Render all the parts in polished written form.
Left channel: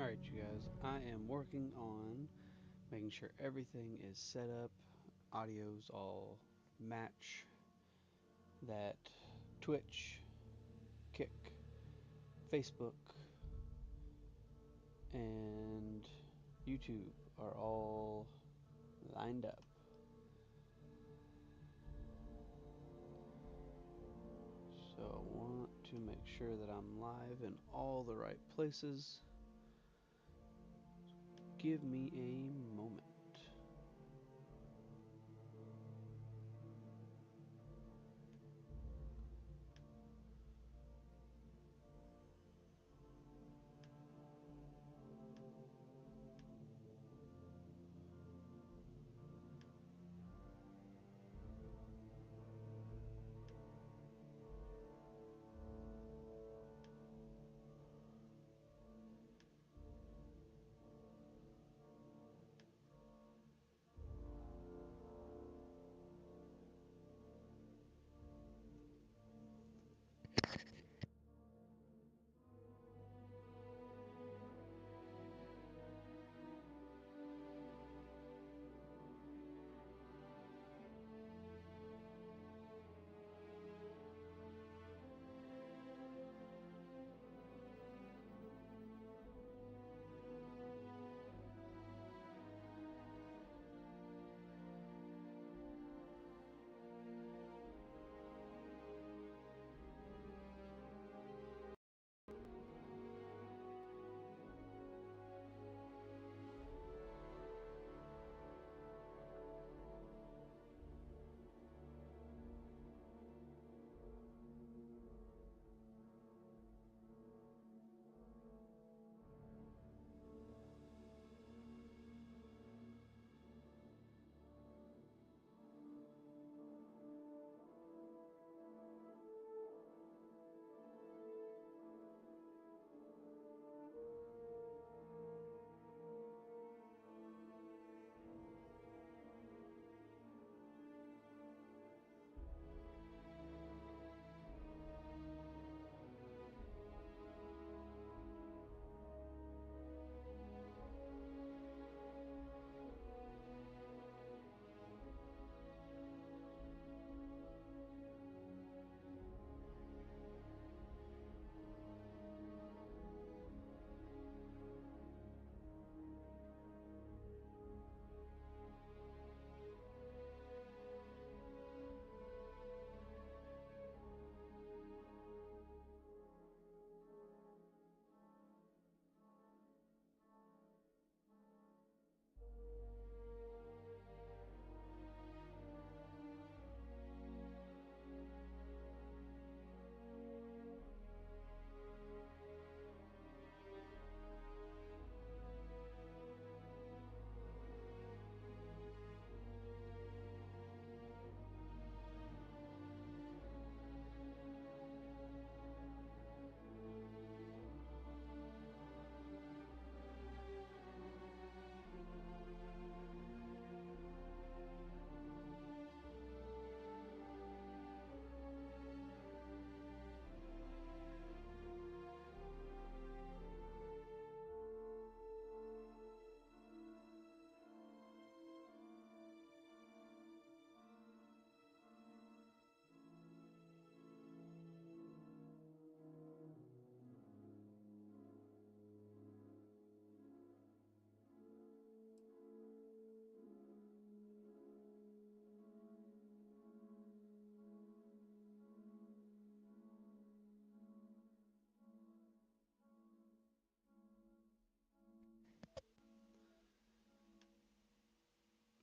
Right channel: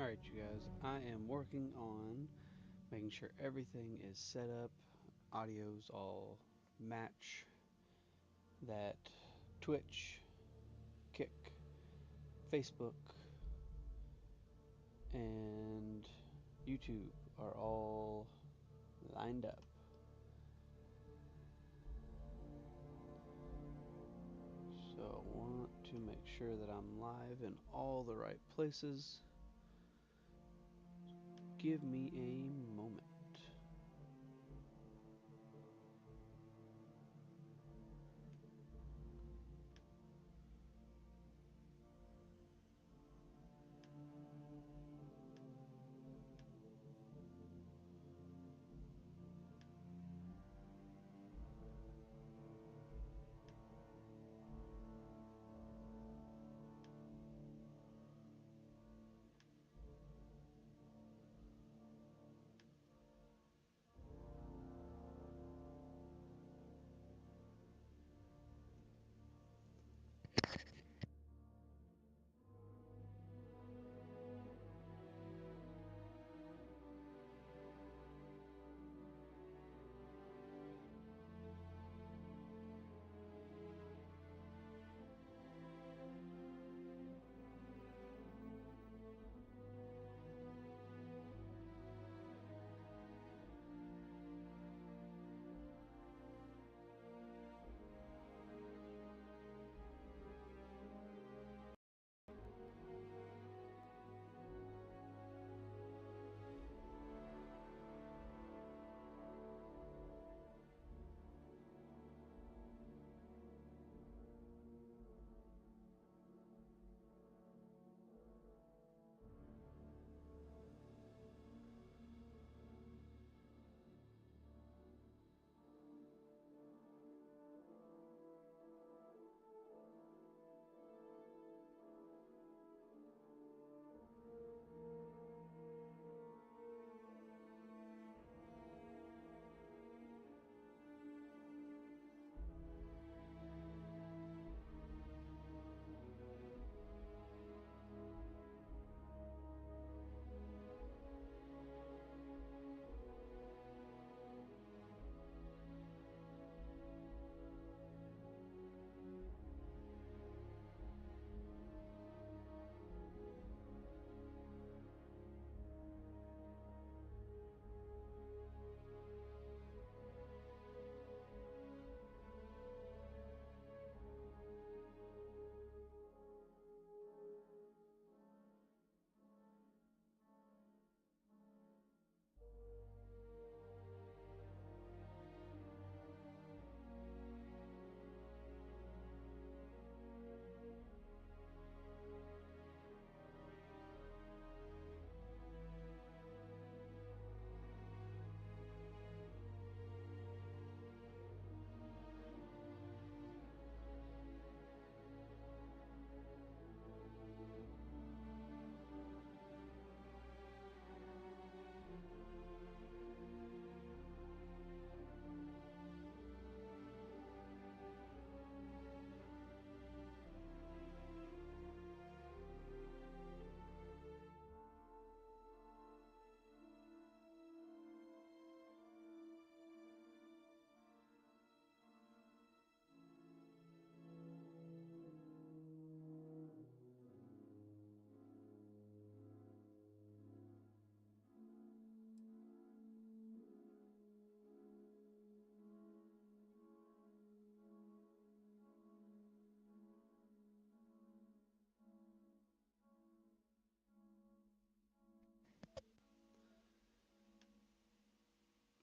Alright, you guys, I am working on making sure everything is set up, audios all match, that Twitch, Kick, Facebook, and YouTube are all lined up. So I want to make sure that I'm live in all the right places. Give me a moment.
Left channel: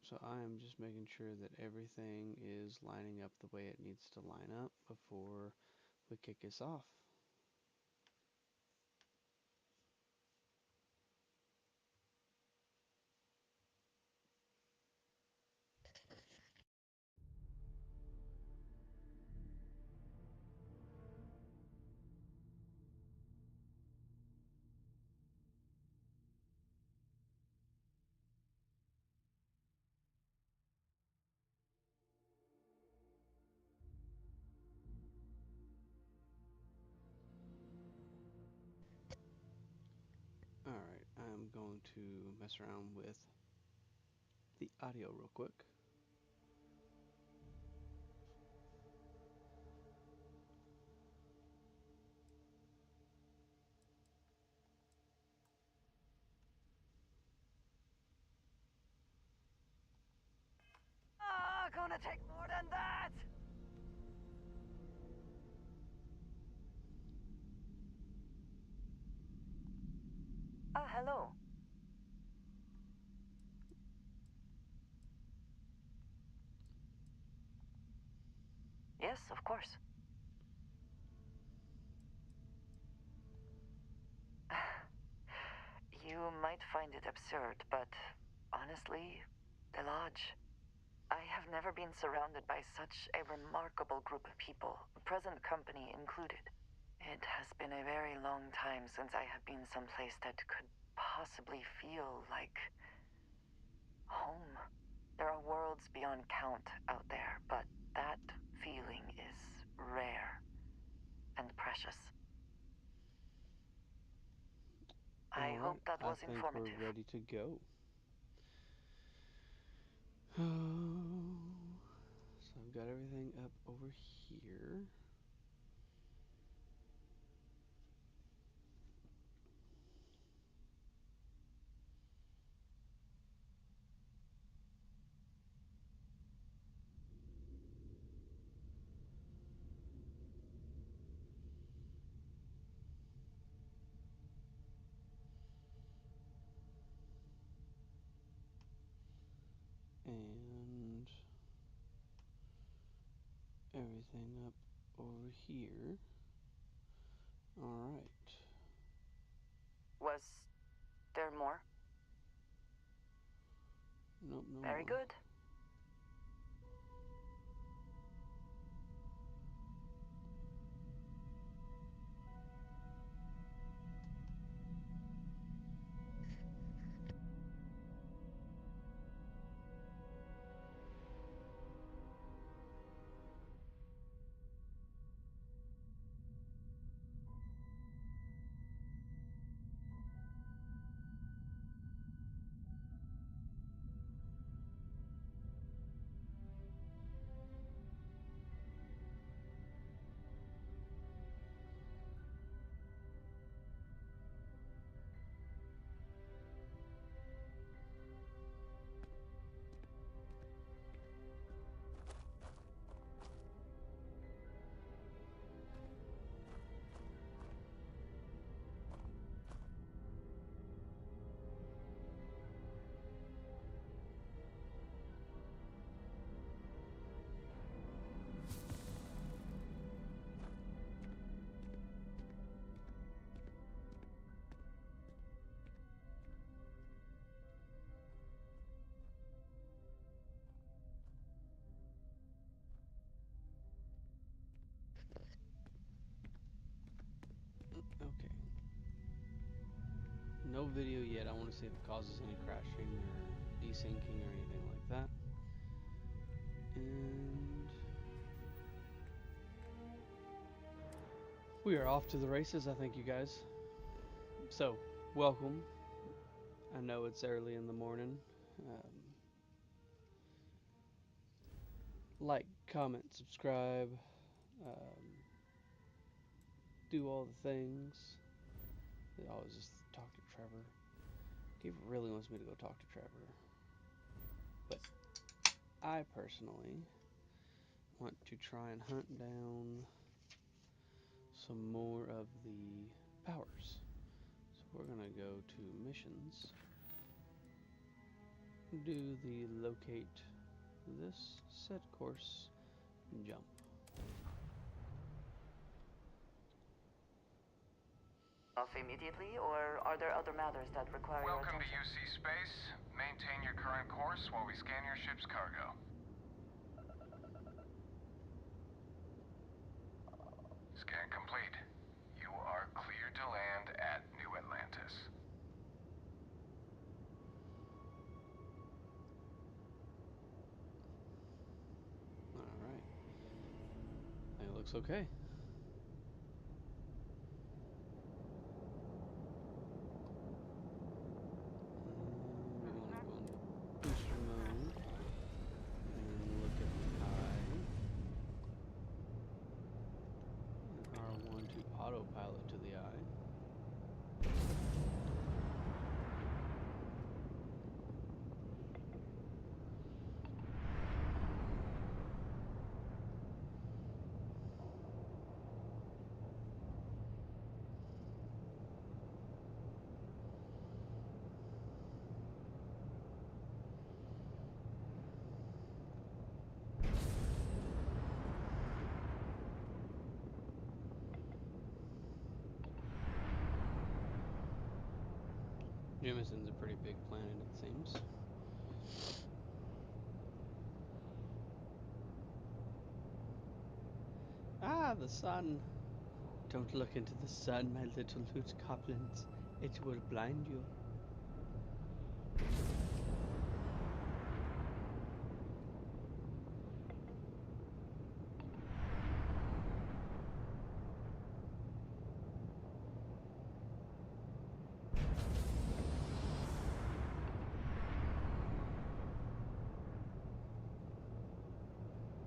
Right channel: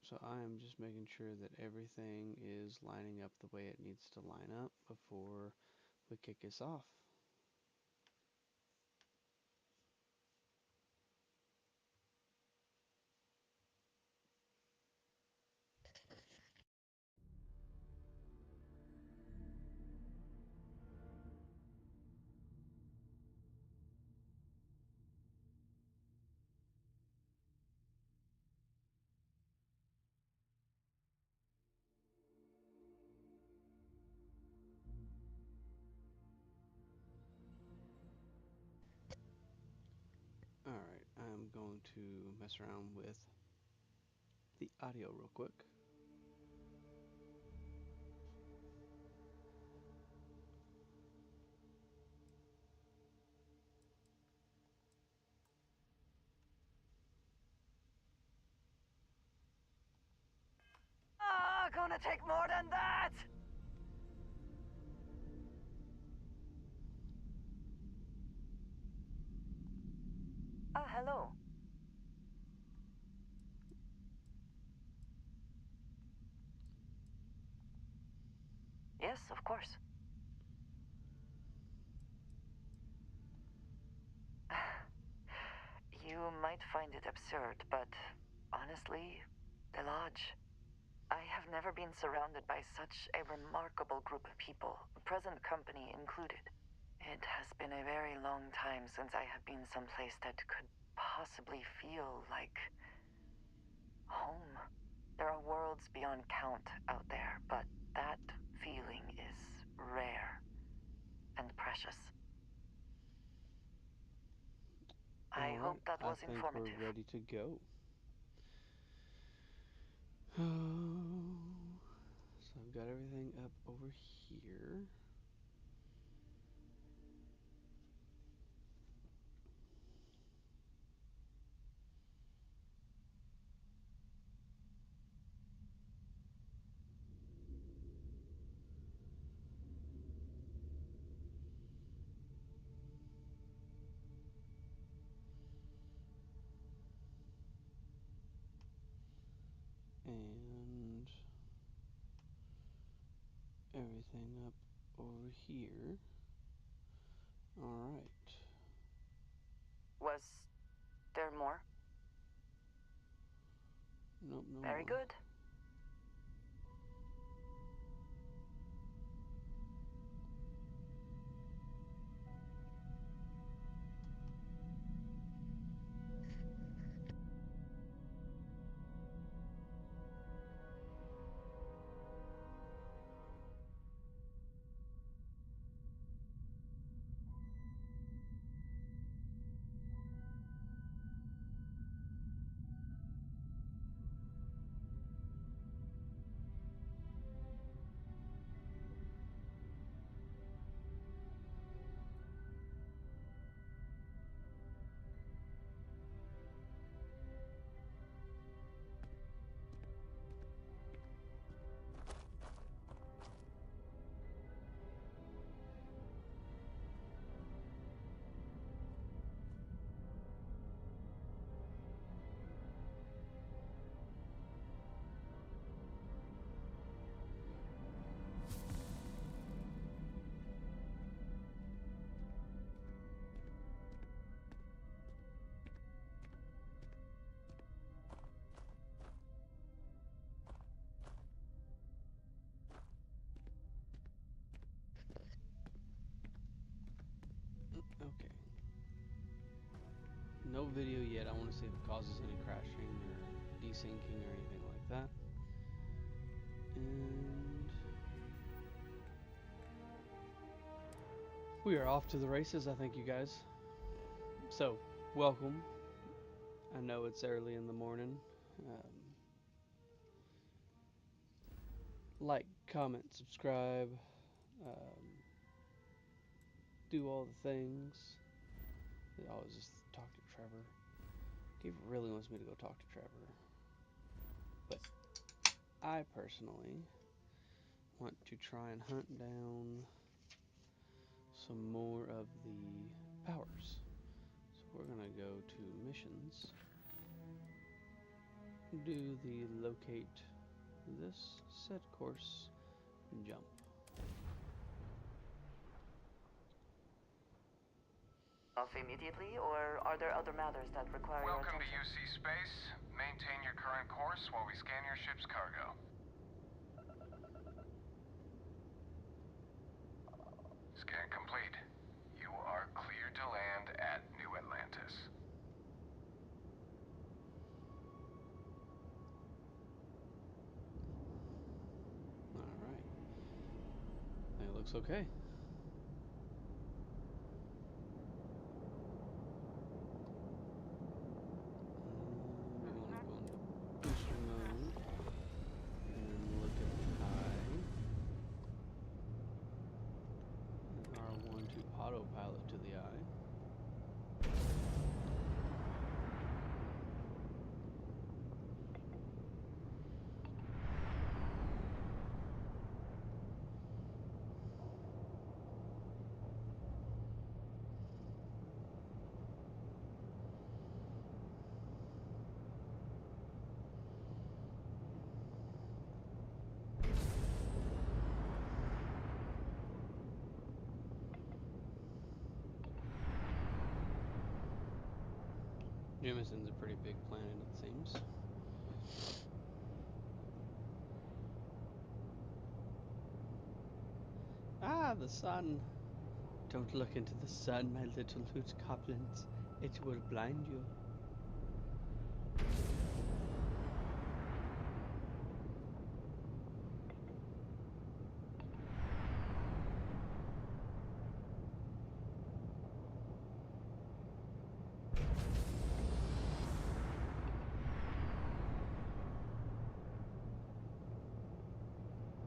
So I am just making sure that everything is lining up the way it needs to line up before we kick this off. Alright, I'm going to mess around with the audio real quick. Gonna take more than that! Hello. Yes, of course. You might find it absurd, but honestly, the lodge. I have never been surrounded by such a remarkable group of people, present company included. It has been a very long time since I have been someplace that could possibly feel like home. There are worlds beyond count out there, but that feeling is rare and precious. I Alright, hope that I was think we're informative. ready to go. So I've got everything up over here. And everything up over here. Alright. Was there more? Nope, no Very more. good. Okay. No video yet. I want to see if it causes any crashing or desyncing or anything like that. And we are off to the races, I think, you guys. So, welcome. I know it's early in the morning. Like, comment, subscribe, um, do all the things. I always just talk to Trevor. He really wants me to go talk to Trevor. But I personally want to try and hunt down some more of the powers. So we're going to go to missions. Do the locate this, set course, jump. Off immediately, or are there other matters that require your Welcome to attention? UC Space. Maintain your current course while we scan your ship's cargo. Scan complete. You are cleared to land at New Atlantis. Alright. It looks okay. autopilot to the eye. Jamison's a pretty big planet, it seems. Ah, the sun. Don't look into the sun, my little loot goblins. It will blind you.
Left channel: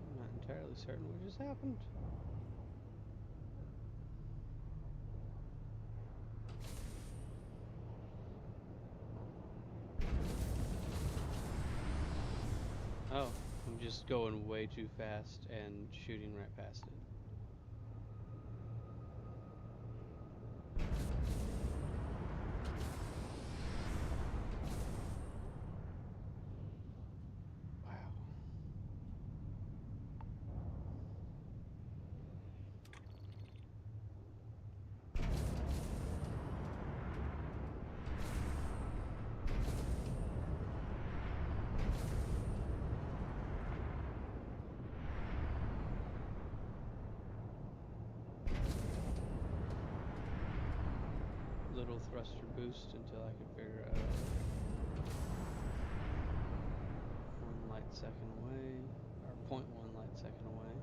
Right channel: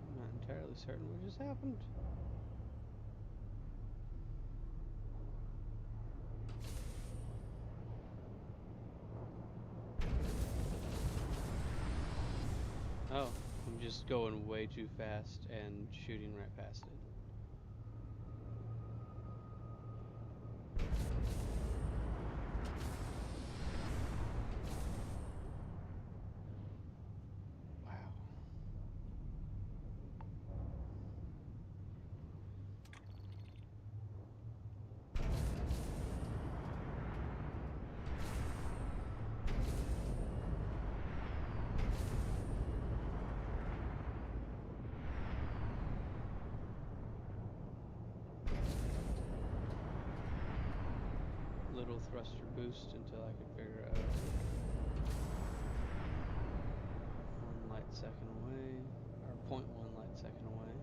I'm not entirely certain what just happened. Oh, I'm just going way too fast and shooting right past it. Wow. Little thruster boost until I could figure out 1 light second away, or 0.1 light second away.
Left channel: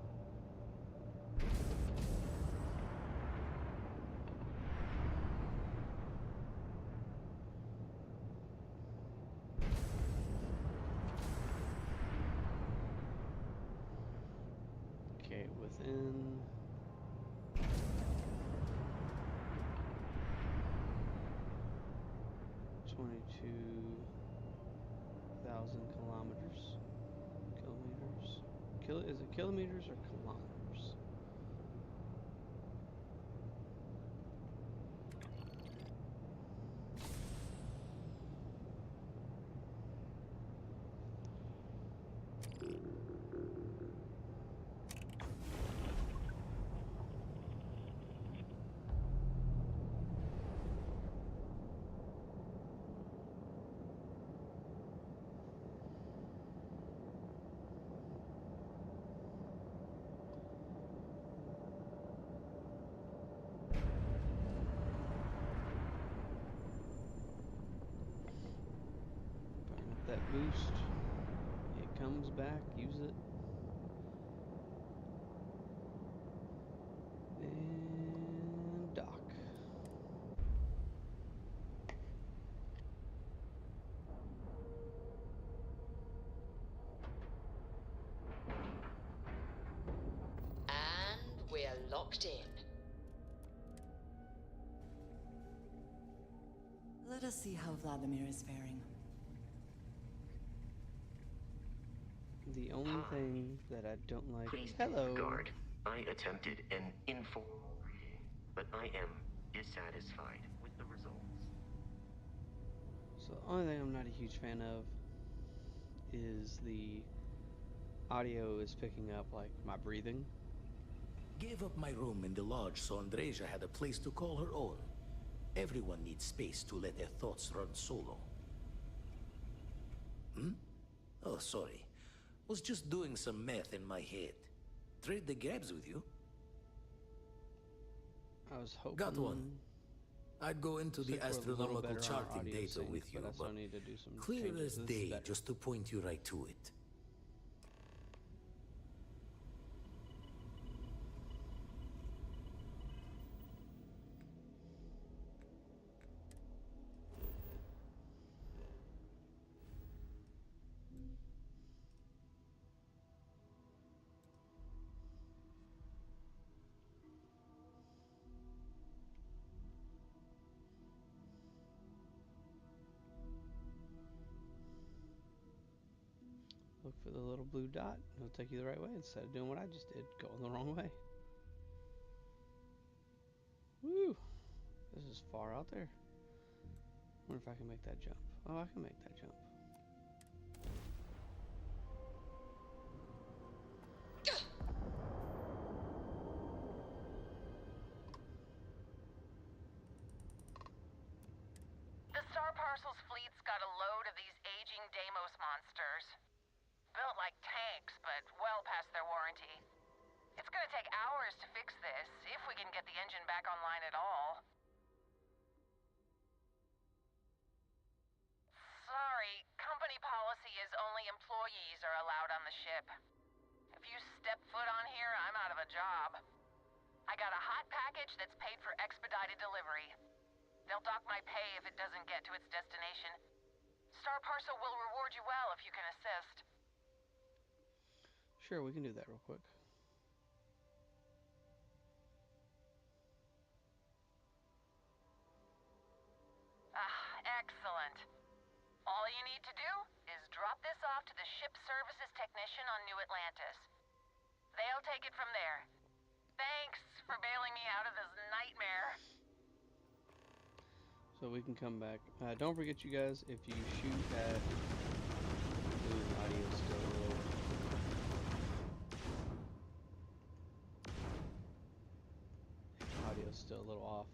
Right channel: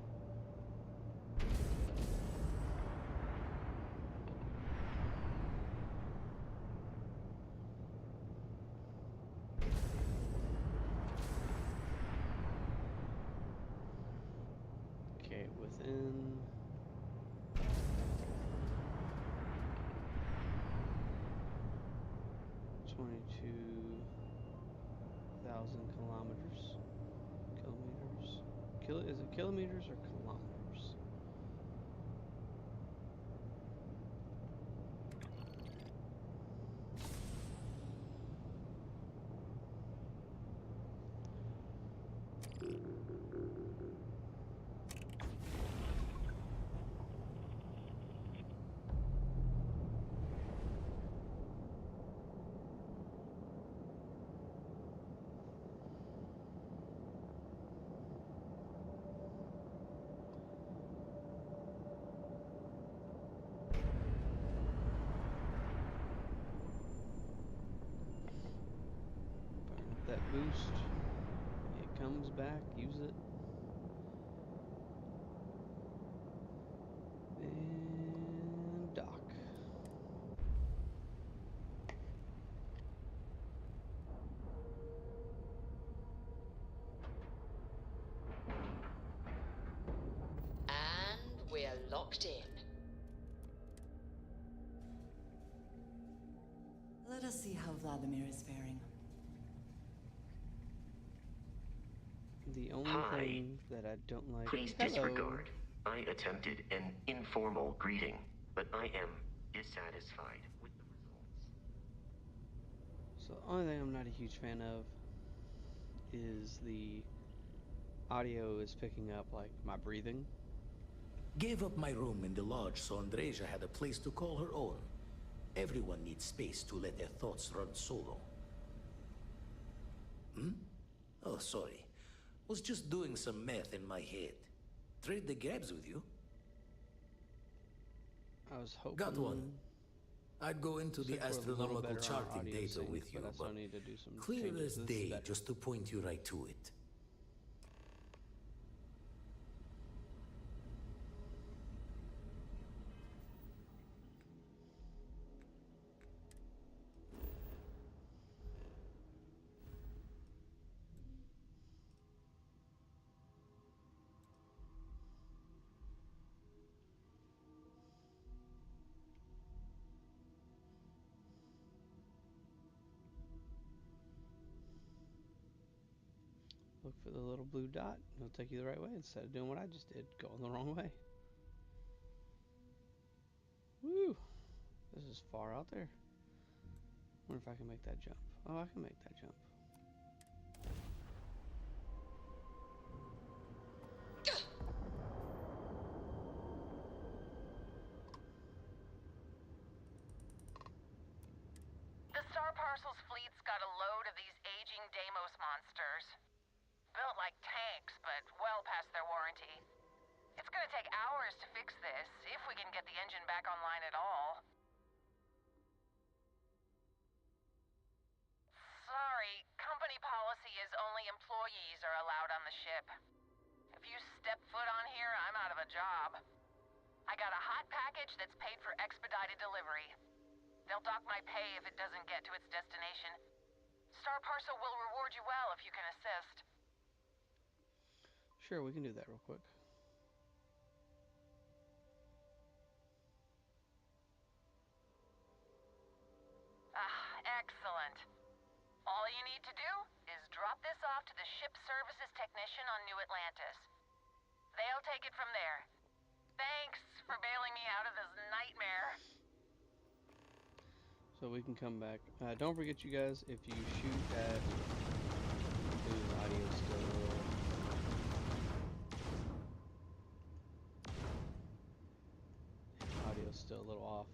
Okay, within 22,000 kilometers. Kilometers. Is it kilometers or kilometers? Burn up that boost. It comes back, use it. And dock. And we're locked in. Let us see how Vladimir is faring. The only Hi. thing that I don't like. Please Hello. disregard. I attempted an informal greeting, but I am dissatisfied with the results. So the only thing I'm not a huge fan of is the audio is picking up like my breathing. Gave up my room in the lodge so Andreja had a place to call her own. Everyone needs space to let their thoughts run solo. Oh, sorry. Was just doing some math in my head. Trade the grabs with you? I was hoping. Got one. I'd go into the Looks like we're a little astronomical better on our charting audio data sync, with you, but I still but need to do some clear changes. as This is day better. just to point you right to it. the little blue dot. It'll take you the right way instead of doing what I just did, going the wrong way. Woo! This is far out there. Wonder if I can make that jump. Oh, I can make that jump. The Star Parcel's fleet's got a load of these aging Deimos monsters. Built like tanks, but well past their warranty. It's gonna take hours to fix this, if we can get the engine back online at all. Sorry, company policy is only employees are allowed on the ship. If you step foot on here, I'm out of a job. I got a hot package that's paid for expedited delivery. They'll dock my pay if it doesn't get to its destination. Star Parcel will reward you well if you can assist. Sure, we can do that real quick. Ah, excellent. All you need to do is drop this off to the ship services technician on New Atlantis. They'll take it from there. Thanks for bailing me out of this nightmare. So we can come back. Don't forget, you guys, if you shoot at... Ooh, the audio's still a little... Audio's still a little off.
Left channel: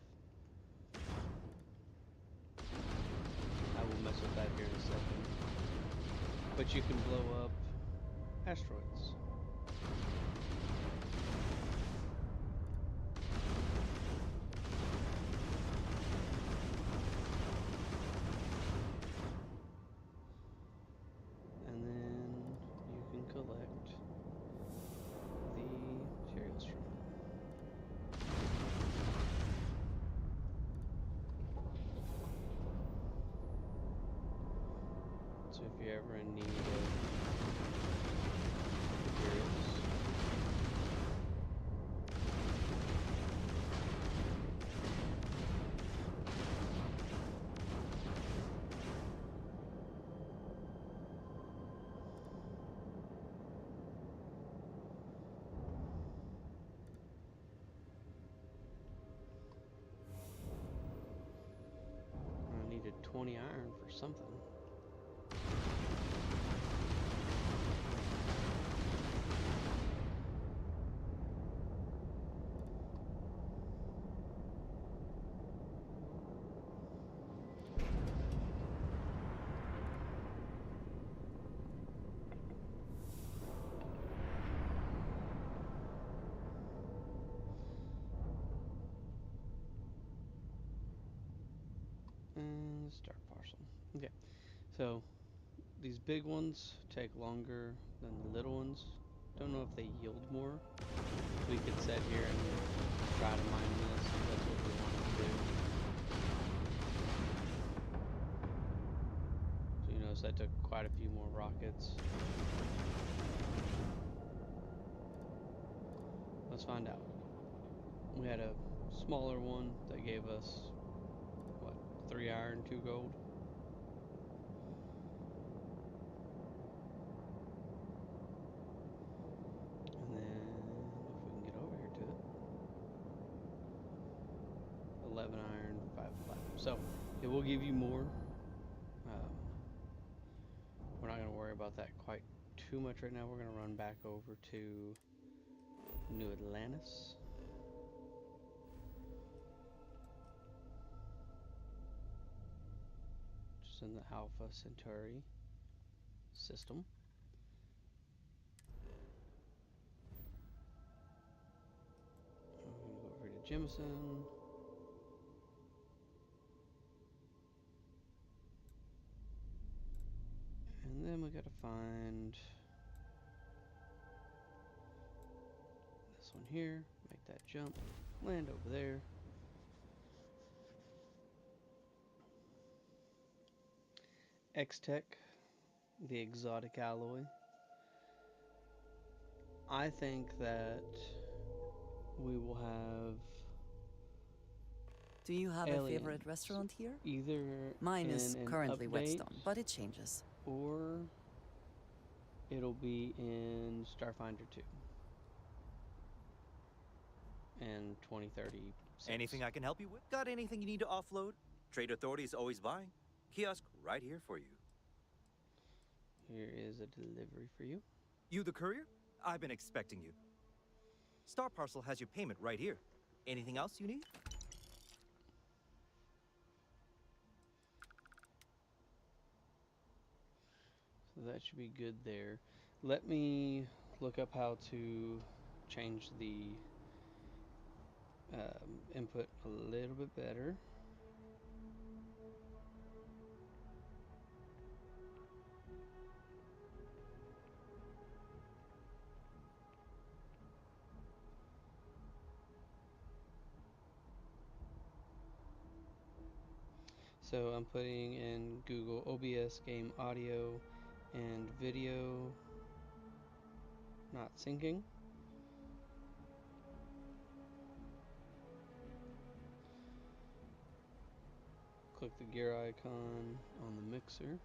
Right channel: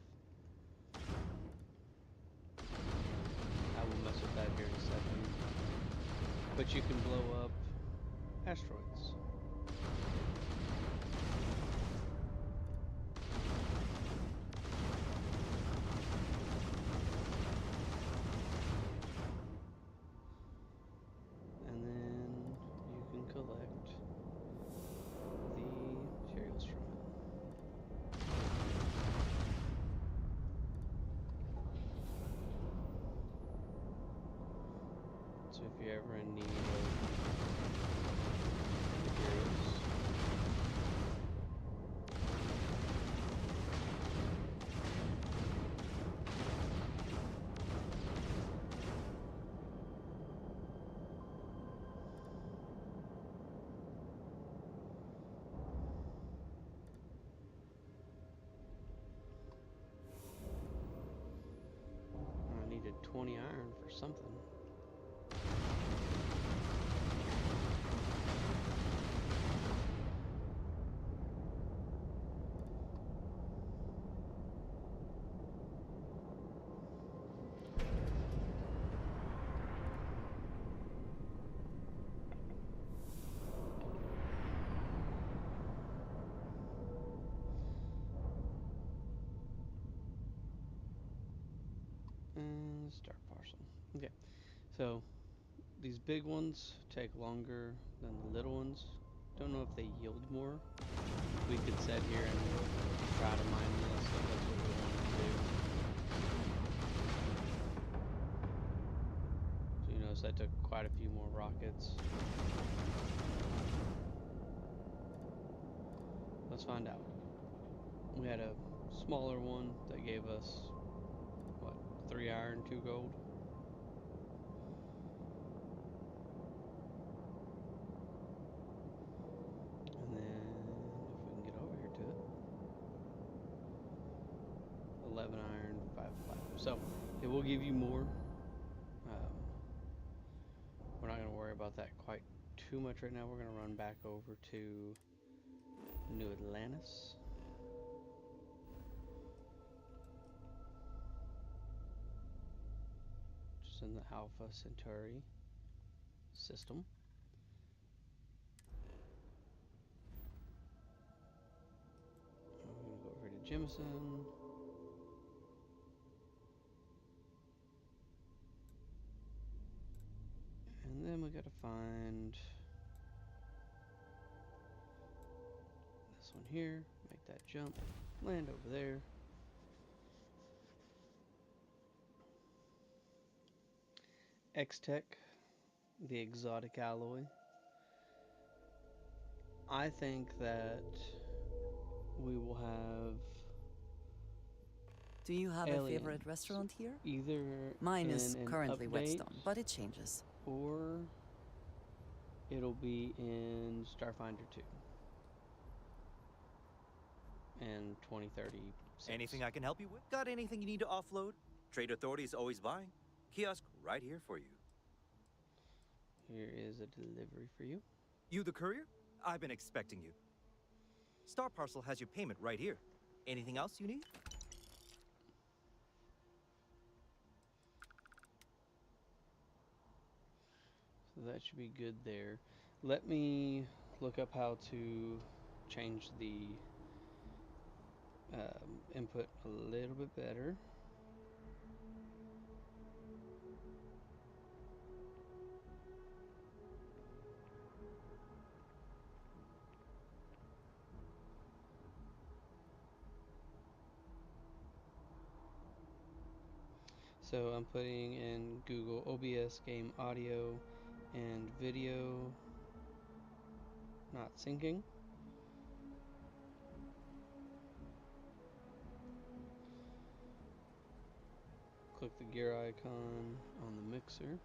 I will mess with that here in a second. But you can blow up asteroids. And then you can collect the materials from it. So if you're ever in need of materials, I needed 20 iron for something. And start parcel. Okay, so these big ones take longer than the little ones. Don't know if they yield more. We could sit here and try to mine this if that's what we wanted to do. So you notice that took quite a few more rockets. Let's find out. We had a smaller one that gave us, what, 3 iron, 2 gold? And then, if we can get over here to it, 11 iron, 5 platinum. So, it will give you more. We're not going to worry about that quite too much right now. We're going to run back over to New Atlantis. Just in the Alpha Centauri system. I'm going to go over to Jemison. And then we got to find this one here. Make that jump. Land over there. X-Tech, the exotic alloy. I think that we will have Do you have a favorite aliens restaurant here? either Mine in is an currently update Whetstone, but it changes. or It'll be in Starfinder 2 and 2036. Anything I can help you with? Got anything you need to offload? Trade Authority is always buying. Kiosk right here for you. Here is a delivery for you. You the courier? I've been expecting you. Star Parcel has your payment right here. Anything else you need? So that should be good there. Let me look up how to change the input a little bit better. So I'm putting in Google OBS game audio and video not syncing. Click the gear icon on the mixer.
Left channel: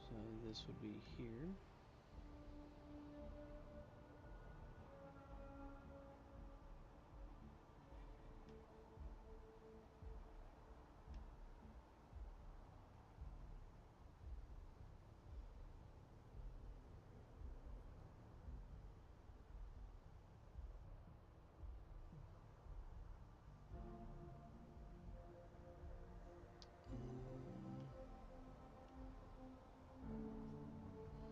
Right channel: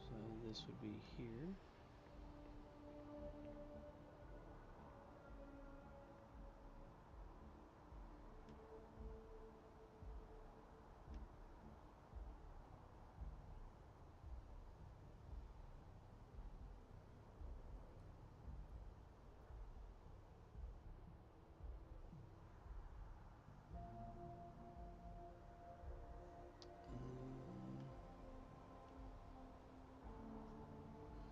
So this would be here.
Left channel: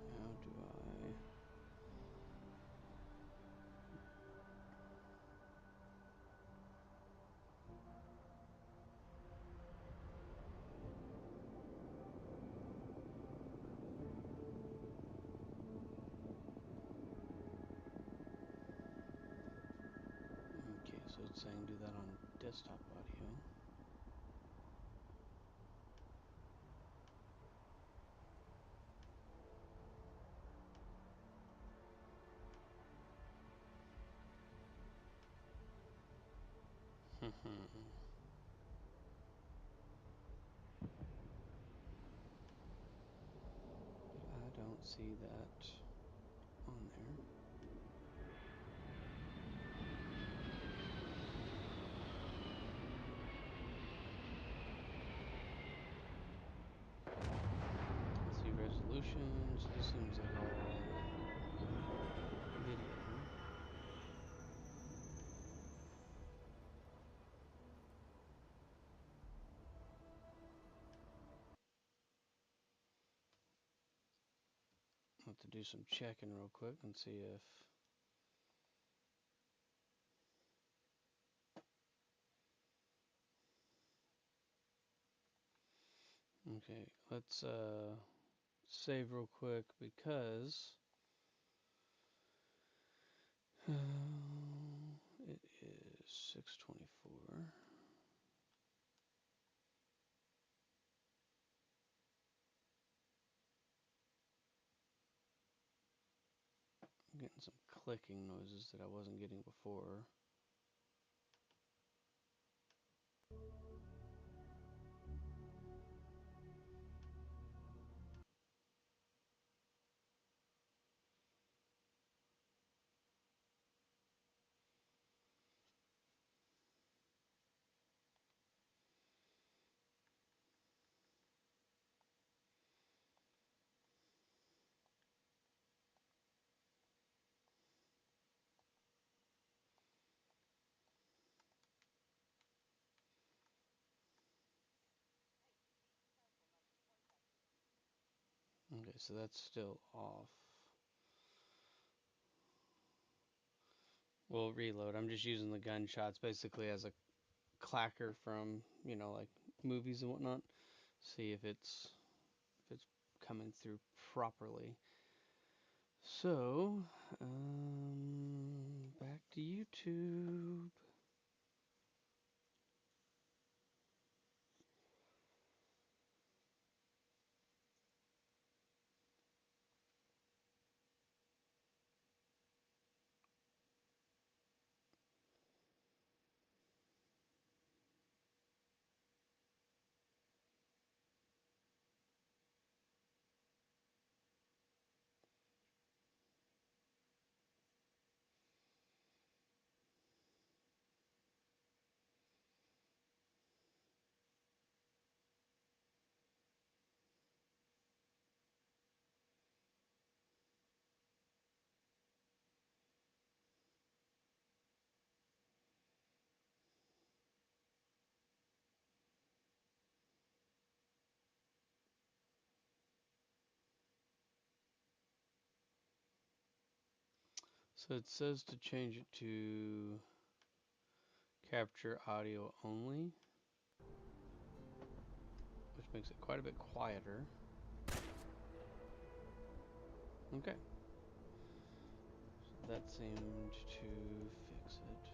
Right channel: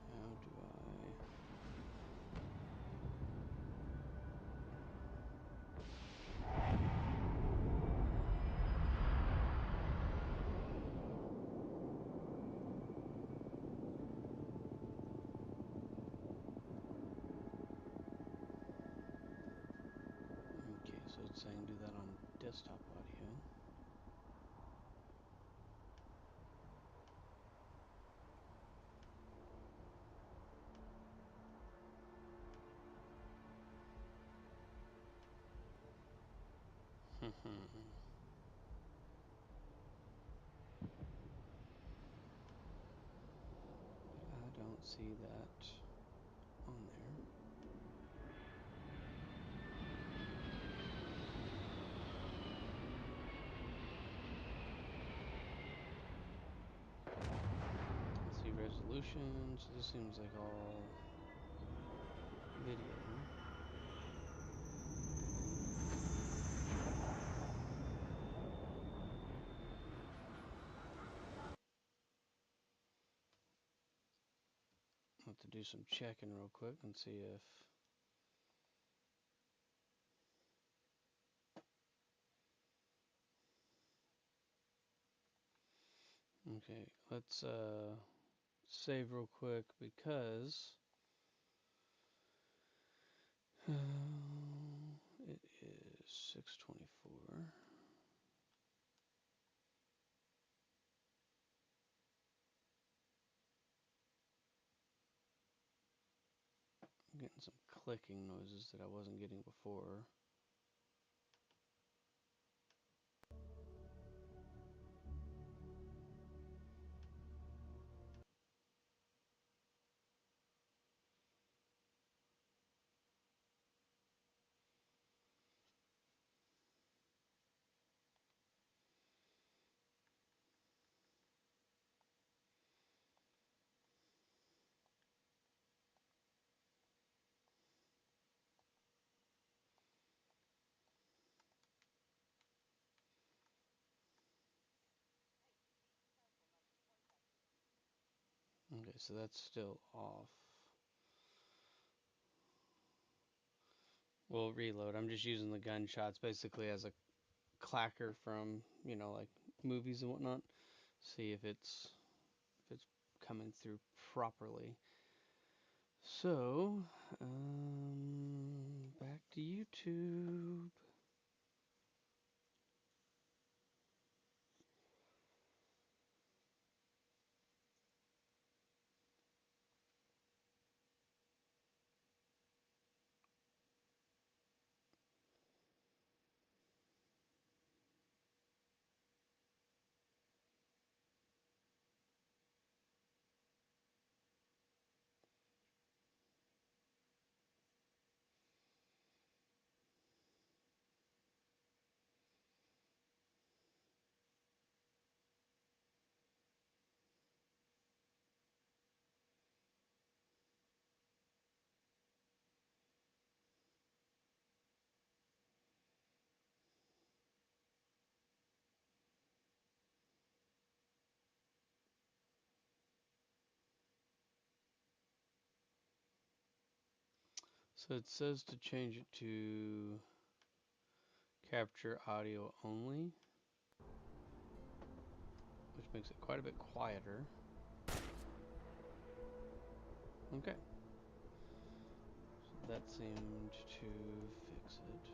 How do I... Okay, so it's saying do that on desktop audio. I don't see that on there. Let's see resolution. So this seems like all video. I'll have to do some checking real quick and see if... Okay, let's save real quick because it is 6:24. I'm getting some clicking noises that I wasn't getting before. Okay, so that's still off. We'll reload. I'm just using the gunshots basically as a clacker from, like movies and whatnot. See if it's coming through properly. So, back to YouTube. So it says to change it to capture audio only, which makes it quite a bit quieter. Okay. So that seemed to fix it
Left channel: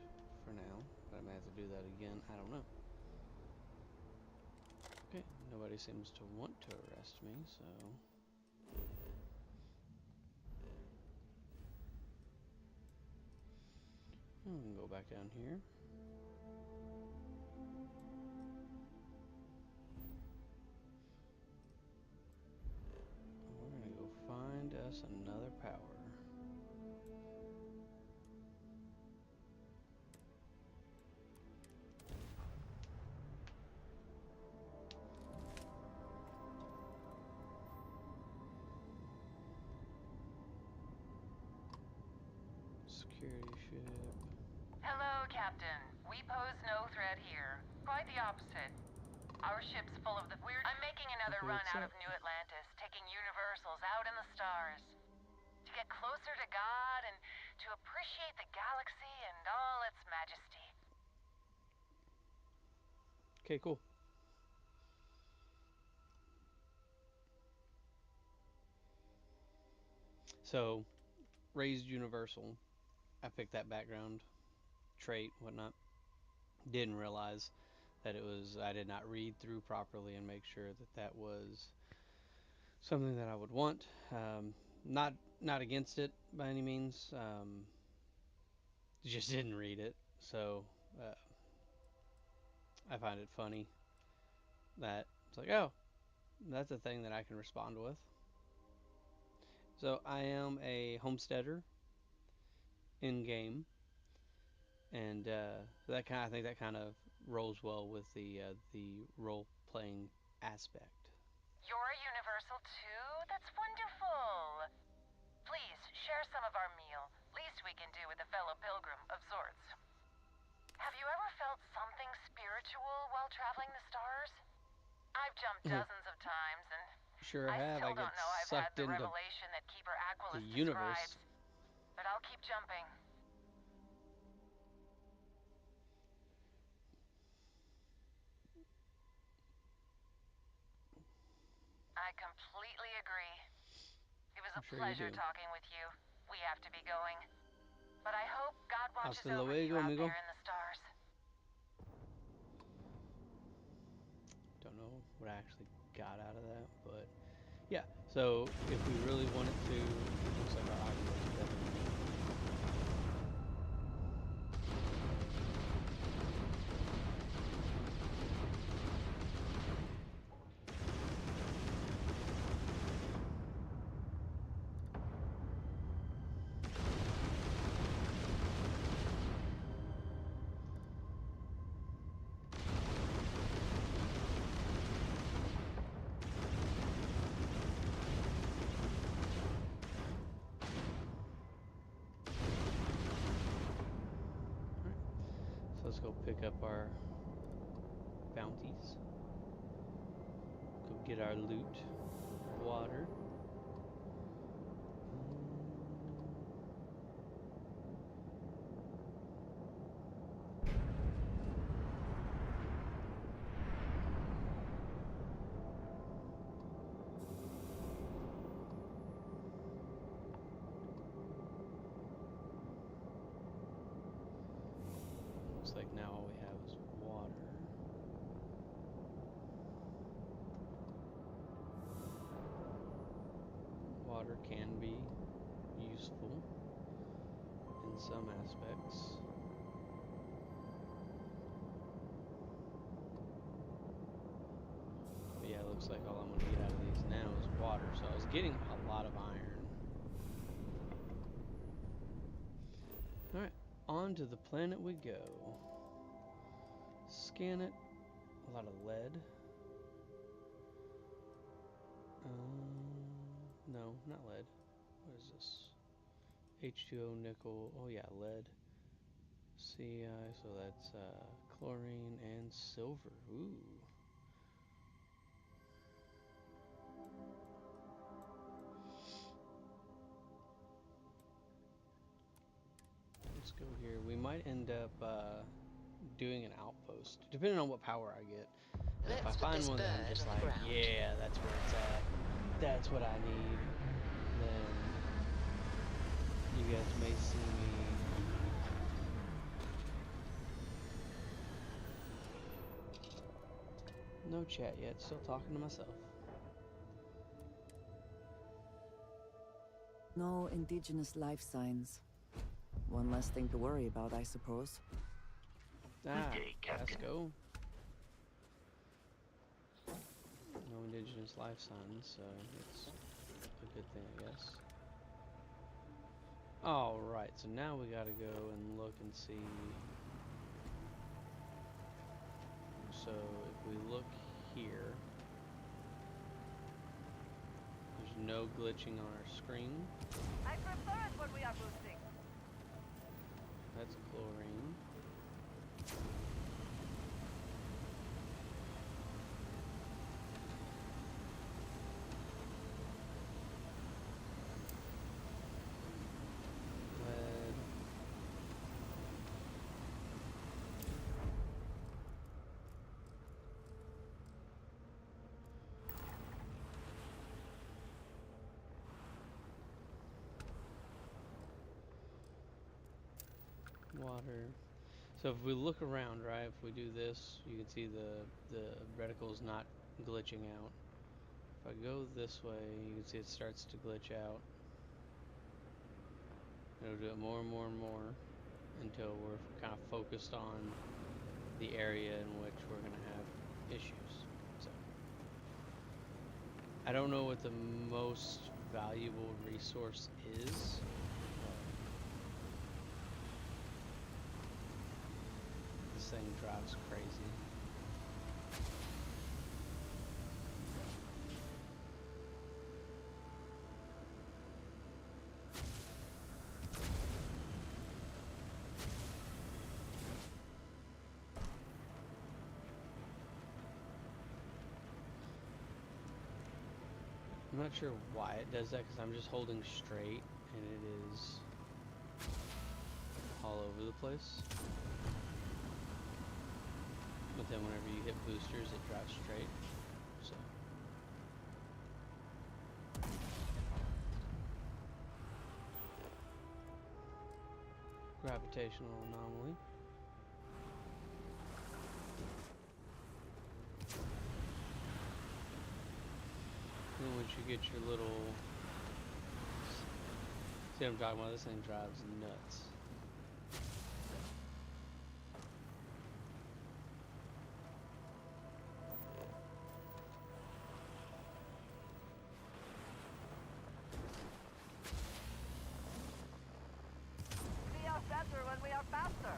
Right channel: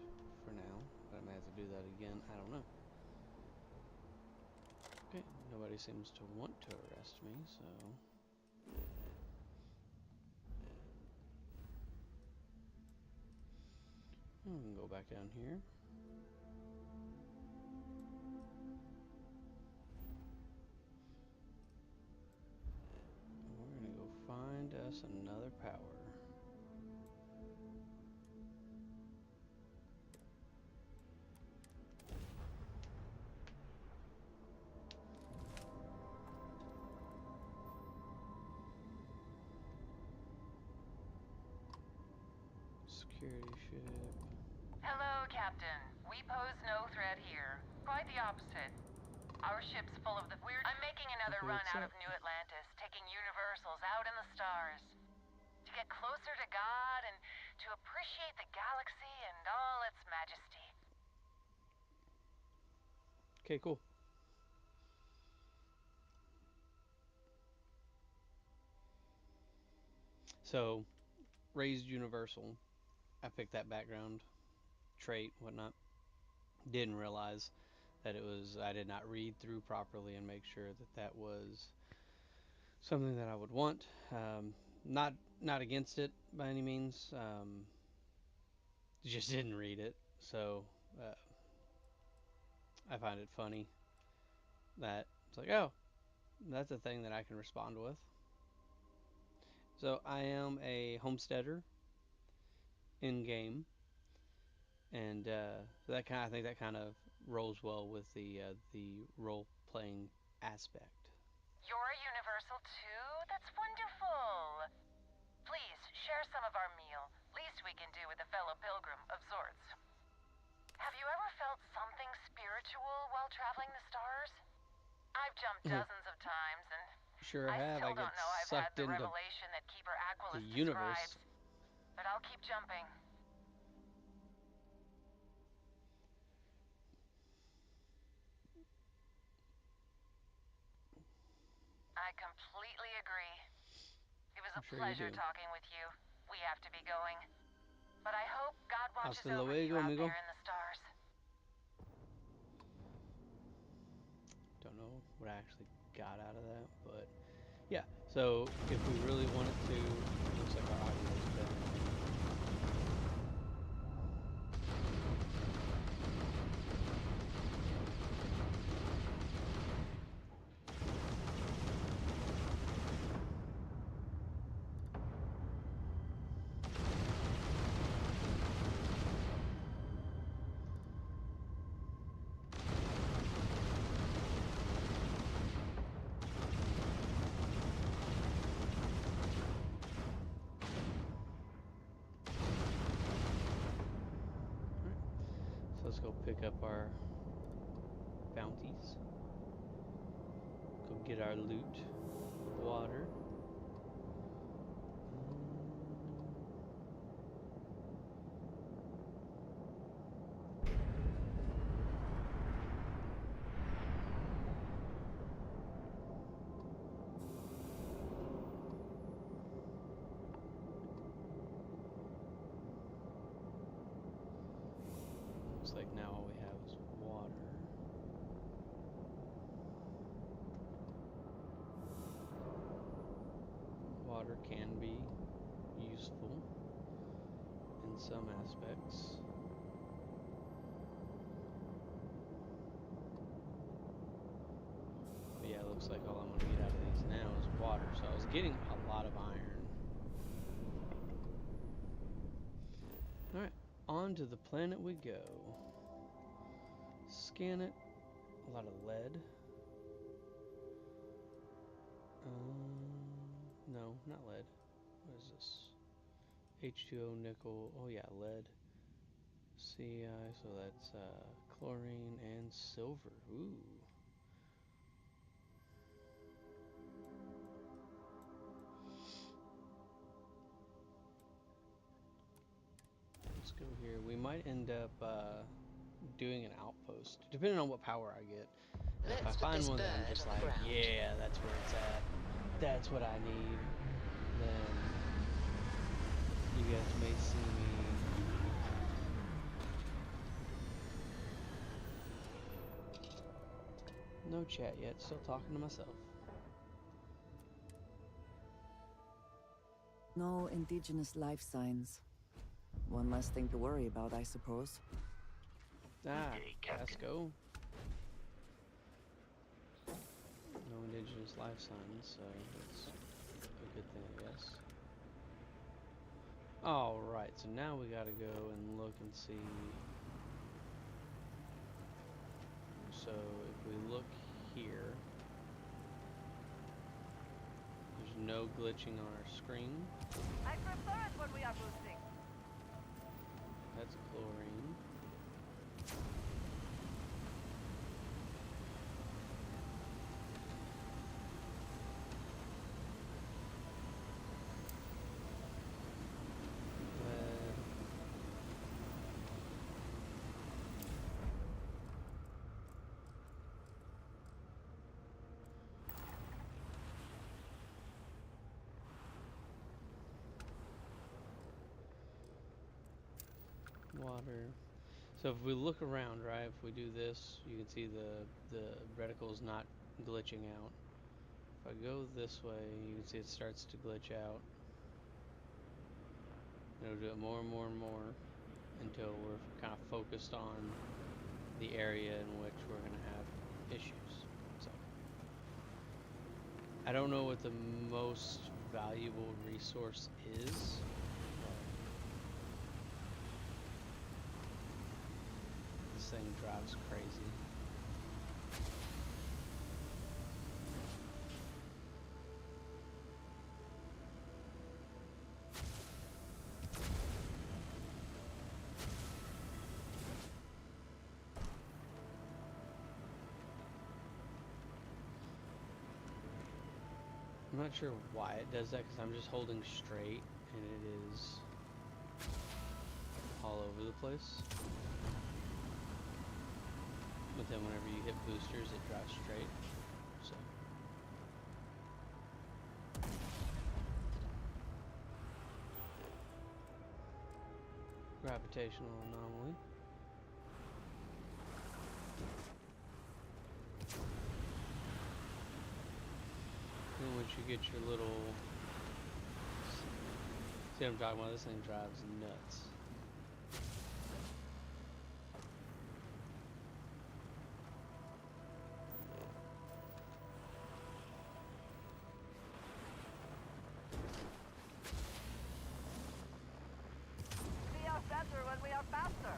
for now, but I may have to do that again. I don't know. Okay, nobody seems to want to arrest me, so... we can go back down here. We're gonna go find us another power. Security ship. Hello, Captain. We pose no threat here. Quite the opposite. Our ship's full of the weird... I'm making another Okay, run what's out up? of New Atlantis, taking universals out in the stars. To get closer to God and to appreciate the galaxy and all its majesty. Okay, cool. So, raised universal. I picked that background trait, whatnot. Didn't realize that it was, I did not read through properly and make sure that that was something that I would want. Not not against it by any means. Just didn't read it, so uh, I find it funny that it's like, oh, that's a thing that I can respond with. So I am a homesteader in game, and so that kind, I think that kind of rolls well with the role playing aspect. You're a universal too? That's wonderful. Please, share some of our meal. Least we can do with a fellow pilgrim of sorts. Have you ever felt something spiritual while traveling the stars? I've jumped dozens of times, and Sure I have. I still get don't know I've had sucked the into revelation that Keeper the Aquilus universe. describes. But I'll keep jumping. I completely agree. It was I'm a sure you pleasure do. talking with you. We have to be going. But I hope God watches Hasta over you luego, out amigo. there in the stars. Don't know what I actually got out of that, but yeah. So if we really wanted to, it looks like our audio is better. So let's go pick up our bounties. Go get our loot. Water. Looks like now all we have is water. Water can be useful in some aspects. But yeah, it looks like all I'm going to get out of these now is water. So I was getting a lot of iron. Alright, on to the planet we go. Scan it. A lot of lead. No, not lead. What is this? H2O, nickel. Oh yeah, lead. Ci, so that's chlorine and silver. Ooh. go here. We might end up doing an outpost, depending on what power I get. And if I find one that I'm just like, yeah, that's where it's at, that's what I need, then you guys may see me no chat yet, still talking to myself. No indigenous life signs. One less thing to worry about, I suppose. Ah, day, Captain. let's go. No indigenous life signs, so that's a good thing, I guess. Alright, so now we gotta go and look and see. So if we look here, there's no glitching on our screen. I prefer it when we are boosting. That's chlorine. Lead. Water. So if we look around, right, if we do this, you can see the reticle's not glitching out. If I go this way, you can see it starts to glitch out. It'll do it more and more and more until we're kind of focused on the area in which we're going to have issues. So I don't know what the most valuable resource is. This thing drives crazy. I'm not sure why it does that, because I'm just holding straight and it is all over the place. But then whenever you hit boosters, it drives straight. So gravitational anomaly. And once you get your little, see what I'm talking about? This thing drives nuts. We are better when we are faster.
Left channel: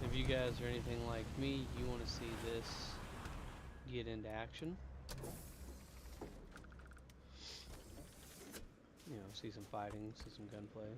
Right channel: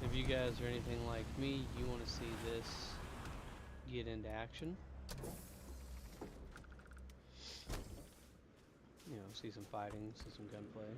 If you guys are anything like me, you want to see this get into action. You know, see some fighting, see some gunplay.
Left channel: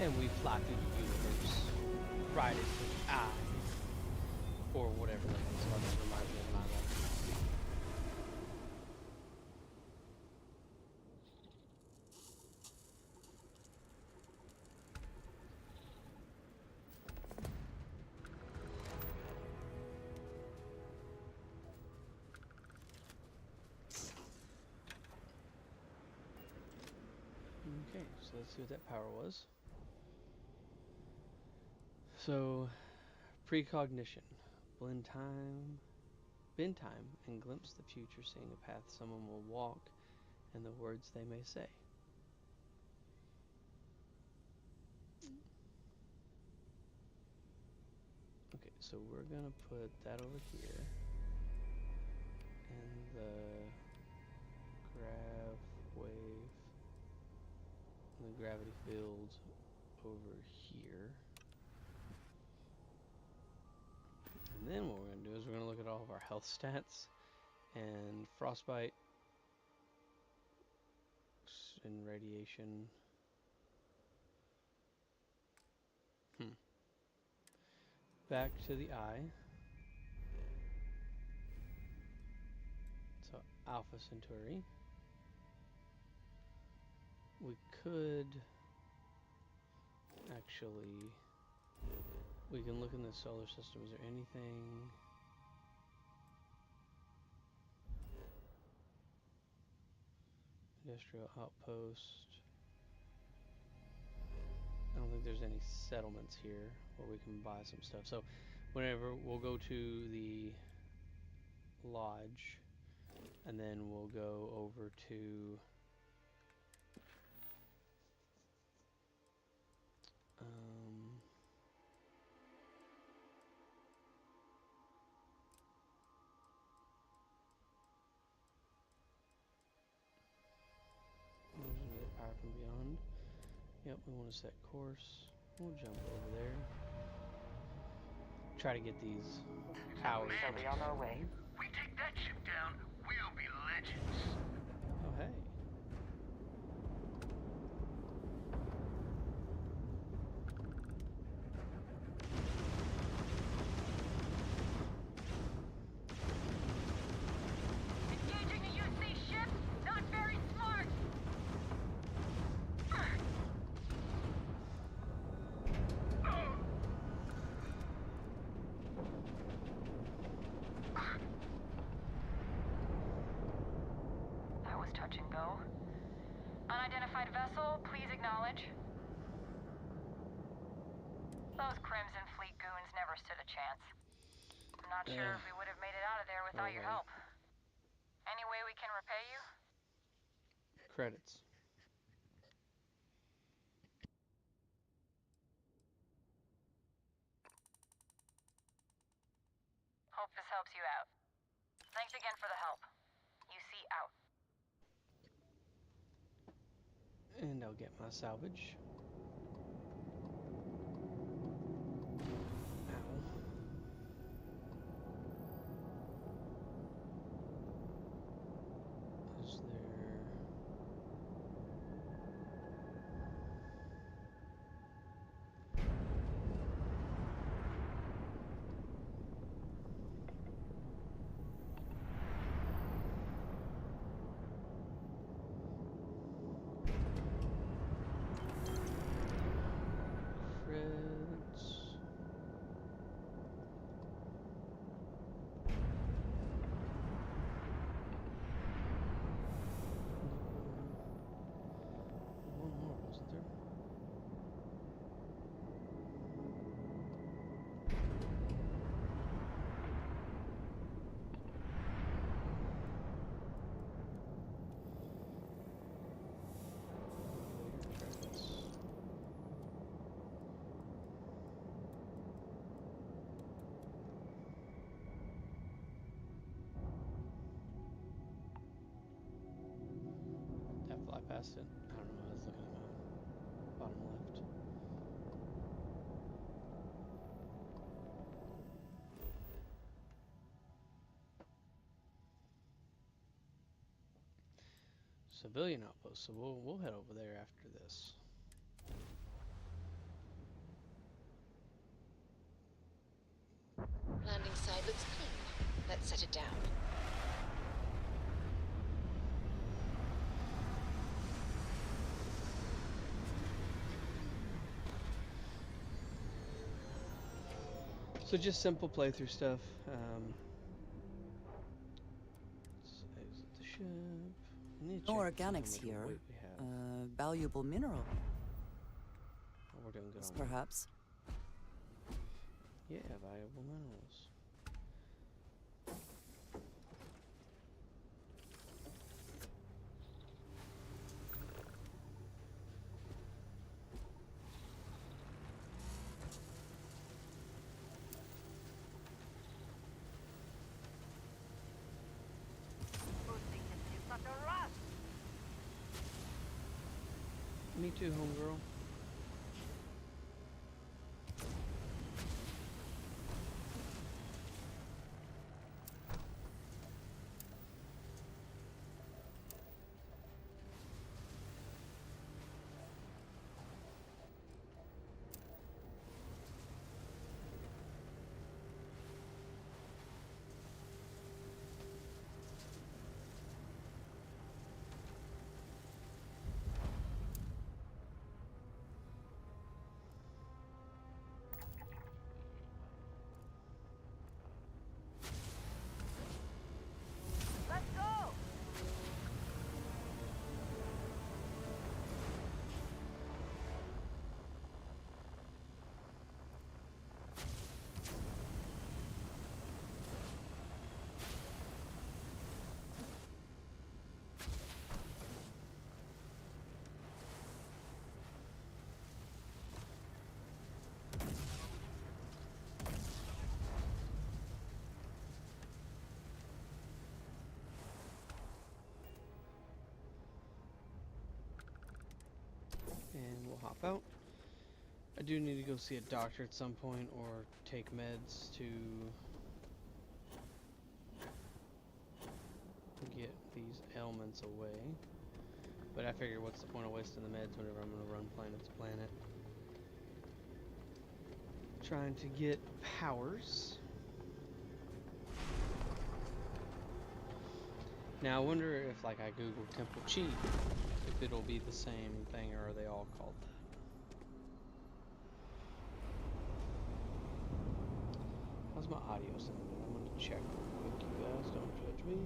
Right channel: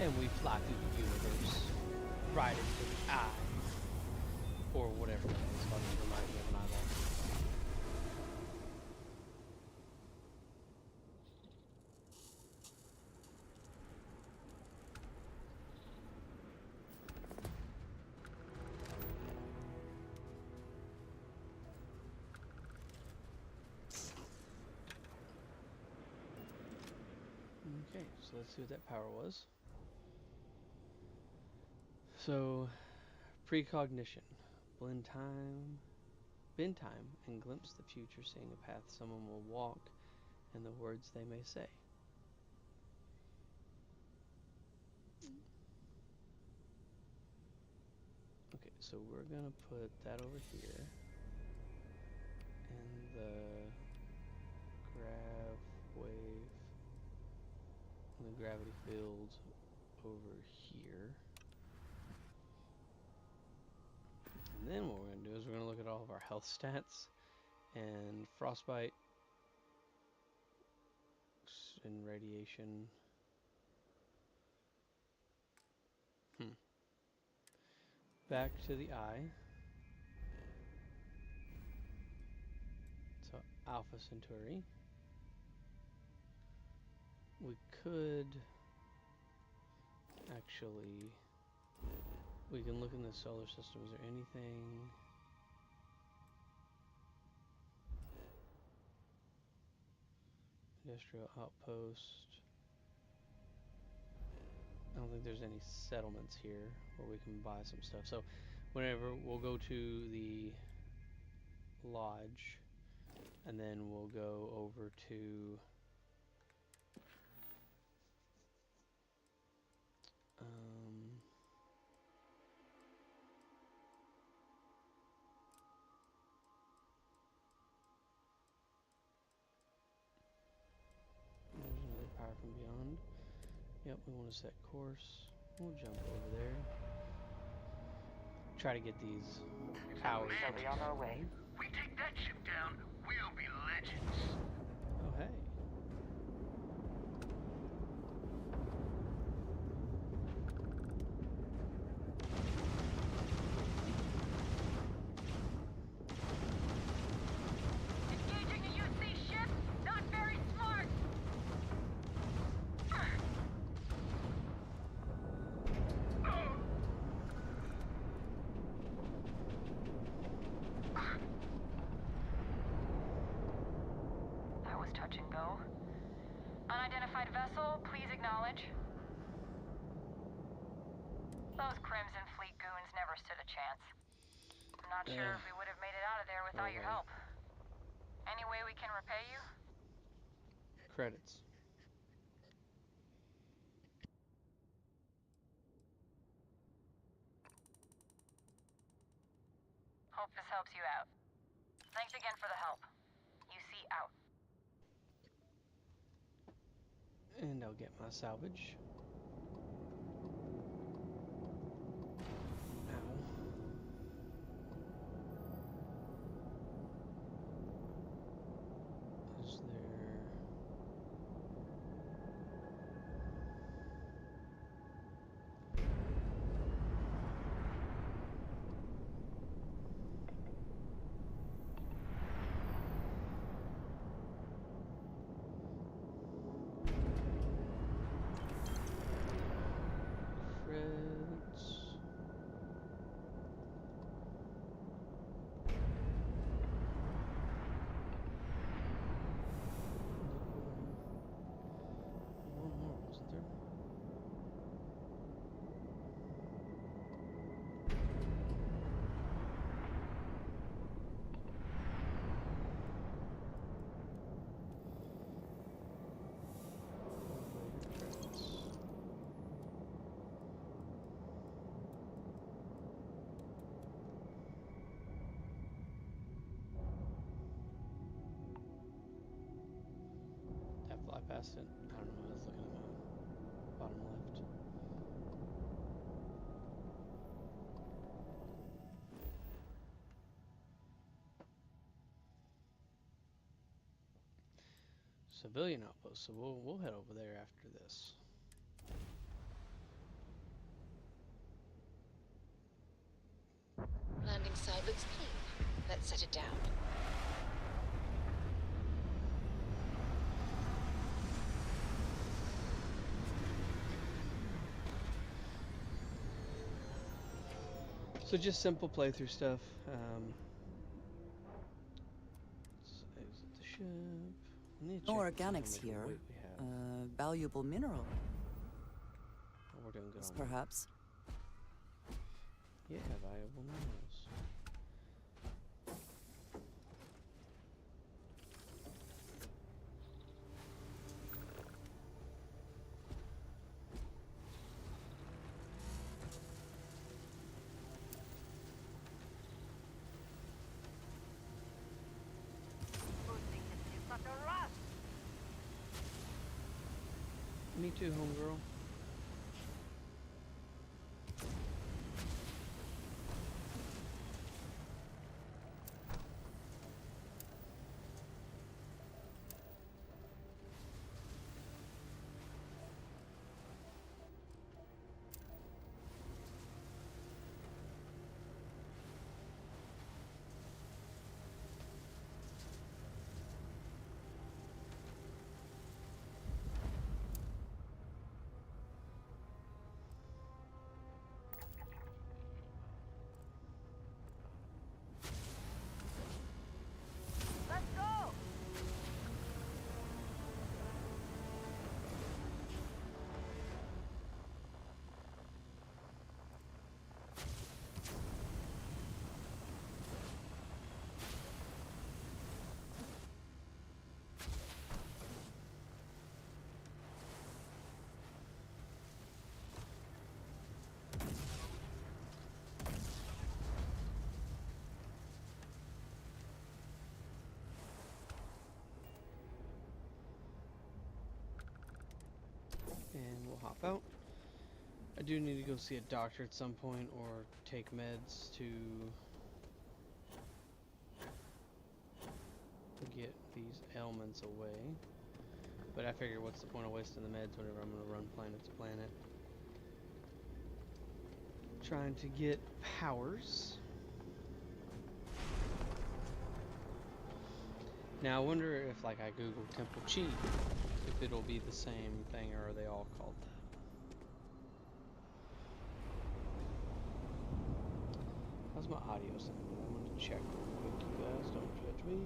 And we fly through the universe, right into the eye, or whatever that is. That just reminds me of an eyeball. Okay, so let's see what that power was. So, precognition. Bend time and glimpse the future, seeing a path someone will walk and the words they may say. Okay, so we're gonna put that over here, and the grav wave, and the gravity field over here. And then what we're gonna do is we're gonna look at all of our health stats, and frostbite and radiation. Back to the eye. So Alpha Centauri. We could actually, we can look in the solar system. Is there anything? Industrial outpost. I don't think there's any settlements here where we can buy some stuff. So whenever we'll go to the lodge, and then we'll go over to there's another power from beyond. Yep, we want to set course. We'll jump over there. Try to get these powers. Shall be on our way. We take that ship down, we'll be legends. Oh, hey. Engaging a UC ship? Not very smart! That was touch and go. Unidentified vessel, please acknowledge. Those Crimson Fleet goons never stood a chance. I'm not sure if we would have made it out of there without your help. Any way we can repay you? Credits. Hope this helps you out. Thanks again for the help. UC out. And I'll get my salvage. Ow. Is there... Credits. One more, wasn't there? Later credits. Did I fly past it? I don't know. I was looking at my bottom left. Civilian outpost. So we'll head over there after this. outside looks clean. Let's set it down. So just simple playthrough stuff. Let's exit the ship. I need to No check and see how organics much here. weight we have. Valuable mineral, Oh, we're doing good on weight. perhaps. Yeah, valuable minerals. Me too, homegirl. And we'll hop out. I do need to go see a doctor at some point or take meds to get these ailments away. But I figure what's the point of wasting the meds whenever I'm going to run planet to planet. Trying to get powers. Now I wonder if like I Google Temple Chi, if it'll be the same thing or are they all called that? How's my audio sounding? I'm gonna check real quick, you guys, don't judge me.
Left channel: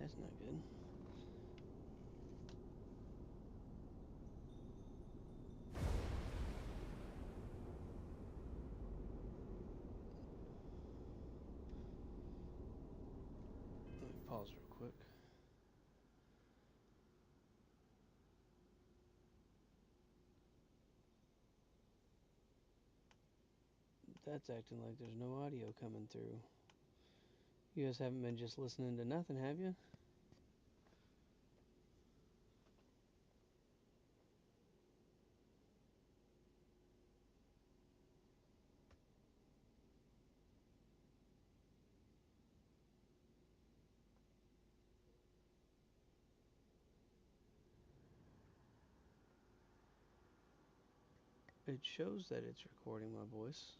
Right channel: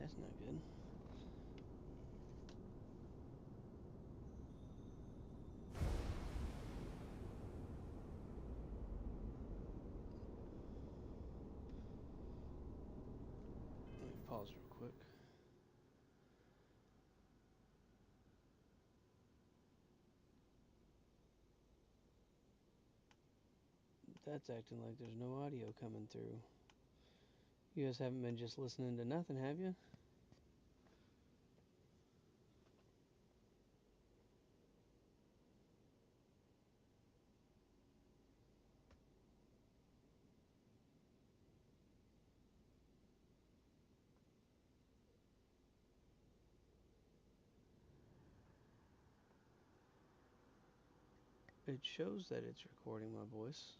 That's not good. Let me pause real quick. That's acting like there's no audio coming through. You guys haven't been just listening to nothing, have you? It shows that it's recording my voice.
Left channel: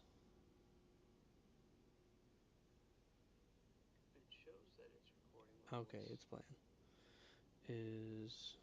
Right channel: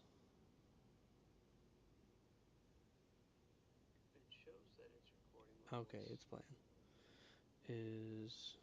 Okay, it's playing. Is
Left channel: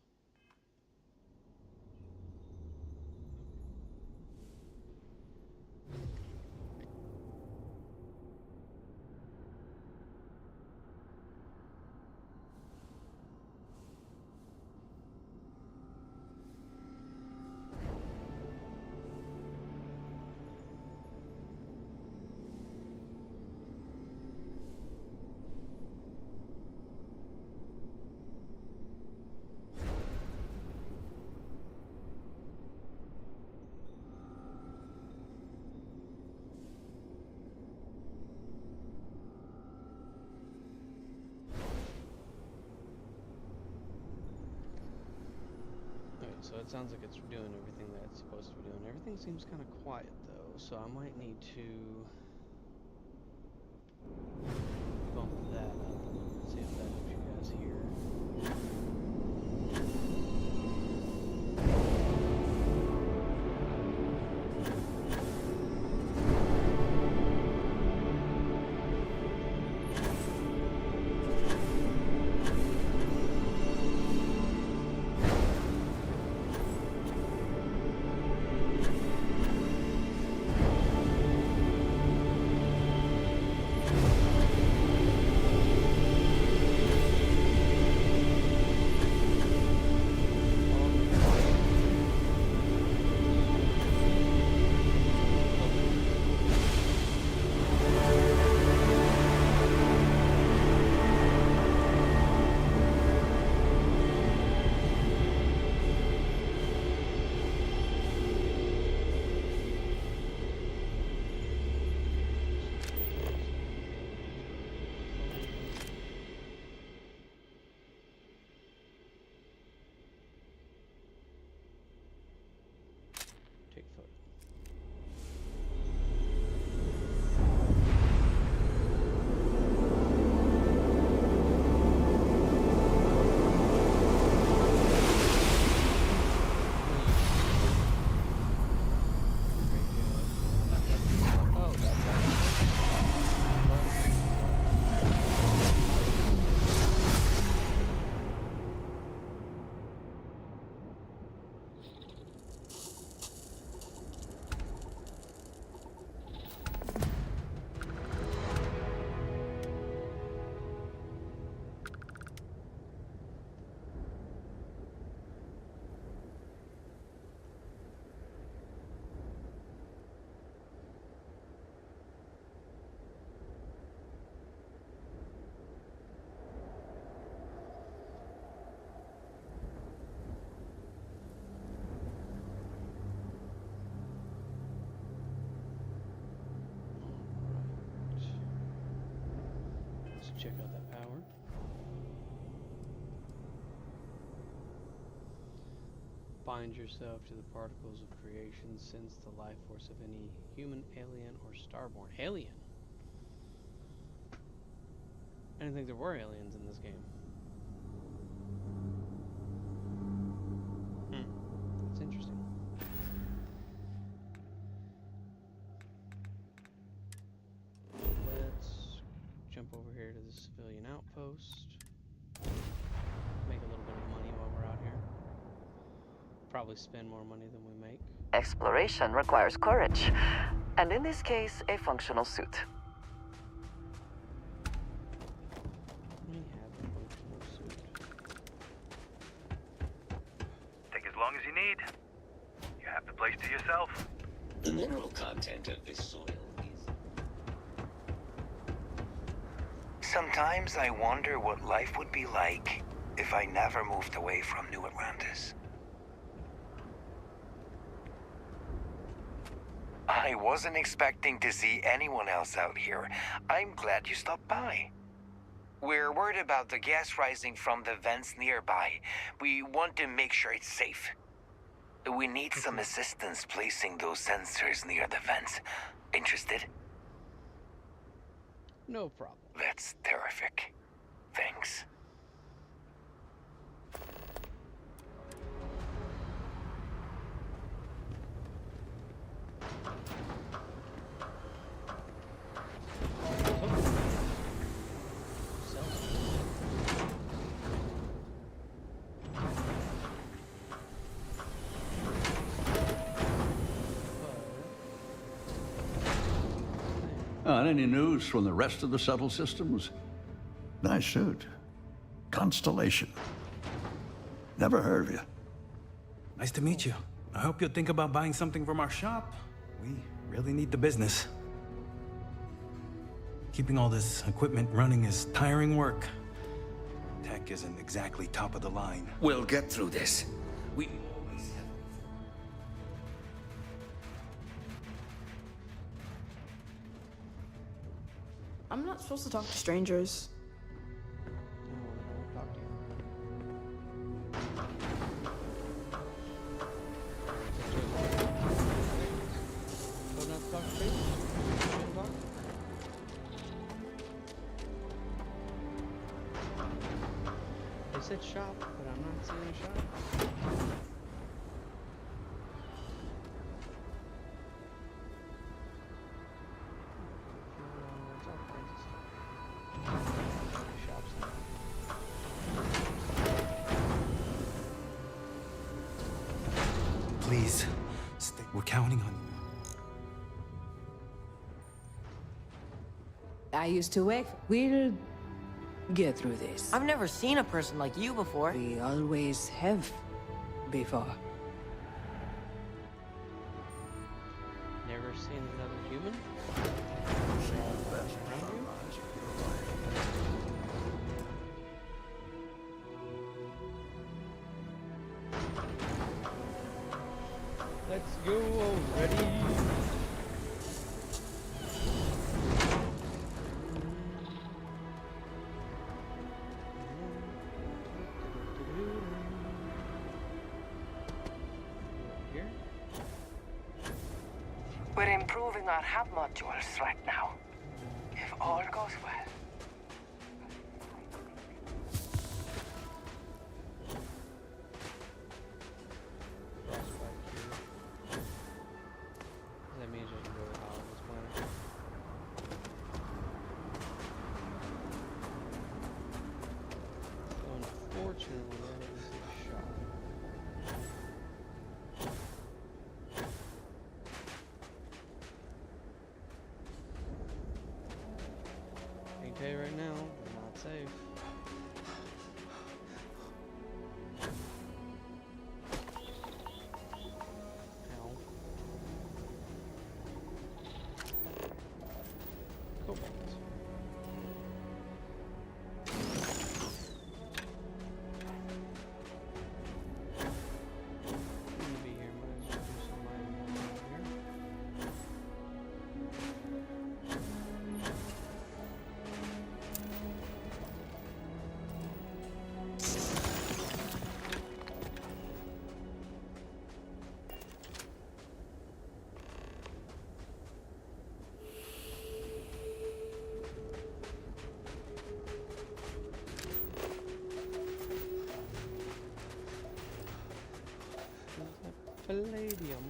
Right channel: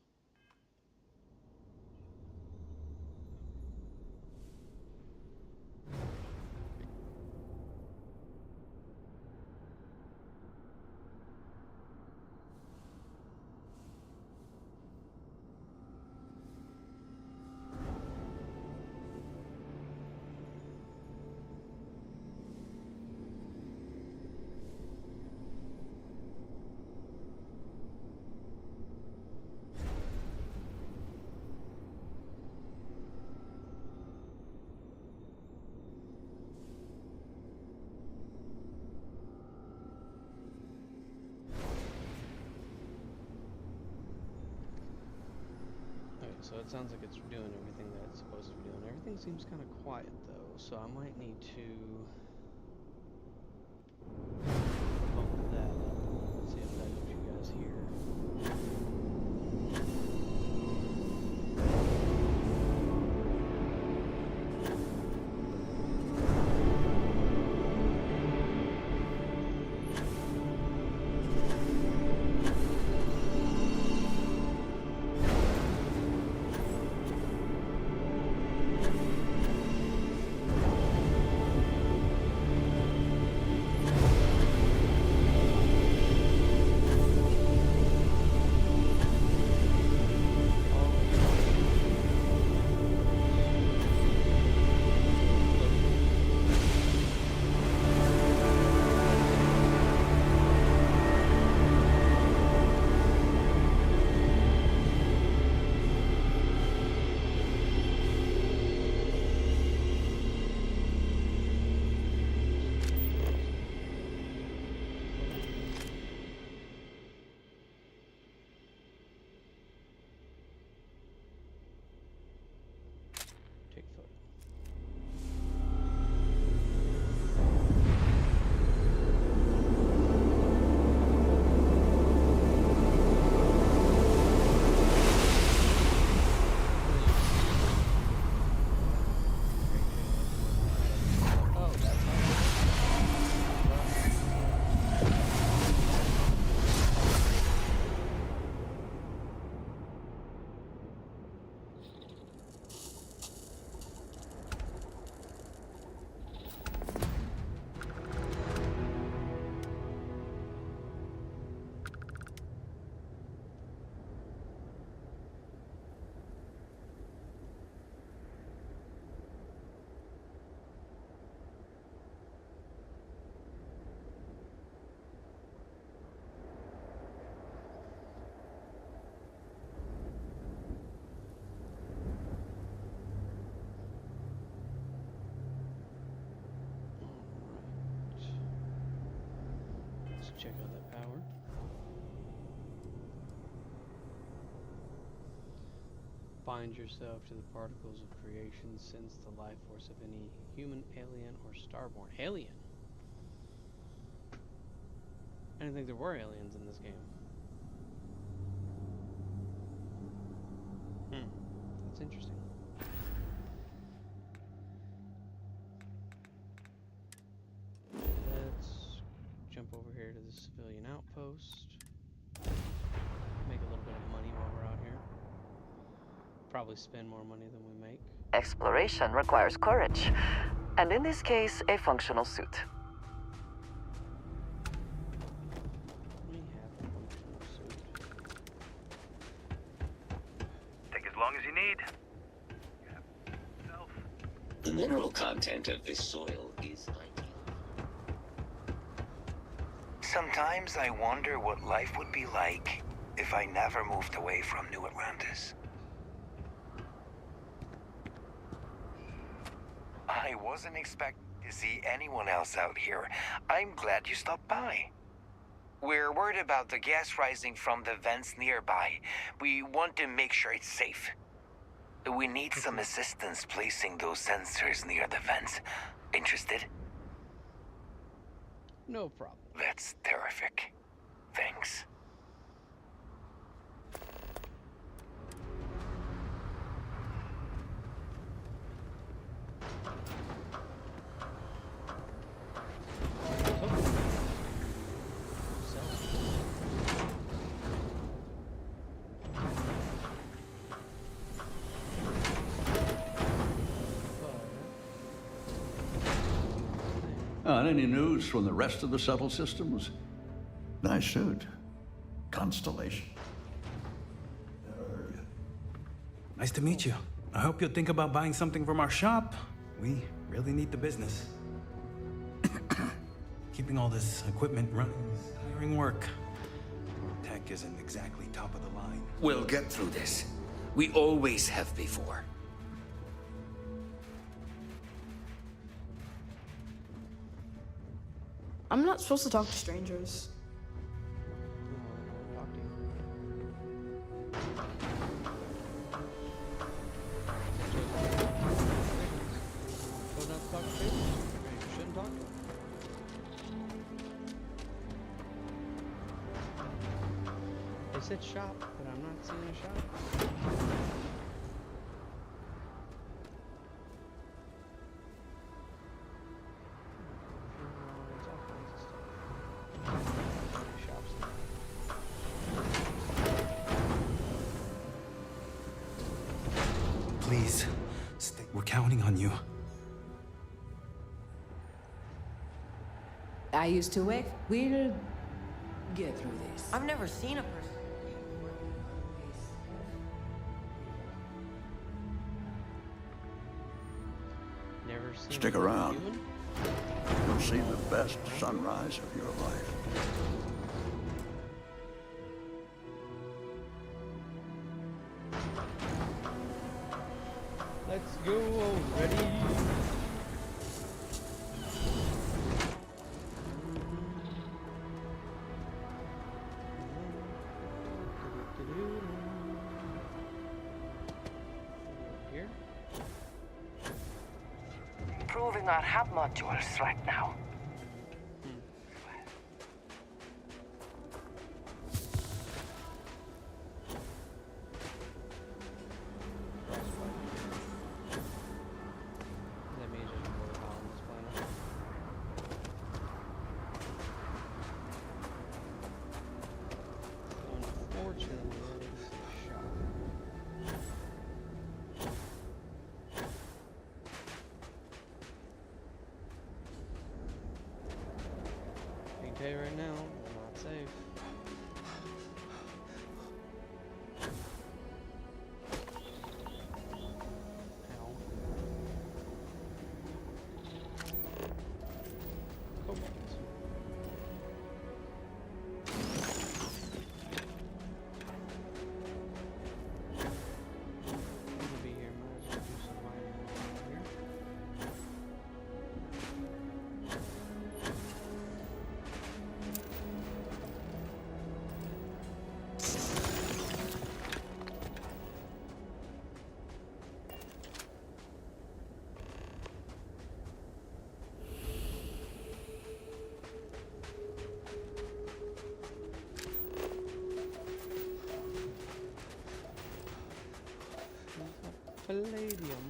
so it sounds like it's doing everything that it's supposed to be doing. Everything seems kind of quiet though, so I might need to bump that up a little bit, see if that helps you guys hear. Take photo. Oh, that's how Let's check out that power. Bind yourself to the particles of creation, sense the life force of any human, alien, or starborn. Alien? I didn't think there were aliens in this game. That's interesting. Let's jump over here to the civilian outpost. Make a little bit of money while we're out here. Probably spend more money than we make. Exploration requires courage, and in this case, a functional suit. We have a functional suit. Take as long as you need. You have the place to yourself. The mineral content of this soil is Sometimes I wonder what life would be like if I never moved away from New Atlantis. I wasn't expecting to see anyone else out here. I'm glad you stopped by. We're worried about the gas rising from the vents nearby. We want to make sure it's safe. We need some assistance placing those sensors near the vents. Interested? No problem. That's terrific. Thanks. Any news from the rest of the shuttle systems? Nice suit. Constellation. Never heard of you. Nice to meet you. I hope you'll think about buying something from our shop. We really need the business. Keeping all this equipment running is tiring work. Tech isn't exactly top of the line. We'll get through this. We always have before. I'm not supposed to talk to strangers. No, then I won't talk to you. said shop, but I'm not seeing a shop. All kinds of stuff. Shops now. Please, stay. We're counting on you. I used to work. We'll get through this. I've never seen a person like you before. We always have before. Never seen Stick another around. human? You'll see the best sunrise of your life. Let's go already. Here? We're improving our hub modules right now. If all goes well. That means it's really hot on this planet. So unfortunately, that is a shot. I can tell you right now, they're not safe. Ow. Cobalt. I'm gonna be here, might as well do some mining while I'm here. Palladium.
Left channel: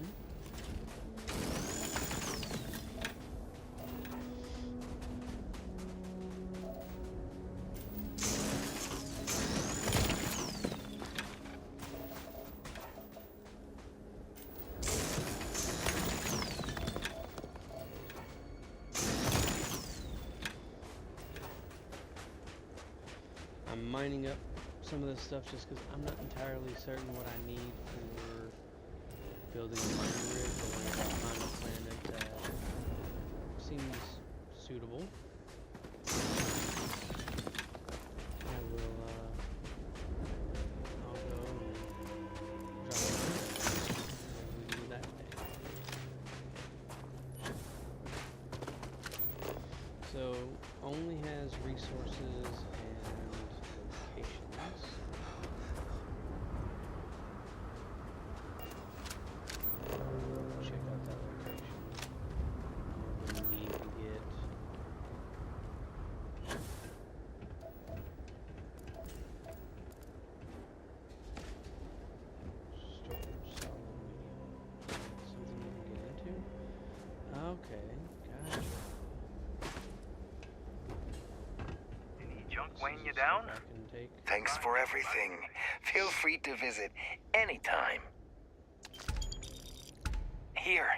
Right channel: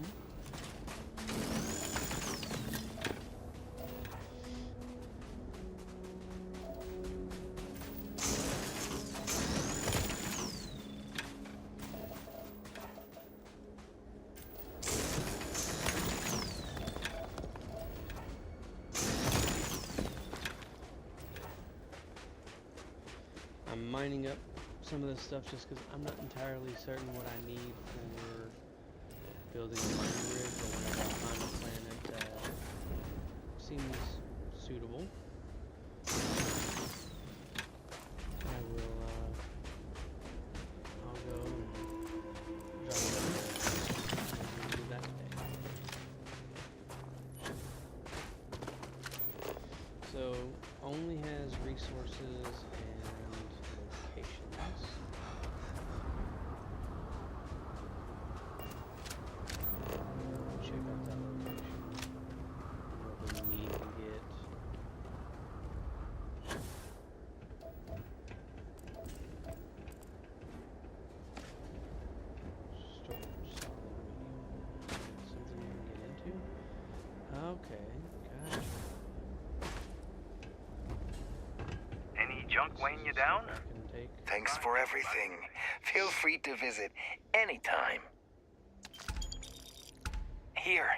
I'm mining up some of this stuff just because I'm not entirely certain what I need for building a mining rig, but whenever I find a planet that seems suitable, I will, I'll go and drop it in, and we can do that today. So, only has resources and locations. Check out that location. What we need to get. Storage, solid, medium. That's something you can get into. Okay, gotcha. Any junk weighing you down? I can take. Thanks for everything. Feel free to visit anytime. Here,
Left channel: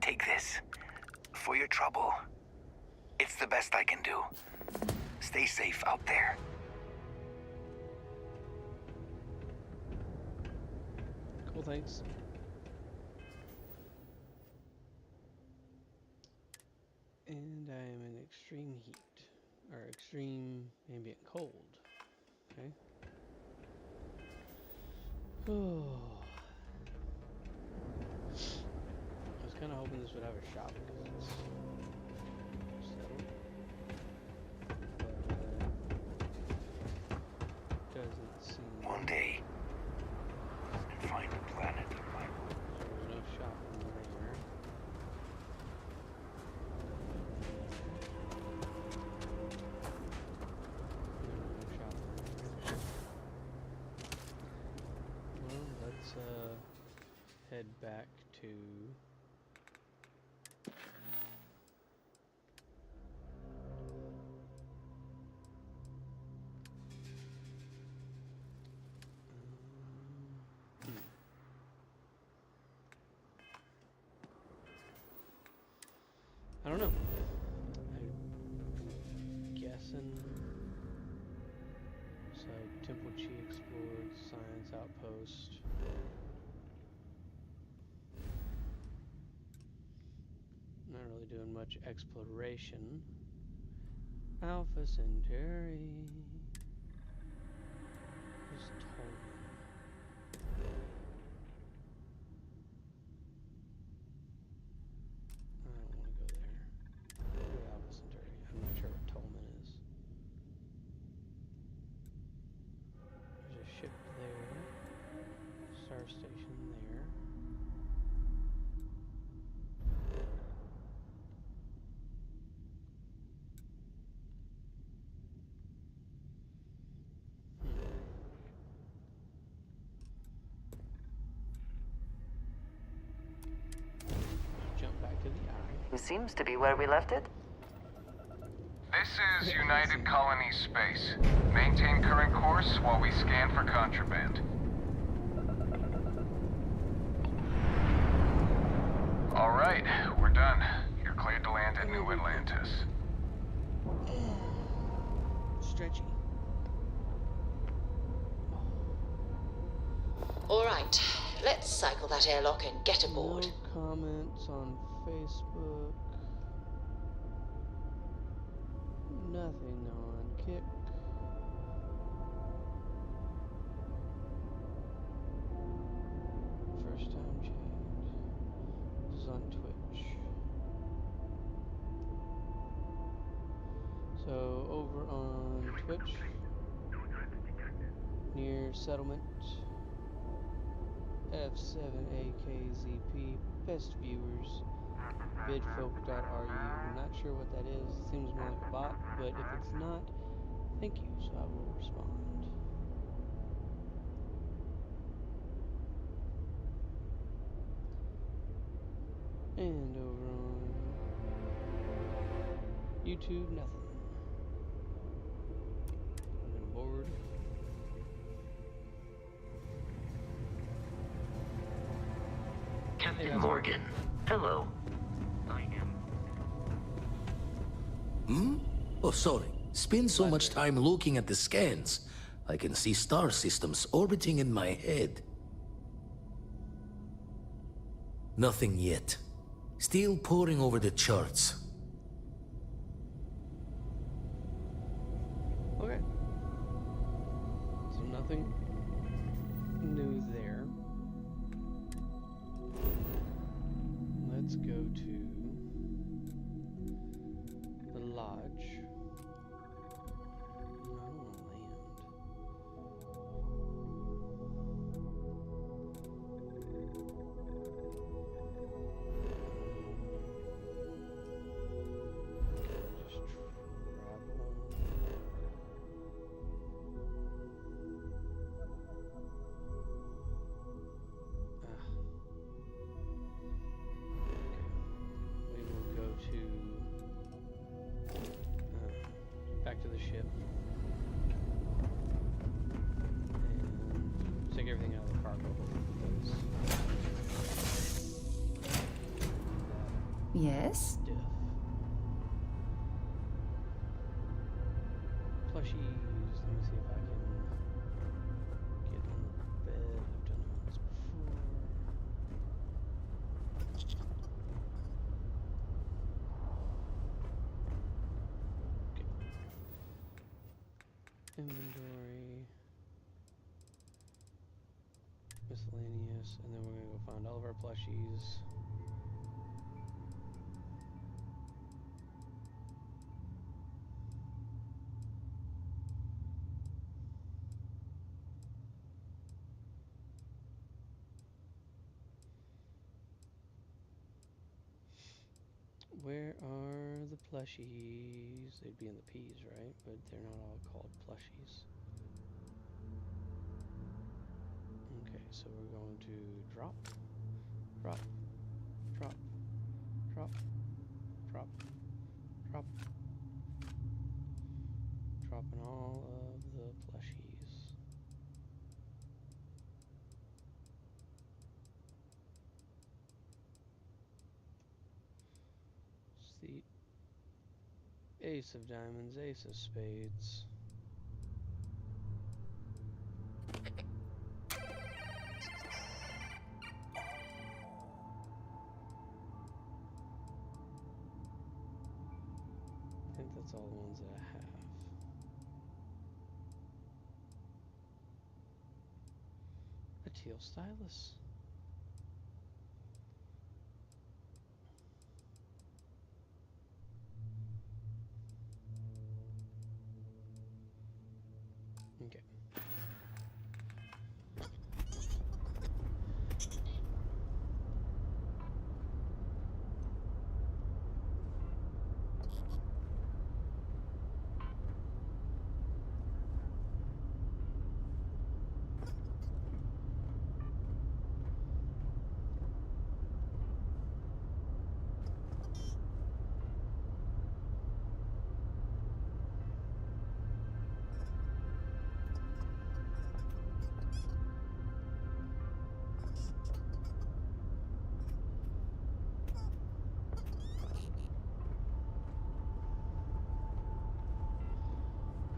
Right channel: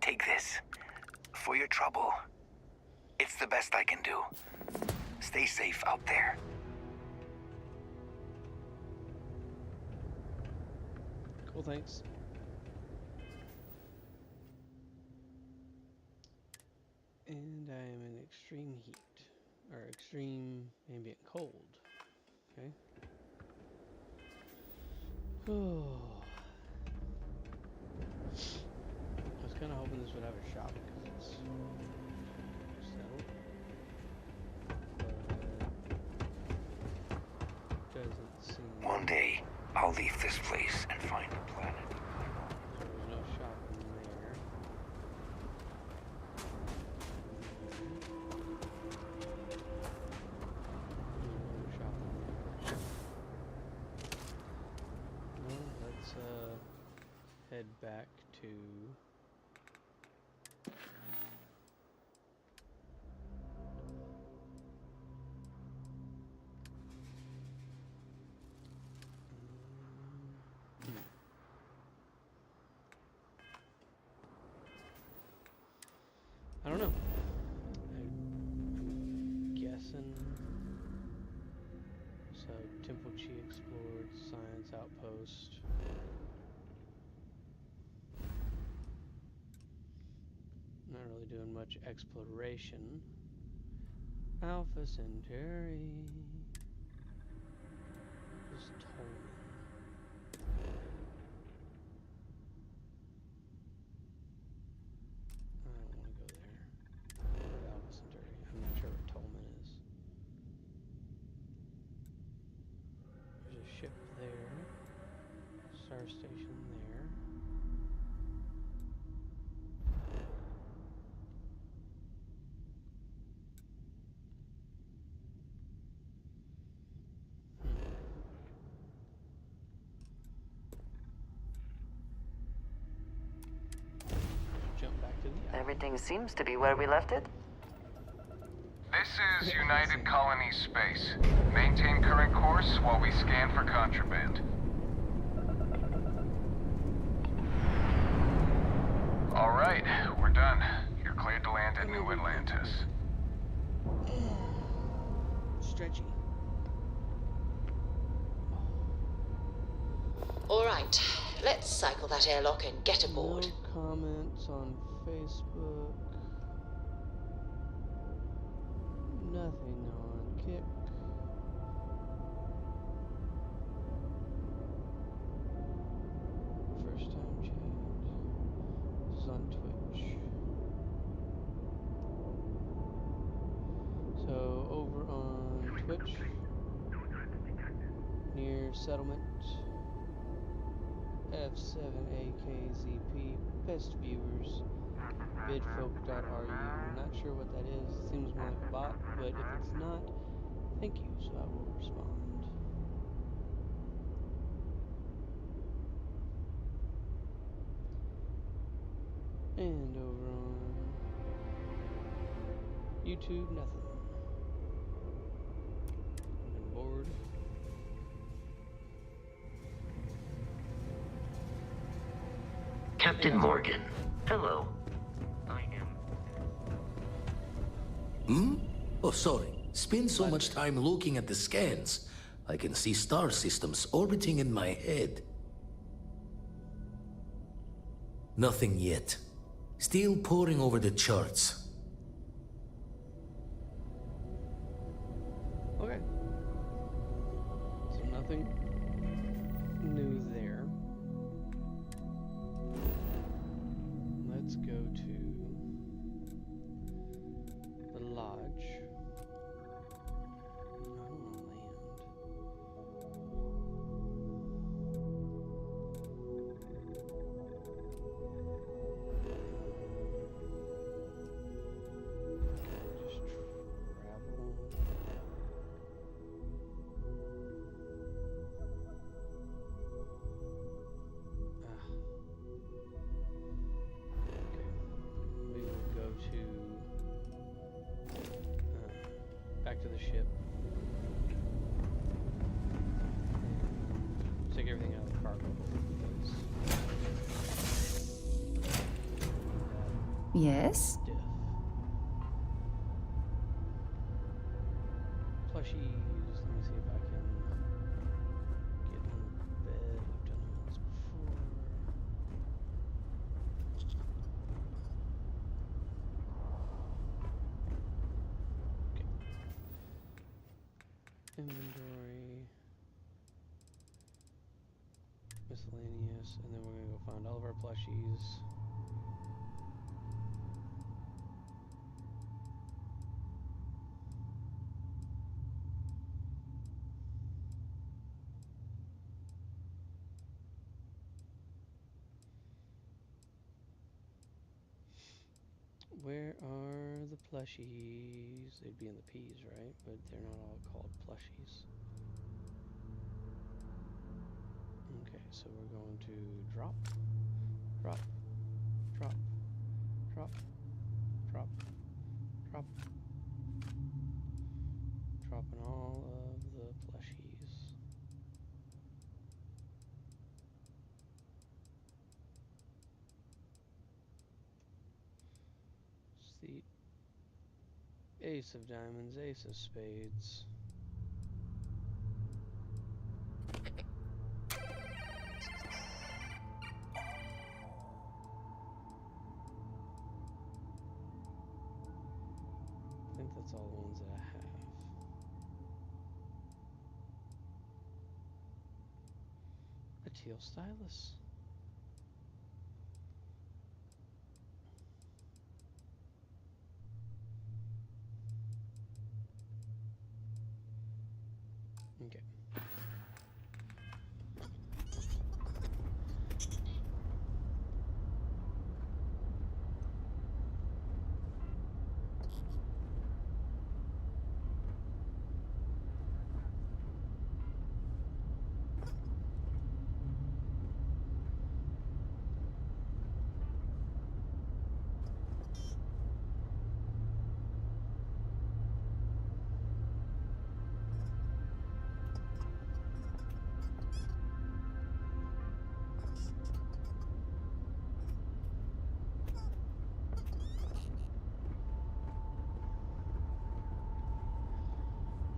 take this. For your trouble. It's the best I can do. Stay safe out there. Cool, thanks. And I am in extreme heat. Or extreme ambient cold. Okay. Oh. I was kind of hoping this would have a shop because it's settled. But doesn't seem. One day, I'll leave this place and find a planet of my own. There was no shop in there. There was no shop in there. let's head back to I don't know. I'm guessing. So, Temple Chi explored, Science Outpost. Not really doing much exploration. Alpha Centauri. Who's Tolman? I don't want to go there. Go to Alpha Centauri. I'm not sure what Tolman is. There's a ship there. Star station there. Jump back to the eye. Everything seems to be where we left it. This is United Colony Space. Maintain current course while we scan for contraband. All right, we're done. You're cleared to land at New Atlantis. Stretchy. All right, let's cycle that airlock and get aboard. No comments on Facebook. Nothing on Kick. First time chat. This is on Twitch. So over on Twitch, near settlement, F7AKZP, best viewers, bidfolk.ru. Not sure what that is. Seems more like a bot, but if it's not, thank you, so I will respond. And over on YouTube, nothing. I'm getting bored. Captain Morgan, hello. I am... Oh, sorry. Spend so much time looking at the scans. I can see star systems orbiting in my head. Nothing yet. Still poring over the charts. Okay. So nothing new there. Let's go to the lodge. I don't want to land. Can I just travel? We will go to back to the ship and take everything out of the cargo hold because Yes? diff. Plushies. Let me see if I can get on the bed. I've done it once before. Inventory, miscellaneous, and then we're gonna go find all of our plushies. Where are the plushies? They'd be in the P's, right? But they're not all called plushies. Okay, so we're going to drop, drop, drop, drop, drop, drop. Dropping all of the plushies. It's the ace of diamonds, ace of spades. I think that's all the ones that I have. A teal stylus. Okay.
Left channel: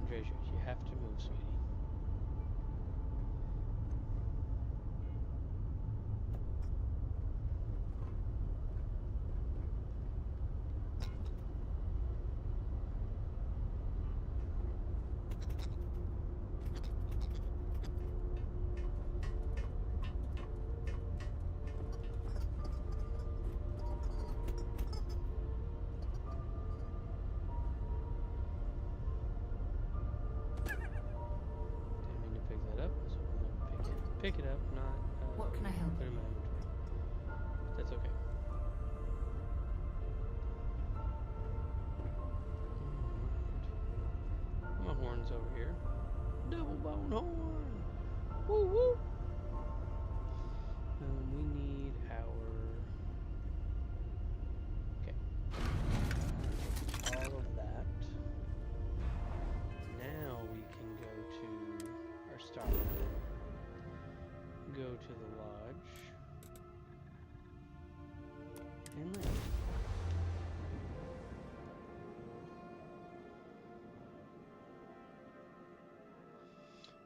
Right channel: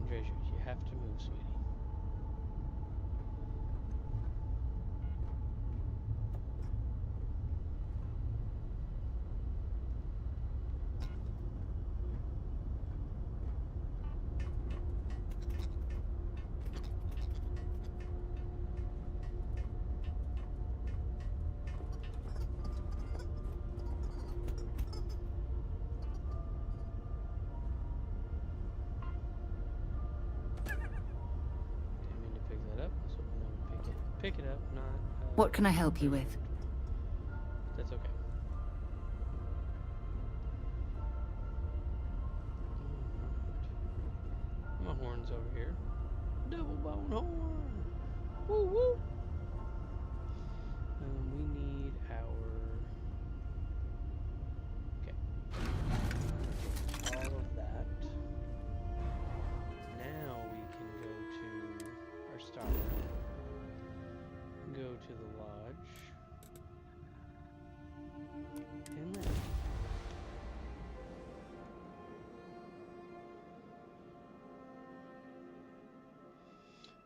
Andreja, you have to move, sweetie. Pick it up, not. What can I help you with? That's okay. My horn's over here. Double bone horn. Woo woo. We need our. Okay. All of that. Now we can go to our starter. Go to the lodge and land.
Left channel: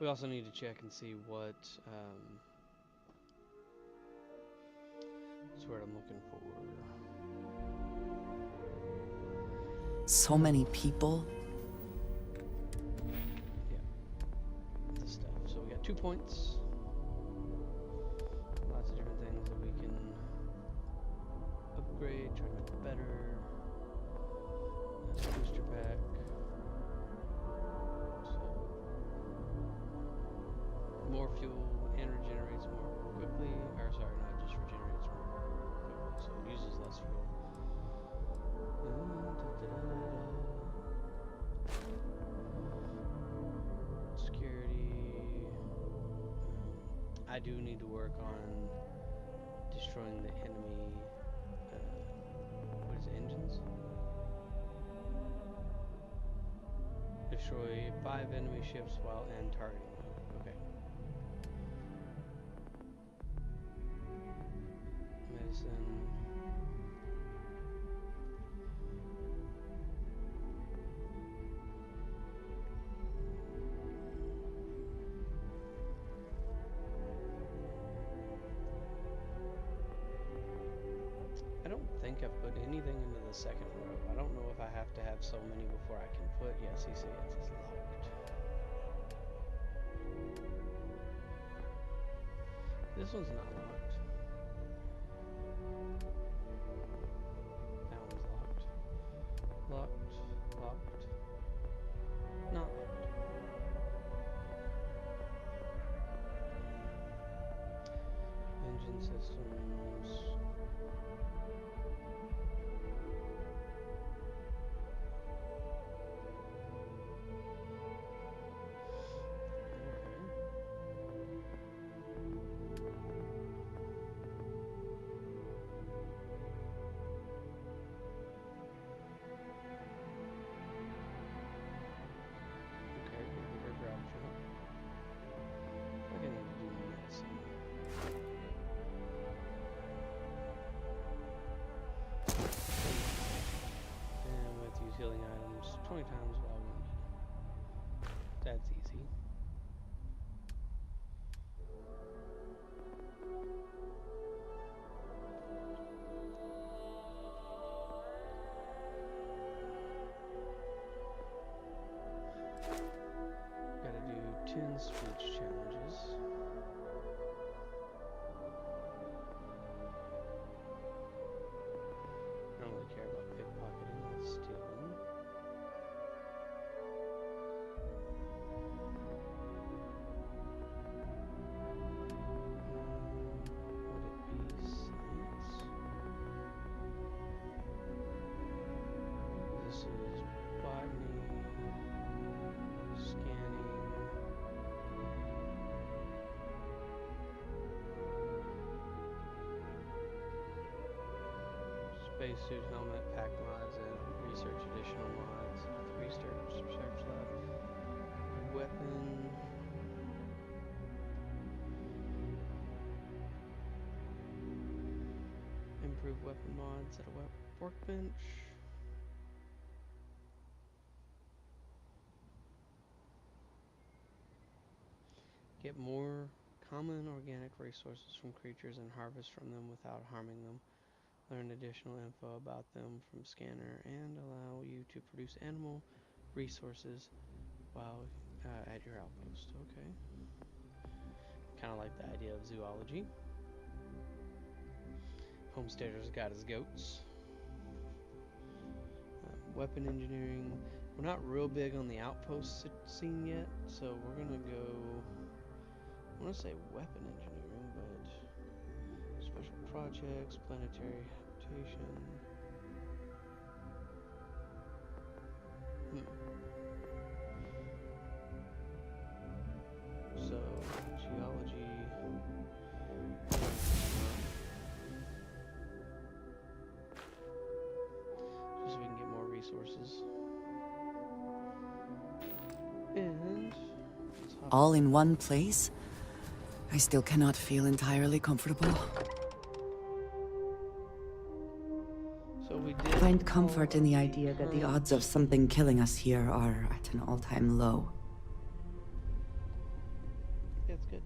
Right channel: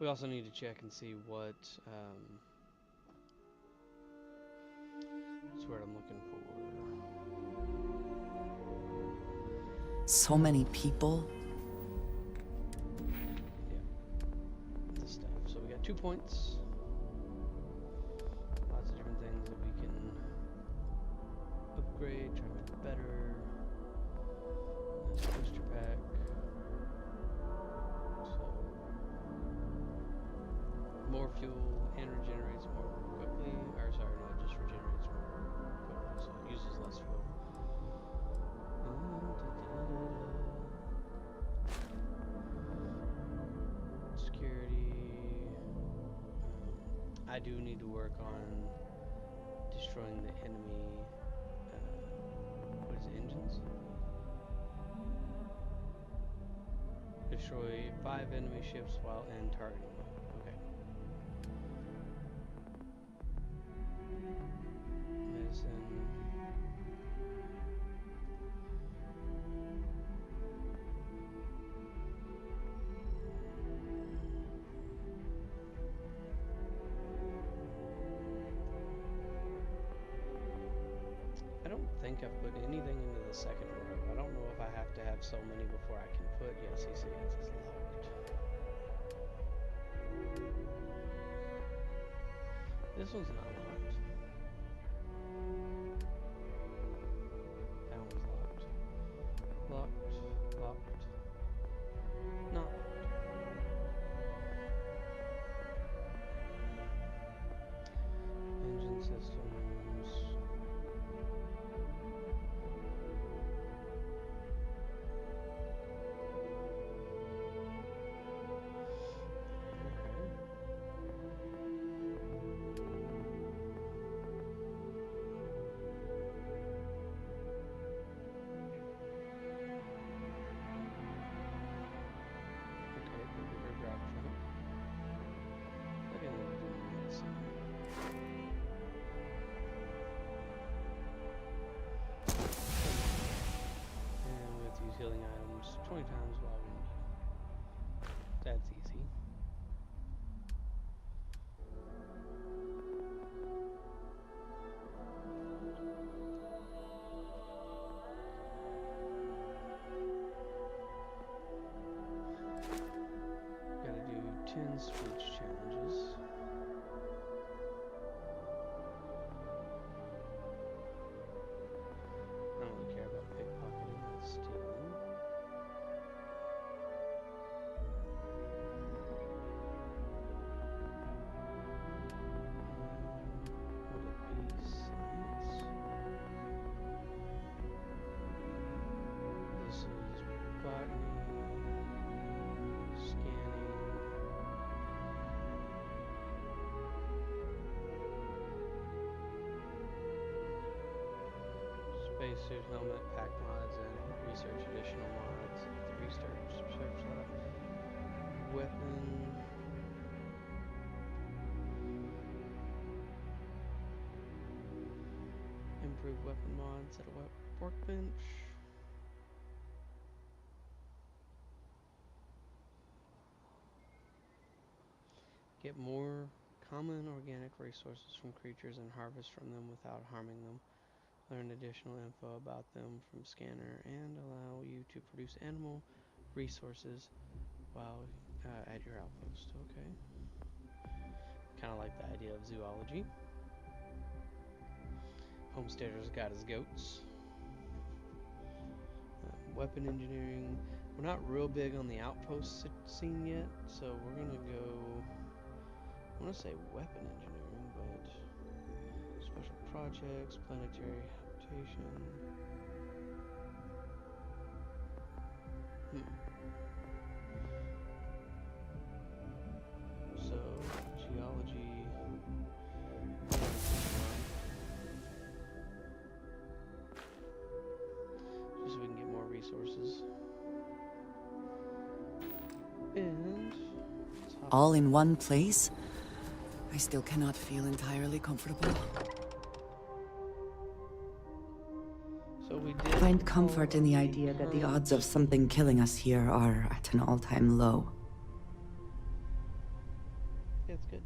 We also need to check and see what that's what I'm looking for. So many people. Yeah, the stuff. So we got 2 points. Lots of different things that we can upgrade, try to make it better. Booster pack. So more fuel and regenerates more quickly. Or sorry, no, it just regenerates more quickly, so it uses less fuel. Security. I do need to work on destroying the enemy. What is it, engines? Destroy 5 enemy ships while in targeting mode. Okay. Medicine. I don't think I've put anything into the second row. I don't know if I have to have so many before I can put. Yes, you see it says locked. This one's not locked. That one's locked. Locked. Locked. Not locked. Engine systems. Okay. 20 times while we need. That's easy. Gotta do 10 speech challenges. I don't really care about pickpocketing, that's stealing. Would it be science? This is botany, scanning. Spacesuit, helmet, pack mods, and research additional mods at the research lab. Weapon. Improve weapon mods at a workbench. Get more common organic resources from creatures and harvest from them without harming them. Learn additional info about them from scanner and allow you to produce animal resources while at your outpost. Okay. Kind of like the idea of zoology. Homesteader's got his goats. Weapon engineering. We're not real big on the outpost scene yet, so we're gonna go. I want to say weapon engineering, but special projects, planetary habitation. So geology. Just so we can get more resources. And all in one place? I still cannot feel entirely comfortable. So we did find comfort in the idea that the odds of something killing us here are at an all-time low. Yeah, it's good.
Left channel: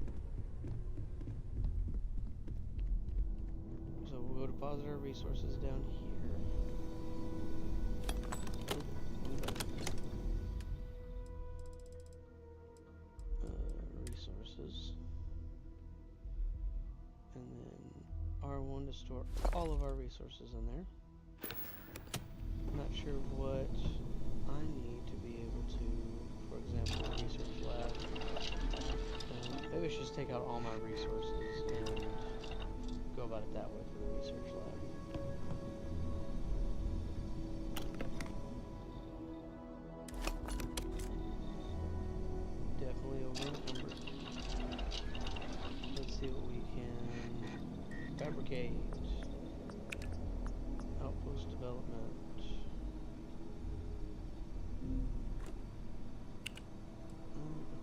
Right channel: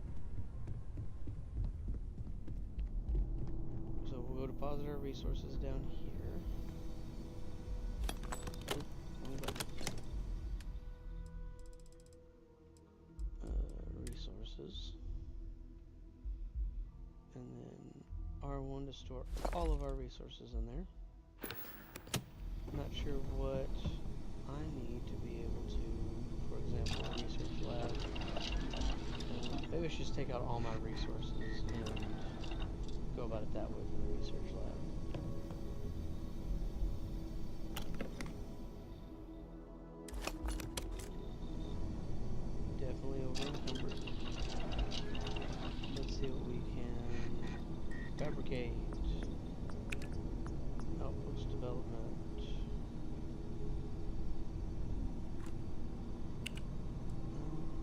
So we'll go deposit our resources down here. Resources. And then R1 to store all of our resources in there. I'm not sure what I need to be able to, for example, research lab. Maybe I should just take out all my resources and go about it that way for the research lab. Definitely over encumbered. Let's see what we can fabricate. Outpost development.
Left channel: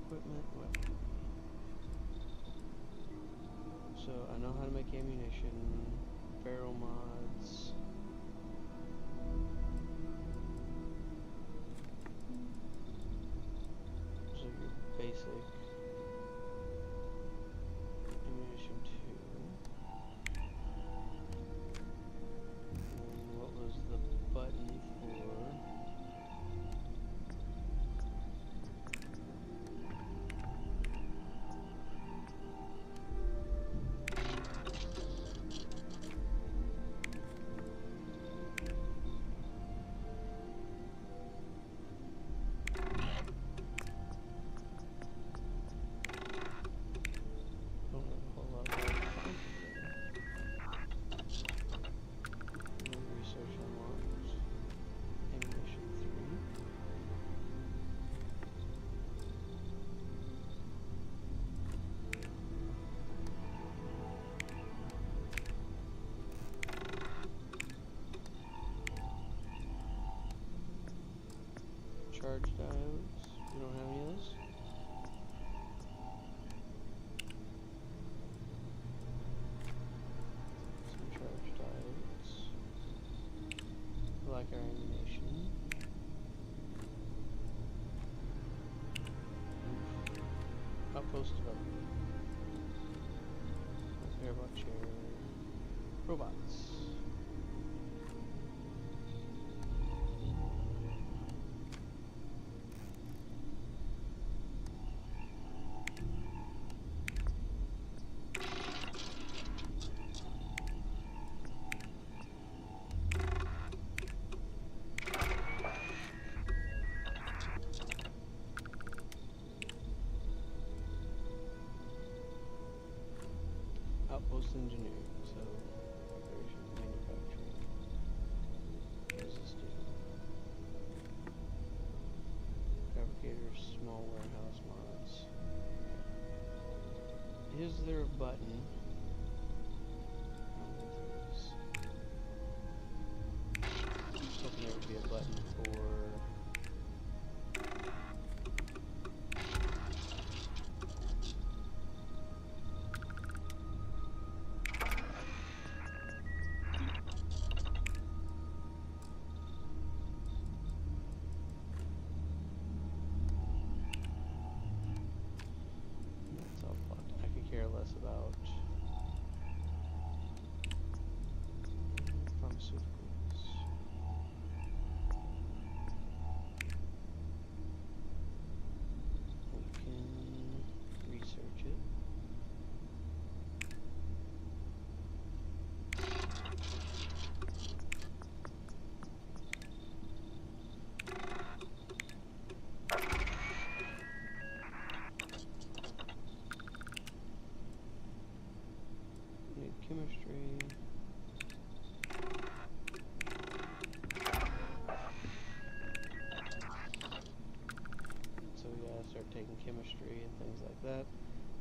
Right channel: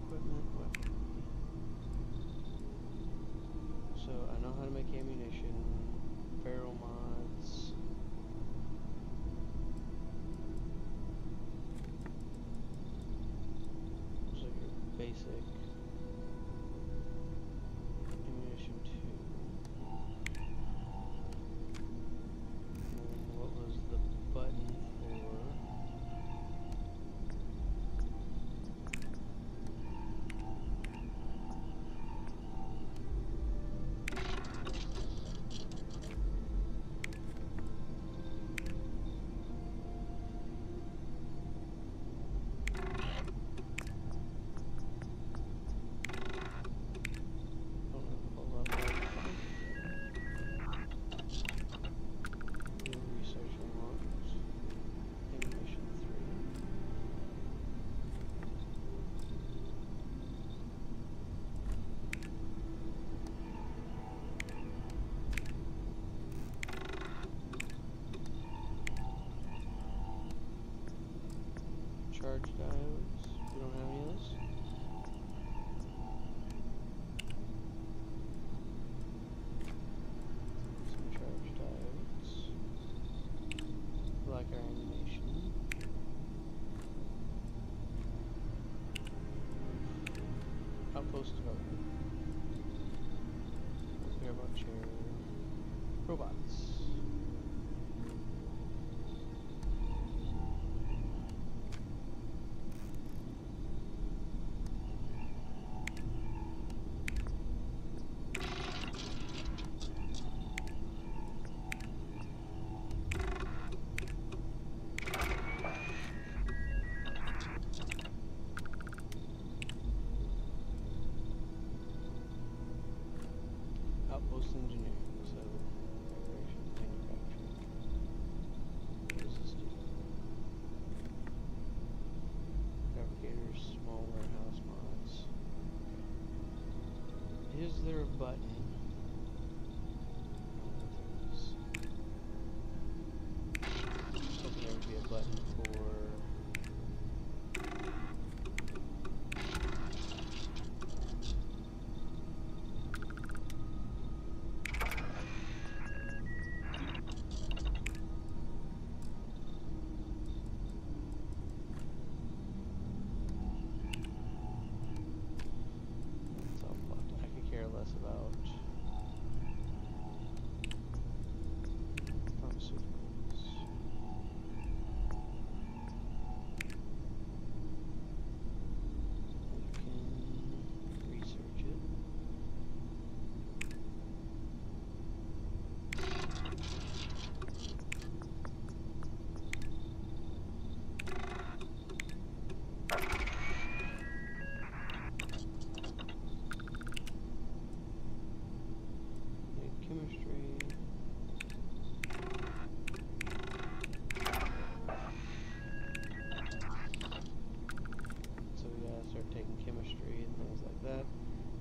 Equipment, weaponry. So I know how to make ammunition, barrel mods. So your basic ammunition 2. And what was the button for? Charge diodes. We don't have any of those. Some charge diodes. We like our ammunition. Post-development. Don't care about chair. Robots. Outpost engineering, so preparation, manufacturing. What does this do? Fabricators, small warehouse mods. Okay. Is there a button? I don't think there is. I was hoping there would be a button for it's all blocked. I could care less about pharmaceuticals. We can research it. Need chemistry. So we gotta start taking chemistry and things like that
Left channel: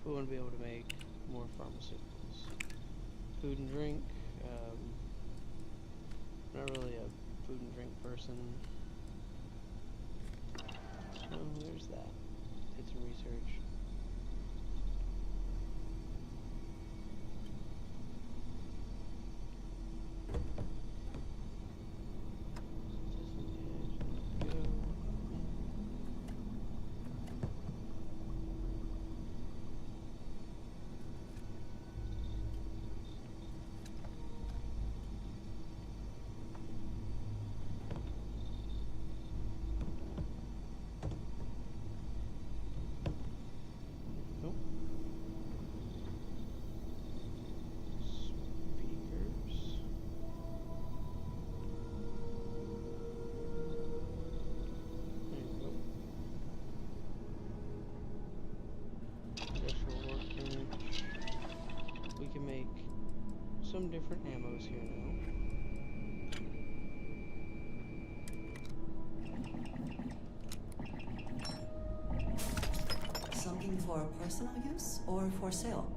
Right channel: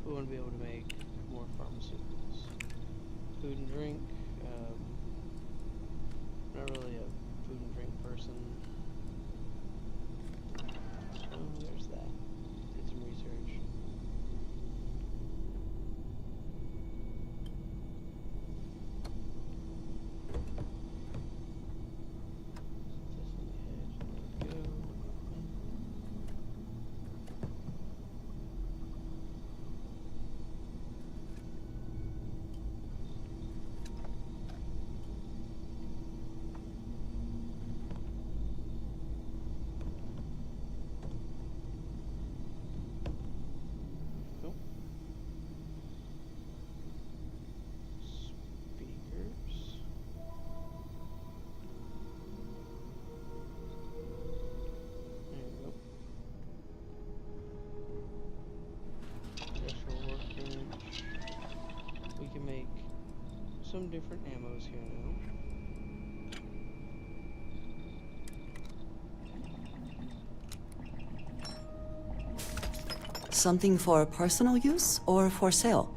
if we want to be able to make more pharmaceuticals. Food and drink. Not really a food and drink person. Oh, there's that. Did some research. Just on the edge. There we go. Cool. Speakers. There we go. Industrial workbench. We can make some different ammos here now. Something for personal use or for sale?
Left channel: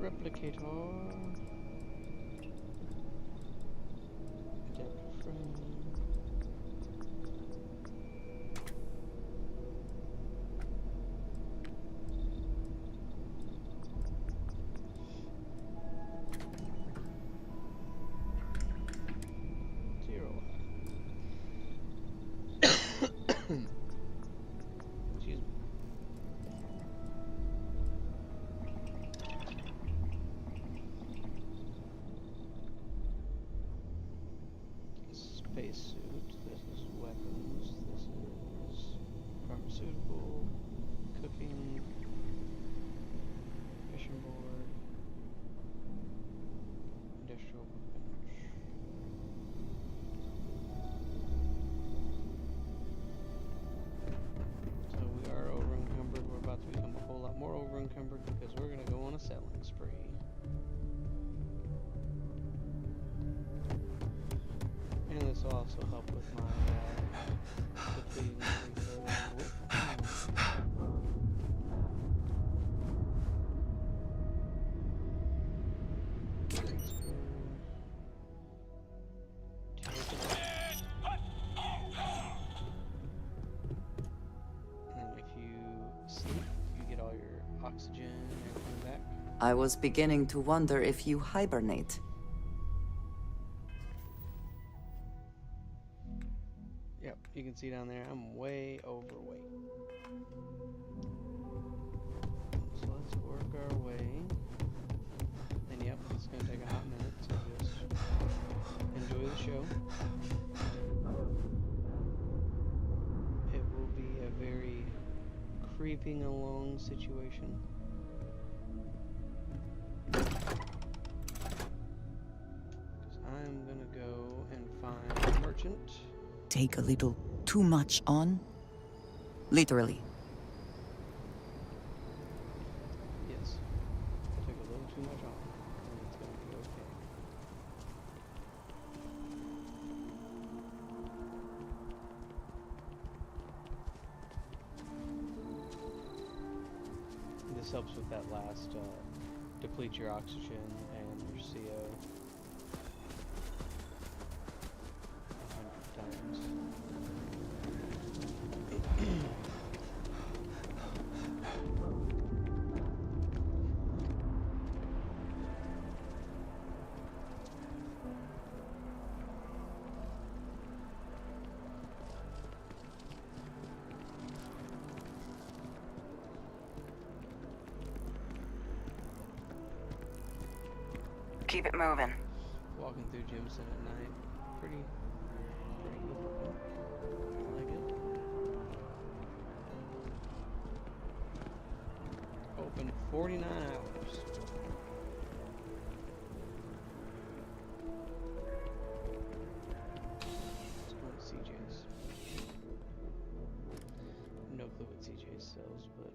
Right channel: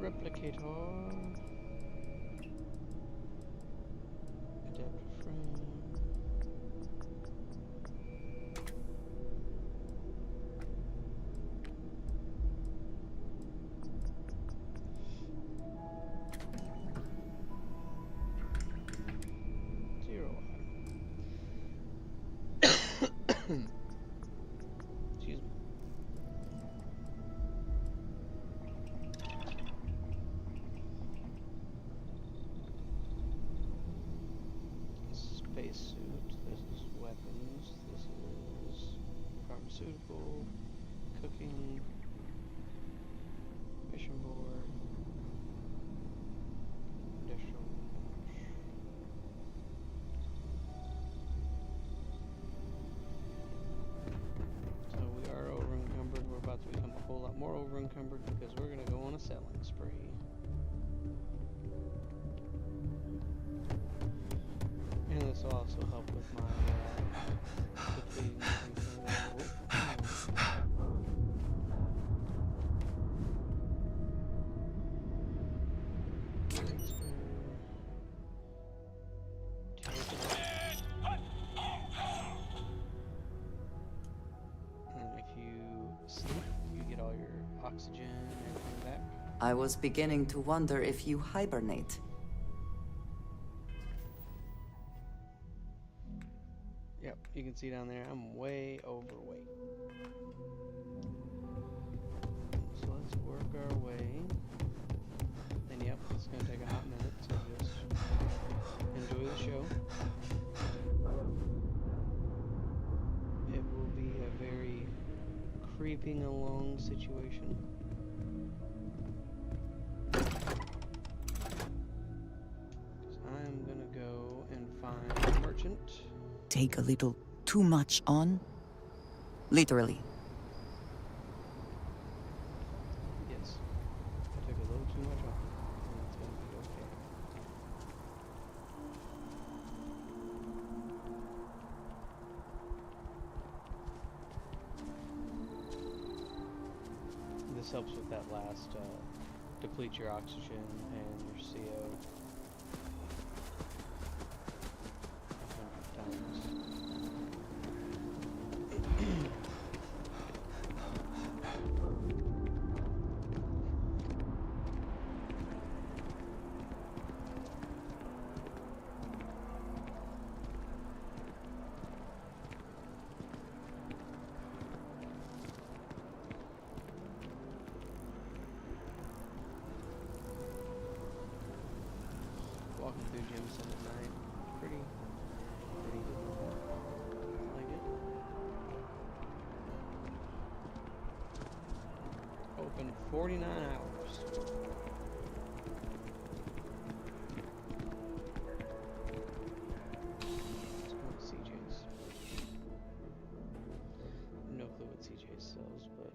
Replicator. Adapter frame. Zero Excuse me. Spacesuit. This is weapons. This is pharmaceutical, cooking, mission board, industrial bench. So we are over encumbered. We're about to become a whole lot more over encumbered because we're going to go on a selling spree. And this will also help with my depleting things further. I was beginning to wonder if you hibernate. Yep, you can see down there, I'm way overweight. So let's work our way. And yep, it's going to take a hot minute, so just enjoy the show. It will be a very creeping along situation. I'm gonna go and find a merchant. Take a little too much on? Literally. Yes, I took a little too much on, and it's gonna be okay. This helps with that last, deplete your oxygen and your CO 100 times. Keep it moving. Walking through Jameson at night, pretty good looking. I like it. Open 49 hours. Let's go to CJ's. No clue what CJ's sells, but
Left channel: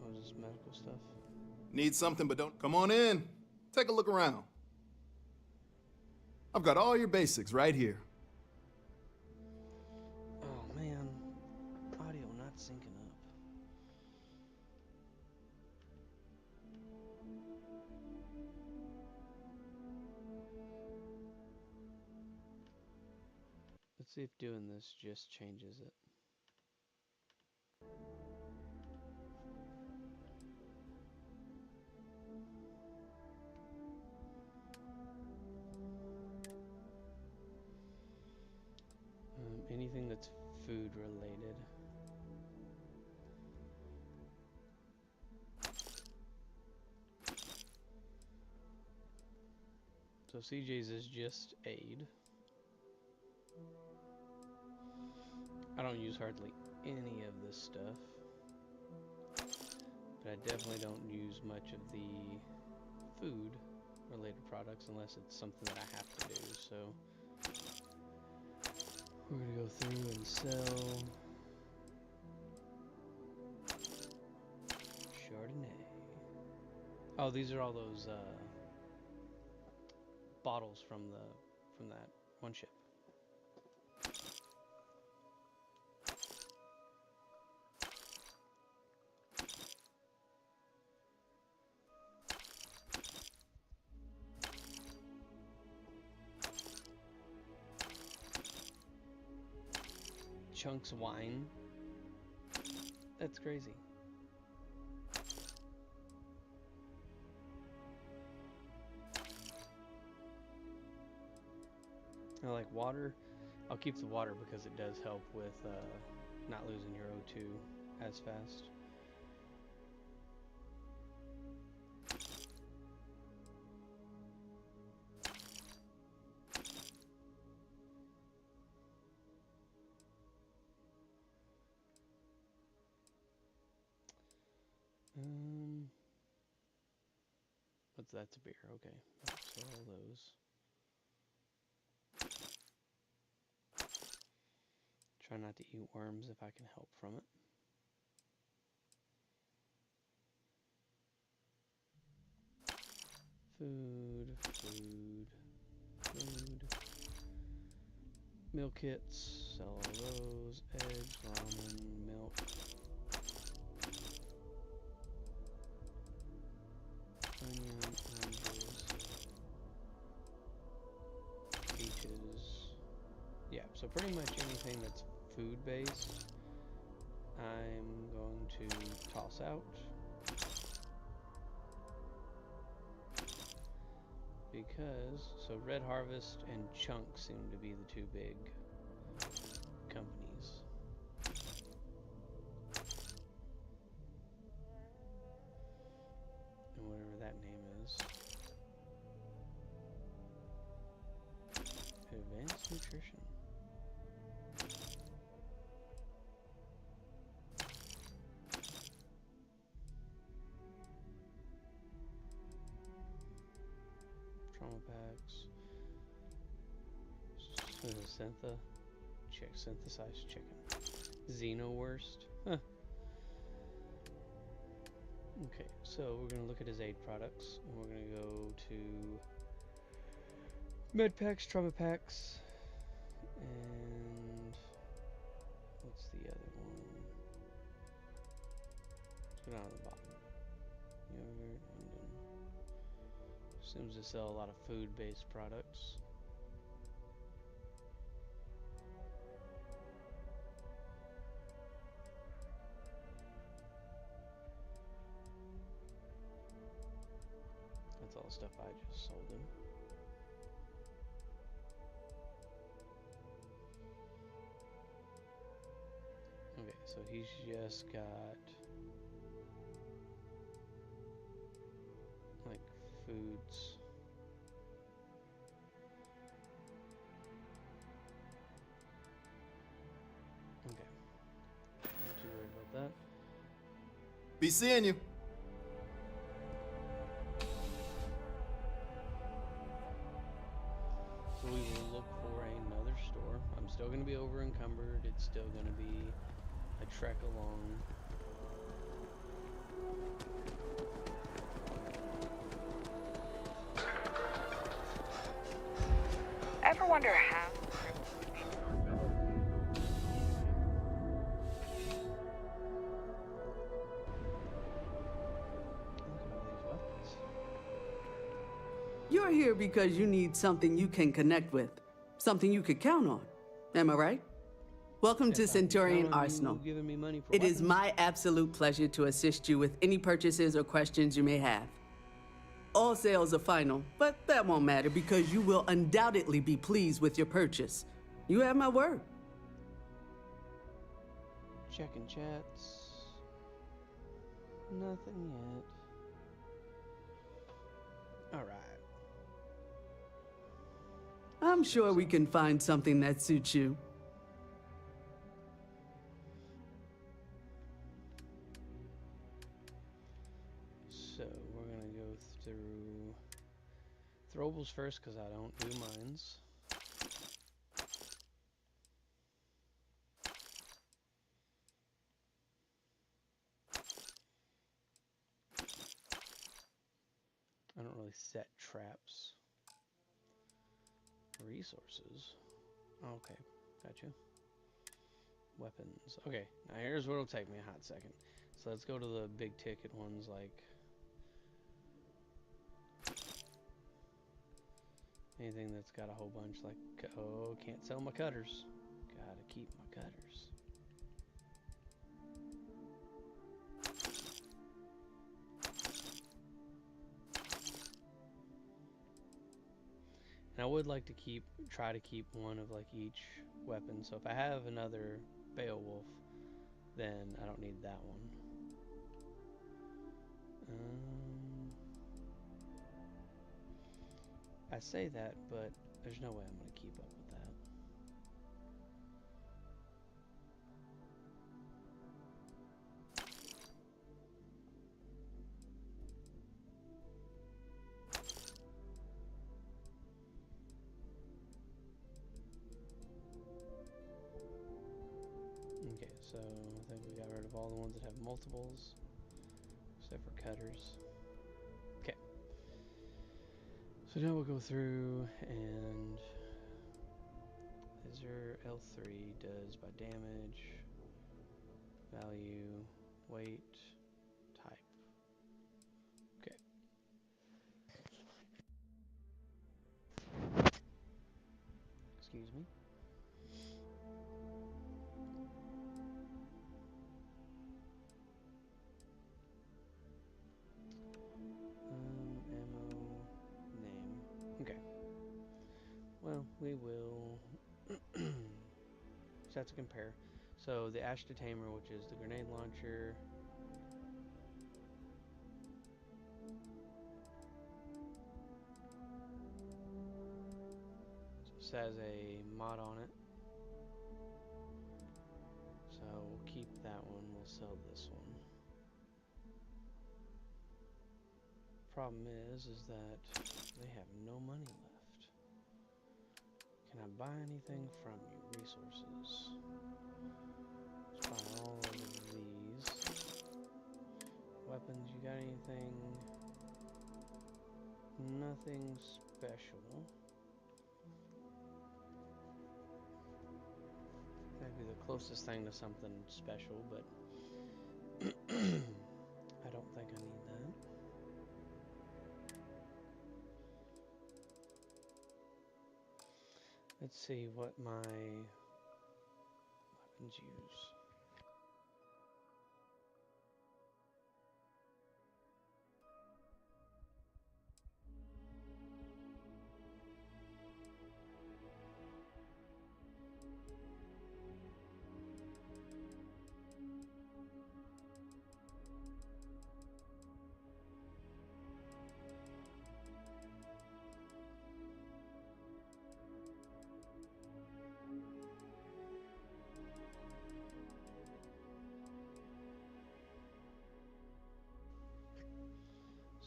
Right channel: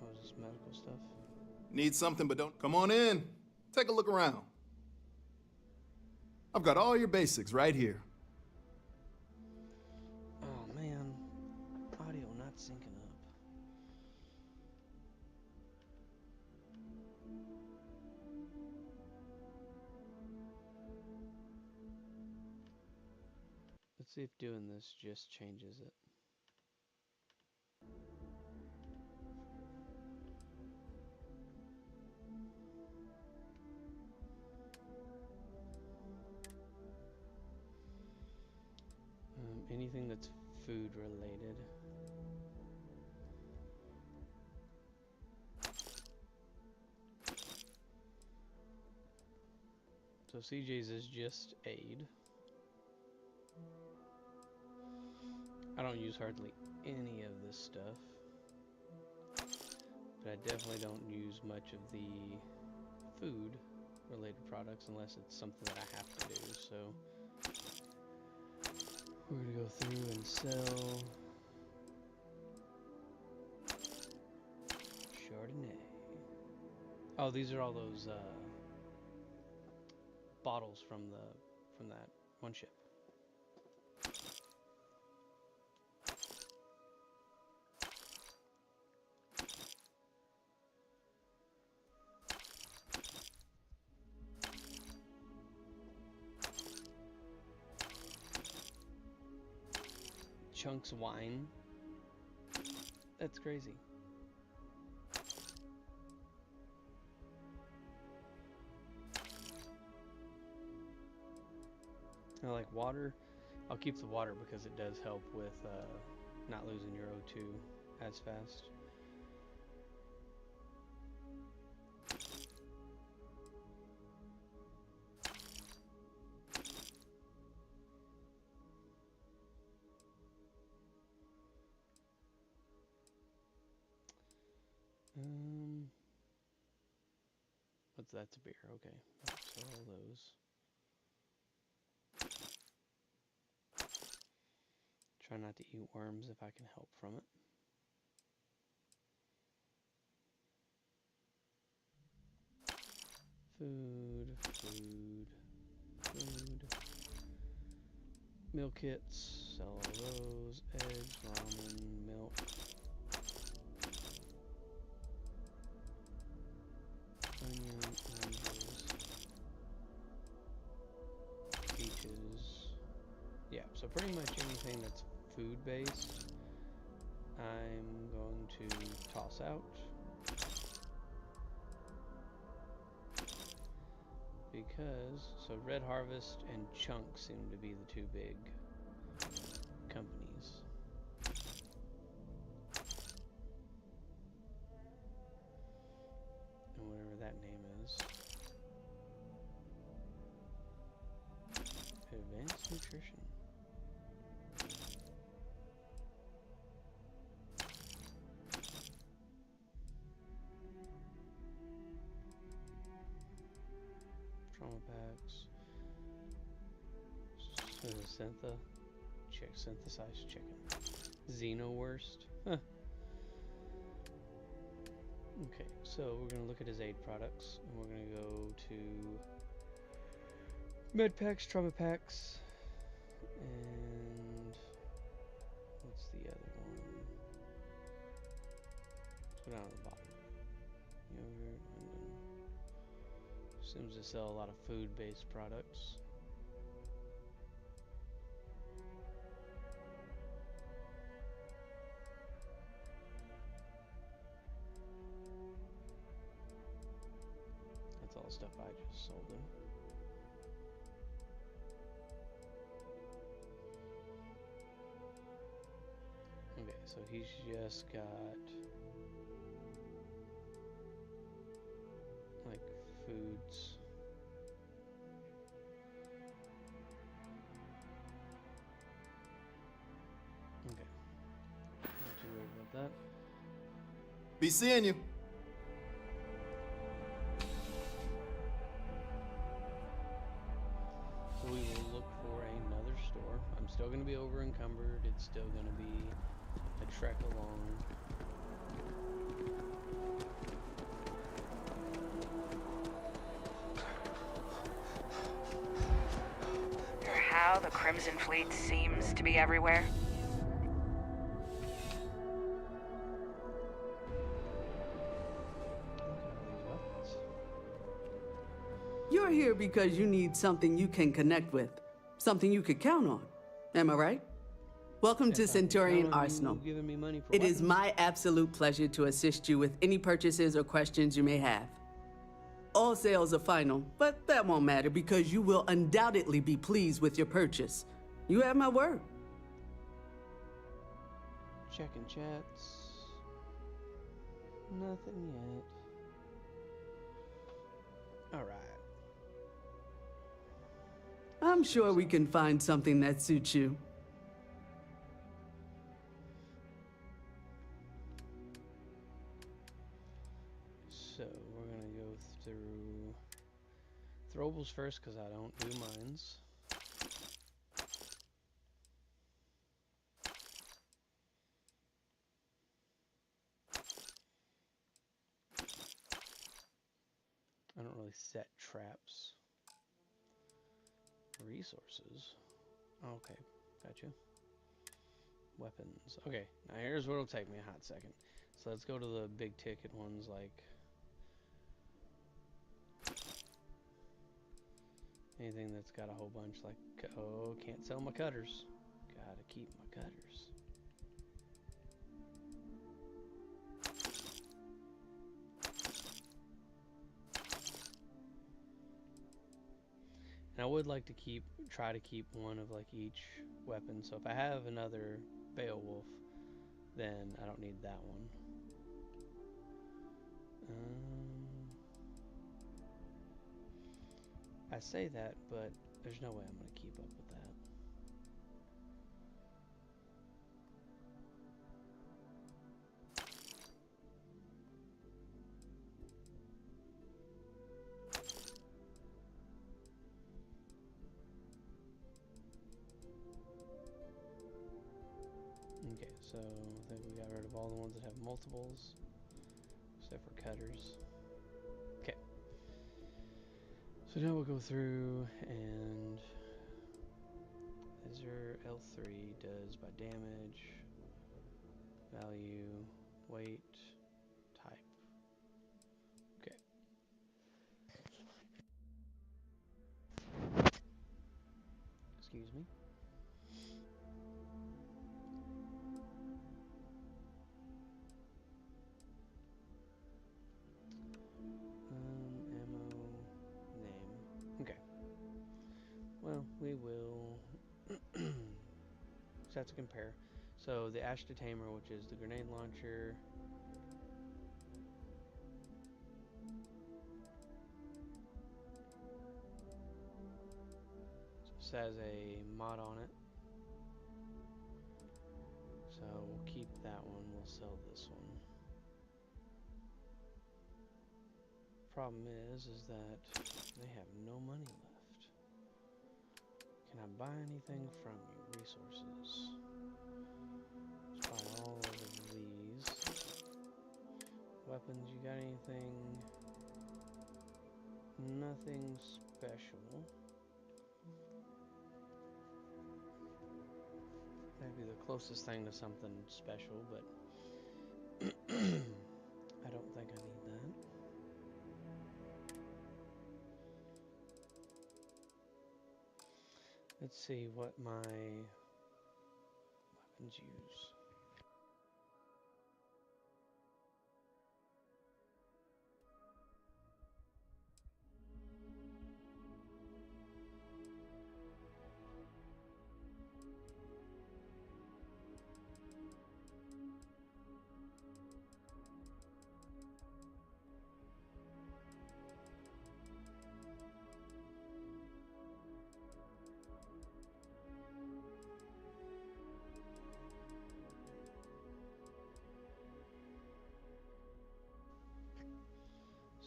was this medical stuff? Need something, but don't. Come on in. Take a look around. I've got all your basics right here. Oh man, audio not syncing up. Let's see if doing this just changes it. Anything that's food related. So CJ's is just aid. I don't use hardly any of this stuff. But I definitely don't use much of the food related products unless it's something that I have to do. So we're gonna go through and sell Chardonnay. Oh, these are all those bottles from that one ship. Chunks wine. That's crazy. I like water. I'll keep the water because it does help with not losing your O2 as fast. What's that's a beer? Okay, so all those. Try not to eat worms if I can help from it. Food. Meal kits, sell all those. Eggs, ramen, milk. Onion, oranges. Peaches. Yeah, so pretty much anything that's food based, I'm going to toss out. Because, so Red Harvest and Chunk seem to be the two big companies. And whatever that name is. Advanced Nutrition. Trauma packs. Syntha. Synthesized chicken. Xenowurst. Huh. Okay, so we're going to look at his aid products, and we're going to go to med packs, trauma packs, and what's the other one? Let's go down to the bottom. Yogurt, and then seems to sell a lot of food-based products. That's all stuff I just sold him. Okay, so he's just got like foods. Okay. Not too worried about that. Be seeing you. So we will look for another store. I'm still going to be over encumbered. It's still going to be a trek along. Ever wonder how the Crimson Fleet seems to be everywhere? Look at all these weapons. You're here because you need something you can connect with, something you could count on. Am I right? Welcome to Centurion Arsenal. Giving me money for It is weapons. my absolute pleasure to assist you with any purchases or questions you may have. All sales are final, but that won't matter because you will undoubtedly be pleased with your purchase. You have my word. Checking chats. Nothing yet. Alright. I'm sure we can find something that suits you. So we're gonna go through throwables first because I don't do mines. I don't really set traps. Resources. Okay, gotcha. Weapons. Okay, now here's what'll take me a hot second. So let's go to the big ticket ones like anything that's got a whole bunch like, oh, can't sell my cutters. Gotta keep my cutters. And I would like to try to keep one of like each weapon. So if I have another Beowulf, then I don't need that one. I say that, but there's no way I'm going to keep up with that. Okay, so I think we got rid of all the ones that have multiples, except for cutters. Okay. So now we'll go through and Azure L3 does by damage, value, weight, type. Okay. Excuse me. Ammo, name. well, we will just have to compare. So the Ash Detainer, which is the grenade launcher. This has a mod on it. So we'll keep that one, we'll sell this one. Problem is that they have no money left. Can I buy anything from you? Resources. Let's buy all of these. Weapons, you got anything? Nothing special. That'd be the closest thing to something special, but I don't think I need that. Let's see what my weapons use.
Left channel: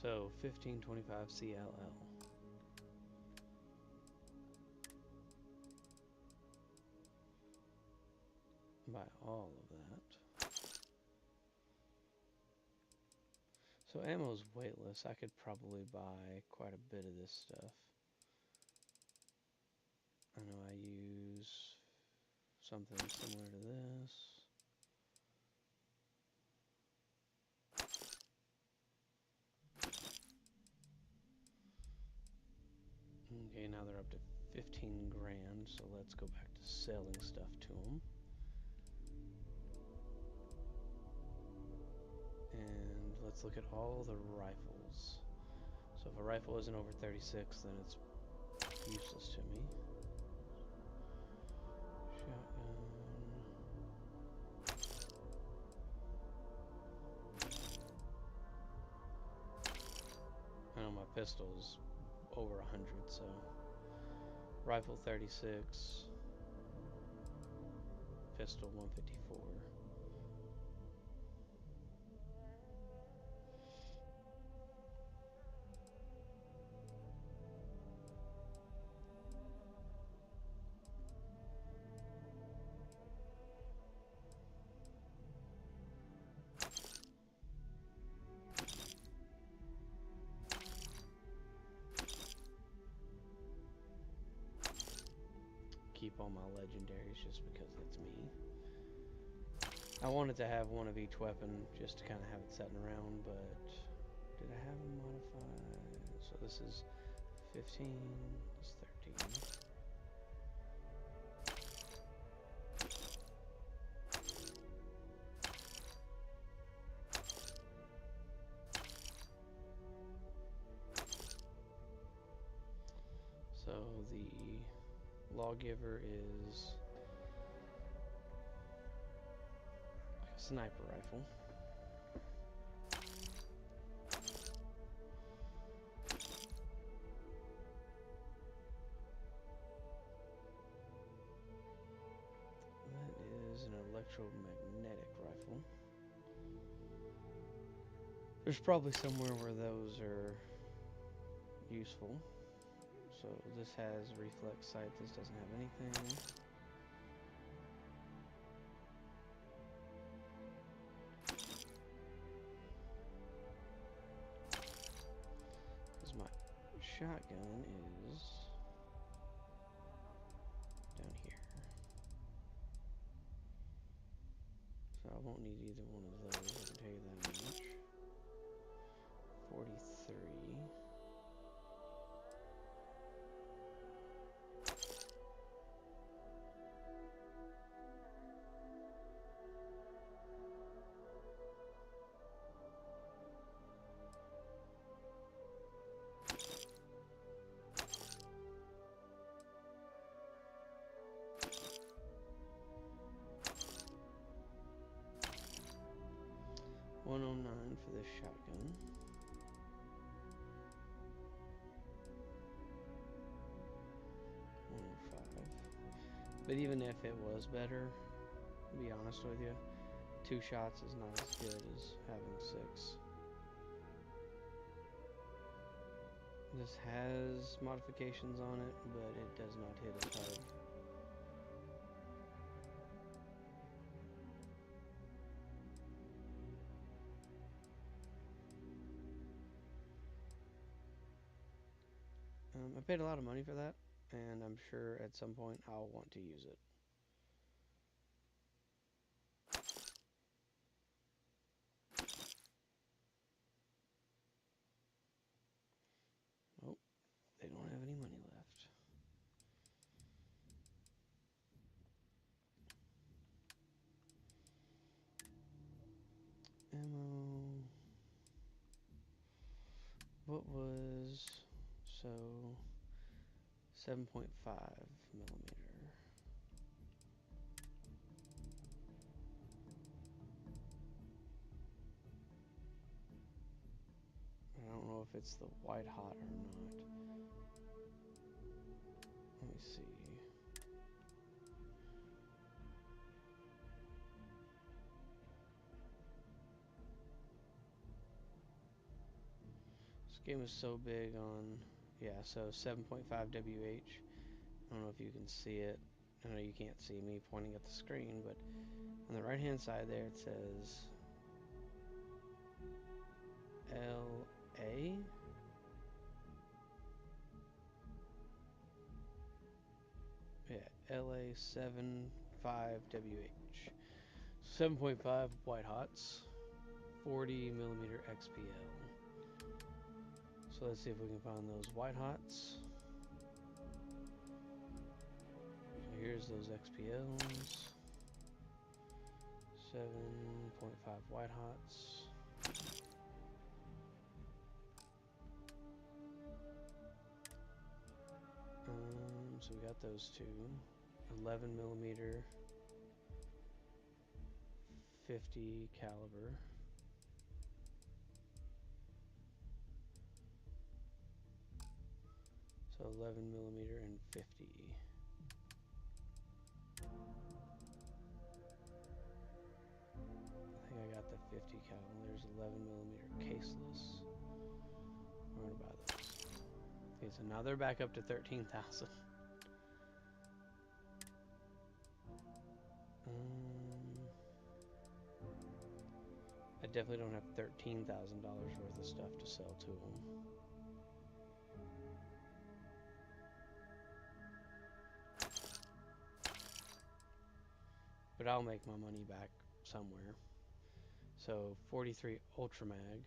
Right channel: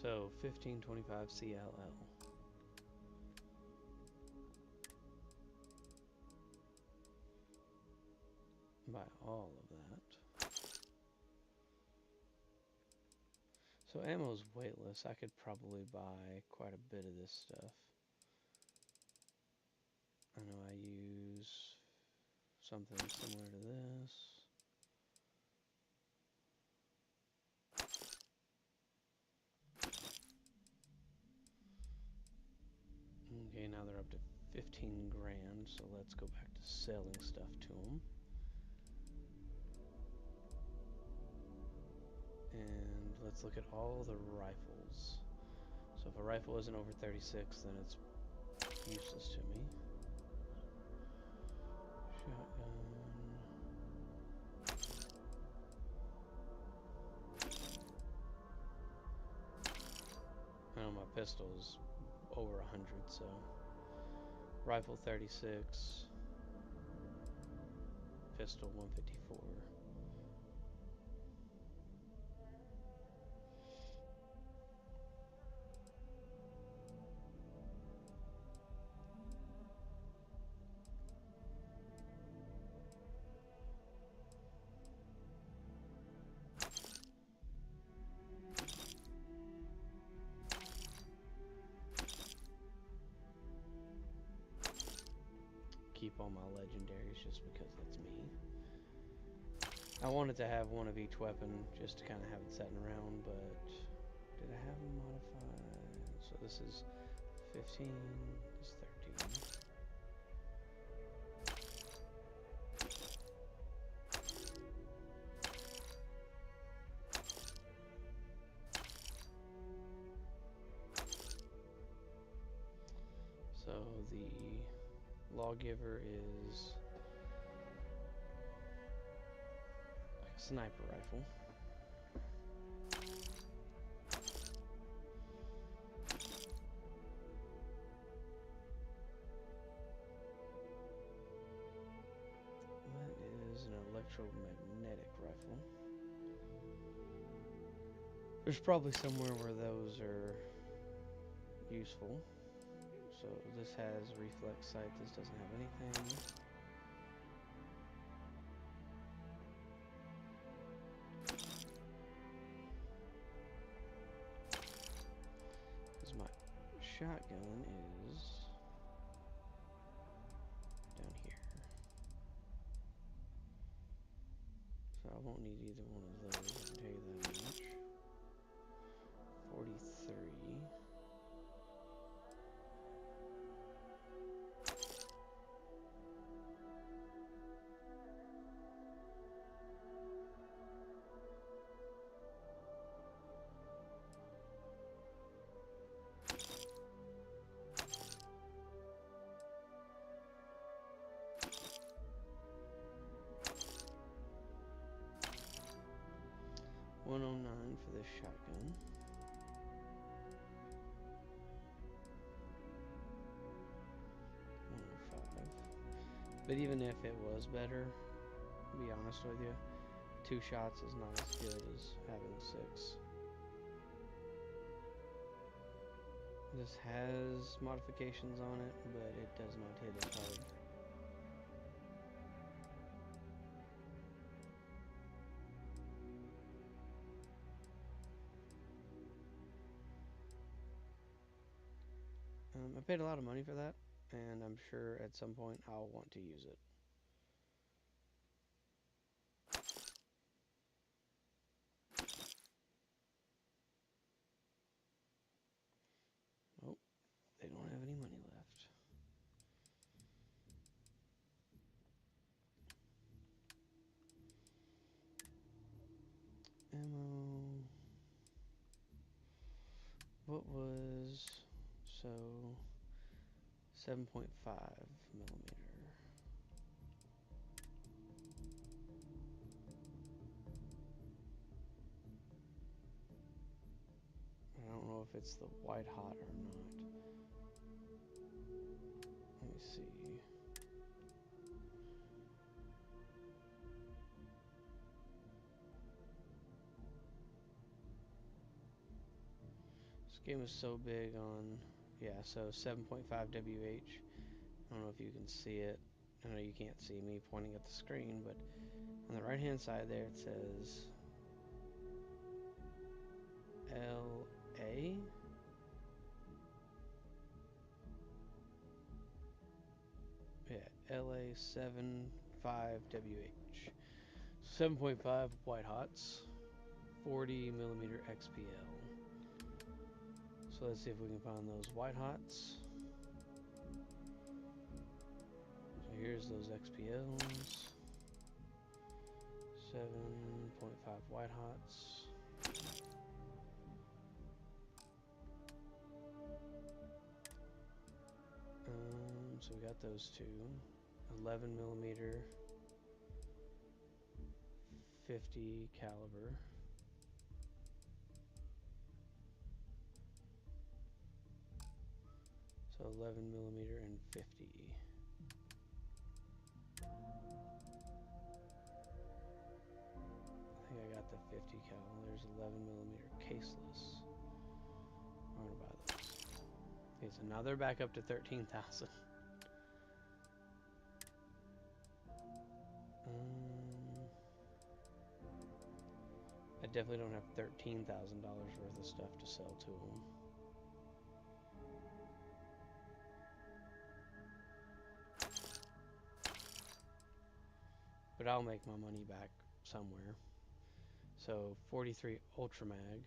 So 1525 CLL. Buy all of that. So ammo's weightless. I could probably buy quite a bit of this stuff. I know I use something similar to this. Okay, now they're up to 15 grand, so let's go back to selling stuff to them. And let's look at all the rifles. So if a rifle isn't over 36, then it's useless to me. Shotgun. I know my pistol is over 100, so rifle 36, pistol 154. Keep all my legendaries just because that's me. I wanted to have one of each weapon just to kind of have it sitting around, but did I have them modified? So this is 15, this is 13. So the lawgiver is like a sniper rifle. That is an electromagnetic rifle. There's probably somewhere where those are useful. So this has reflex sight, this doesn't have anything. Because my shotgun is down here. So I won't need either one of those, I can tell you that much. 43. for this shotgun. $105. But even if it was better, to be honest with you, 2 shots is not as good as having 6. This has modifications on it, but it does not hit as hard. I paid a lot of money for that, and I'm sure at some point I'll want to use it. Oh, they don't have any money left. Ammo. What was, so 7.5 millimeter. I don't know if it's the white hot or not. Let me see. This game is so big on, yeah, so 7.5 WH. I don't know if you can see it. I know you can't see me pointing at the screen, but on the right hand side there it says LA. Yeah, LA 7.5 WH. 7.5 white hots, 40 millimeter XPL. So let's see if we can find those white hots. So here's those XPLs. 7.5 white hots. So we got those two. 11 millimeter, 50 caliber. So 11 millimeter and 50. I think I got the 50 cal. There's 11 millimeter caseless. We're gonna buy those. Okay, so now they're back up to 13,000. I definitely don't have $13,000 worth of stuff to sell to them. But I'll make my money back somewhere. So 43 Ultra Mag,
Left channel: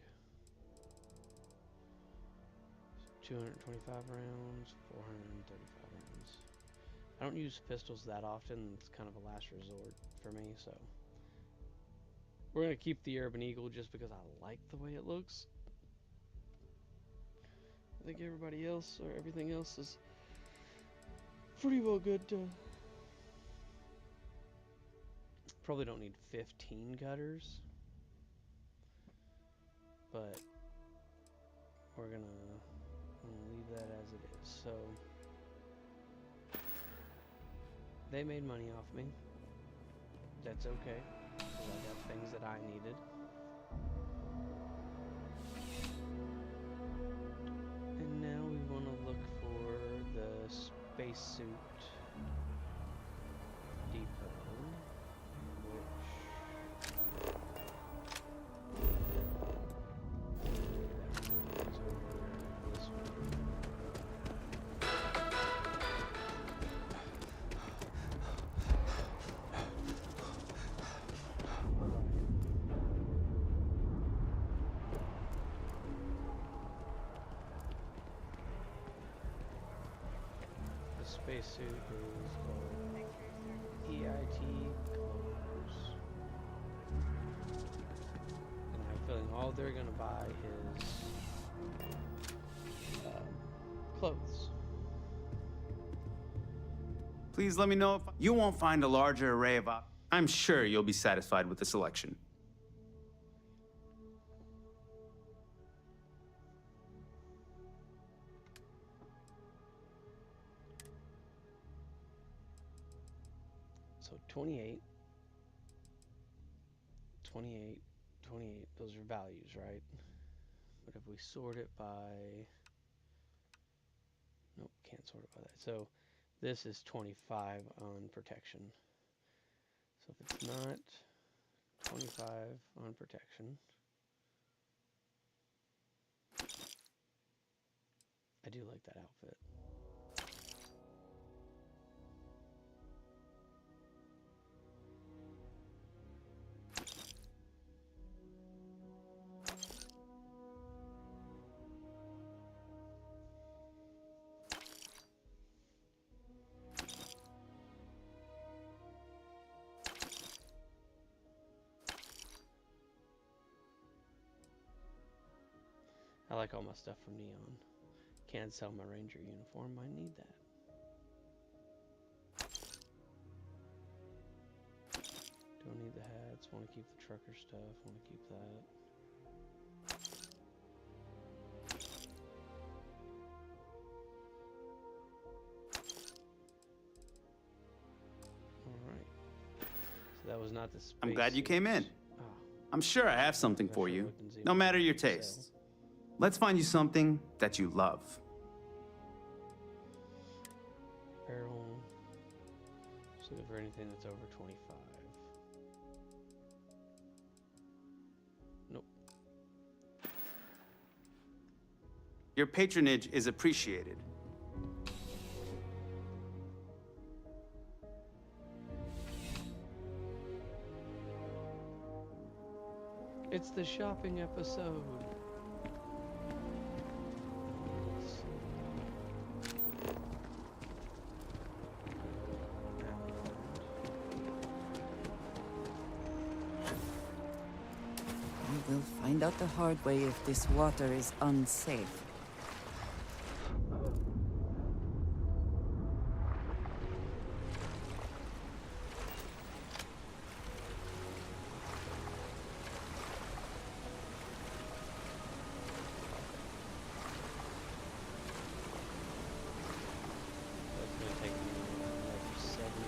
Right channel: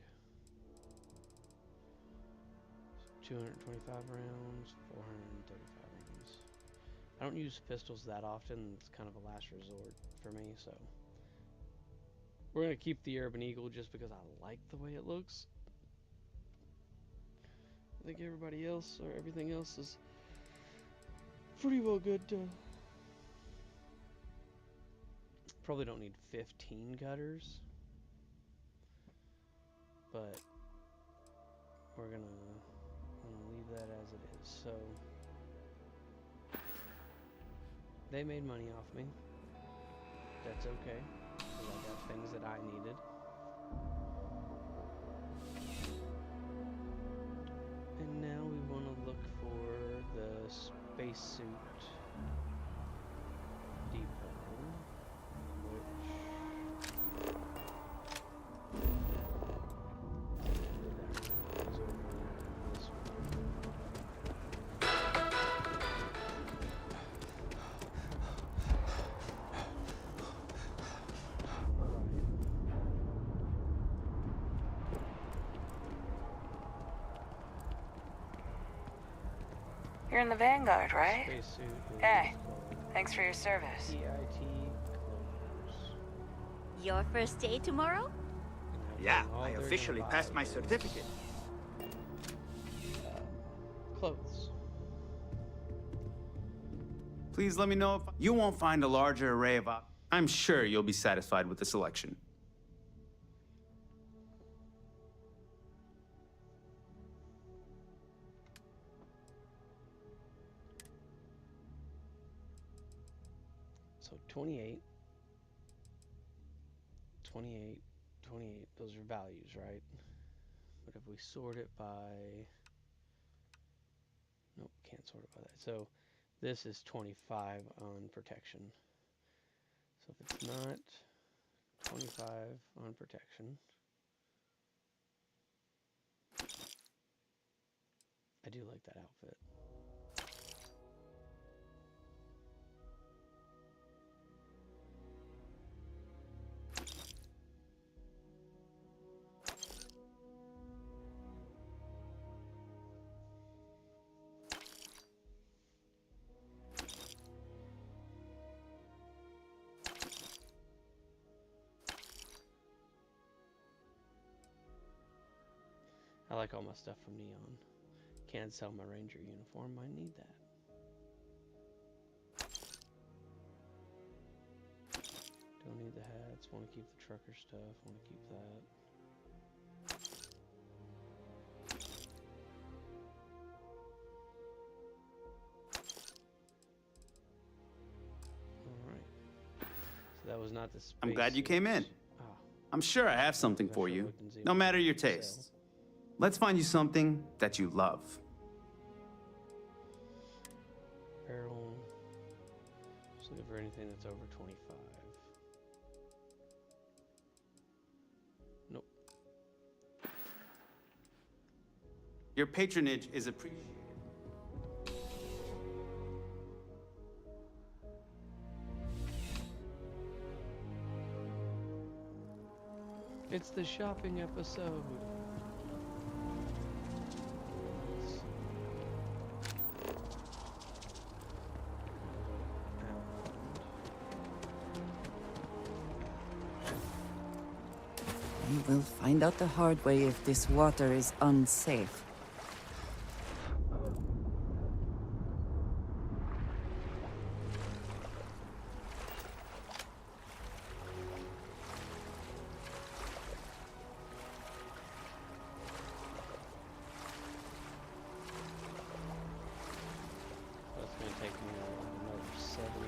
225 rounds, 435 rounds. I don't use pistols that often. It's kind of a last resort for me, so we're gonna keep the Urban Eagle just because I like the way it looks. I think everybody else or everything else is pretty well good. Probably don't need 15 cutters, but we're gonna leave that as it is. So they made money off me. That's okay, because I got things that I needed. And now we want to look for the spacesuit depot, You're in the Vanguard, right? Spacesuit is Hey, called thanks for your service. EIT Close. Your first day tomorrow? Yeah, I officially passed my certificate. Clothes. Please let me know if you won't find a larger array of I'm sure you'll be satisfied with the selection. So 28, 28, 28. Those are values, right? But if we sort it by... Nope, can't sort it by that. So this is 25 on protection. So if it's not 25 on protection, I do like that outfit. I like all my stuff from Neon. Can't sell my Ranger uniform, I need that. Don't need the hats, want to keep the trucker stuff, want to keep that. Alright. So that was not the space. I'm glad you came in. Ah, I'm sure I have something for you, no matter your tastes. Let's find you something that you love. apparel. Just looking for anything that's over 25. Nope. Your patronage is appreciated. It's the shopping episode. We will find out the hard way if this water is unsafe. That's going to take me another 75 minutes.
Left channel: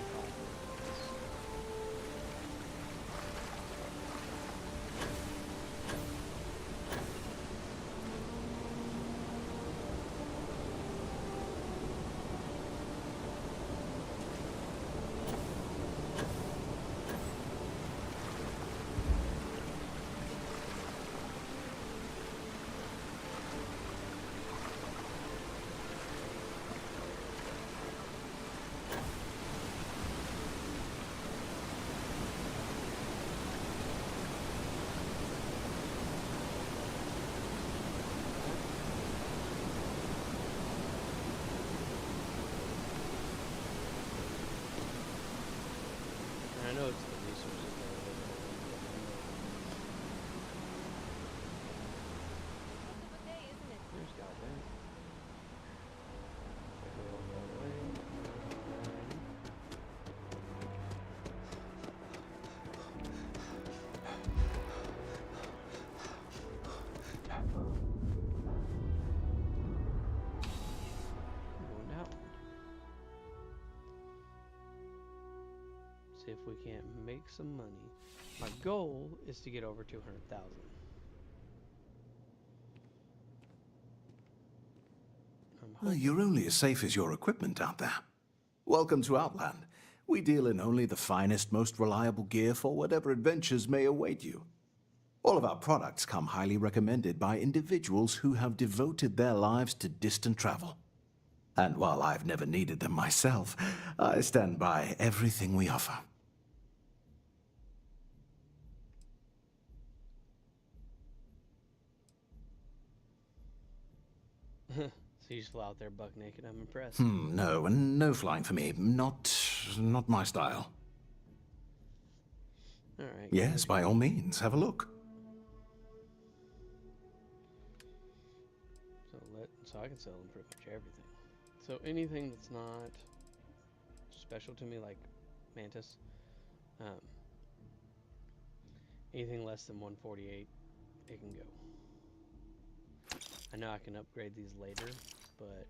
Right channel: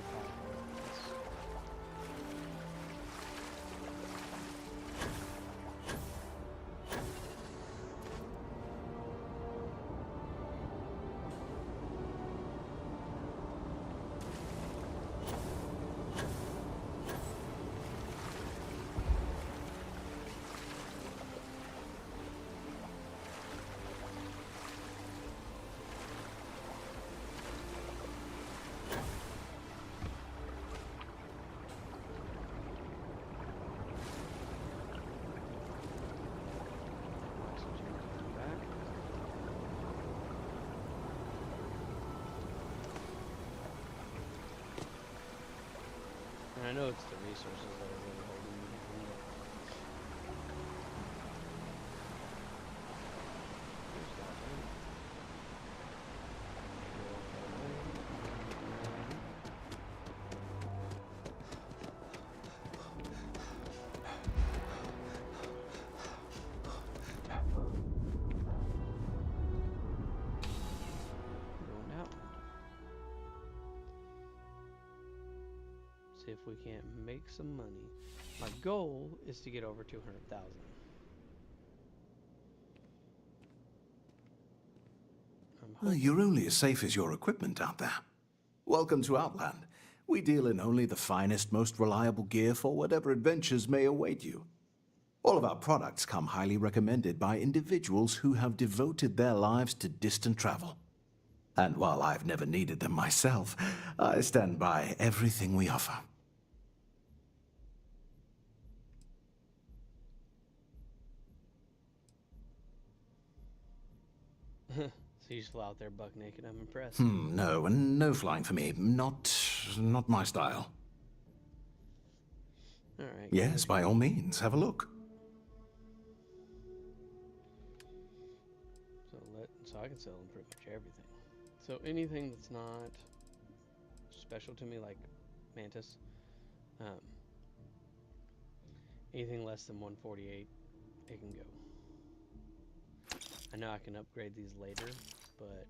And I know it's the resources that are really holding me behind. There's goddamn. Go that way. Going down. See if we can't make some money. My goal is to get over 200,000. You're only as safe as your equipment out there. Welcome to Outland. We deal in only the finest, most reliable gear for whatever adventures may await you. All of our products come highly recommended by individuals who have devoted their lives to distant travel. And while I've never needed them myself, I stand by everything we offer. So you just fly out there buck naked. I'm impressed. No, and no flying for me. Not my style. All right. Yes, by all means, have a look. So I can sell them pretty much everything. So anything that's not special to me, like Mantis, anything less than 148, it can go. I know I can upgrade these later, but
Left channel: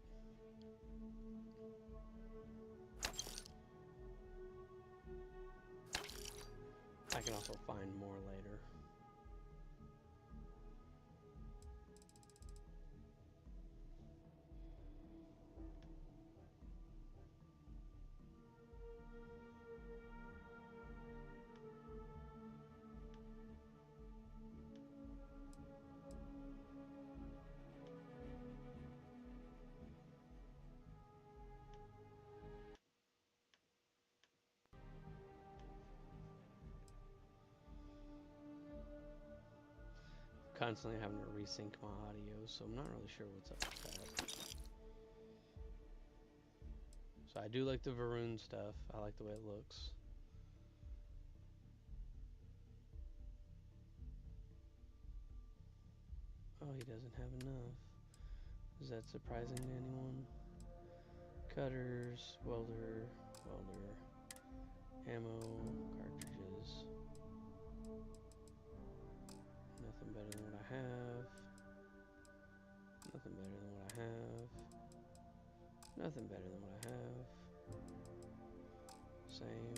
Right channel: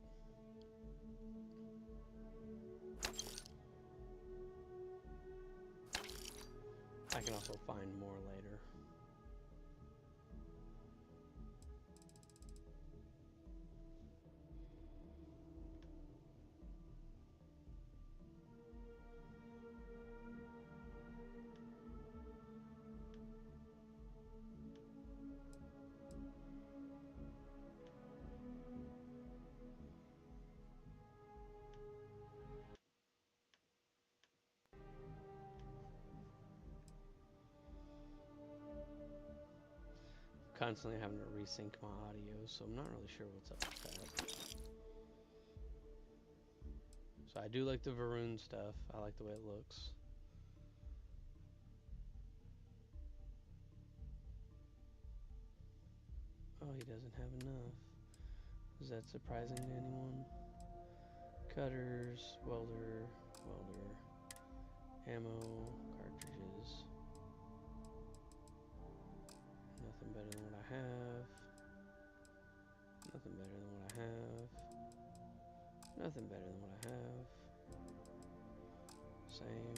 I can also find more later. Constantly having to resync my audio, so I'm not really sure what's up with that. So I do like the Varun stuff. I like the way it looks. Oh, he doesn't have enough. Is that surprising to anyone? Cutters, welder, ammo, cartridges. Nothing better than what I have. Nothing better than what I have. Nothing better than what I have. Same.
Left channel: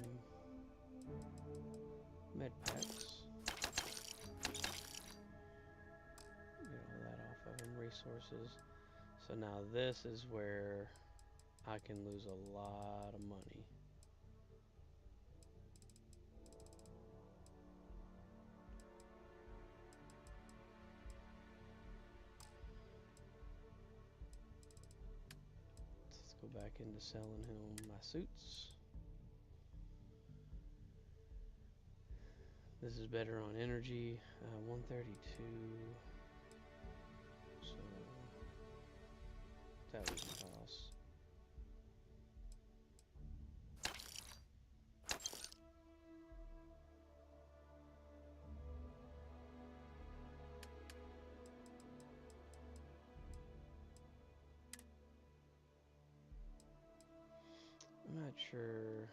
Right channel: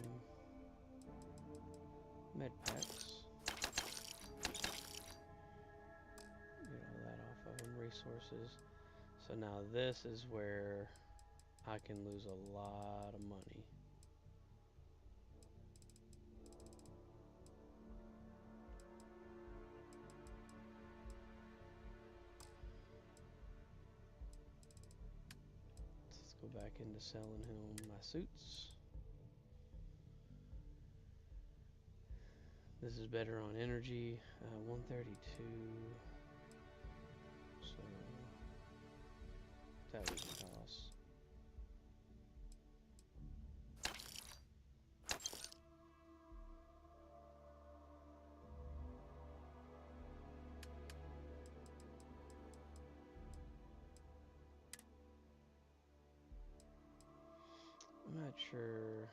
Med packs. Get all that off of them. Resources. So now this is where I can lose a lot of money. Let's go back into selling him my suits. This is better on energy. 132. So that was a toss. I'm not sure.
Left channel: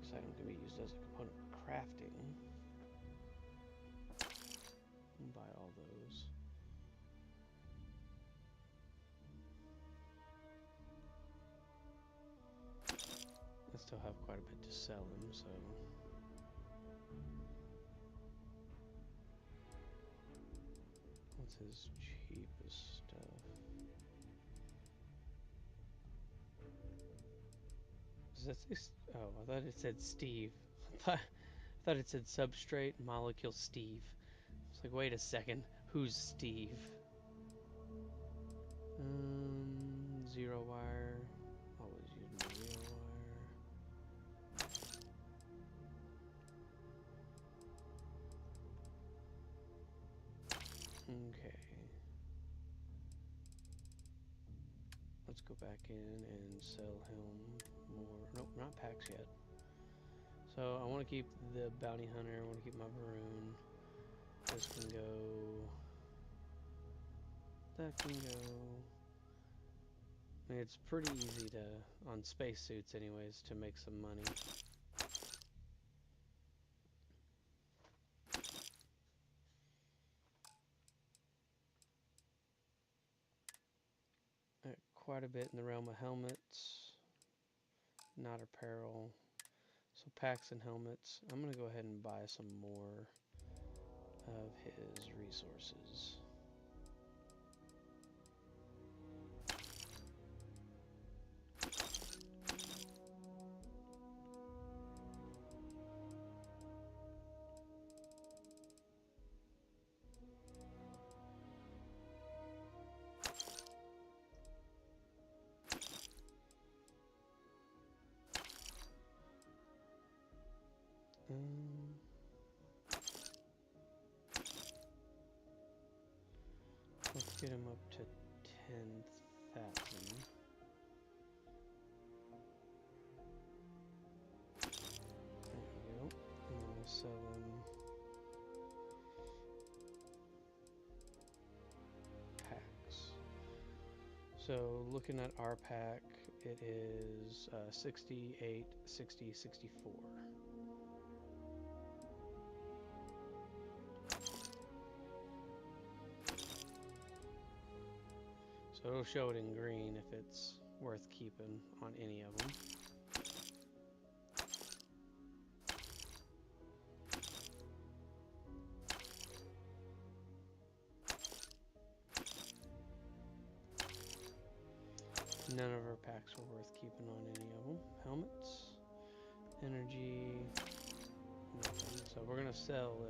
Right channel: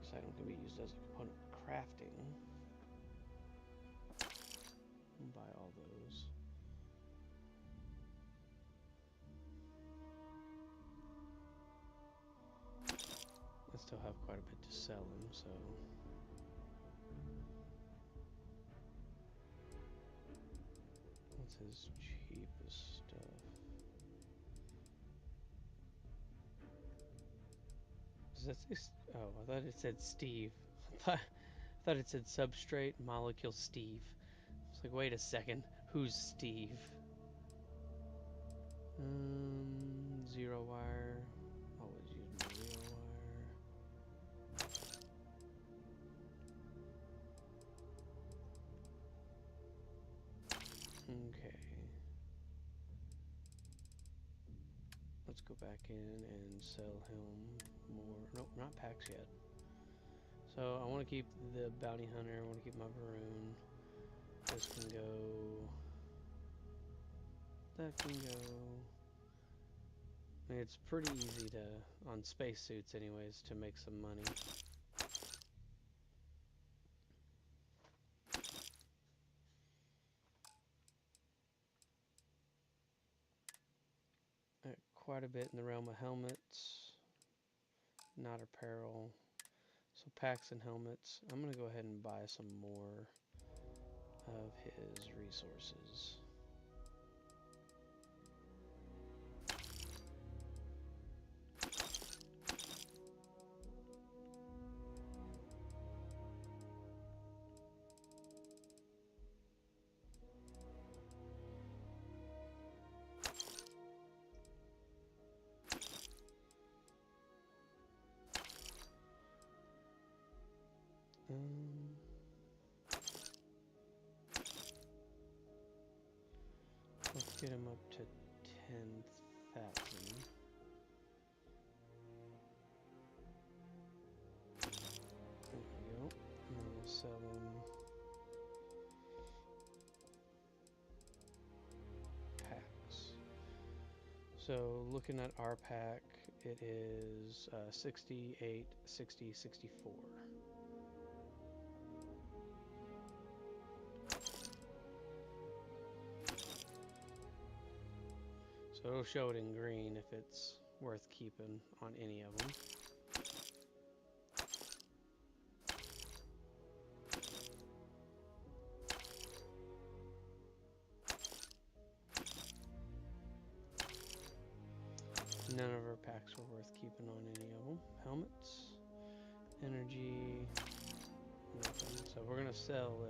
This item can be used as a component for crafting. I'll buy all those. I still have quite a bit to sell him, so. What's his cheapest stuff? Does that say? Oh, I thought it said Steve. I thought it said substrate molecule Steve. It's like, wait a second, who's Steve? Zero wire. Always use my zero wire. Okay. Let's go back in and sell him more. Nope, not packs yet. So I want to keep the bounty hunter. I want to keep my Varun. This can go. That can go. I mean, it's pretty easy to, on spacesuits anyways, to make some money. Quite a bit in the realm of helmets, not apparel. So packs and helmets. I'm going to go ahead and buy some more of his resources. Let's get him up to 10,000. There we go. And then we'll sell him packs. So looking at our pack, it is 68, 60, 64. So it'll show it in green if it's worth keeping on any of them. None of our packs were worth keeping on any of them. Helmets, energy, nothing. So we're gonna sell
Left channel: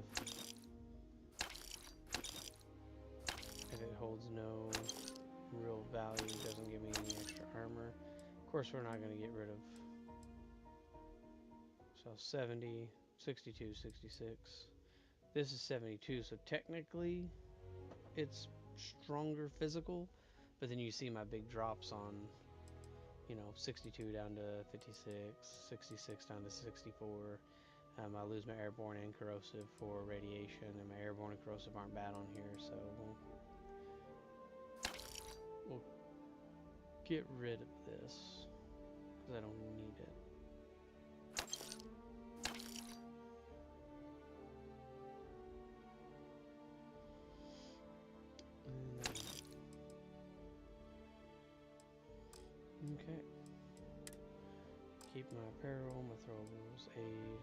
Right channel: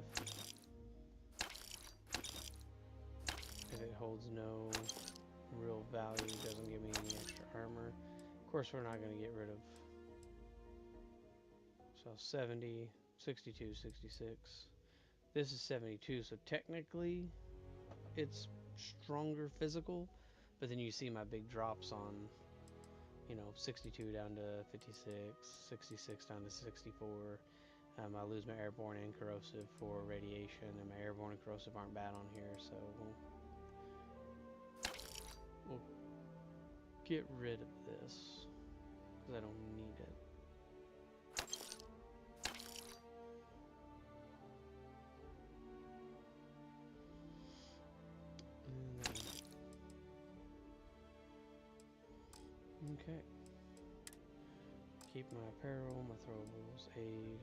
if it holds no real value, doesn't give me any extra armor. Of course, we're not gonna get rid of. So 70, 62, 66. This is 72, so technically it's stronger physical, but then you see my big drops on, 62 down to 56, 66 down to 64. I lose my airborne and corrosive for radiation, and my airborne and corrosive aren't bad on here, so we'll get rid of this because I don't need it. Okay. Keep my apparel, my throwables, aid.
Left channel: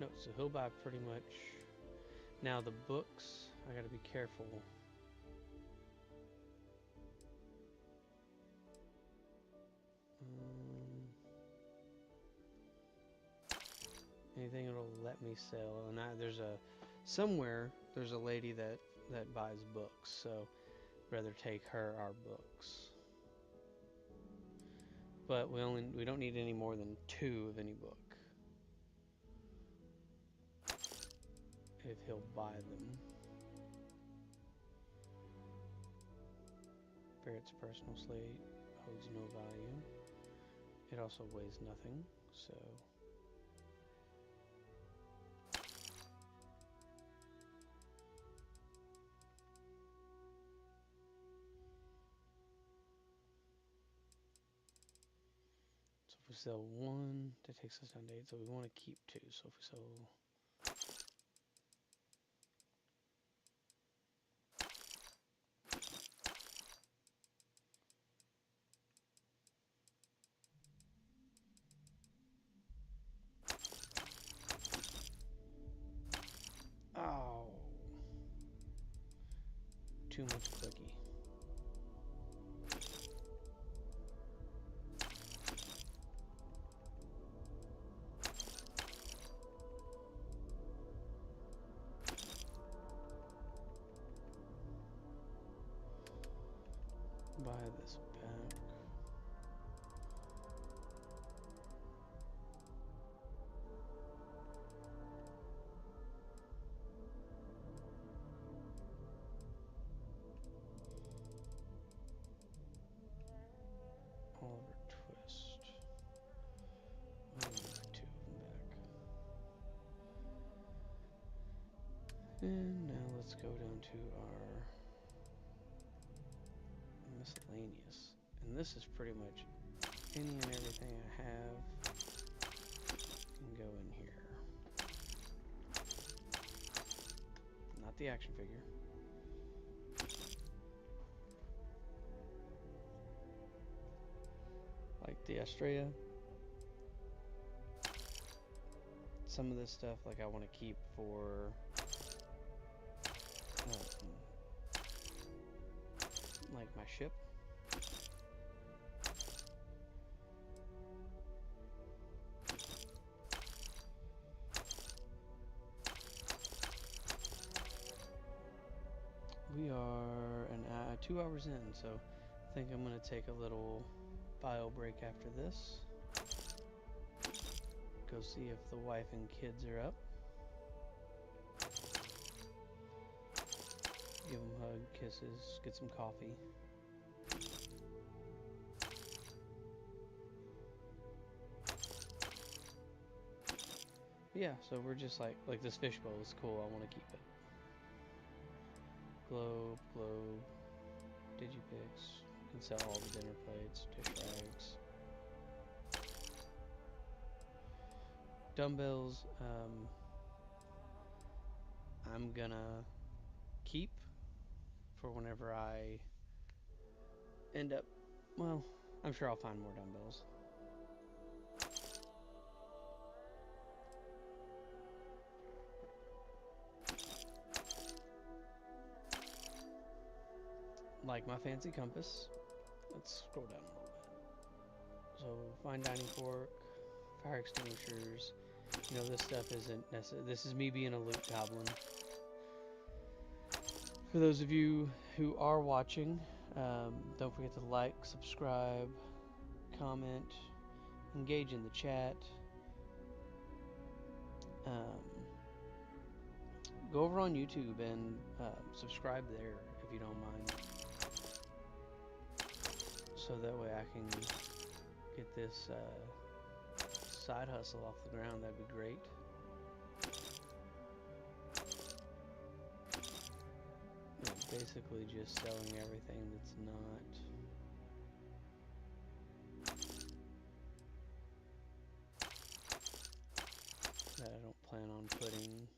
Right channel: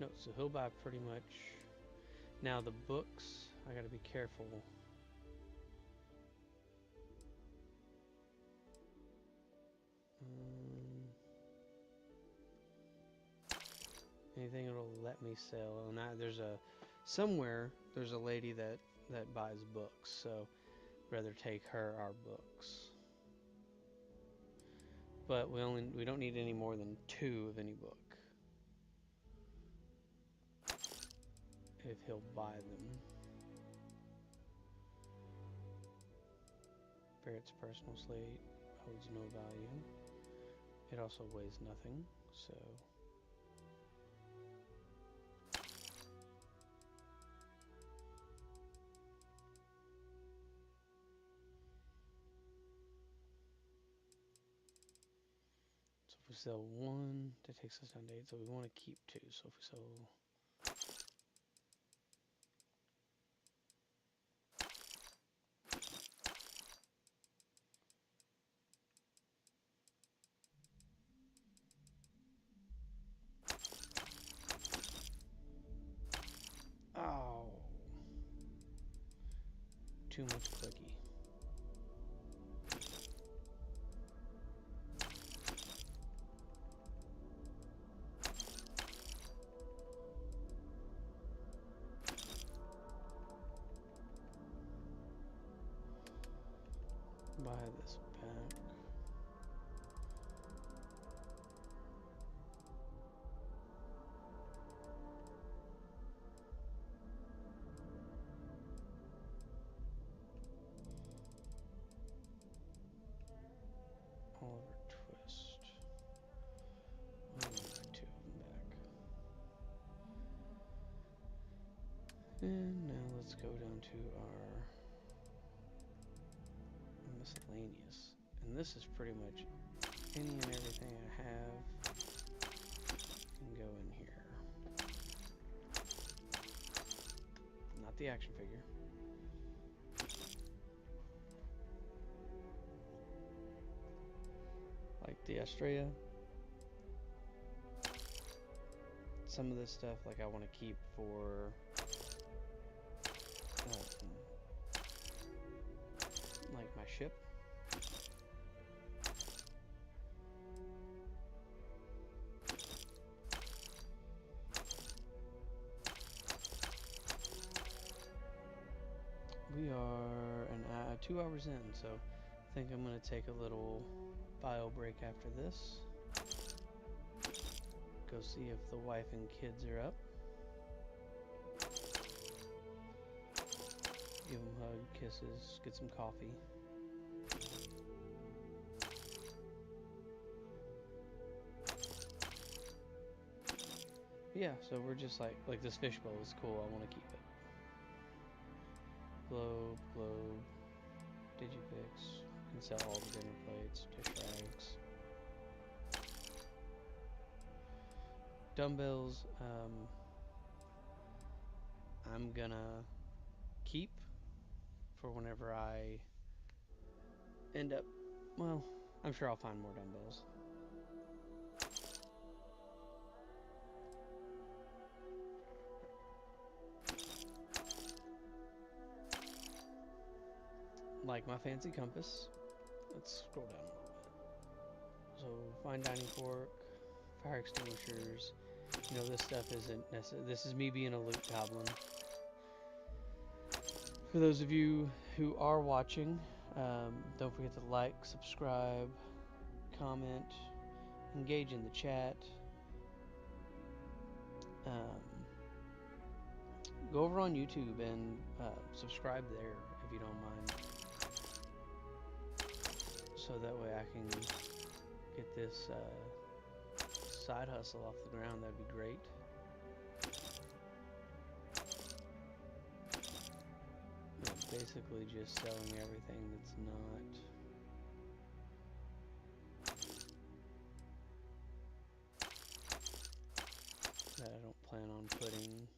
No, so he'll buy pretty much. Now the books, I gotta be careful. Anything that'll let me sell, and there's a lady that buys books, so I'd rather take our books. But we don't need any more than 2 of any book. If he'll buy them. Barrett's personal slate holds no value. It also weighs nothing, so. So if we sell 1, that takes us down to 8, so we want to keep 2. So if we sell. Oh. Too much clicky. Buy this back. Oliver Twist. Oh, 2 of them back. And now let's go down to our miscellaneous. And this is pretty much any and everything I have can go in here. Not the action figure. Like the Estrella. Some of this stuff, like I want to keep for like my ship. We are 2 hours in, so I think I'm going to take a little bio break after this. Go see if the wife and kids are up. Give them a hug, kisses, get some coffee. Yeah, so we're just like this fishbowl is cool, I want to keep it. Globe, Digipix, can sell all the dinner plates, dish rags. Dumbbells, I'm gonna keep for whenever I end up, well, I'm sure I'll find more dumbbells. Like my fancy compass, let's scroll down a little bit. So fine dining fork, fire extinguishers. You know, this stuff isn't necessary. This is me being a loot goblin. For those of you who are watching, don't forget to like, subscribe, comment, engage in the chat. Go over on YouTube and subscribe there if you don't mind. So that way I can get this side hustle off the ground. That'd be great. Basically just selling everything that's not that I don't plan on putting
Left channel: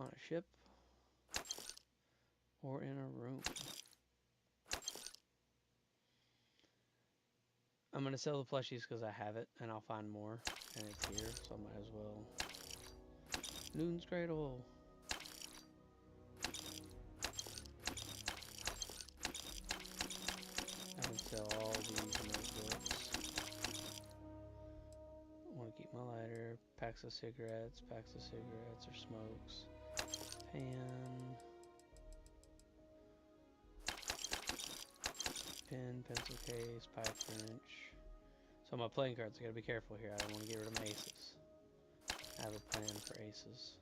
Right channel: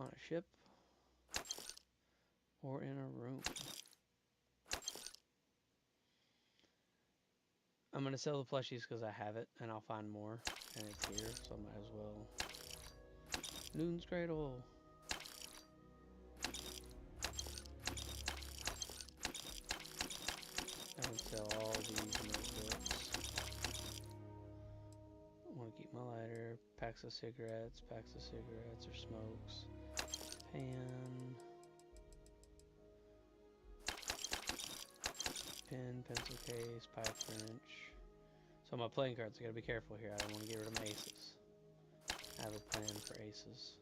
on a ship or in a room. I'm going to sell the plushies because I have it and I'll find more and it's here, so I might as well. Noon's Cradle. I can sell all these notebooks. I want to keep my lighter, packs of cigarettes or smokes, pan, pen, pencil case, pipe wrench. So my playing cards, I gotta be careful here. I don't want to get rid of my aces. I have a plan for aces.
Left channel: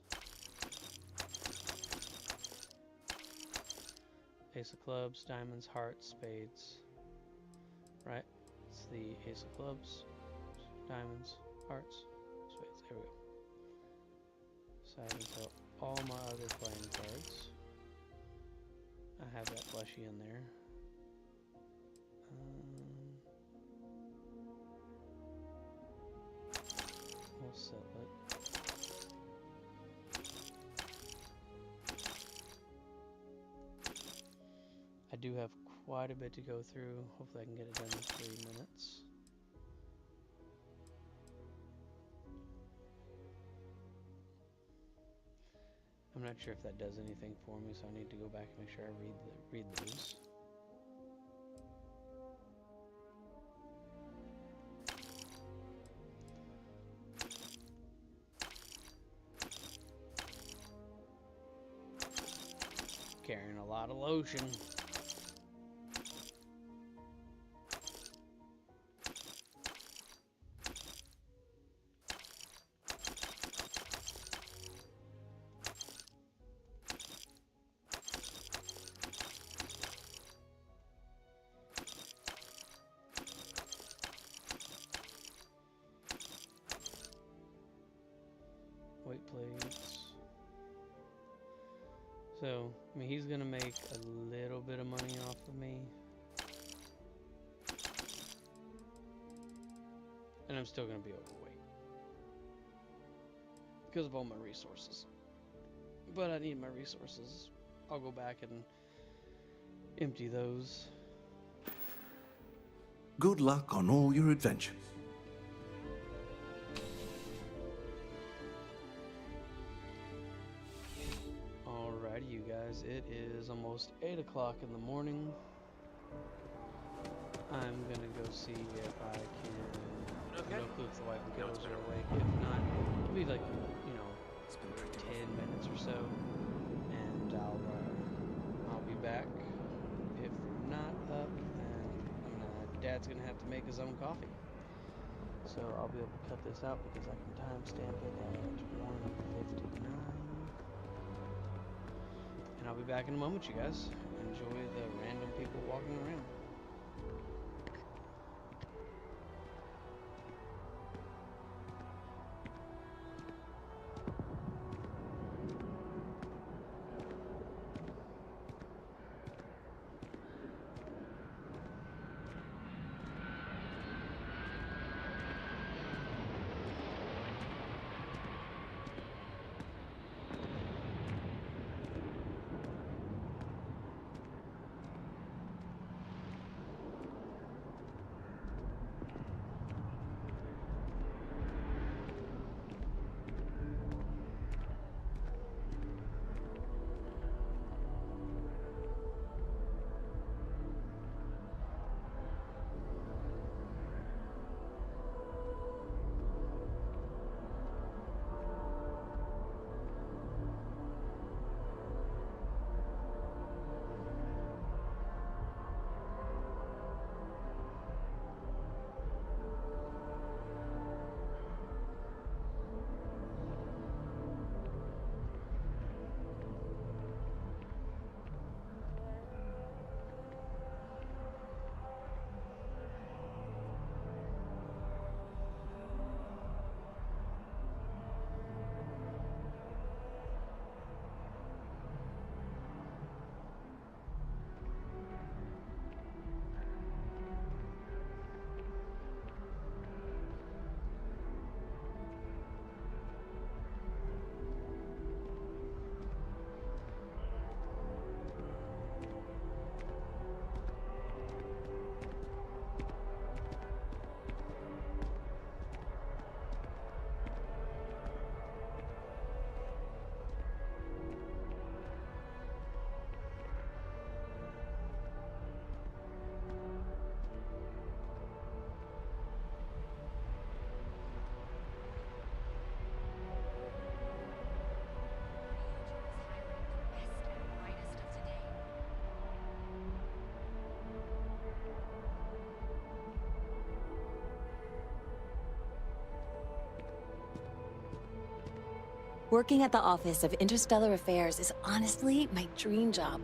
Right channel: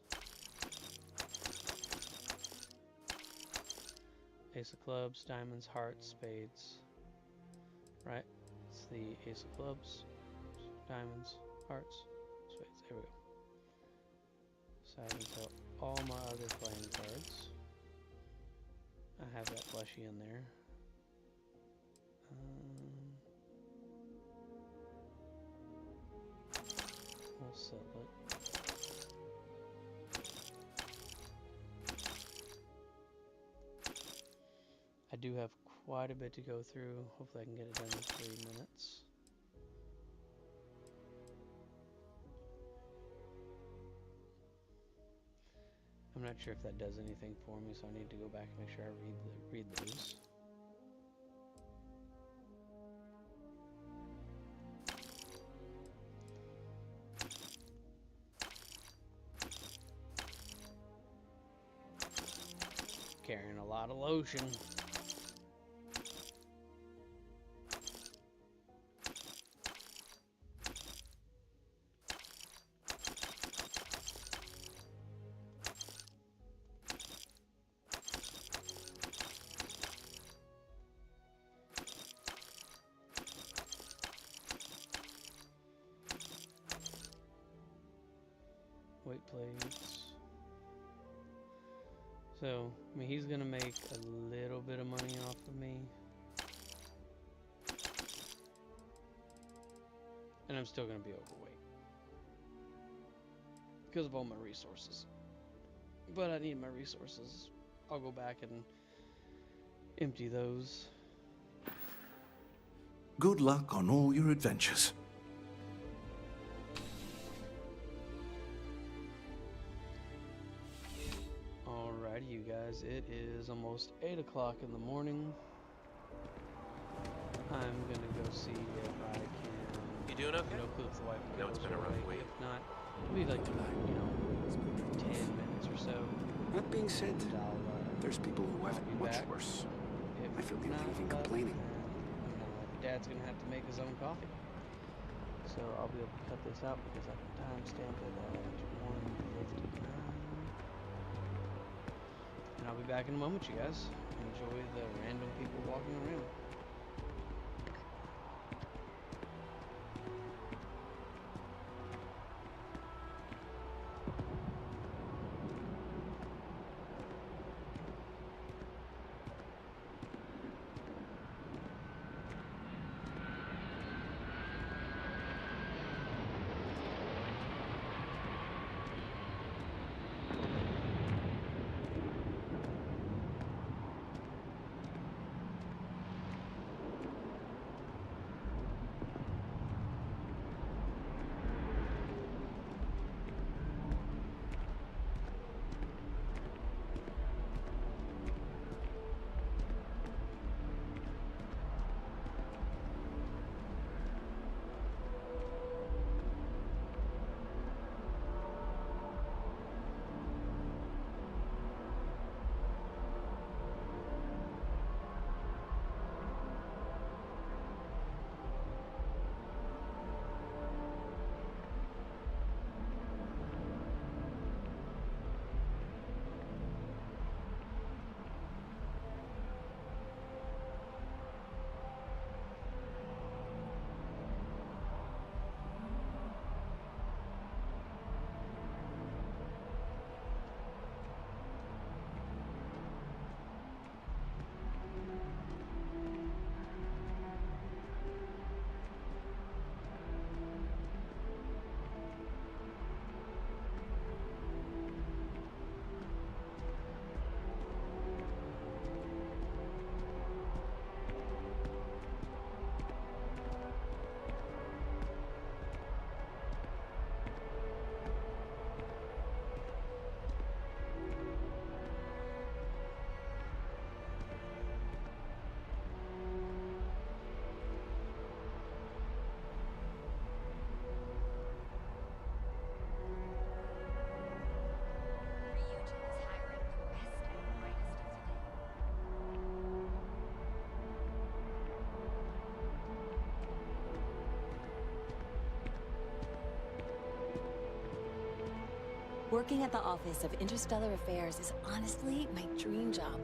Ace of clubs, diamonds, hearts, spades. Right? It's the ace of clubs, diamonds, hearts, spades. There we go. So I can sell all my other playing cards. I have that plushie in there. We'll sell it. I do have quite a bit to go through. Hopefully I can get it done in 3 minutes. I'm not sure if that does anything for me, so I need to go back and make sure I read those. Carrying a lot of lotion. Weight plates. So, I mean, he's gonna make a little bit of money off of me. And I'm still gonna be overweight. Because of all my resources. But I need my resources. I'll go back and empty those. Good luck on all your adventures. Alrighty, you guys. It is almost 8 o'clock in the morning. I'm gonna go see if I can. You doing okay? No clue if the wife and kiddos are awake. If not, it'll be like, 10 minutes or so. That being said, and there's people who have be much back. worse. If not, then Dad's gonna have to make his own coffee. So I'll be able to cut this out because I can timestamp it at 1:59. And I'll be back in a moment, you guys. Enjoy the random people walking around. Working at the Office of Interstellar Affairs is honestly my dream job.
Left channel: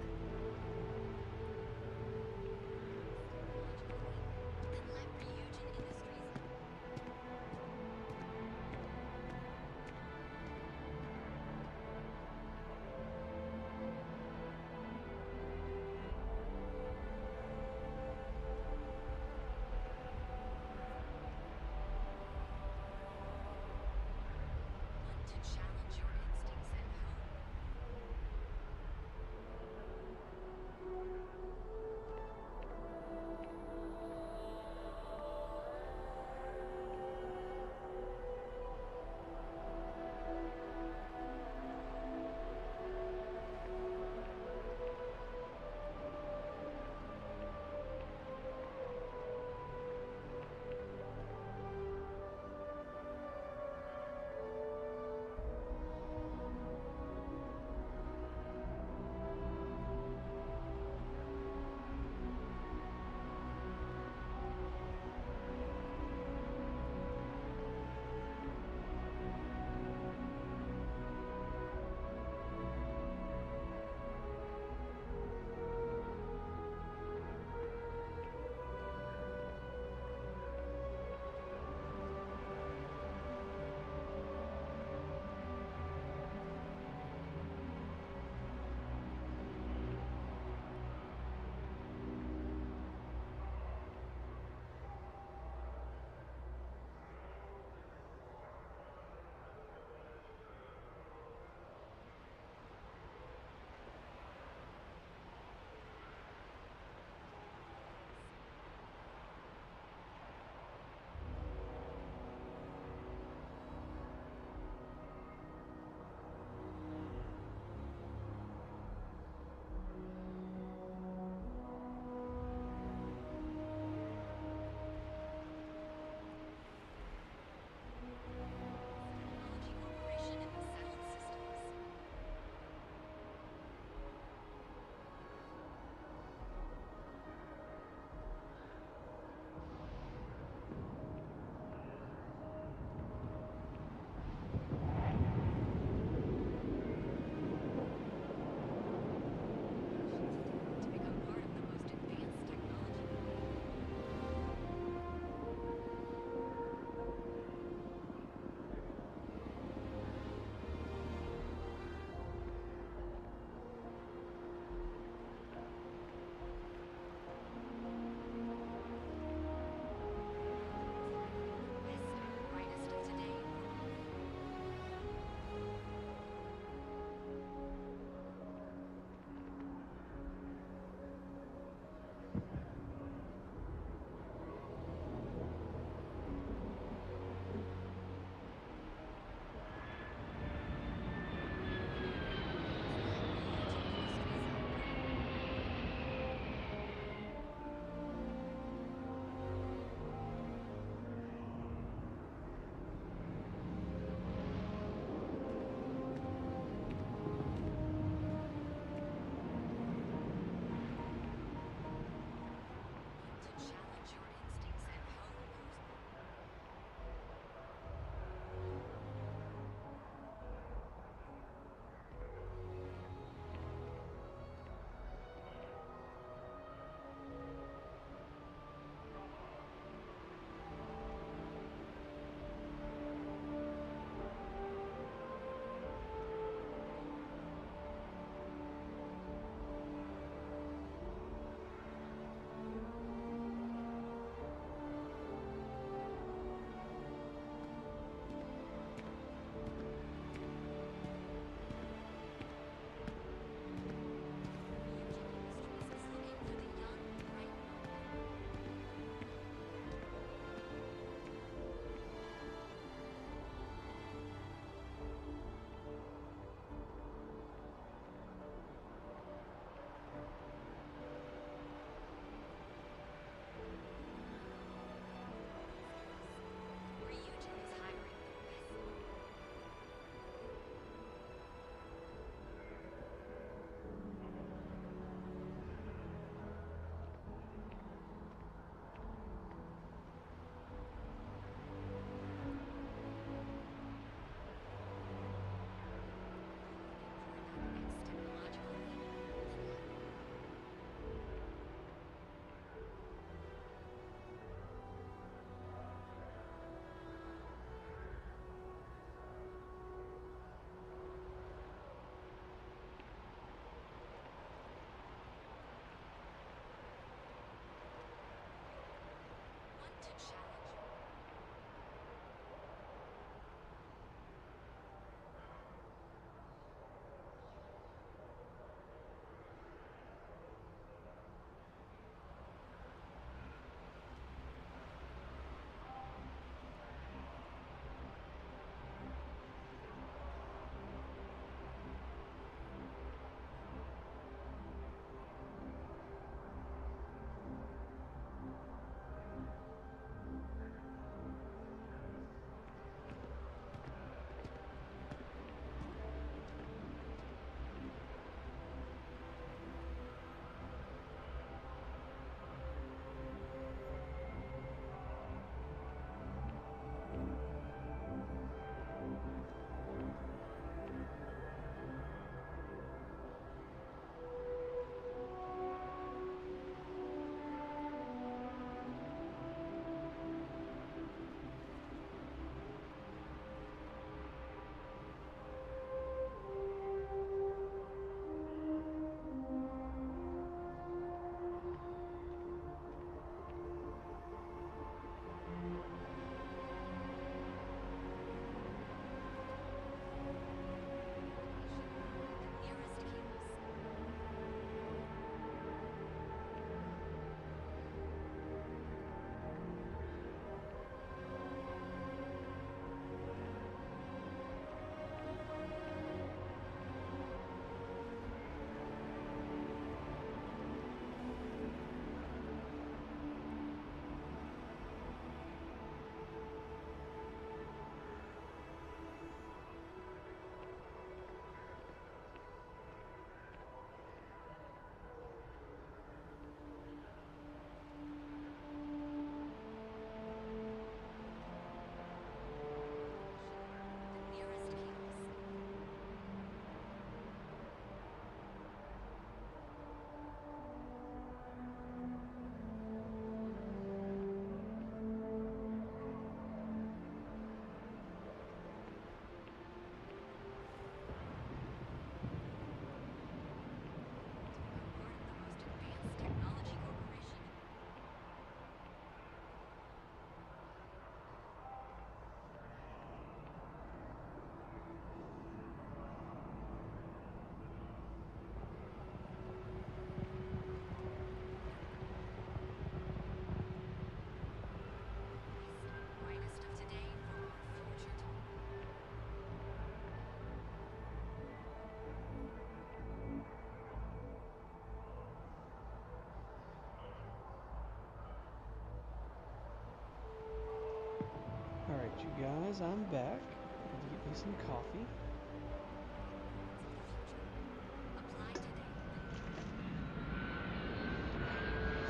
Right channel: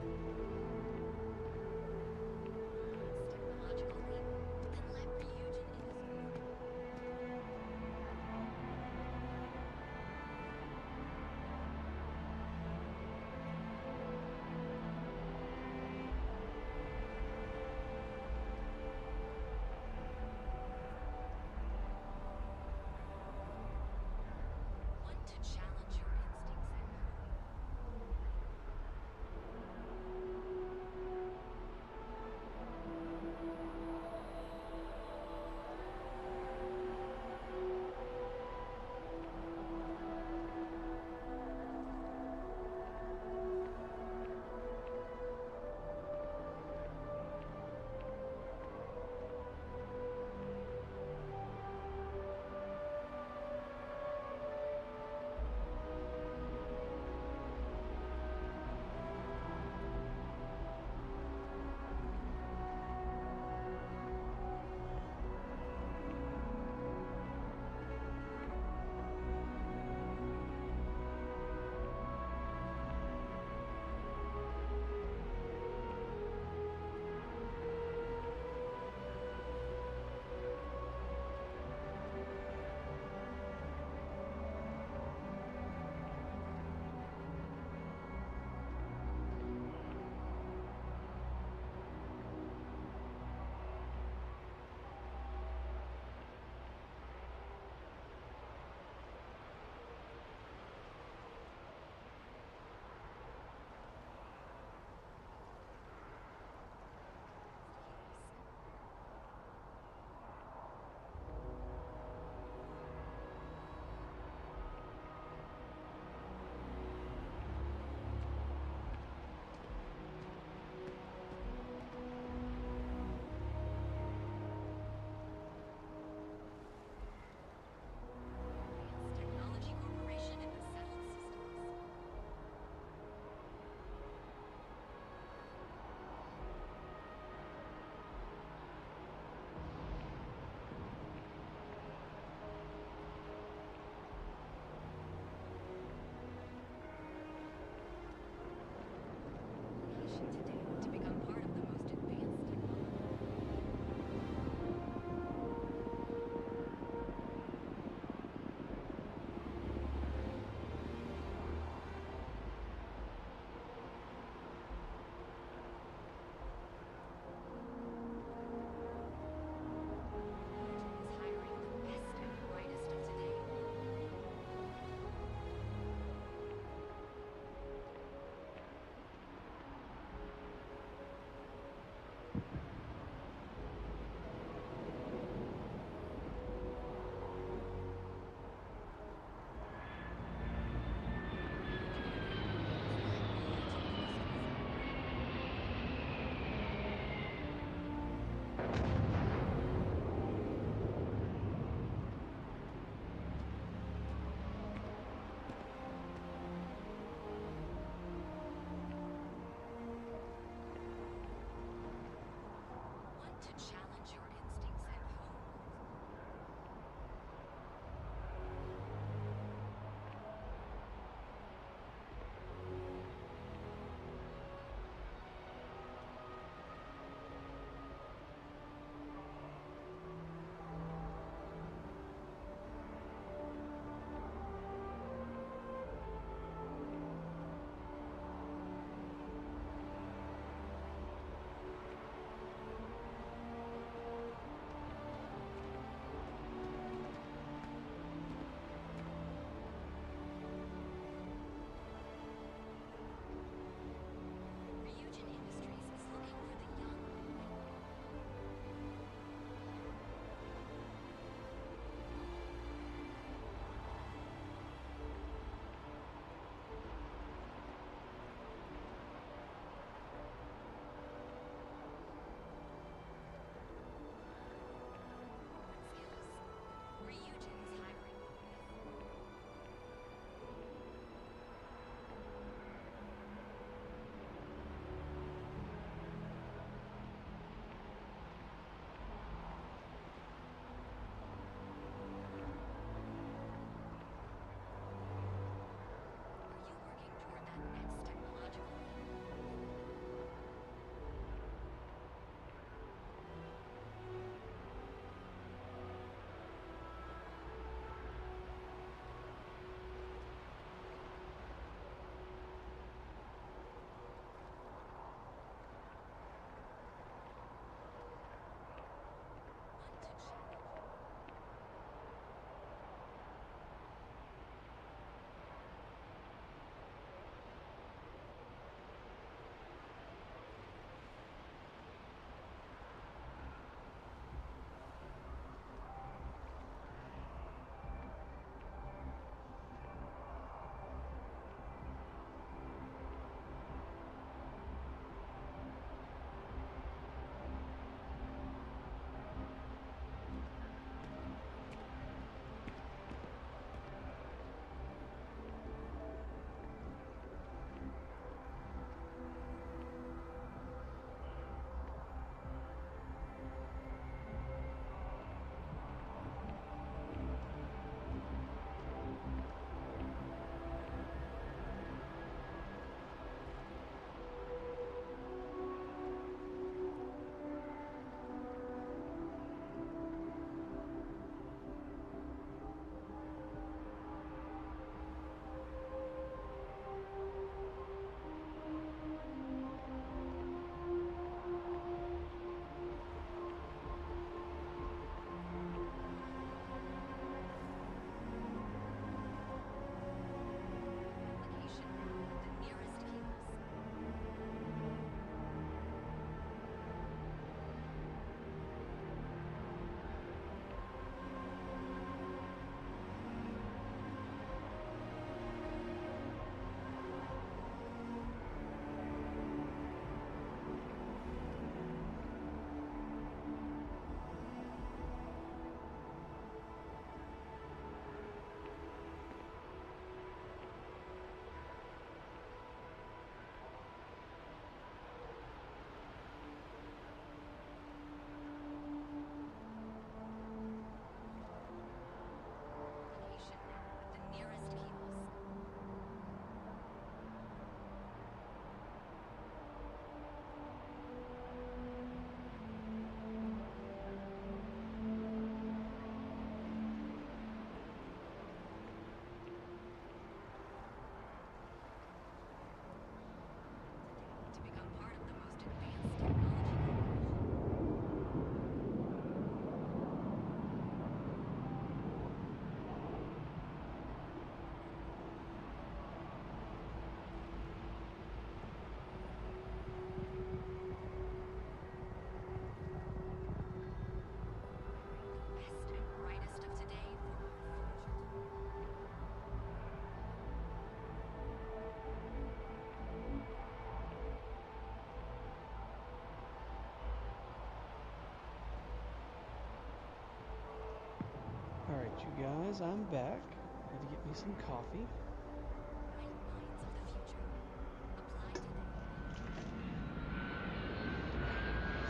You guys, I'm back. Had to get me some coffee.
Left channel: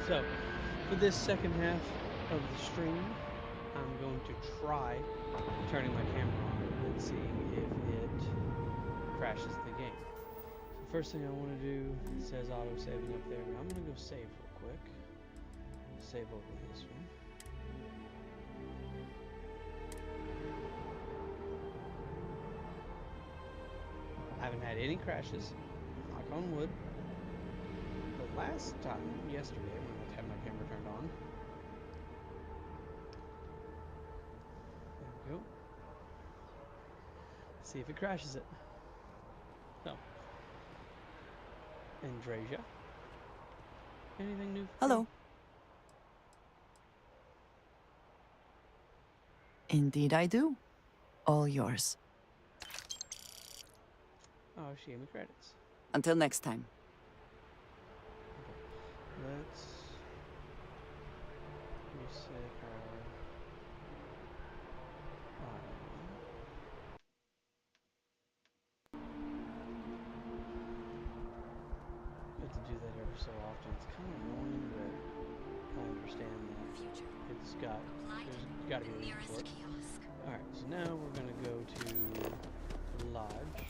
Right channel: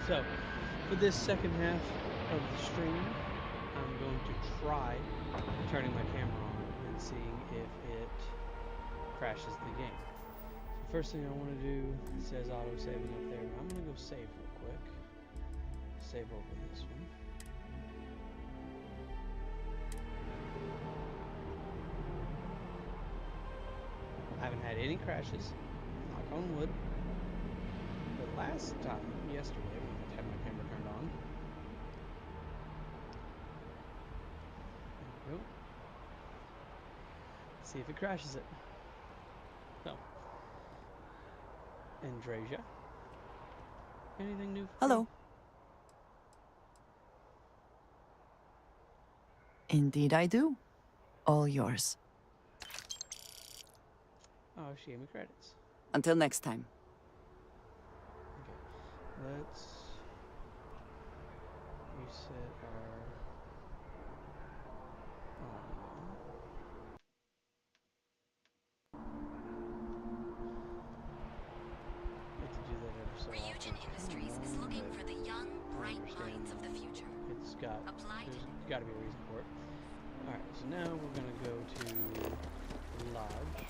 So, for this second half of the stream, I'm going to try turning my camera on and seeing if it crashes the game. So the first thing I want to do, it says auto saving up there, but I'm going to go save real quick. Save over this one. I haven't had any crashes, knock on wood. But last time, yesterday, when I had my camera turned on, there we go. See if it crashes it. So, Andreja, anything new? Hello. Indeed I do. All yours. Oh, she gave me credits. Until next time. Okay, let's reset our audio. I have to do that every so often. It's kind of annoying, but I understand that there's got to be a reason for it. Alright, so now we're going to go to the lodge.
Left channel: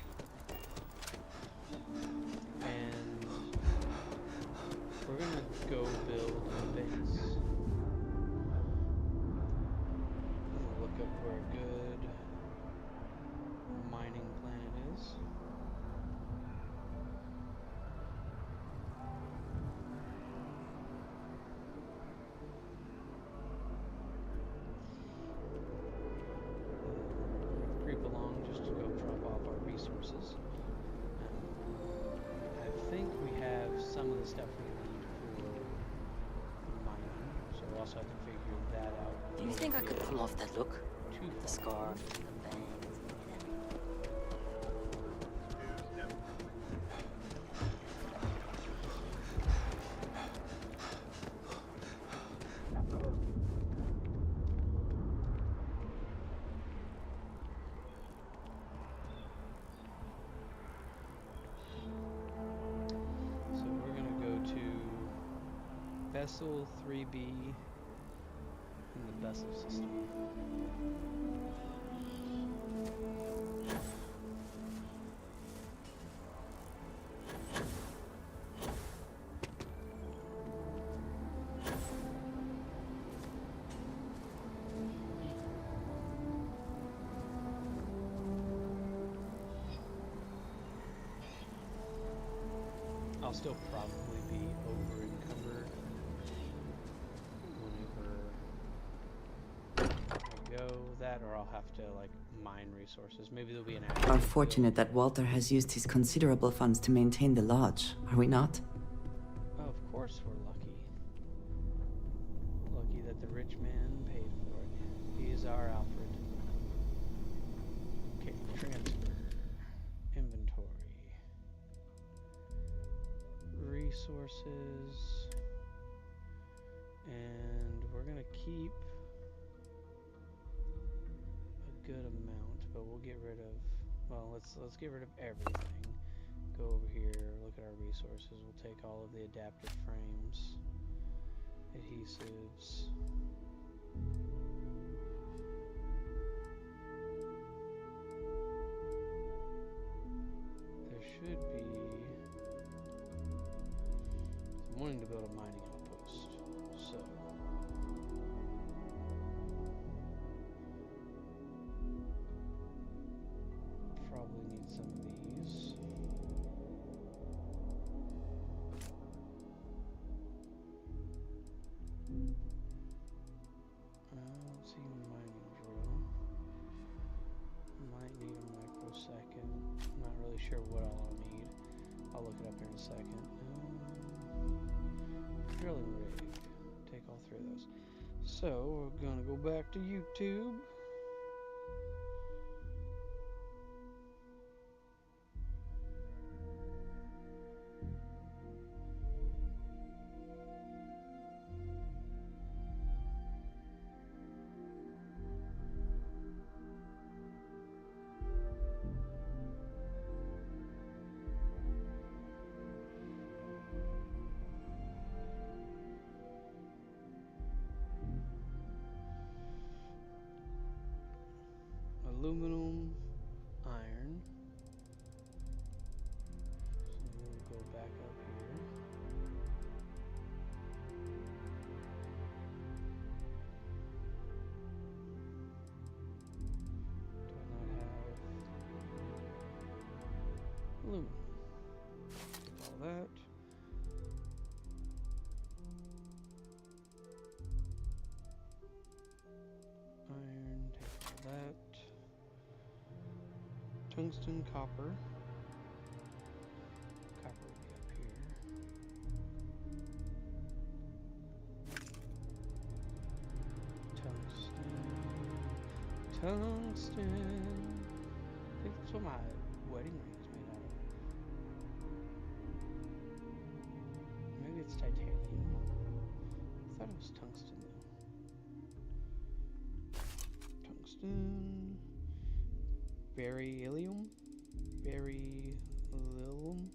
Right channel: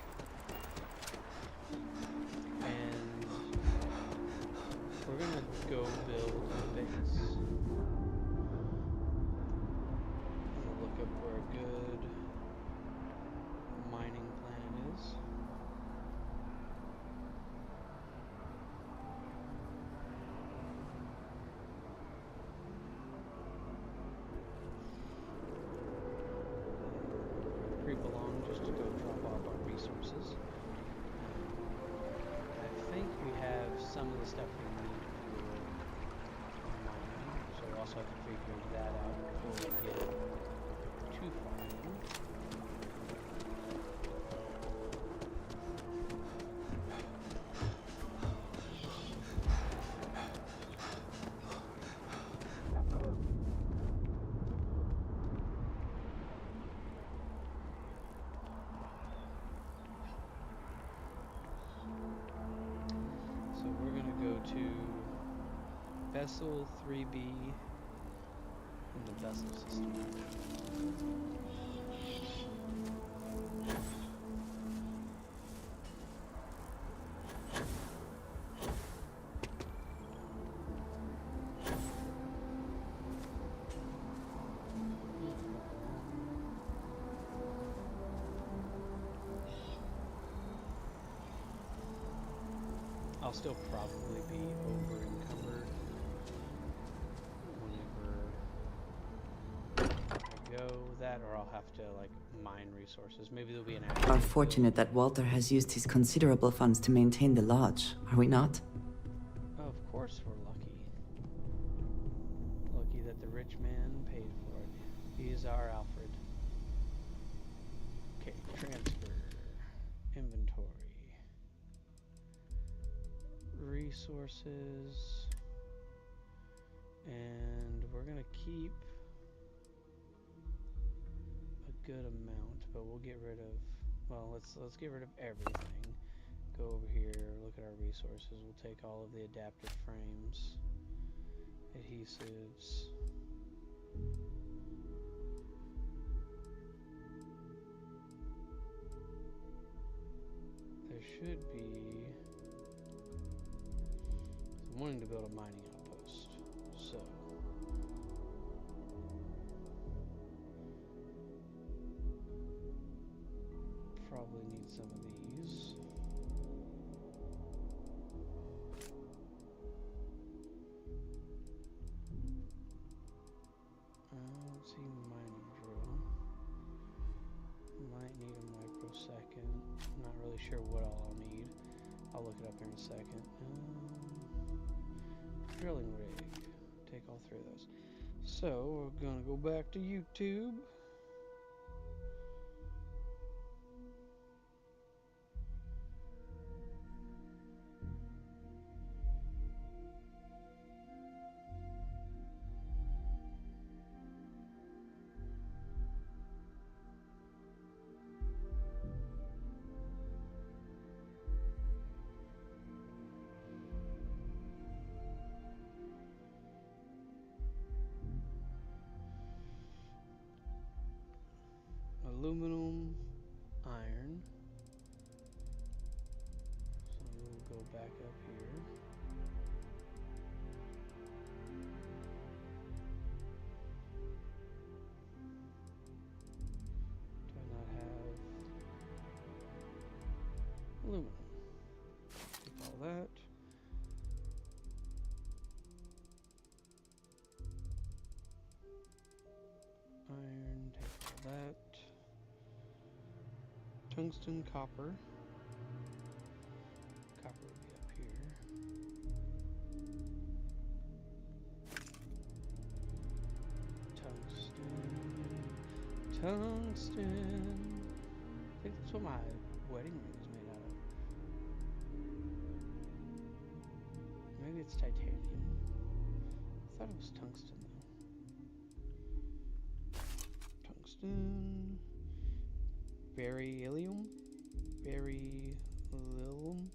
And we're going to go build a base. I'm going to look up where a good mining planet is. Creep along just to go drop off our resources. I think we have some of the stuff we need for mining, so we'll also have to figure that out. Do you think I could pull off that look? Too far. Scar. So we're going to go to Vessel 3B in the Vessel system. I'll still probably be over encumbered whenever I go that, or I'll have to like mine resources. Maybe there'll be an active We're fortunate that Walter has used his considerable funds to maintain the lodge, are we not? Of course we're lucky. Lucky that the rich man paid for it. He is our Alfred. Okay, transfer. Inventory. Resources. And we're gonna keep a good amount, but we'll get rid of, well, let's get rid of everything. Go over here, look at our resources. We'll take all of the adaptive frames, adhesives. There should be, I'm wanting to build a mining outpost, so probably need some of these. I don't see mining drill. Might need a microsecond. Not really sure what all I'll need. I'll look it up here in a second. Drilling rig. Take all three of those. So we're gonna go back to YouTube. aluminum, iron. So we'll go back up here. Do I not have aluminum? Take all that. Iron, take all that. Tungsten, copper. Copper will be up here. Tungsten. I think that's what my wedding ring is made out of. Maybe it's titanium. I thought it was tungsten though. Tungsten. Beryllium. Beryllium.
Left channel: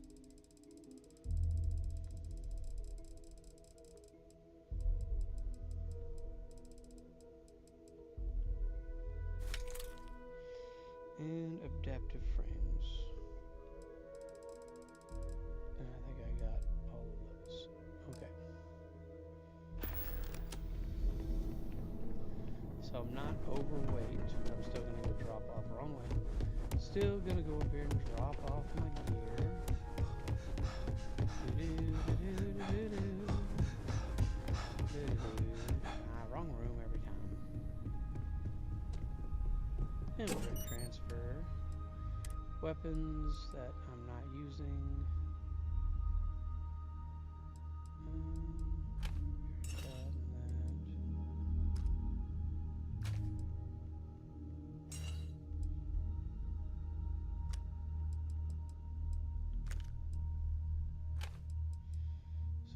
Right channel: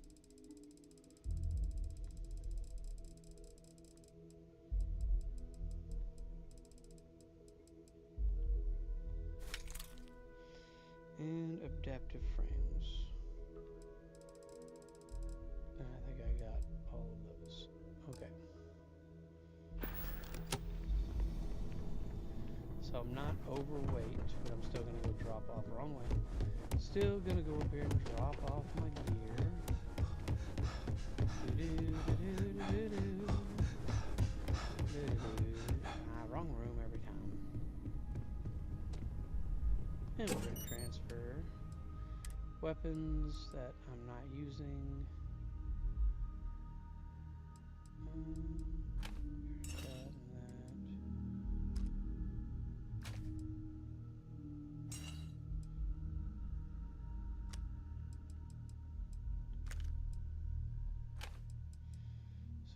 And adaptive frames. And I think I got all of those. Okay. So I'm not overweight, but I'm still gonna go drop off wrong way. Still gonna go up here and drop off my gear. Wrong room every time. And we're gonna transfer weapons that I'm not using. That and that.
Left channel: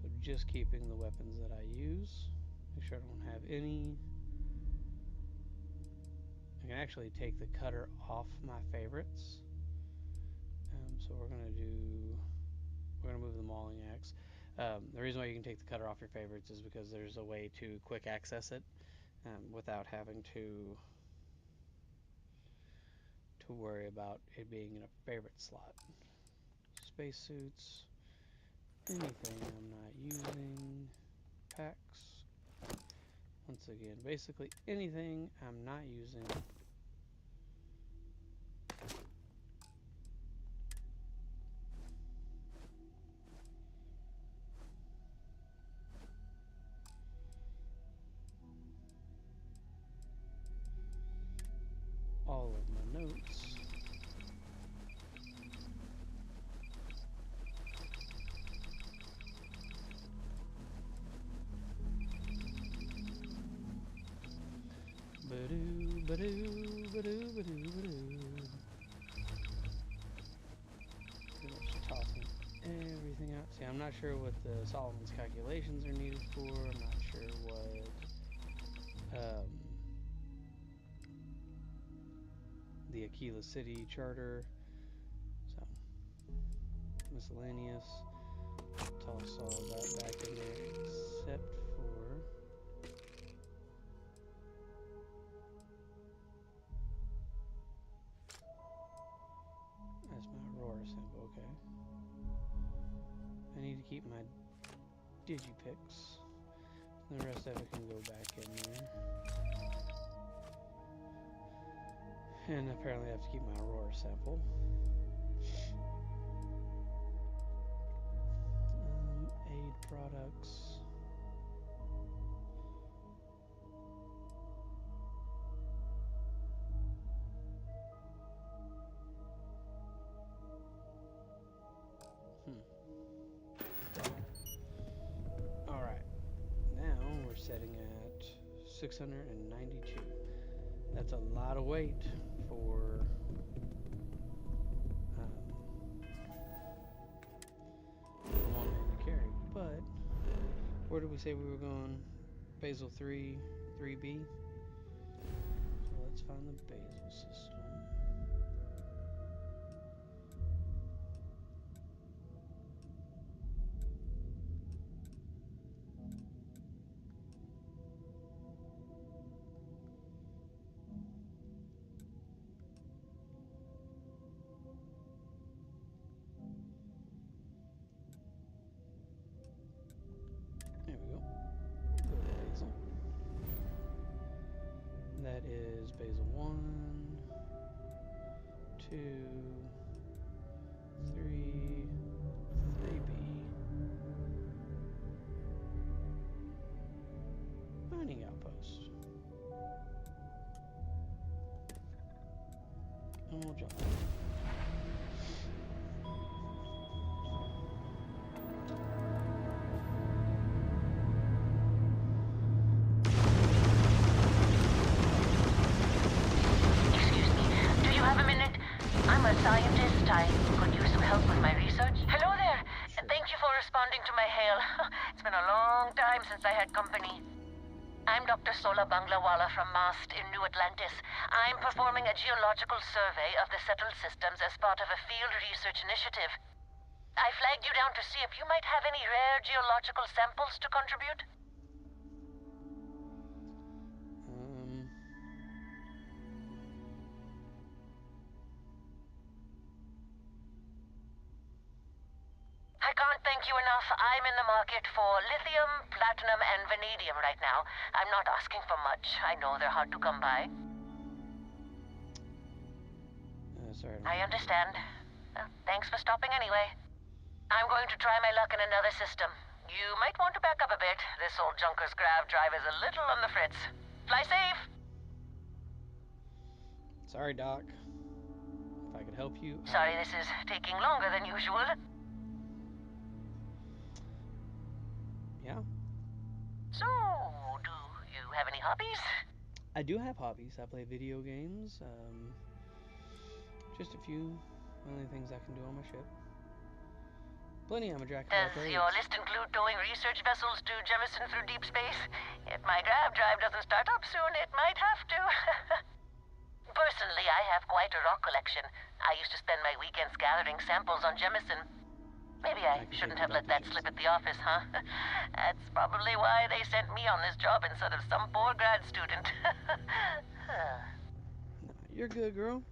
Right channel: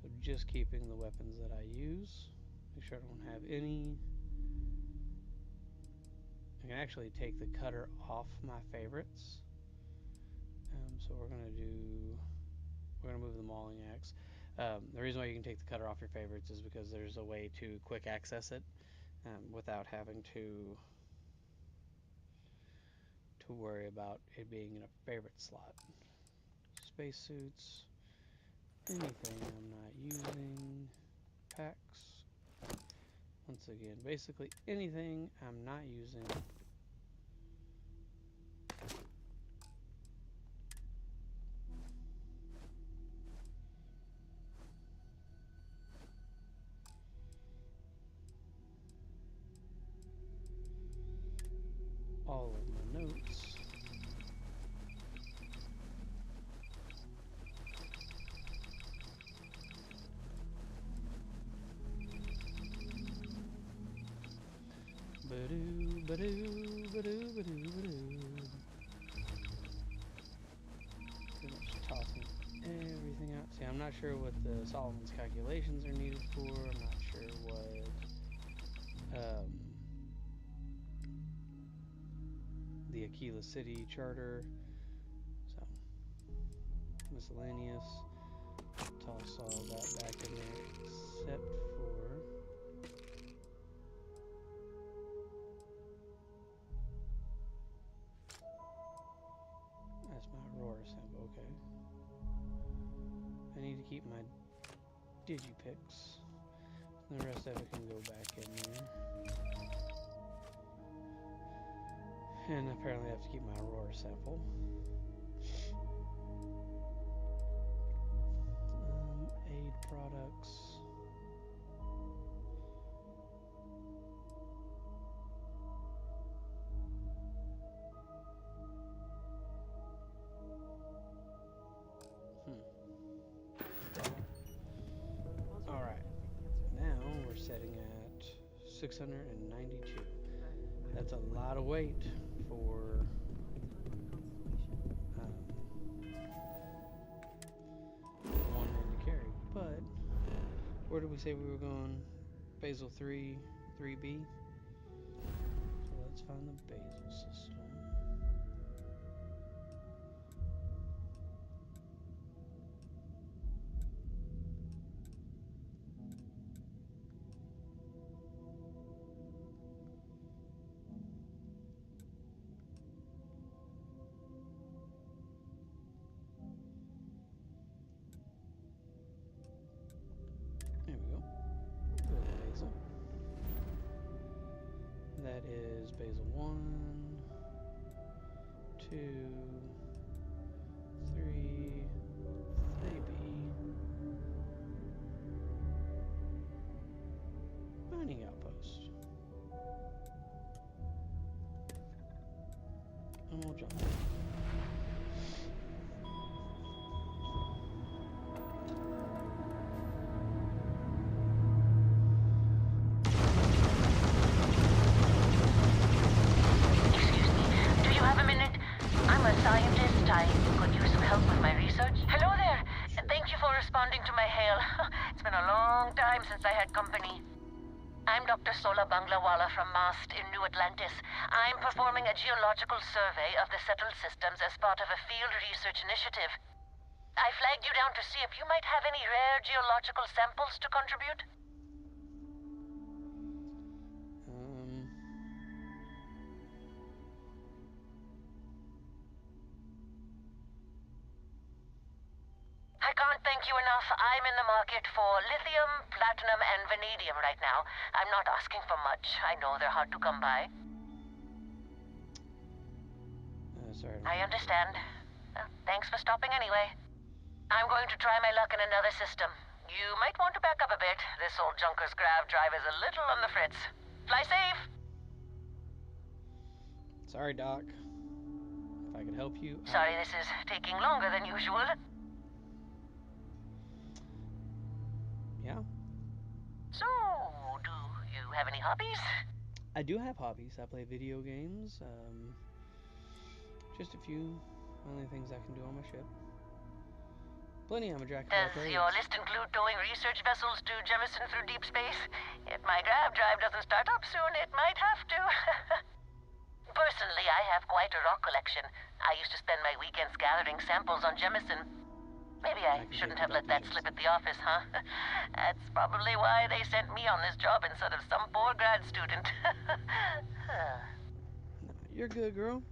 So just keeping the weapons that I use. Make sure I don't have any. I can actually take the cutter off my favorites. So we're gonna move the mauling axe. The reason why you can take the cutter off your favorites is because there's a way to quick access it without having to worry about it being in a favorite slot. Spacesuits, anything I'm not using, packs. Once again, basically anything I'm not using. All of my notes. Ba-doo, ba-doo, ba-doo, ba-doo, ba-doo. Pretty much tossing everything out. See, I'm not sure what the Solomon's calculations are needed for. I'm not sure what the Aquila City Charter. So, miscellaneous. Toss all that back in there except for that's my Aurora sample, okay. I need to keep my Digipix. The rest of it can go back in there. And apparently I have to keep my Aurora sample. Aid products. Alright. Now we're setting at 692. That's a lot of weight for one man to carry. But where did we say we were going? Basal 3, 3B. So let's find the basal system. There we go. Basil. That is basil 1, 2, 3, 3B. Mining outpost. And we'll jump. Excuse me, do you have a minute? I'm a scientist. I could use some help with my research. Hello there, and thank you for responding to my hail. It's been a long time since I had company. I'm Dr. Sola Banglawala from MAST in New Atlantis. I'm performing a geological survey of the settled systems as part of a field research initiative. I flagged you down to see if you might have any rare geological samples to contribute. I can't thank you enough. I'm in the market for lithium, platinum, and vanadium right now. I'm not asking for much. I know they're hard to come by. Sorry. I understand. Thanks for stopping anyway. I'm going to try my luck in another system. You might want to back up a bit. This old Junker's grav drive is a little on the fritz. Fly safe! Sorry, Doc. If I could help you. Sorry this is taking longer than usual. Yeah. So, do you have any hobbies? I do have hobbies. I play video games. Just a few only things I can do on my ship. Plenty, I'm a jack of all Does trades. your list include towing research vessels to Jemison through deep space? If my grav drive doesn't start up soon, it might have to. Personally, I have quite a rock collection. I used to spend my weekends gathering samples on Jemison. Maybe I shouldn't have let that slip at the office, huh? That's probably why they sent me on this job instead of some poor grad student. You're good, girl.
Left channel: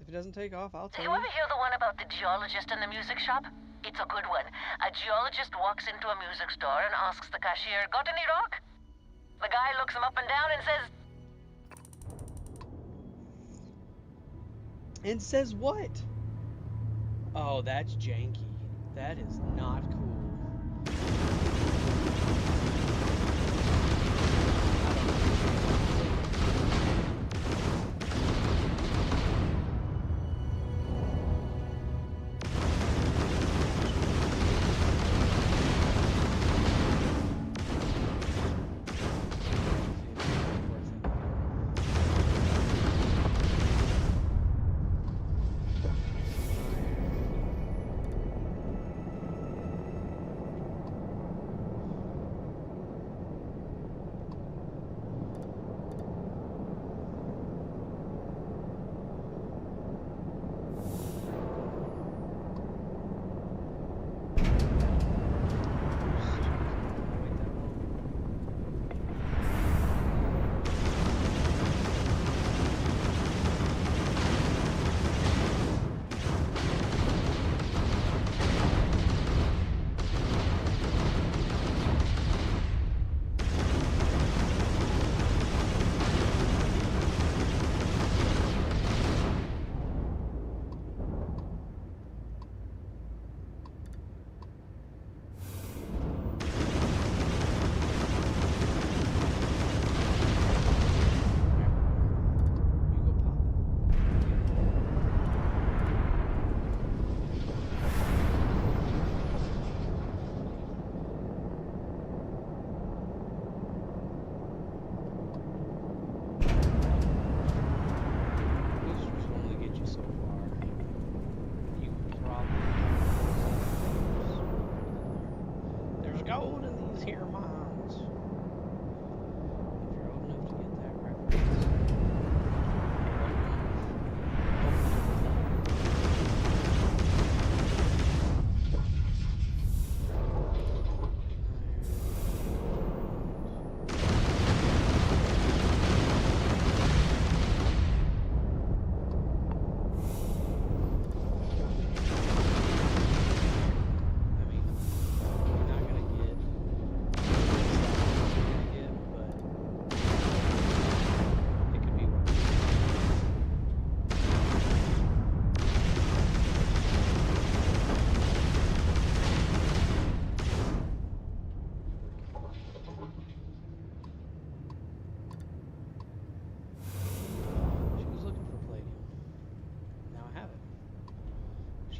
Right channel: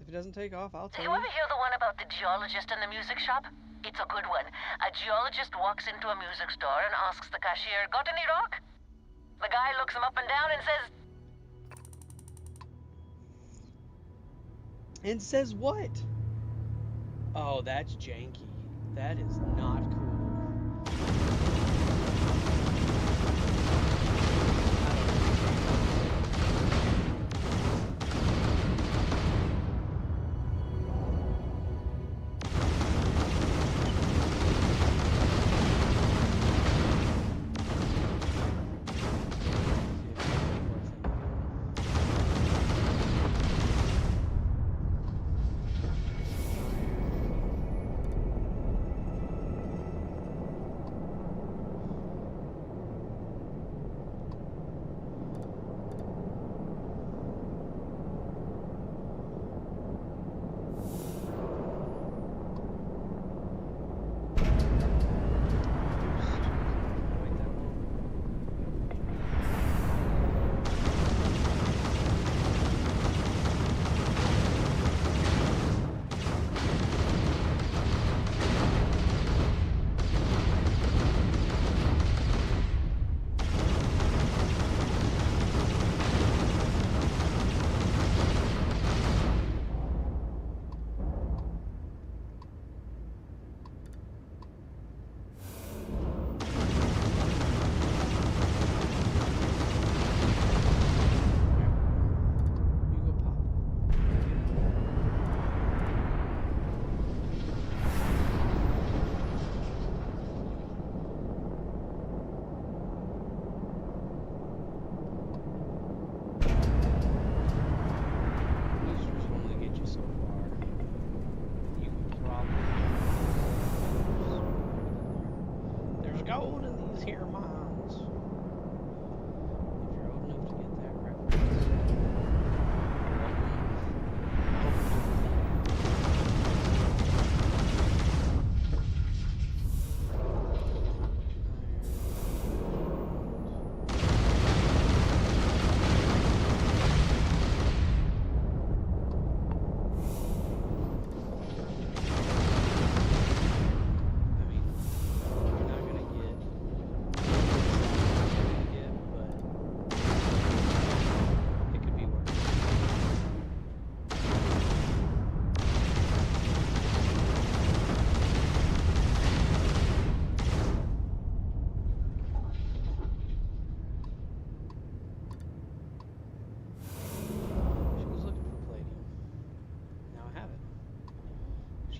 If it doesn't take off, I'll tell Did you you. ever hear the one about the geologist in the music shop? It's a good one. A geologist walks into a music store and asks the cashier, "Got any rock?" The guy looks him up and down and says... And says what? Oh, that's janky. That is not cool.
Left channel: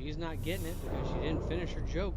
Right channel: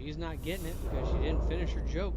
She's not getting it because she didn't finish her joke.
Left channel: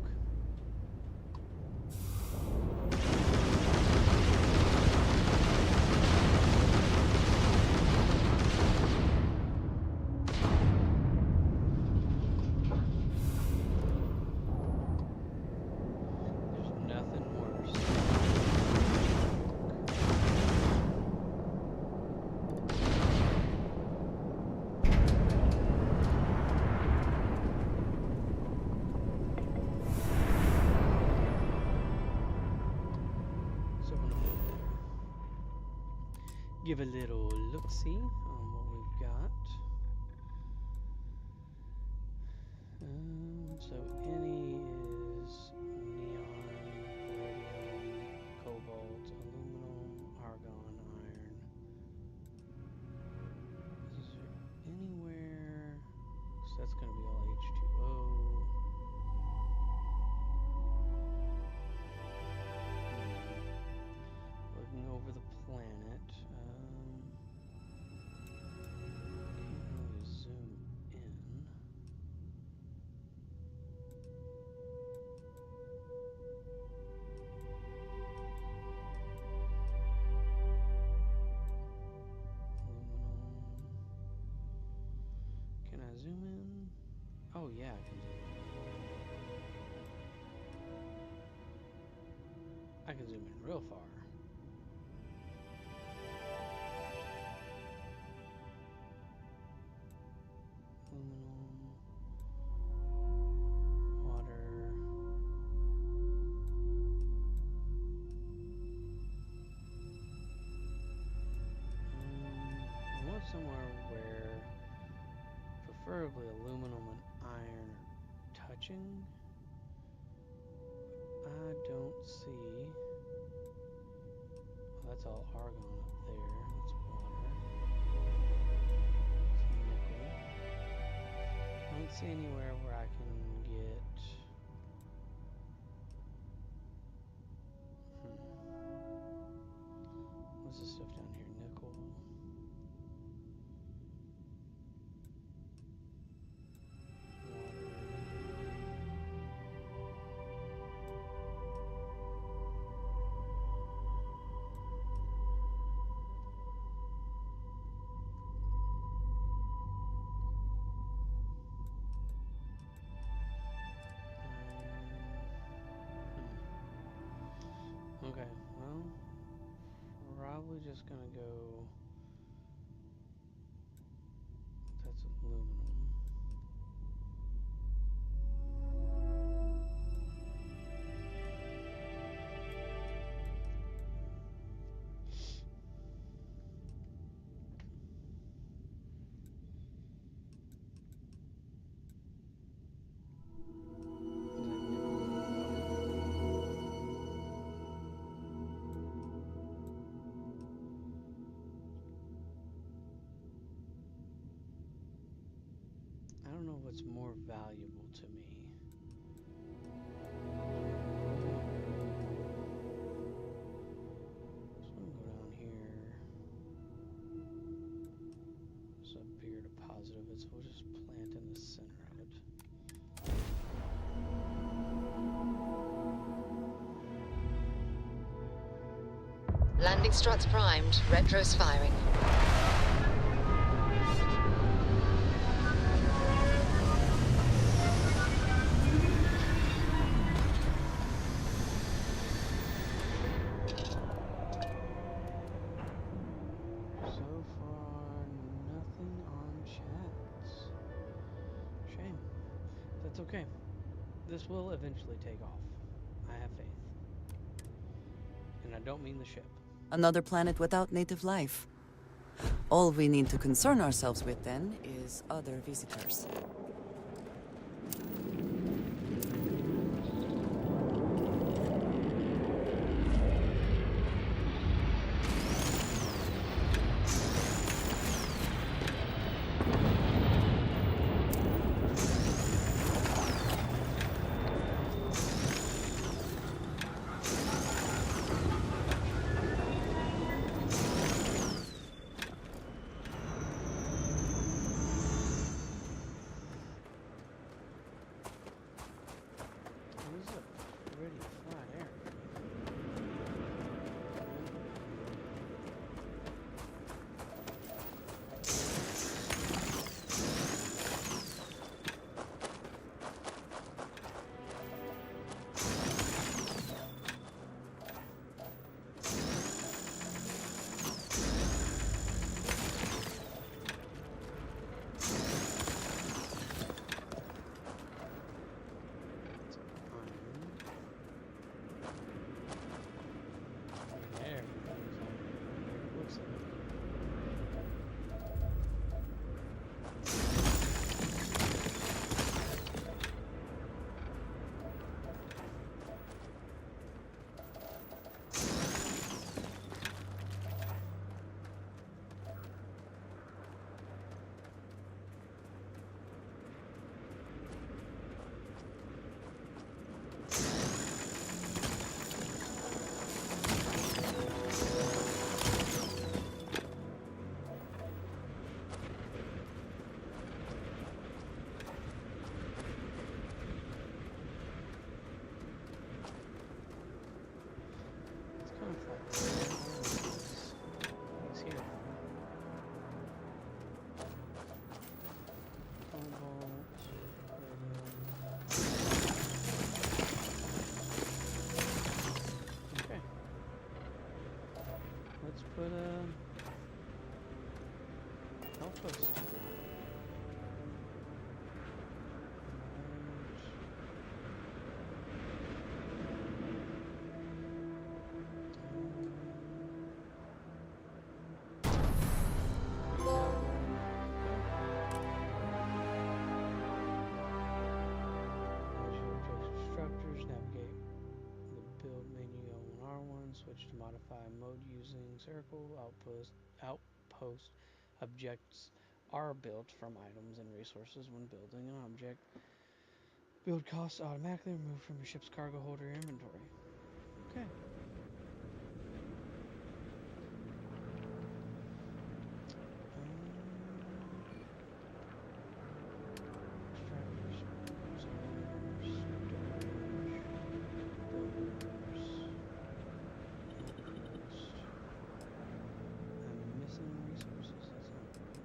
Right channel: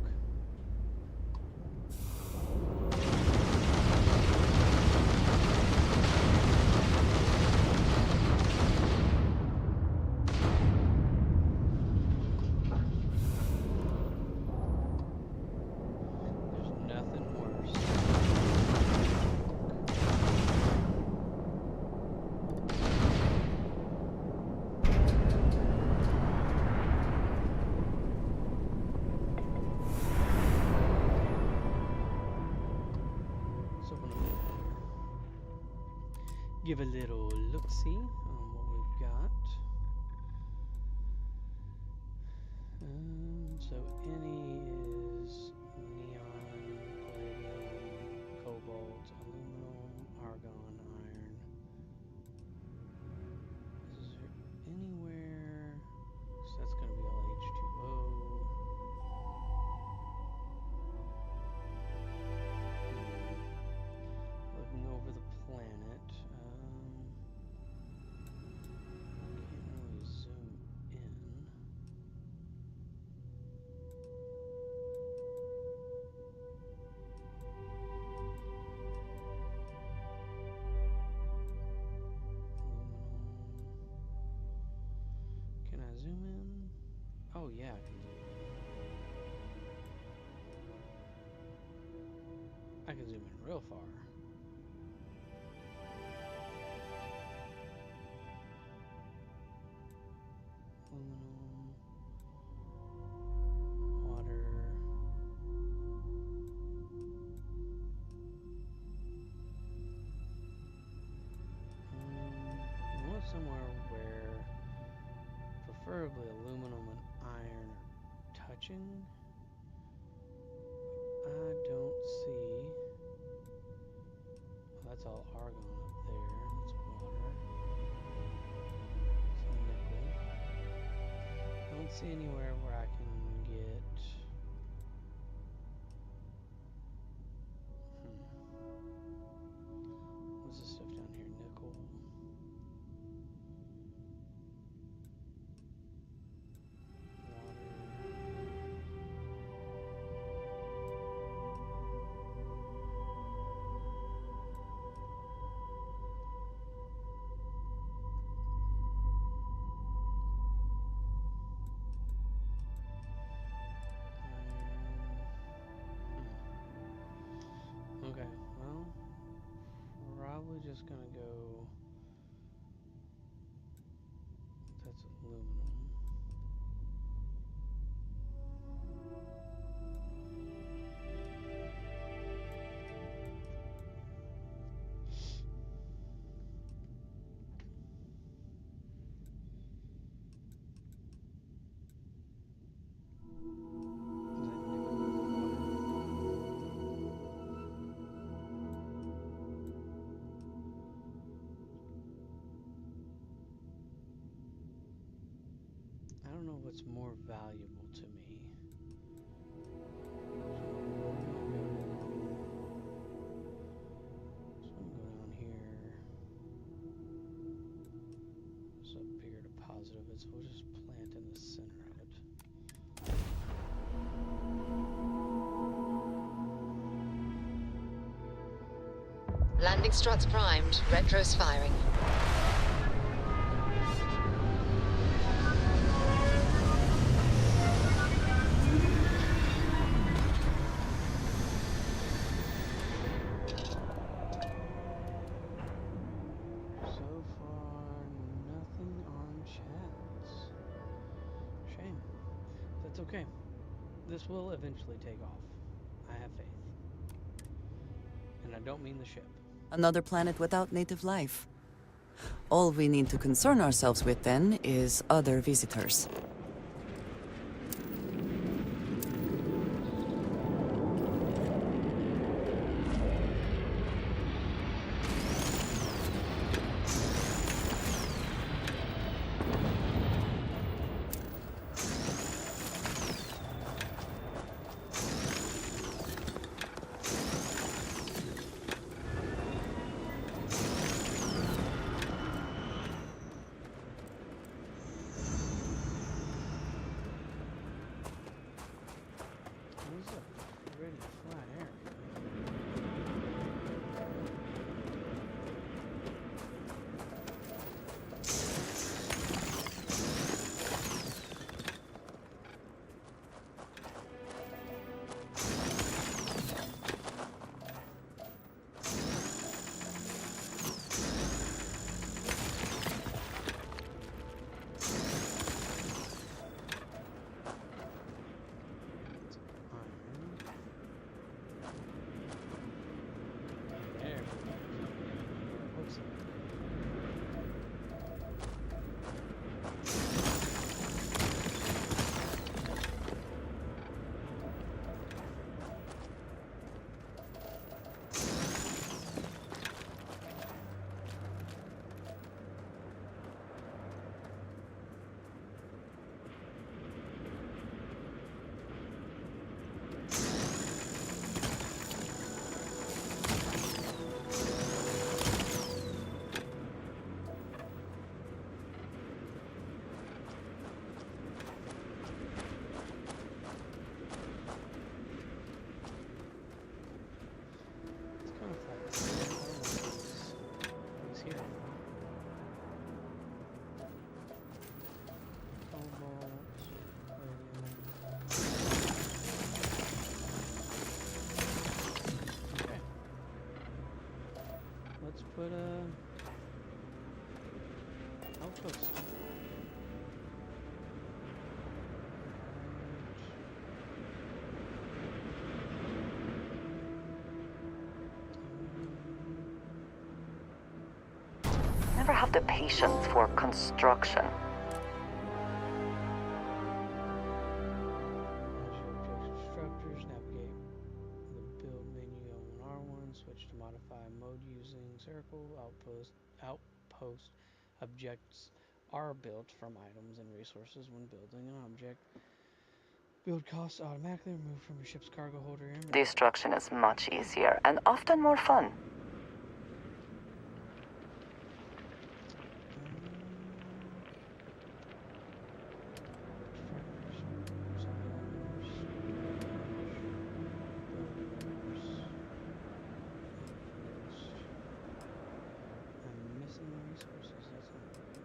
Give a little look-see on what we've got. So any is neon, palladium, cobalt, aluminum, argon, iron. Is there anywhere? So that's going to be all H2O. Looking over the planet. Can't really zoom in. Aluminum. Can I zoom in? Oh yeah, I can zoom in. I can zoom in real far. Aluminum, water, I want somewhere where preferably aluminum and iron are touching. I don't see. Oh, that's all argon up there. That's water. It's nickel. I don't see anywhere where I can get what's this stuff down here? Nickel. Water. Okay, well, probably just gonna go. That's aluminum. I don't know what's more valuable to me. So I'm gonna go down here. There's a bigger deposit of it, so we'll just plant in the center of it. Landing struts primed. Retro's firing. So far, nothing on chats. Shame. That's okay. This will eventually take off. I have faith. And I don't mean the ship. Another planet without native life. All we need to concern ourselves with then is other visitors. if that he's here anymore. Cobalt, palladium. Okay. Let's put a outpost. Never have the patience for construction. Structures, navigate the build menu L1R1, switch to modify mode using circle, outpost objects are built from items and resources when building an object. Build costs automatically removed from your ship's cargo holder inventory. Destruction is much easier and often more fun. Resources, that's not great.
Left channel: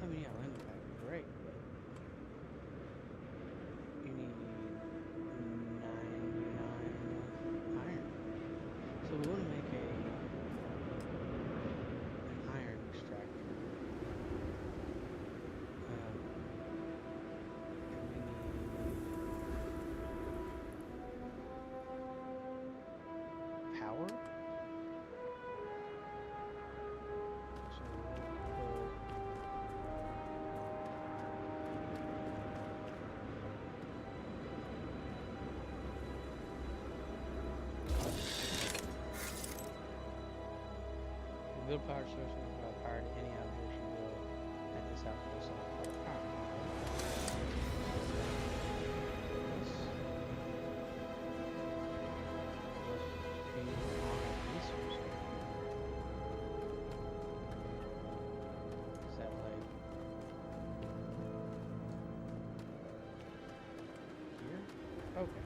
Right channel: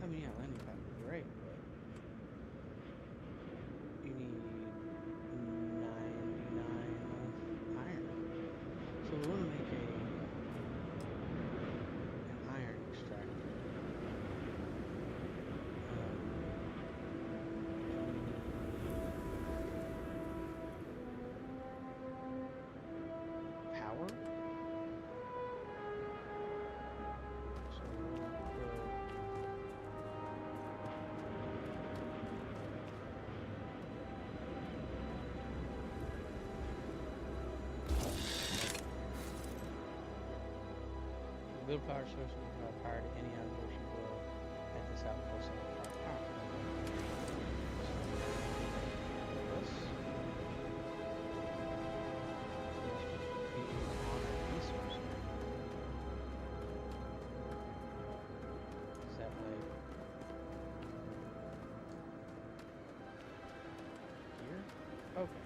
I mean, yeah, landing pad would be great, but you need 99 iron. So we want to make an iron extractor. And we need power. So we'll put build power source and provide power to any object you build at this outpost and require power. So this must be on a resource. Is that like here? Okay.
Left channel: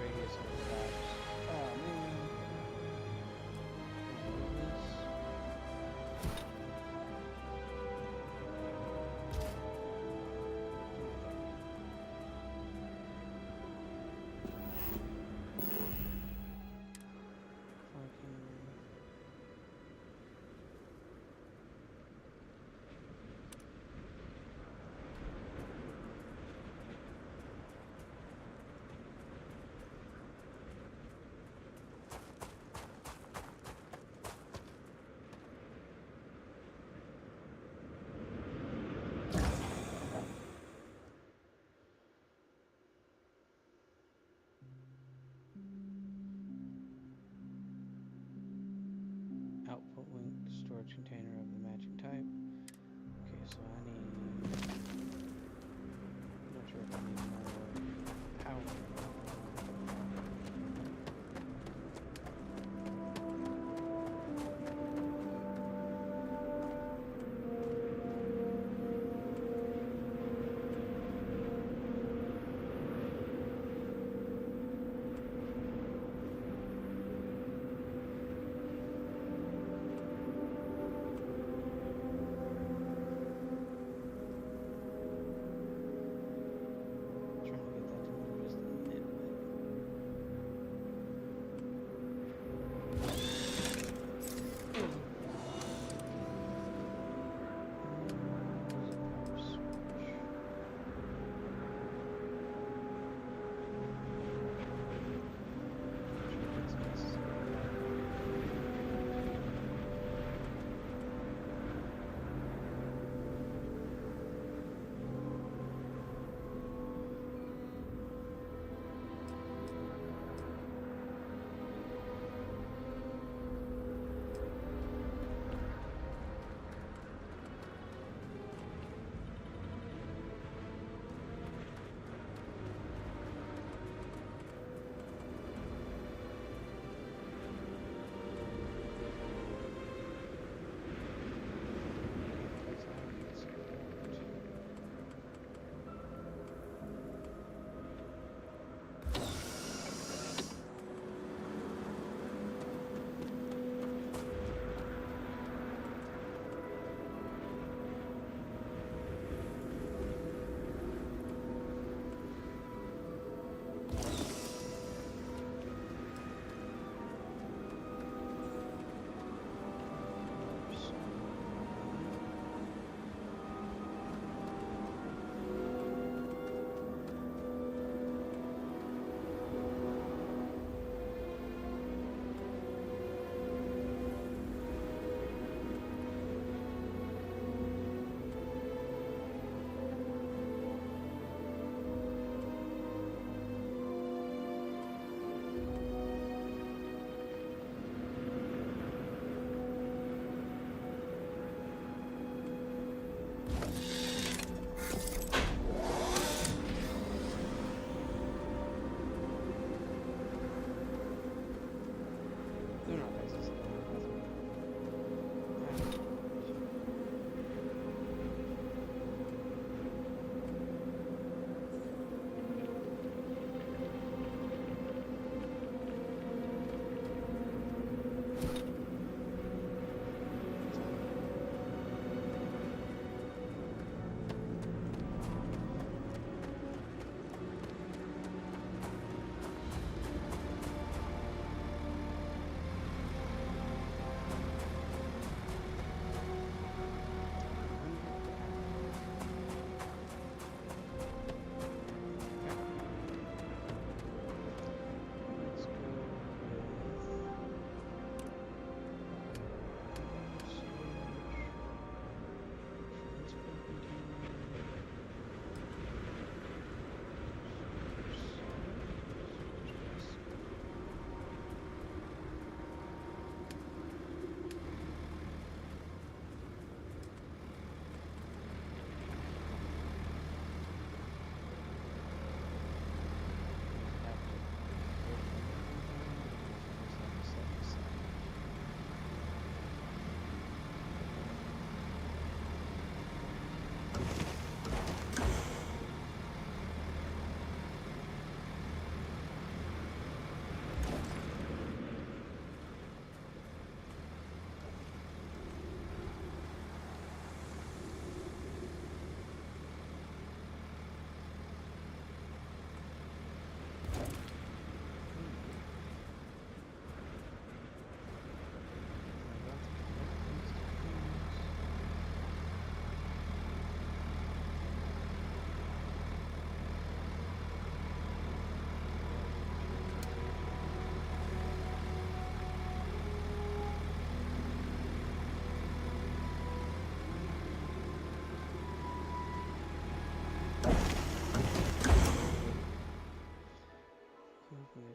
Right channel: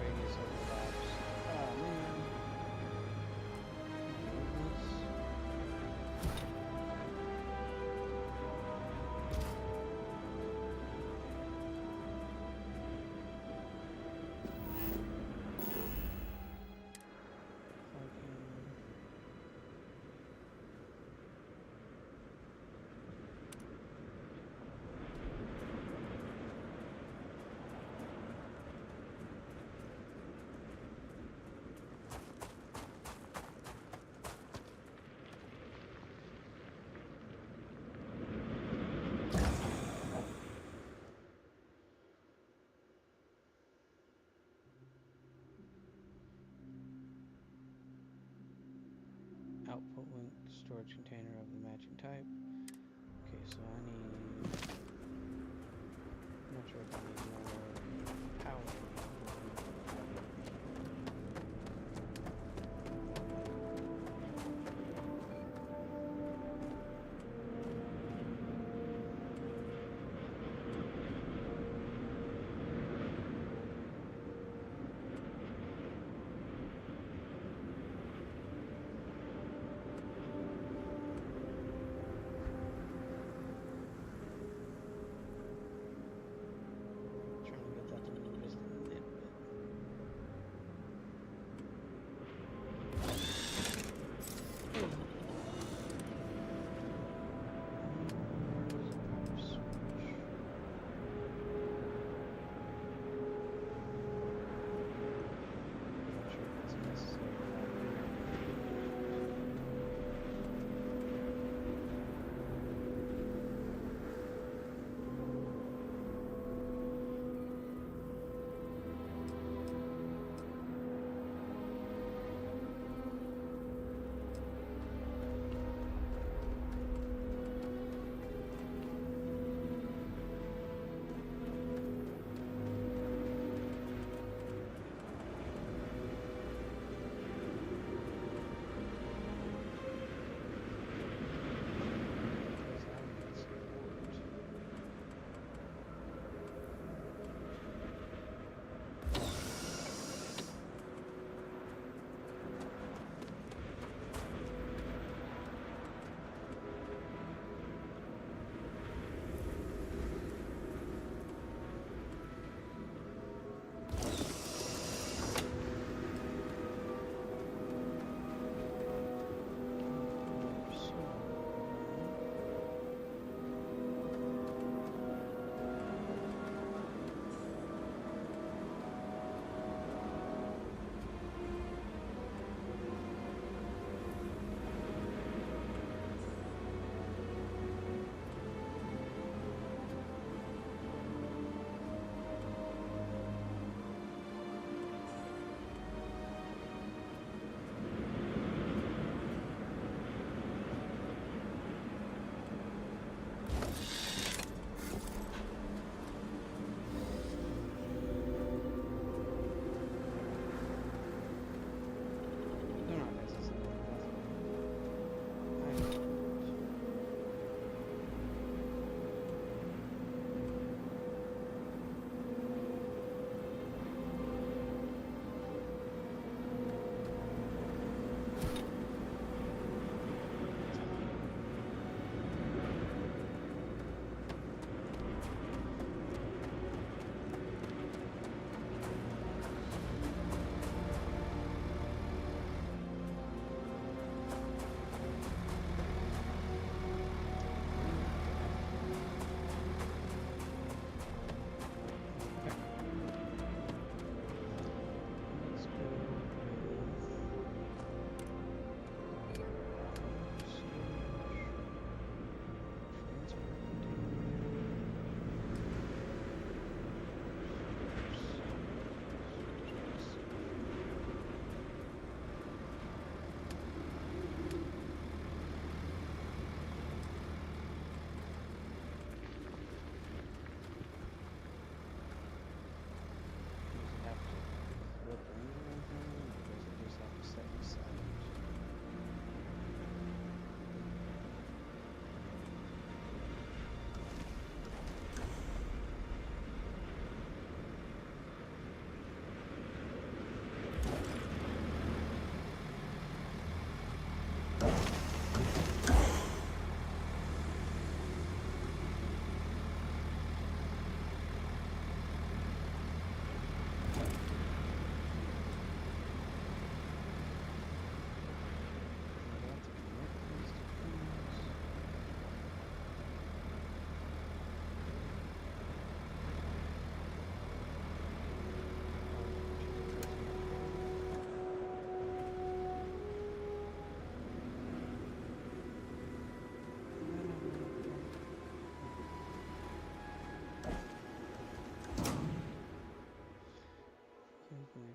Radius overlaps. Oh man. Can't move this. Output link storage container of the matching type. Okay, so I need. I'm not sure if I need more power or not, but I'm gonna put power. Trying to get that to move just a little bit.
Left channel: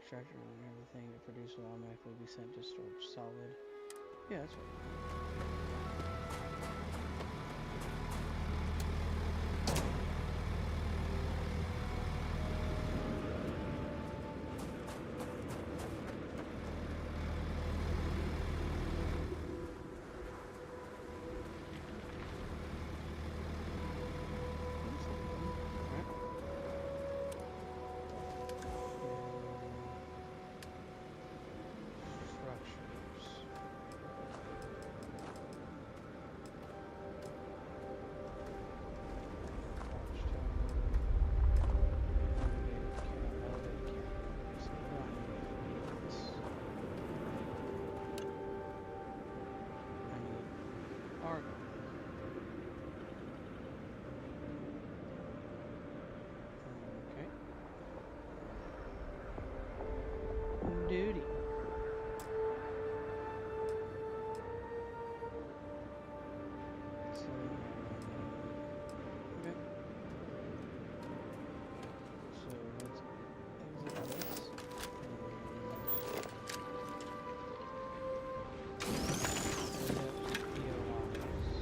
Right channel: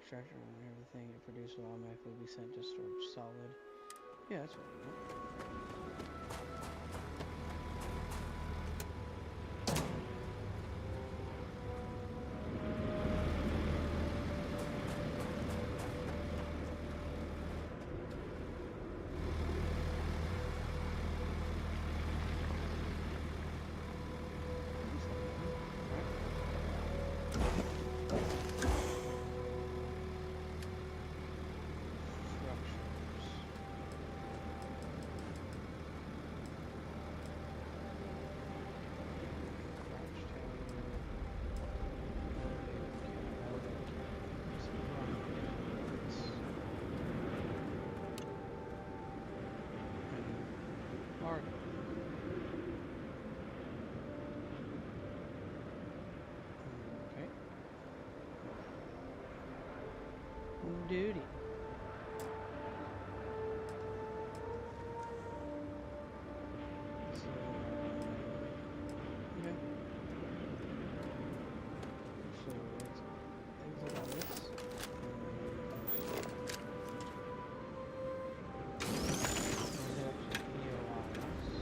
extractor and everything it produces will automatically be sent to storage solid. Yeah, that's what we want. Argon. Okay. Duty. So, okay. So let's exit this and we'll head up to POIs.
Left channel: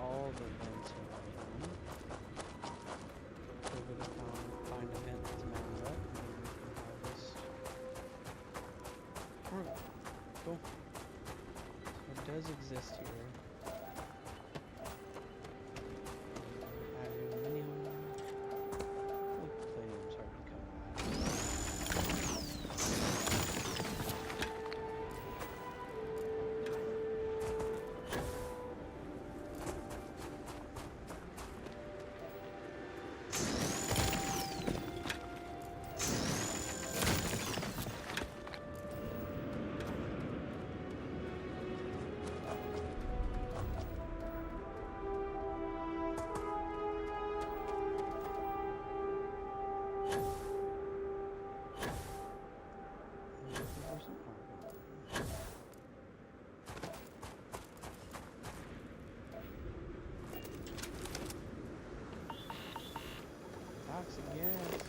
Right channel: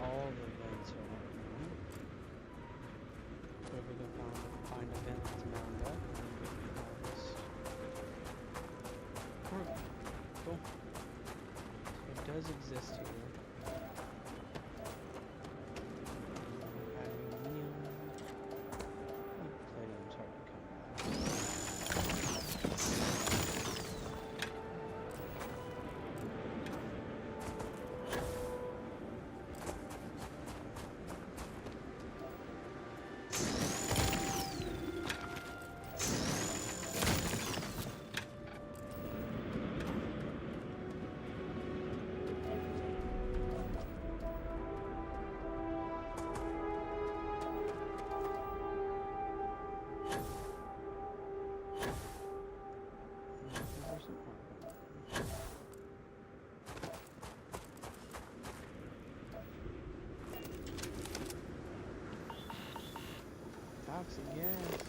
All the vents are right on. So we're going to find a vent that's mounted up, and then we can harvest. Cool. So it does exist here. Aluminum. Oh, palladium's hard to come by. Some argon. Toxic gas.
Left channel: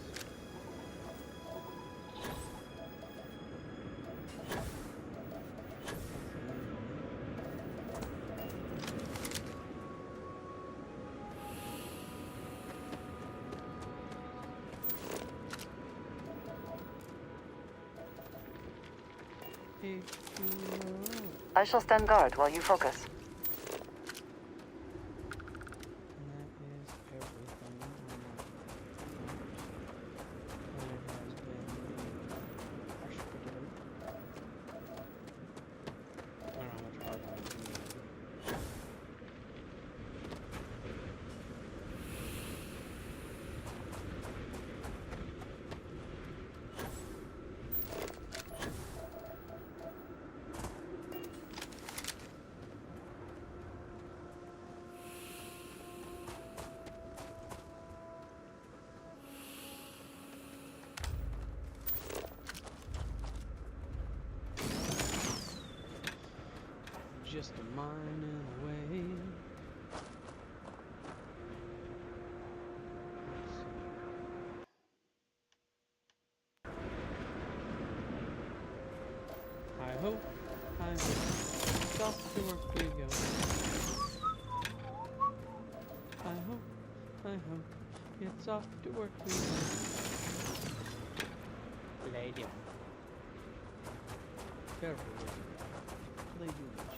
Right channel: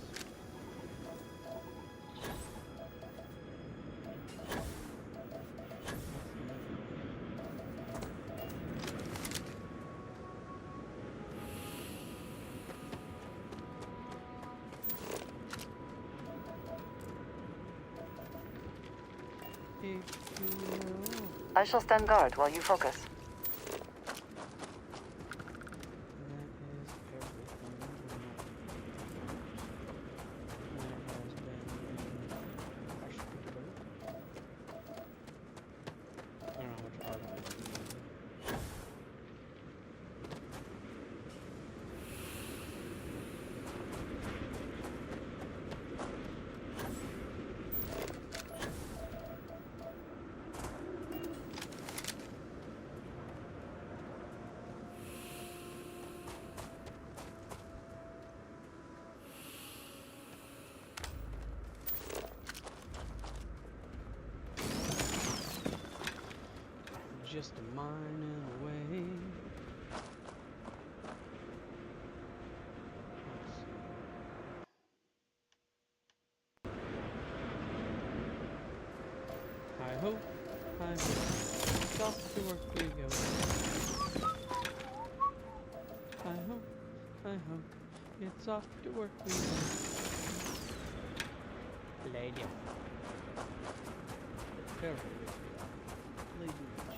I shall stand guard while you focus. And that is everything on my front. And it has been being hospitable. I don't know how much argon I need. Just a mining away. Let's see. Hi ho, hi ho. Off to work we go. Hi ho, hi ho. It's off to work we go. Palladium. Careful with that. Palladium witches.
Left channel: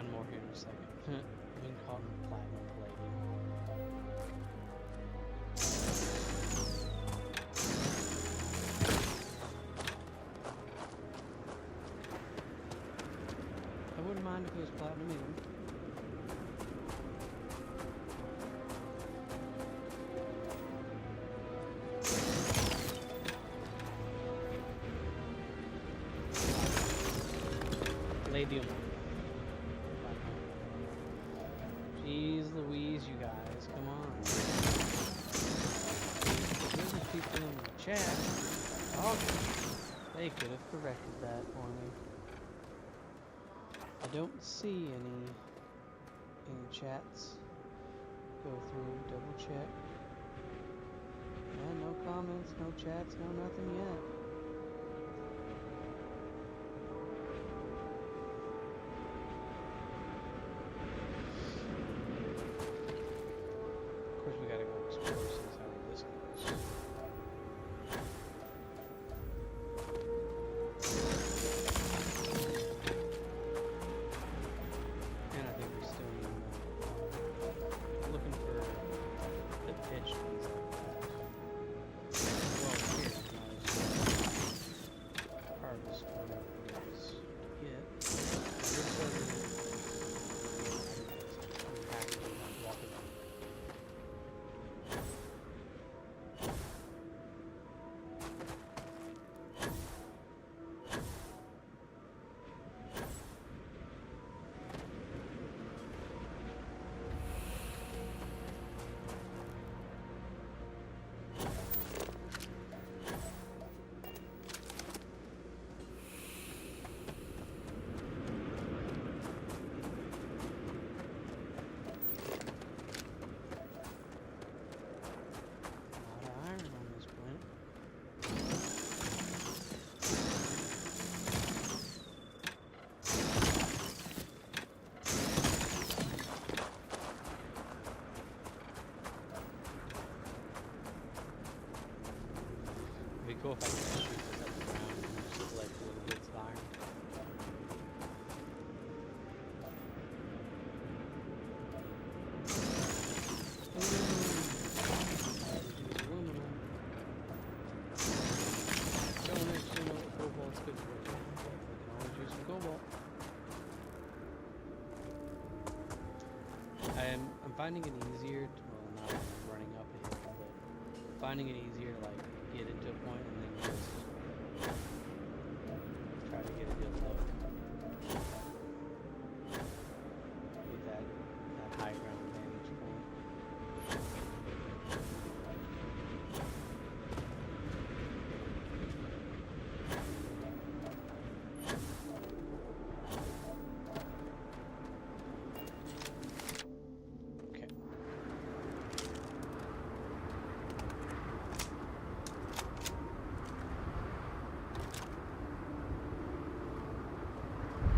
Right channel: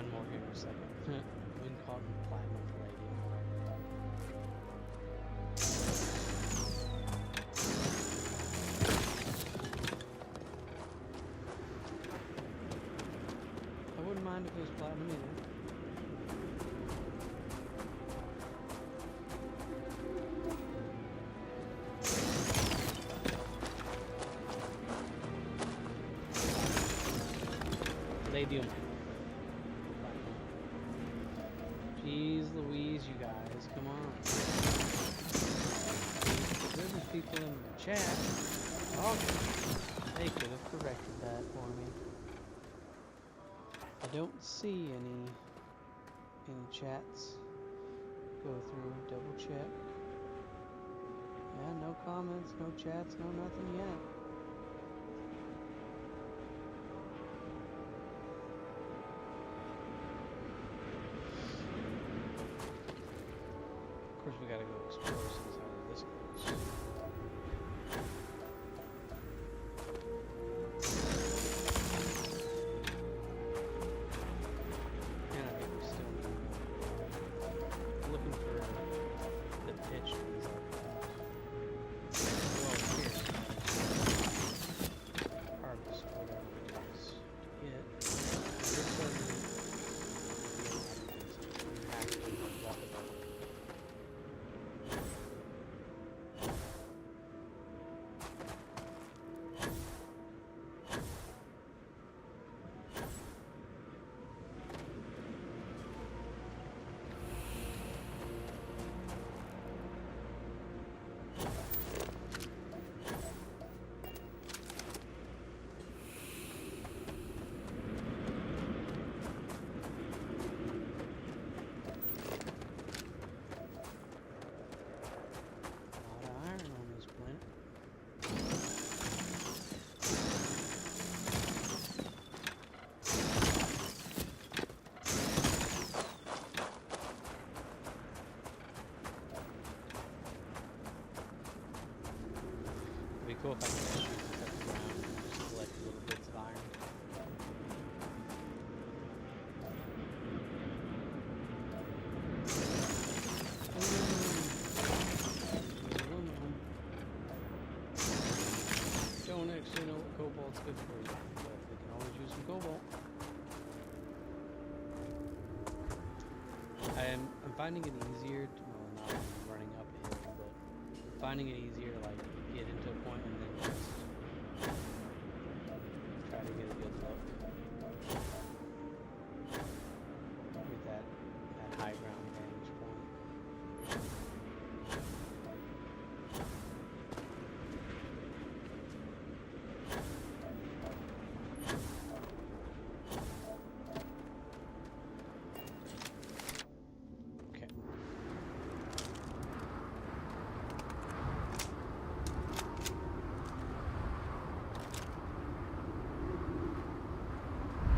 find more here in a second. Been caught in platinum palladium. I wouldn't mind if it was platinum either. Palladium. Platinum. Jeez Louise, you guys, come on. There's people in the chat. Oh, they could have corrected that for me. I don't see any chats. Go through, double check. Yeah, no comments, no chats, no nothing yet. Of course, we gotta go explore, see how this goes. And I think we still need more. Looking for the pitch things like that. Well, here, harvest whatever it is to get. This doesn't. We have to walk it back. It'd be cool if I could shoot this up the ground and just collect little bits of iron. Aluminum. Don't actually know what cobalt's good for you, but we can always use some cobalt. I'm finding it easier to, well, not running up a hill, but finding it easier to like get into a point and then just try to get a good look with that high ground vantage point.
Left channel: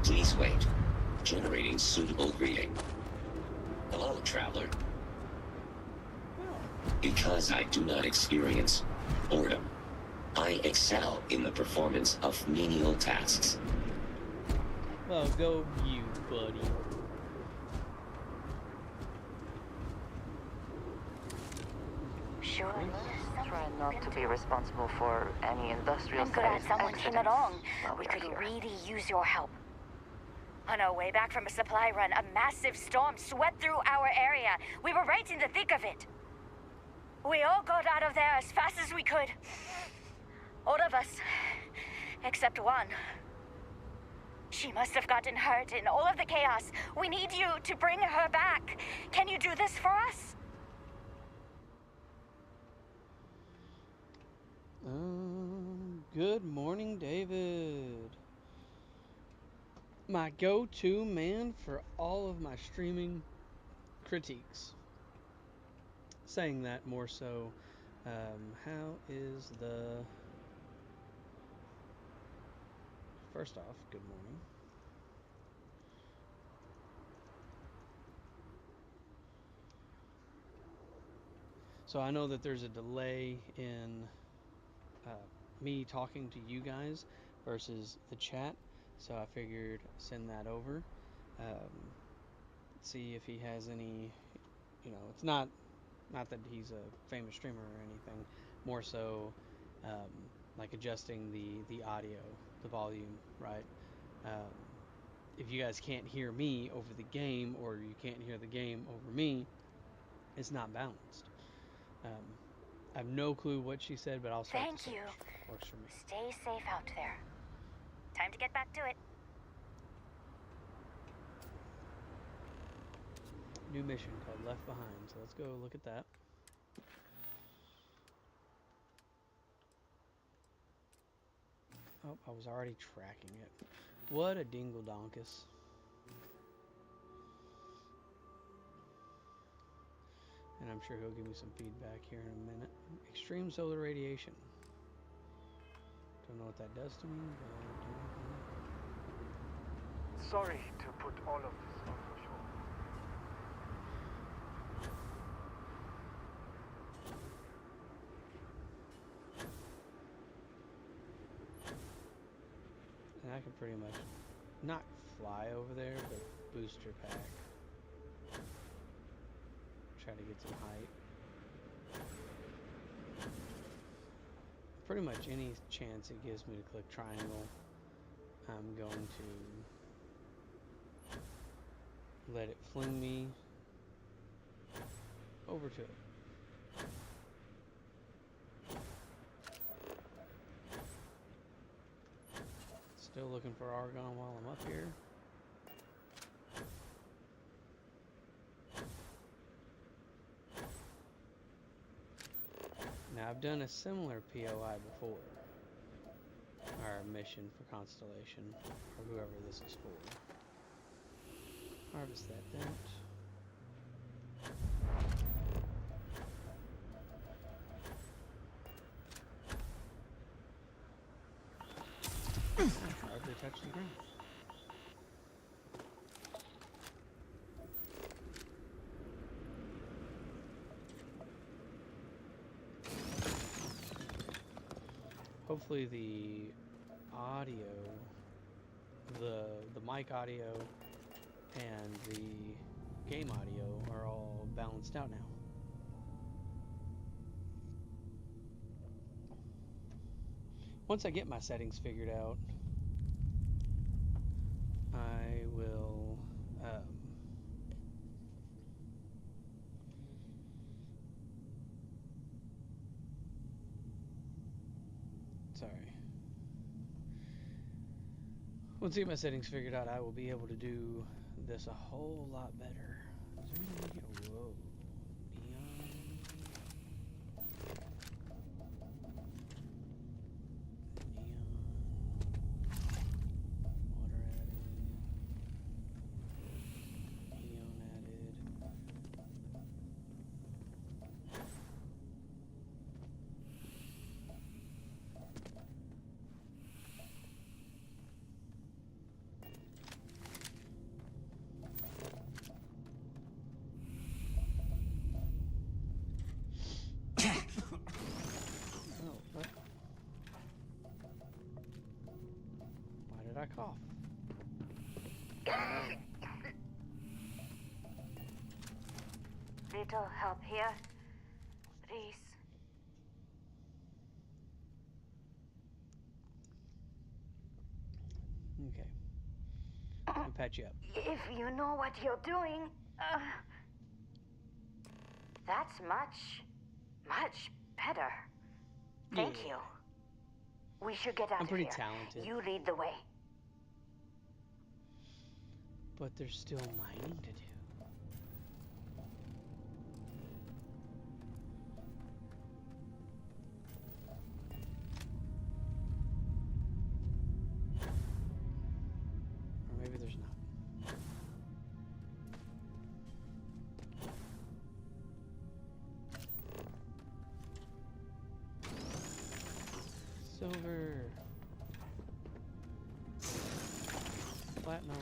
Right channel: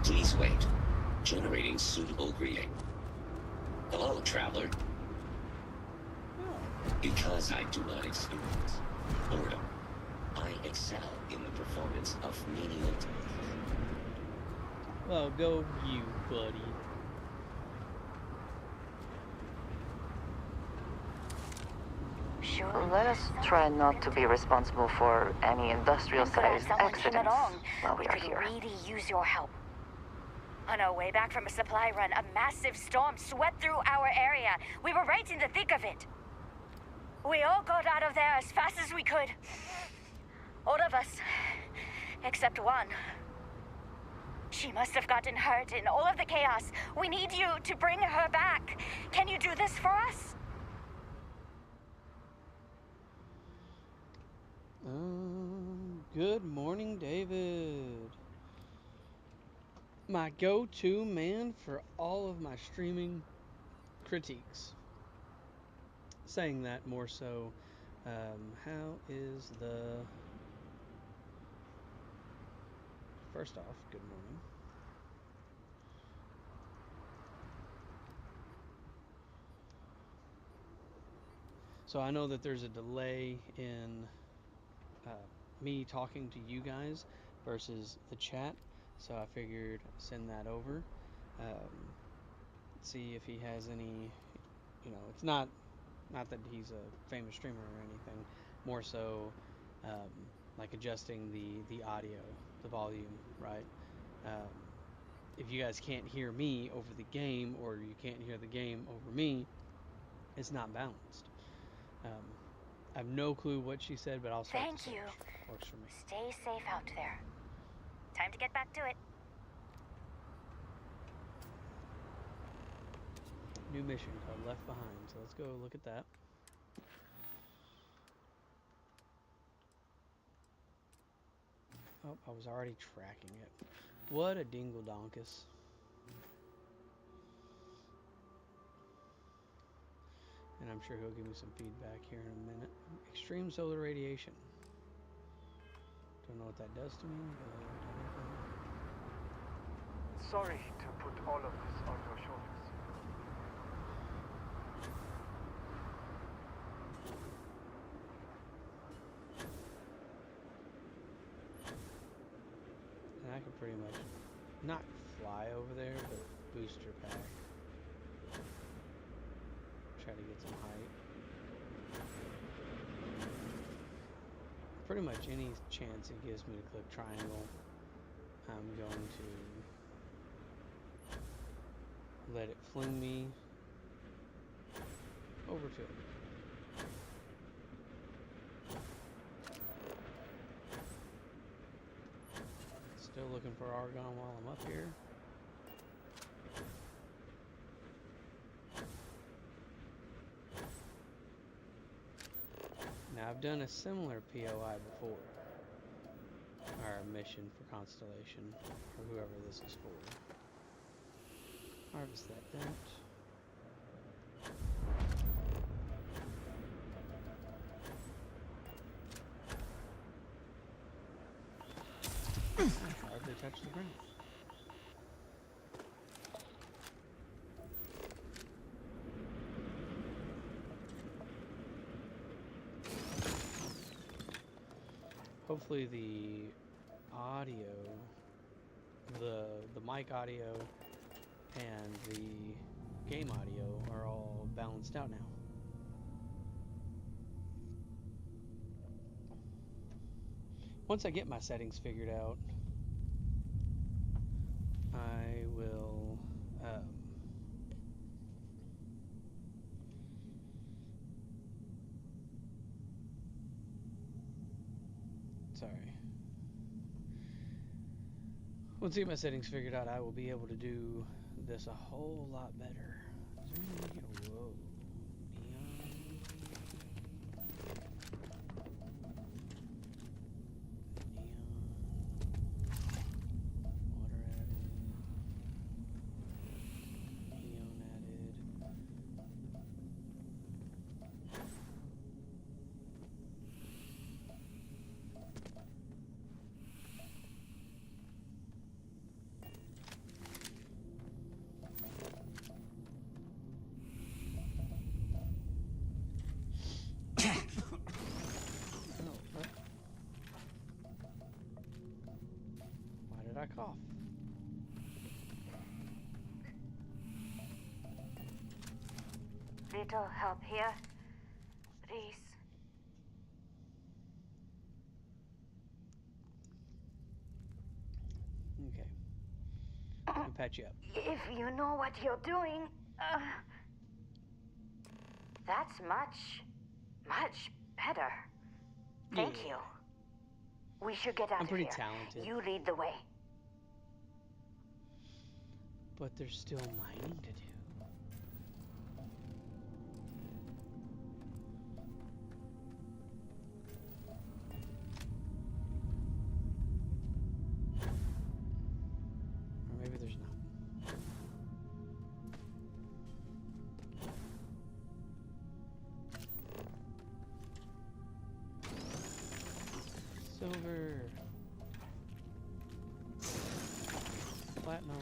Please wait. Generating suitable greeting. Hello, traveler. Because I do not experience boredom, I excel in the performance of menial tasks. Well, go you, buddy. Sure, let us try not to be responsible for any industrial-sized accidents while we We are could here. really use your help. On our way back from a supply run, a massive storm swept through our area. We were right in the thick of it. We all got out of there as fast as we could. All of us, except one. She must have gotten hurt in all of the chaos. We need you to bring her back. Can you do this for us? Good morning, David. My go-to man for all of my streaming critiques. Saying that more so, how is the... First off, good morning. So I know that there's a delay in me talking to you guys versus the chat, so I figured send that over. See if he has any. It's not that he's a famous streamer or anything. More so, um, like adjusting the audio, the volume, right? Um, if you guys can't hear me over the game, or you can't hear the game over me, it's not balanced. Um, I have no clue what she said, but I'll start the Thank search. you. Works for me. Stay safe out there. Time to get back to it. New mission called Left Behind. So let's go look at that. Oh, I was already tracking it. What a dingle donkus. And I'm sure he'll give me some feedback here in a minute. Extreme solar radiation. Don't know what that does to me, but Sorry to put all of this on your shoulders. and I can pretty much not fly over there, but booster pack. Try to get some height. Pretty much any chance it gives me to click triangle, I'm going to let it fling me over to it. Still looking for argon while I'm up here. Now I've done a similar POI before, or mission for Constellation, or whoever this is for. Harvest that dent. I hardly touched the ground. Hopefully the audio, the mic audio and the game audio are all balanced out now. Once I get my settings figured out, I will once I get my settings figured out, I will be able to do this a whole lot better. Is there anything here? Whoa. Neon. Water added. Neon added. Oh, what? Why did I cough? Little help here, please. Okay. Let me patch you up. If you know what you're doing, that's much better. Thank you. We should get out I'm of pretty here. talented. You lead the way. But there's still mining to do. Or maybe there's not. Silver. Platinum.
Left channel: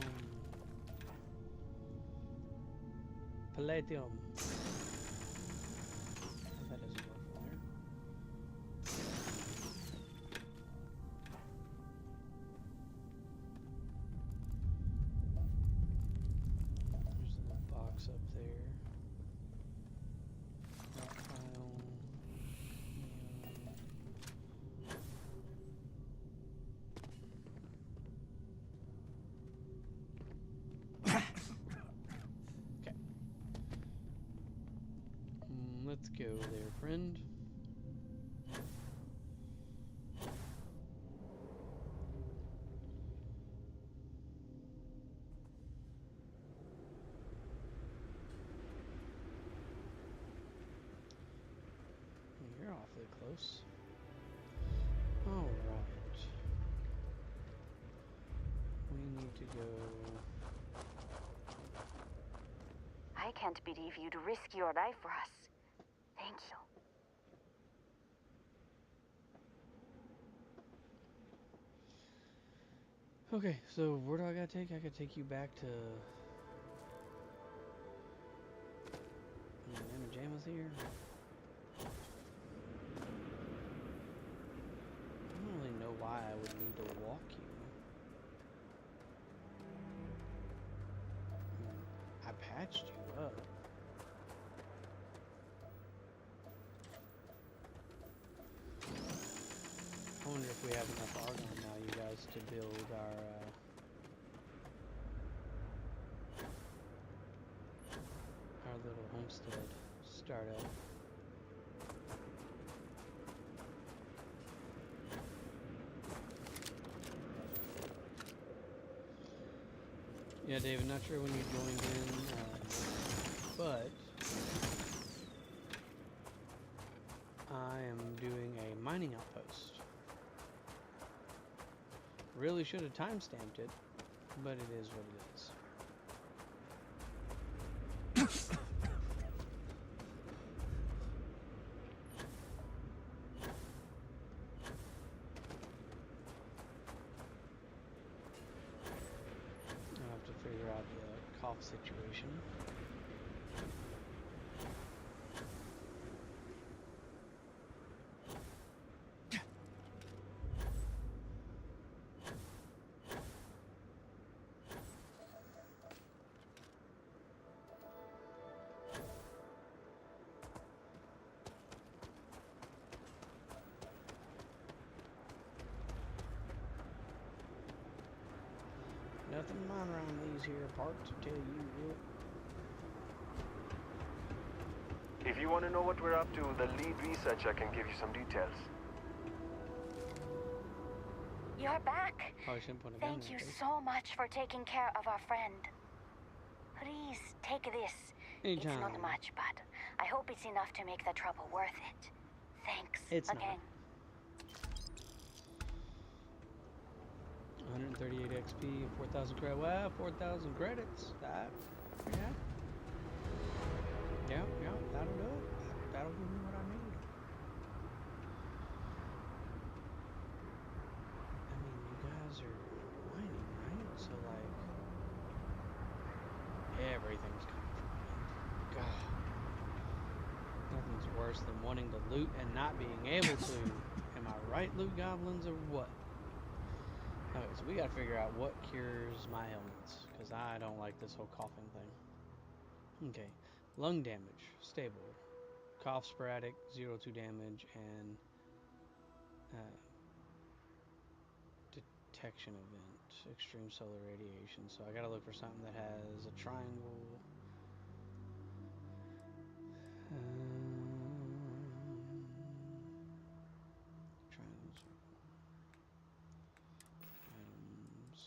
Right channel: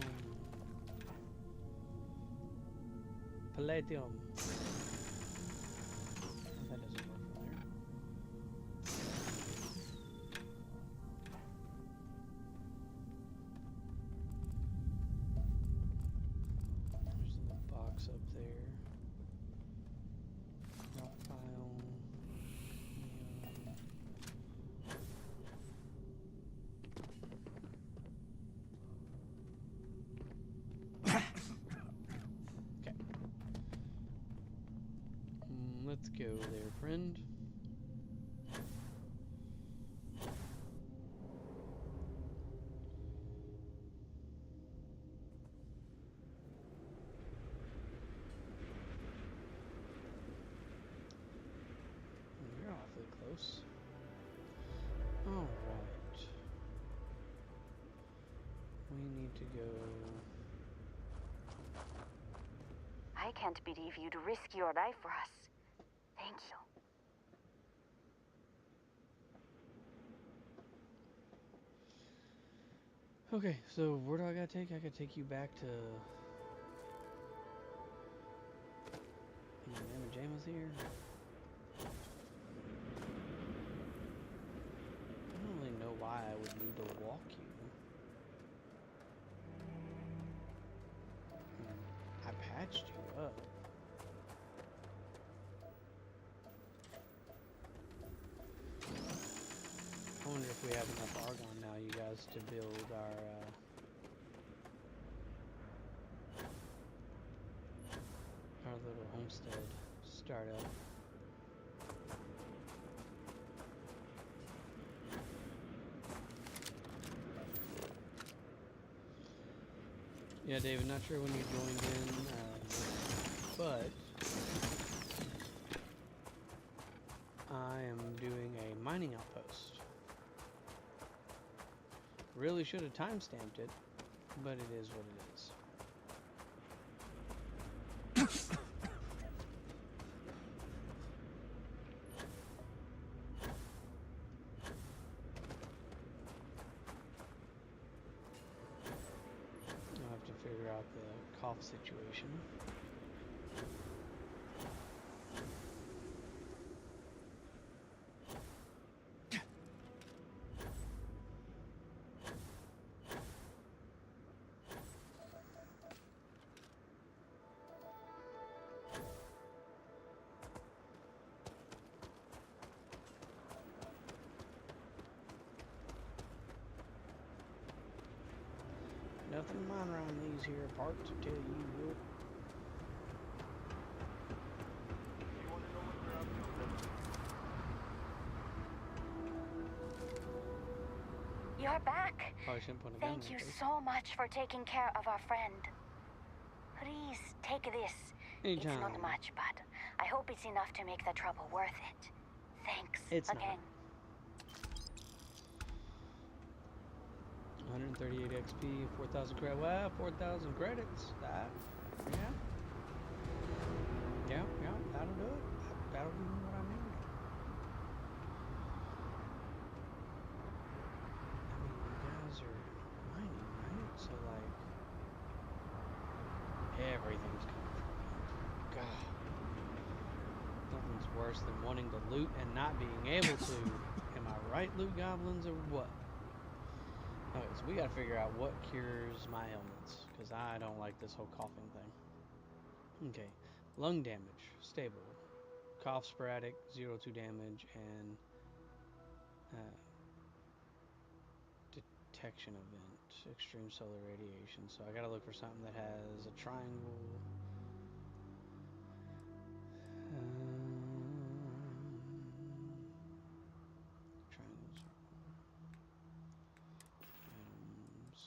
Palladium. That doesn't work from there. box up there. Rockpile. Okay. Let's go there, friend. You're awfully close. All right. We need to go. I can't believe you'd risk your life for us. Thank you. Okay, so where do I gotta take? I gotta take you back to. Mamma Jamma's here. I don't really know why I would need to walk you. I patched you up. I wonder if we have enough argon now, you guys, to build our little homestead startup. Yeah, David, not sure when you joined in, but I am doing a mining outpost. Really should have time-stamped it, but it is what it is. I'll have to figure out the cough situation. Nothing mine around these here parts, to tell you what. If you want to know what we're up to, the lead researcher can give you some details. You're back. Probably shouldn't put a gun Thank in you your face. so much for taking care of our friend. Please take this. Anytime. It's not much, but I hope it's enough to make the trouble worth it. Thanks again. 138 XP, 4,000 credits. Well, 4,000 credits. That, yeah. Yeah, that'll do it. That'll give me what I need. I mean, you guys are mining, right? So, like, everything's coming from me. God. Nothing's worse than wanting to loot and not being able to. Am I right, loot goblins, or what? Okay, so we gotta figure out what cures my ailments, because I don't like this whole coughing thing. Okay, lung damage, stable. Cough sporadic, 0-2 damage, and detection event, extreme solar radiation. So I gotta look for something that has a triangle. Triangle, circle. Items,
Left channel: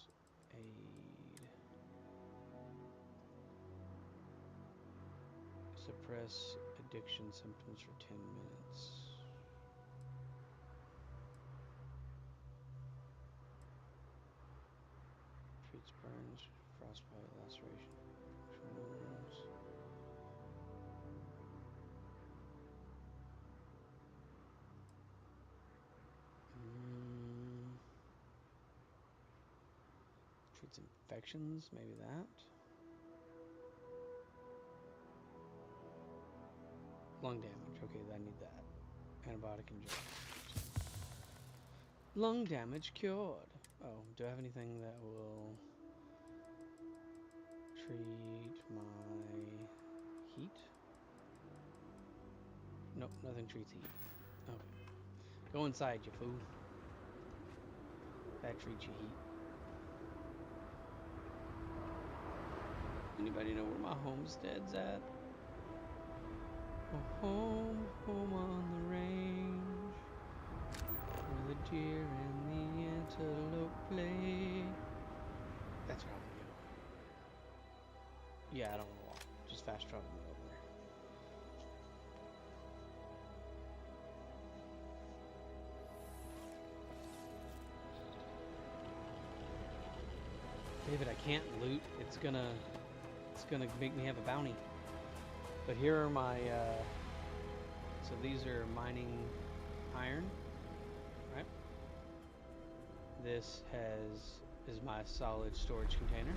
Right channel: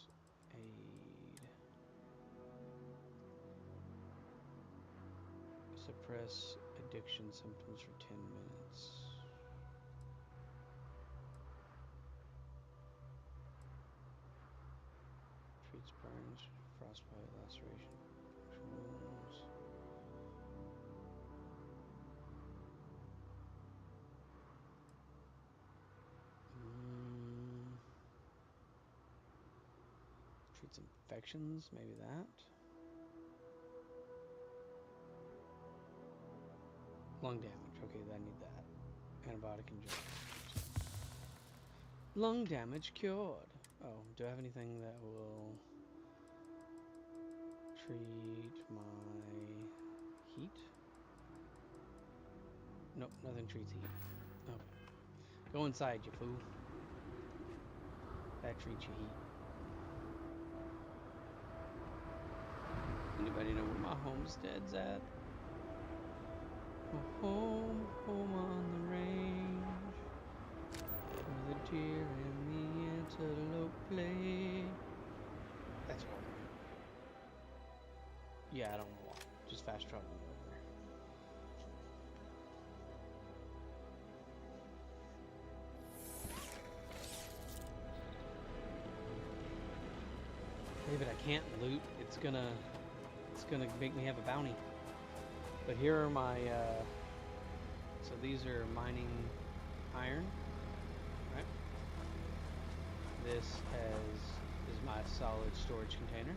aid. Suppress addiction symptoms for 10 minutes. Treats burns, frostbite, laceration, wounds. Treats infections, maybe that. Lung damage, okay, I need that. Antibiotic injection. Lung damage cured. Oh, do I have anything that will treat my Nope, nothing treats heat. Okay. Go inside, you fool. That treats you heat. Anybody know where my homestead's at? Home, home on the range, where the deer and the antelope play. That's where I want to go. Yeah, I don't want to walk. Just fast travel me over there. David, I can't loot. It's gonna make me have a bounty. But here are my, so these are mining iron, right? This is my solid storage container.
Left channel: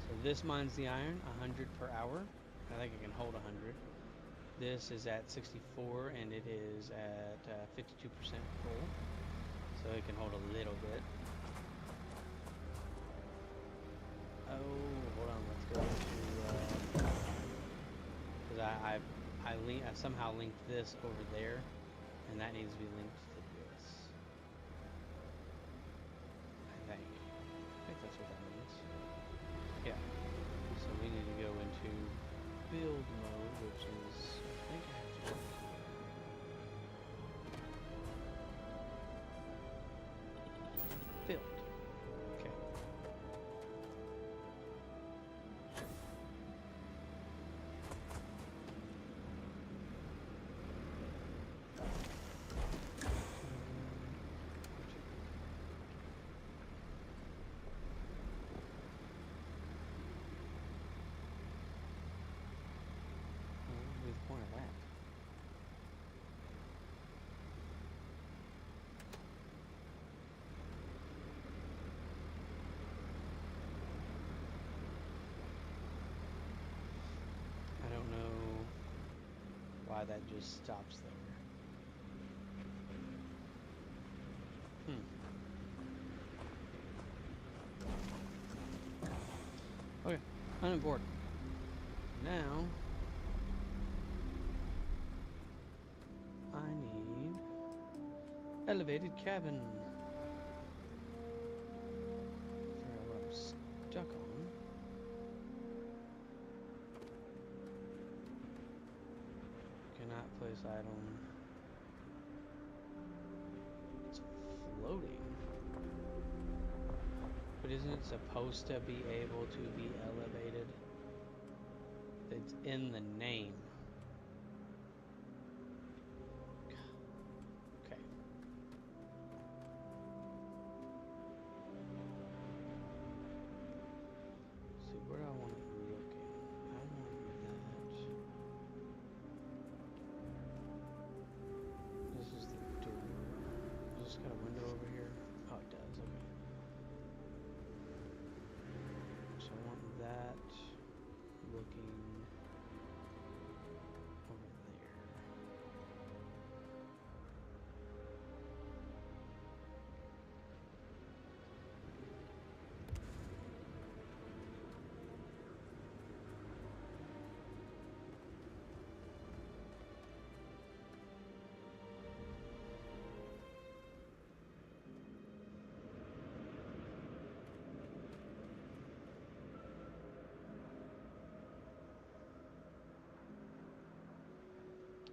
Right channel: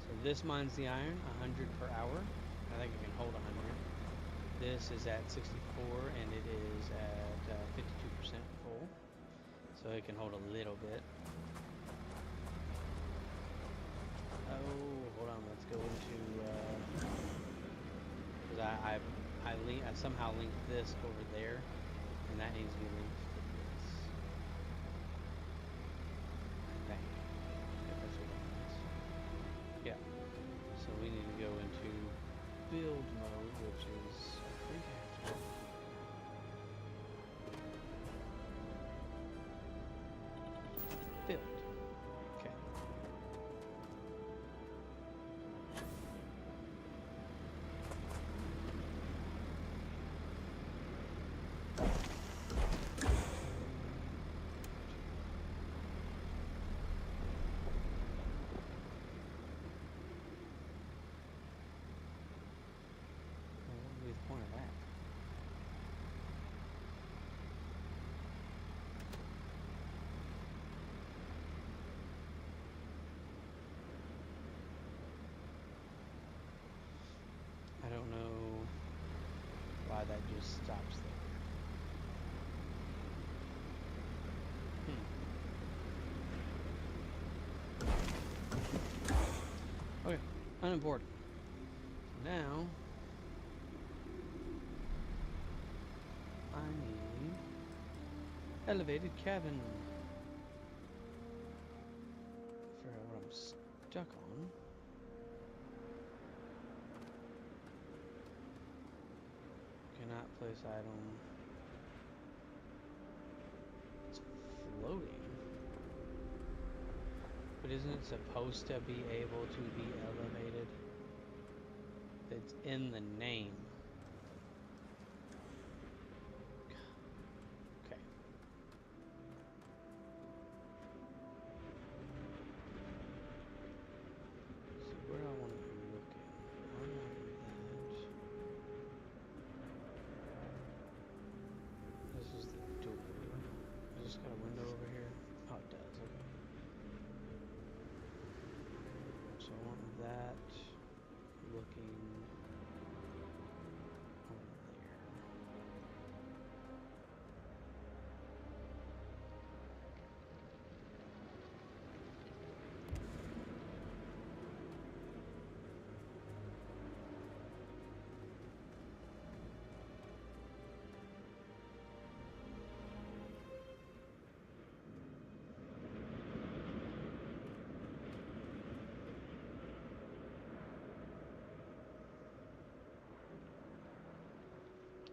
So this mines the iron, 100 per hour. I think it can hold 100. This is at 64 and it is at 52% full. So it can hold a little bit. Oh, hold on, let's go to, because I somehow linked this over there, and that needs to be linked to this. I think that's what that means. Yeah. So we need to go into build mode, which is, I think I have to go here. Build. Okay. What would be the point of that? I don't know why that just stops there. Okay, unimportant. Now, I need elevated cabin. Figure out what I'm stuck on. Cannot place item. It's floating. But isn't it supposed to be able to be elevated? It's in the name. Okay. See, where do I want it looking? I want that. This is the door. Has this got a window over here? Oh, it does. Okay. So I want that looking over there.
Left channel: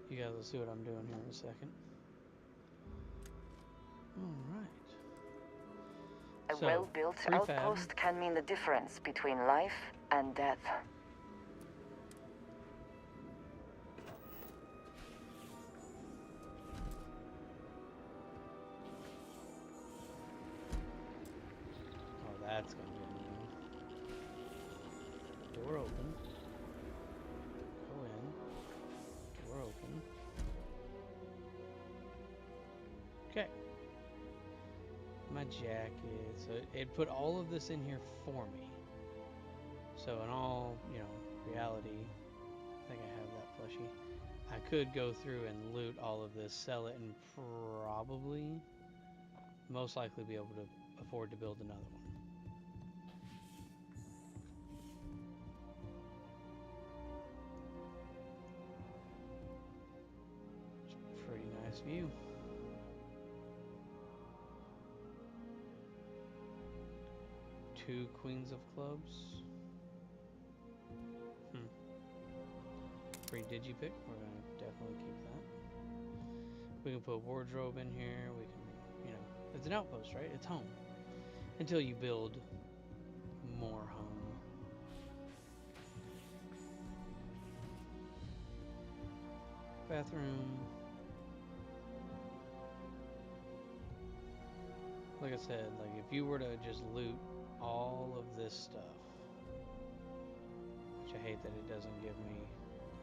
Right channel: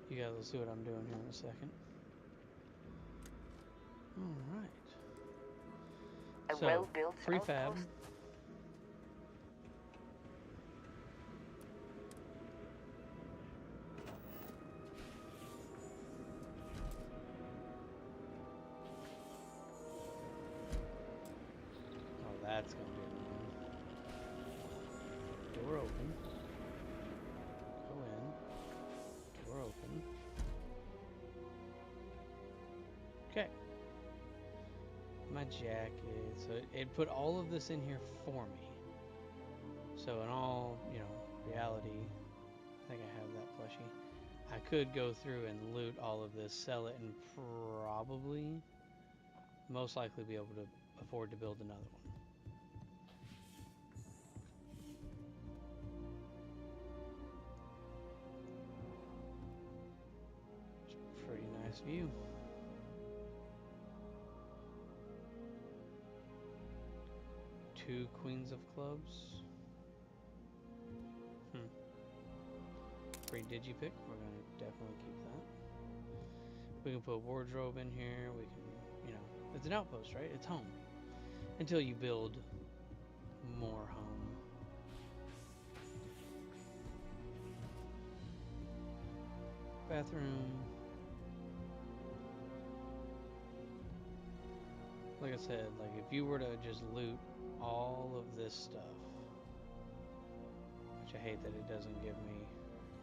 You guys will see what I'm doing here in a second. Alright. A well-built outpost can mean the difference between life and death. Oh, that's gonna be annoying. Door open. Go in. Door open. Okay. My jacket. So it put all of this in here for me. So in all, reality, I think I have that plushie. I could go through and loot all of this, sell it, and probably, most likely be able to afford to build another one. Nice view. Two queens of clubs. Free digipick. We're gonna definitely keep that. We can put a wardrobe in here. We can, you know, it's an outpost, right? It's home. Until you build more home. Bathroom. Like I said, like if you were to just loot all of this stuff, which I hate that it doesn't give me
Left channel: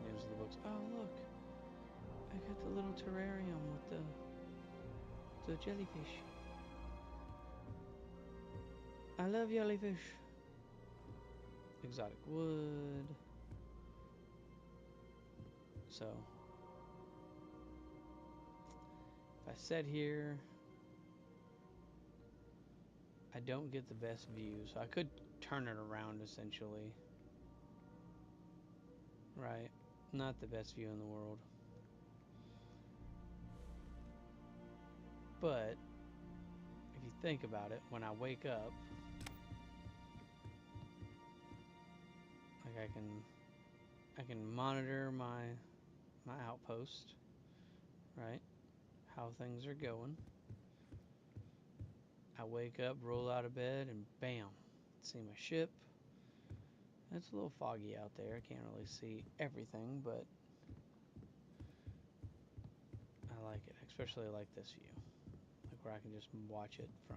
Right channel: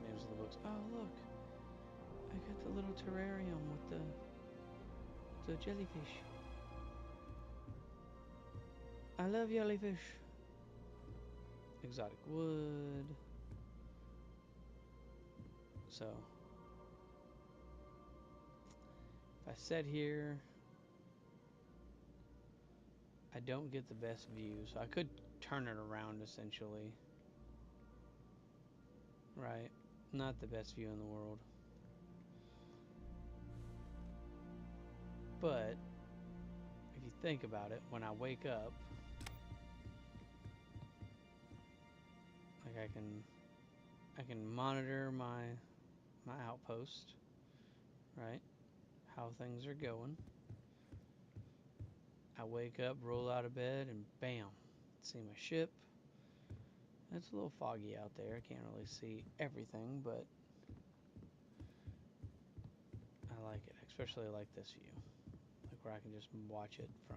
names of the books. Oh look, I got the little terrarium with the jellyfish. I love jellyfish. Exotic wood. So if I sit here, I don't get the best view, so I could turn it around essentially. Right? Not the best view in the world. But if you think about it, when I wake up, like I can monitor my outpost, right? How things are going. I wake up, roll out of bed, and bam, see my ship. It's a little foggy out there. I can't really see everything, but I like it. Especially like this view, like where I can just watch it from.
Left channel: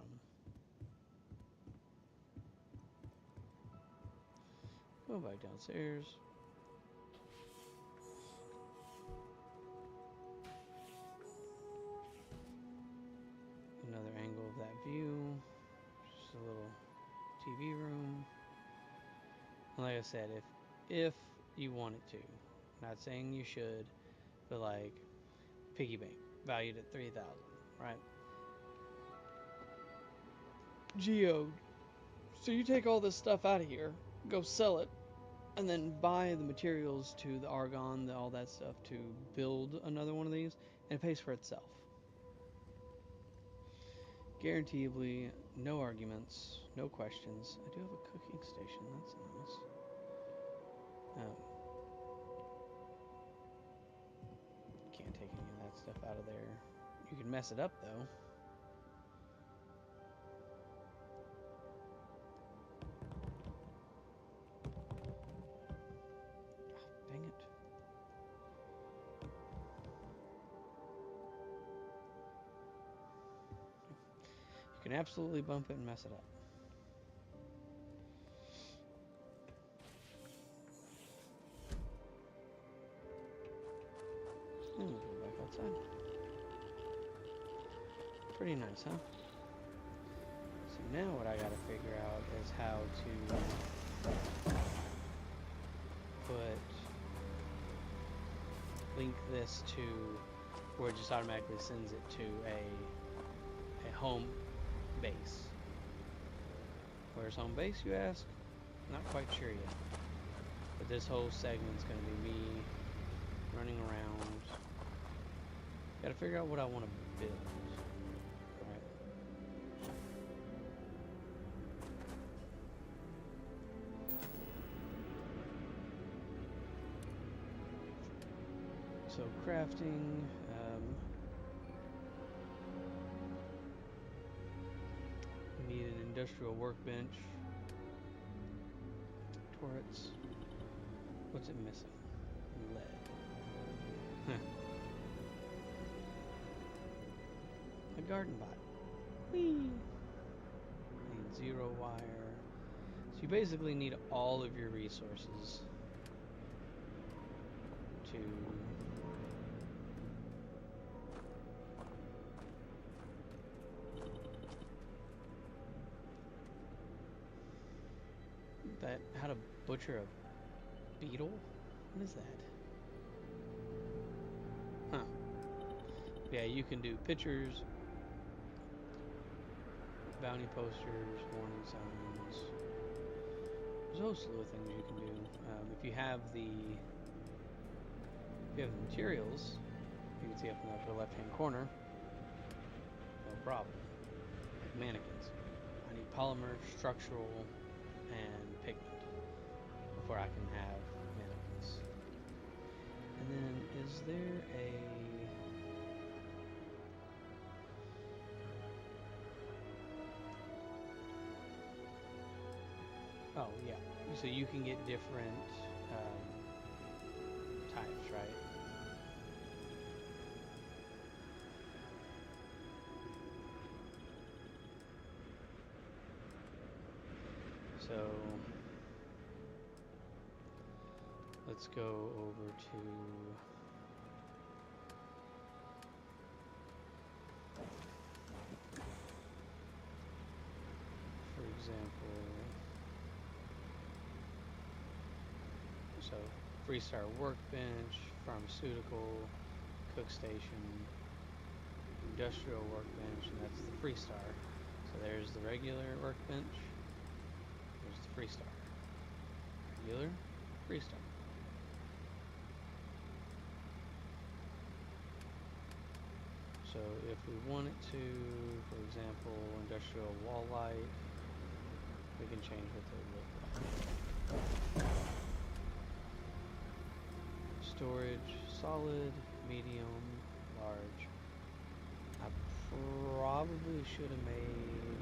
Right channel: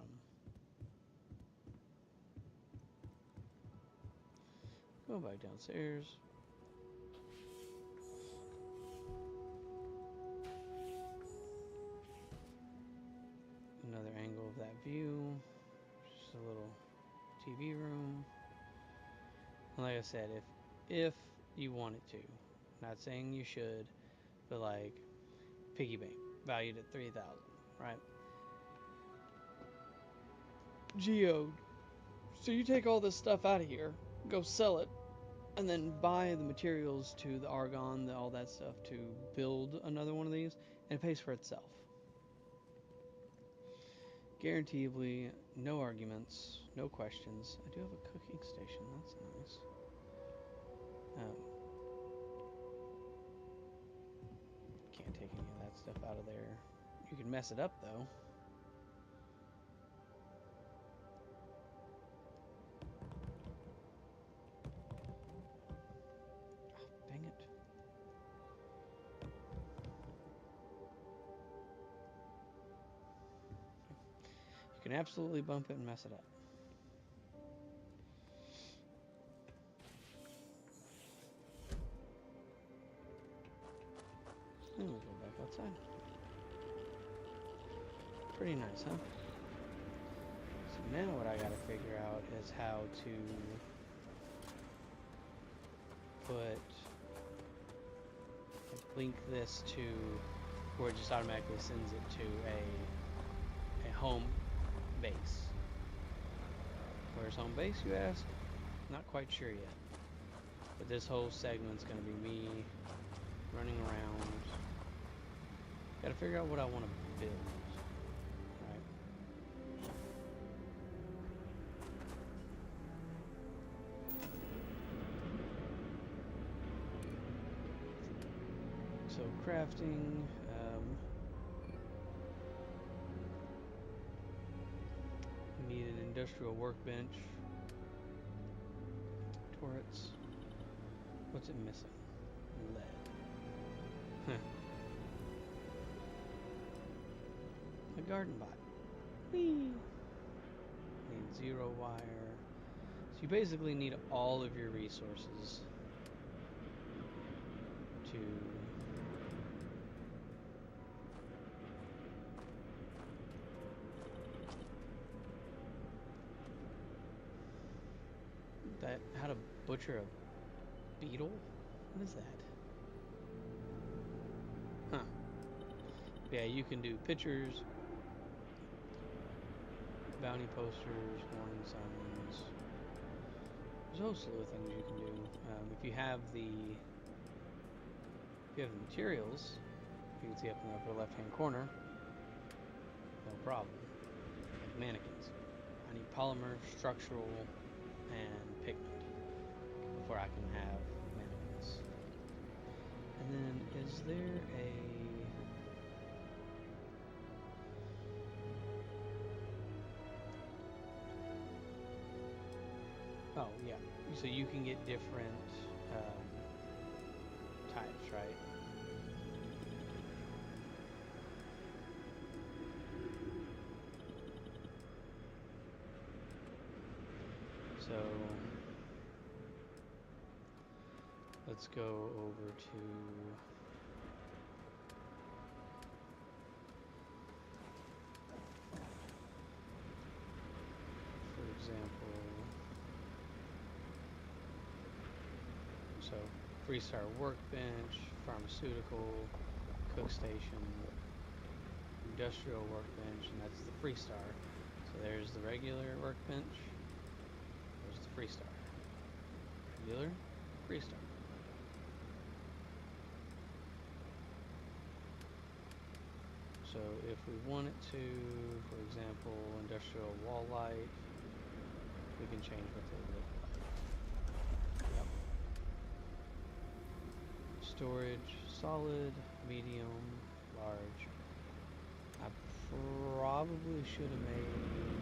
Go back downstairs. Another angle of that view. Just a little TV room. And like I said, if you wanted to, not saying you should, but like piggy bank valued at 3,000, right? Geode. So you take all this stuff out of here, go sell it, and then buy the materials to the argon, all that stuff to build another one of these, and it pays for itself. Guaranteedly, no arguments, no questions. I do have a cooking station, that's nice. Can't take any of that stuff out of there. You can mess it up though. Oh, dang it. You can absolutely bump it and mess it up. And we'll go back outside. Pretty nice, huh? So now what I gotta figure out is how to link this to where it just automatically sends it to a home base. Where's home base, you ask? Not quite sure yet. But this whole segment's gonna be me running around. Gotta figure out what I want to build. Right? So crafting, we need an industrial workbench. Turrets. What's it missing? Lead. A garden bot. Whee! Need 0 wire. So you basically need all of your resources to how to butcher a beetle? What is that? Huh. Yeah, you can do pictures, bounty posters, warning signs. There's a whole slew of things you can do. If you have the materials, you can see up in the upper left-hand corner, no problem. Like mannequins. I need polymer, structural, and pigment before I can have mannequins. And then, is there a... Oh, yeah. So you can get different types, right? So let's go over to for example, so Freestar Workbench, Pharmaceutical, Cook Station, Industrial Workbench, and that's the Freestar. So there's the regular workbench, there's the Freestar. Regular, Freestar. So if we wanted to, for example, industrial wall light, we can change what they look like. Storage, solid, medium, large. I probably should have made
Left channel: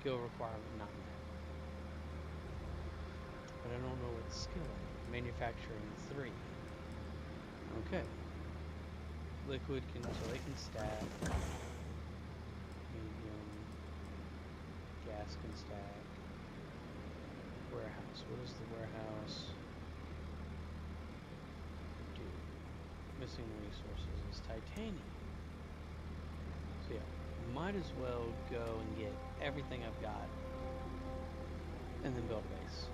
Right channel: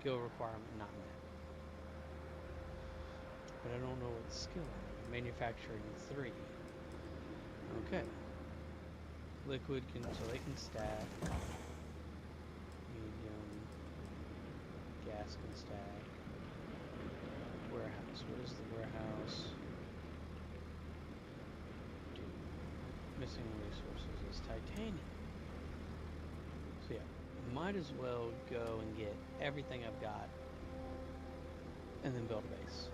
skill requirement not met. But I don't know what skill I need. Manufacturing 3. Okay. Liquid can, so they can stack. Medium. Gas can stack. Warehouse. What is the warehouse? Do. Missing resources is titanium. So yeah, might as well go and get everything I've got and then build a base.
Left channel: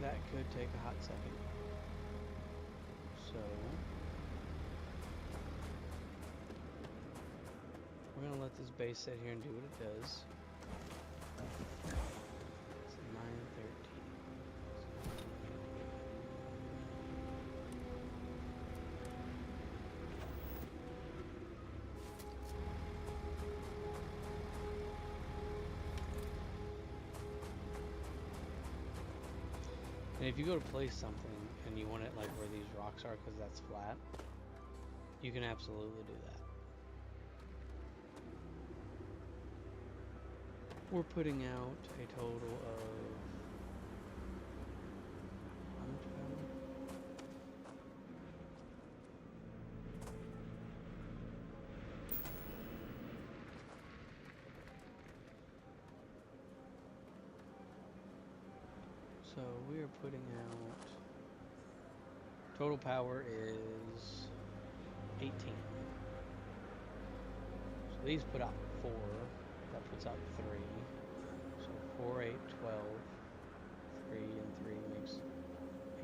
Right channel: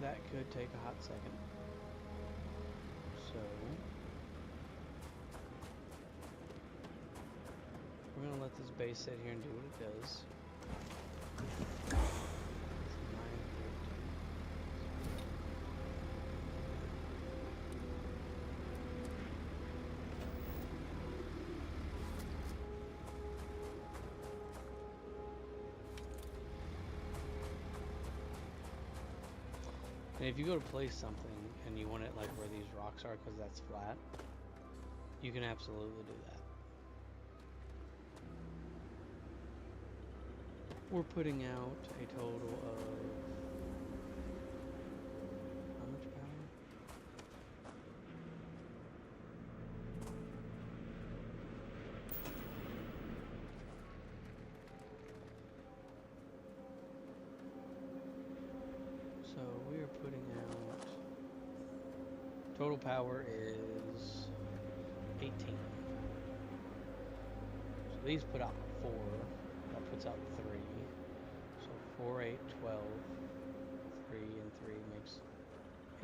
That could take a hot second. So we're gonna let this base sit here and do what it does. It's 9:13. And if you go to place something and you want it like where these rocks are because that's flat, you can absolutely do that. We're putting out a total of how much power? So we are putting out total power is 18. So these put out 4. That puts out 3. So 4, 8, 12. 3 and 3 makes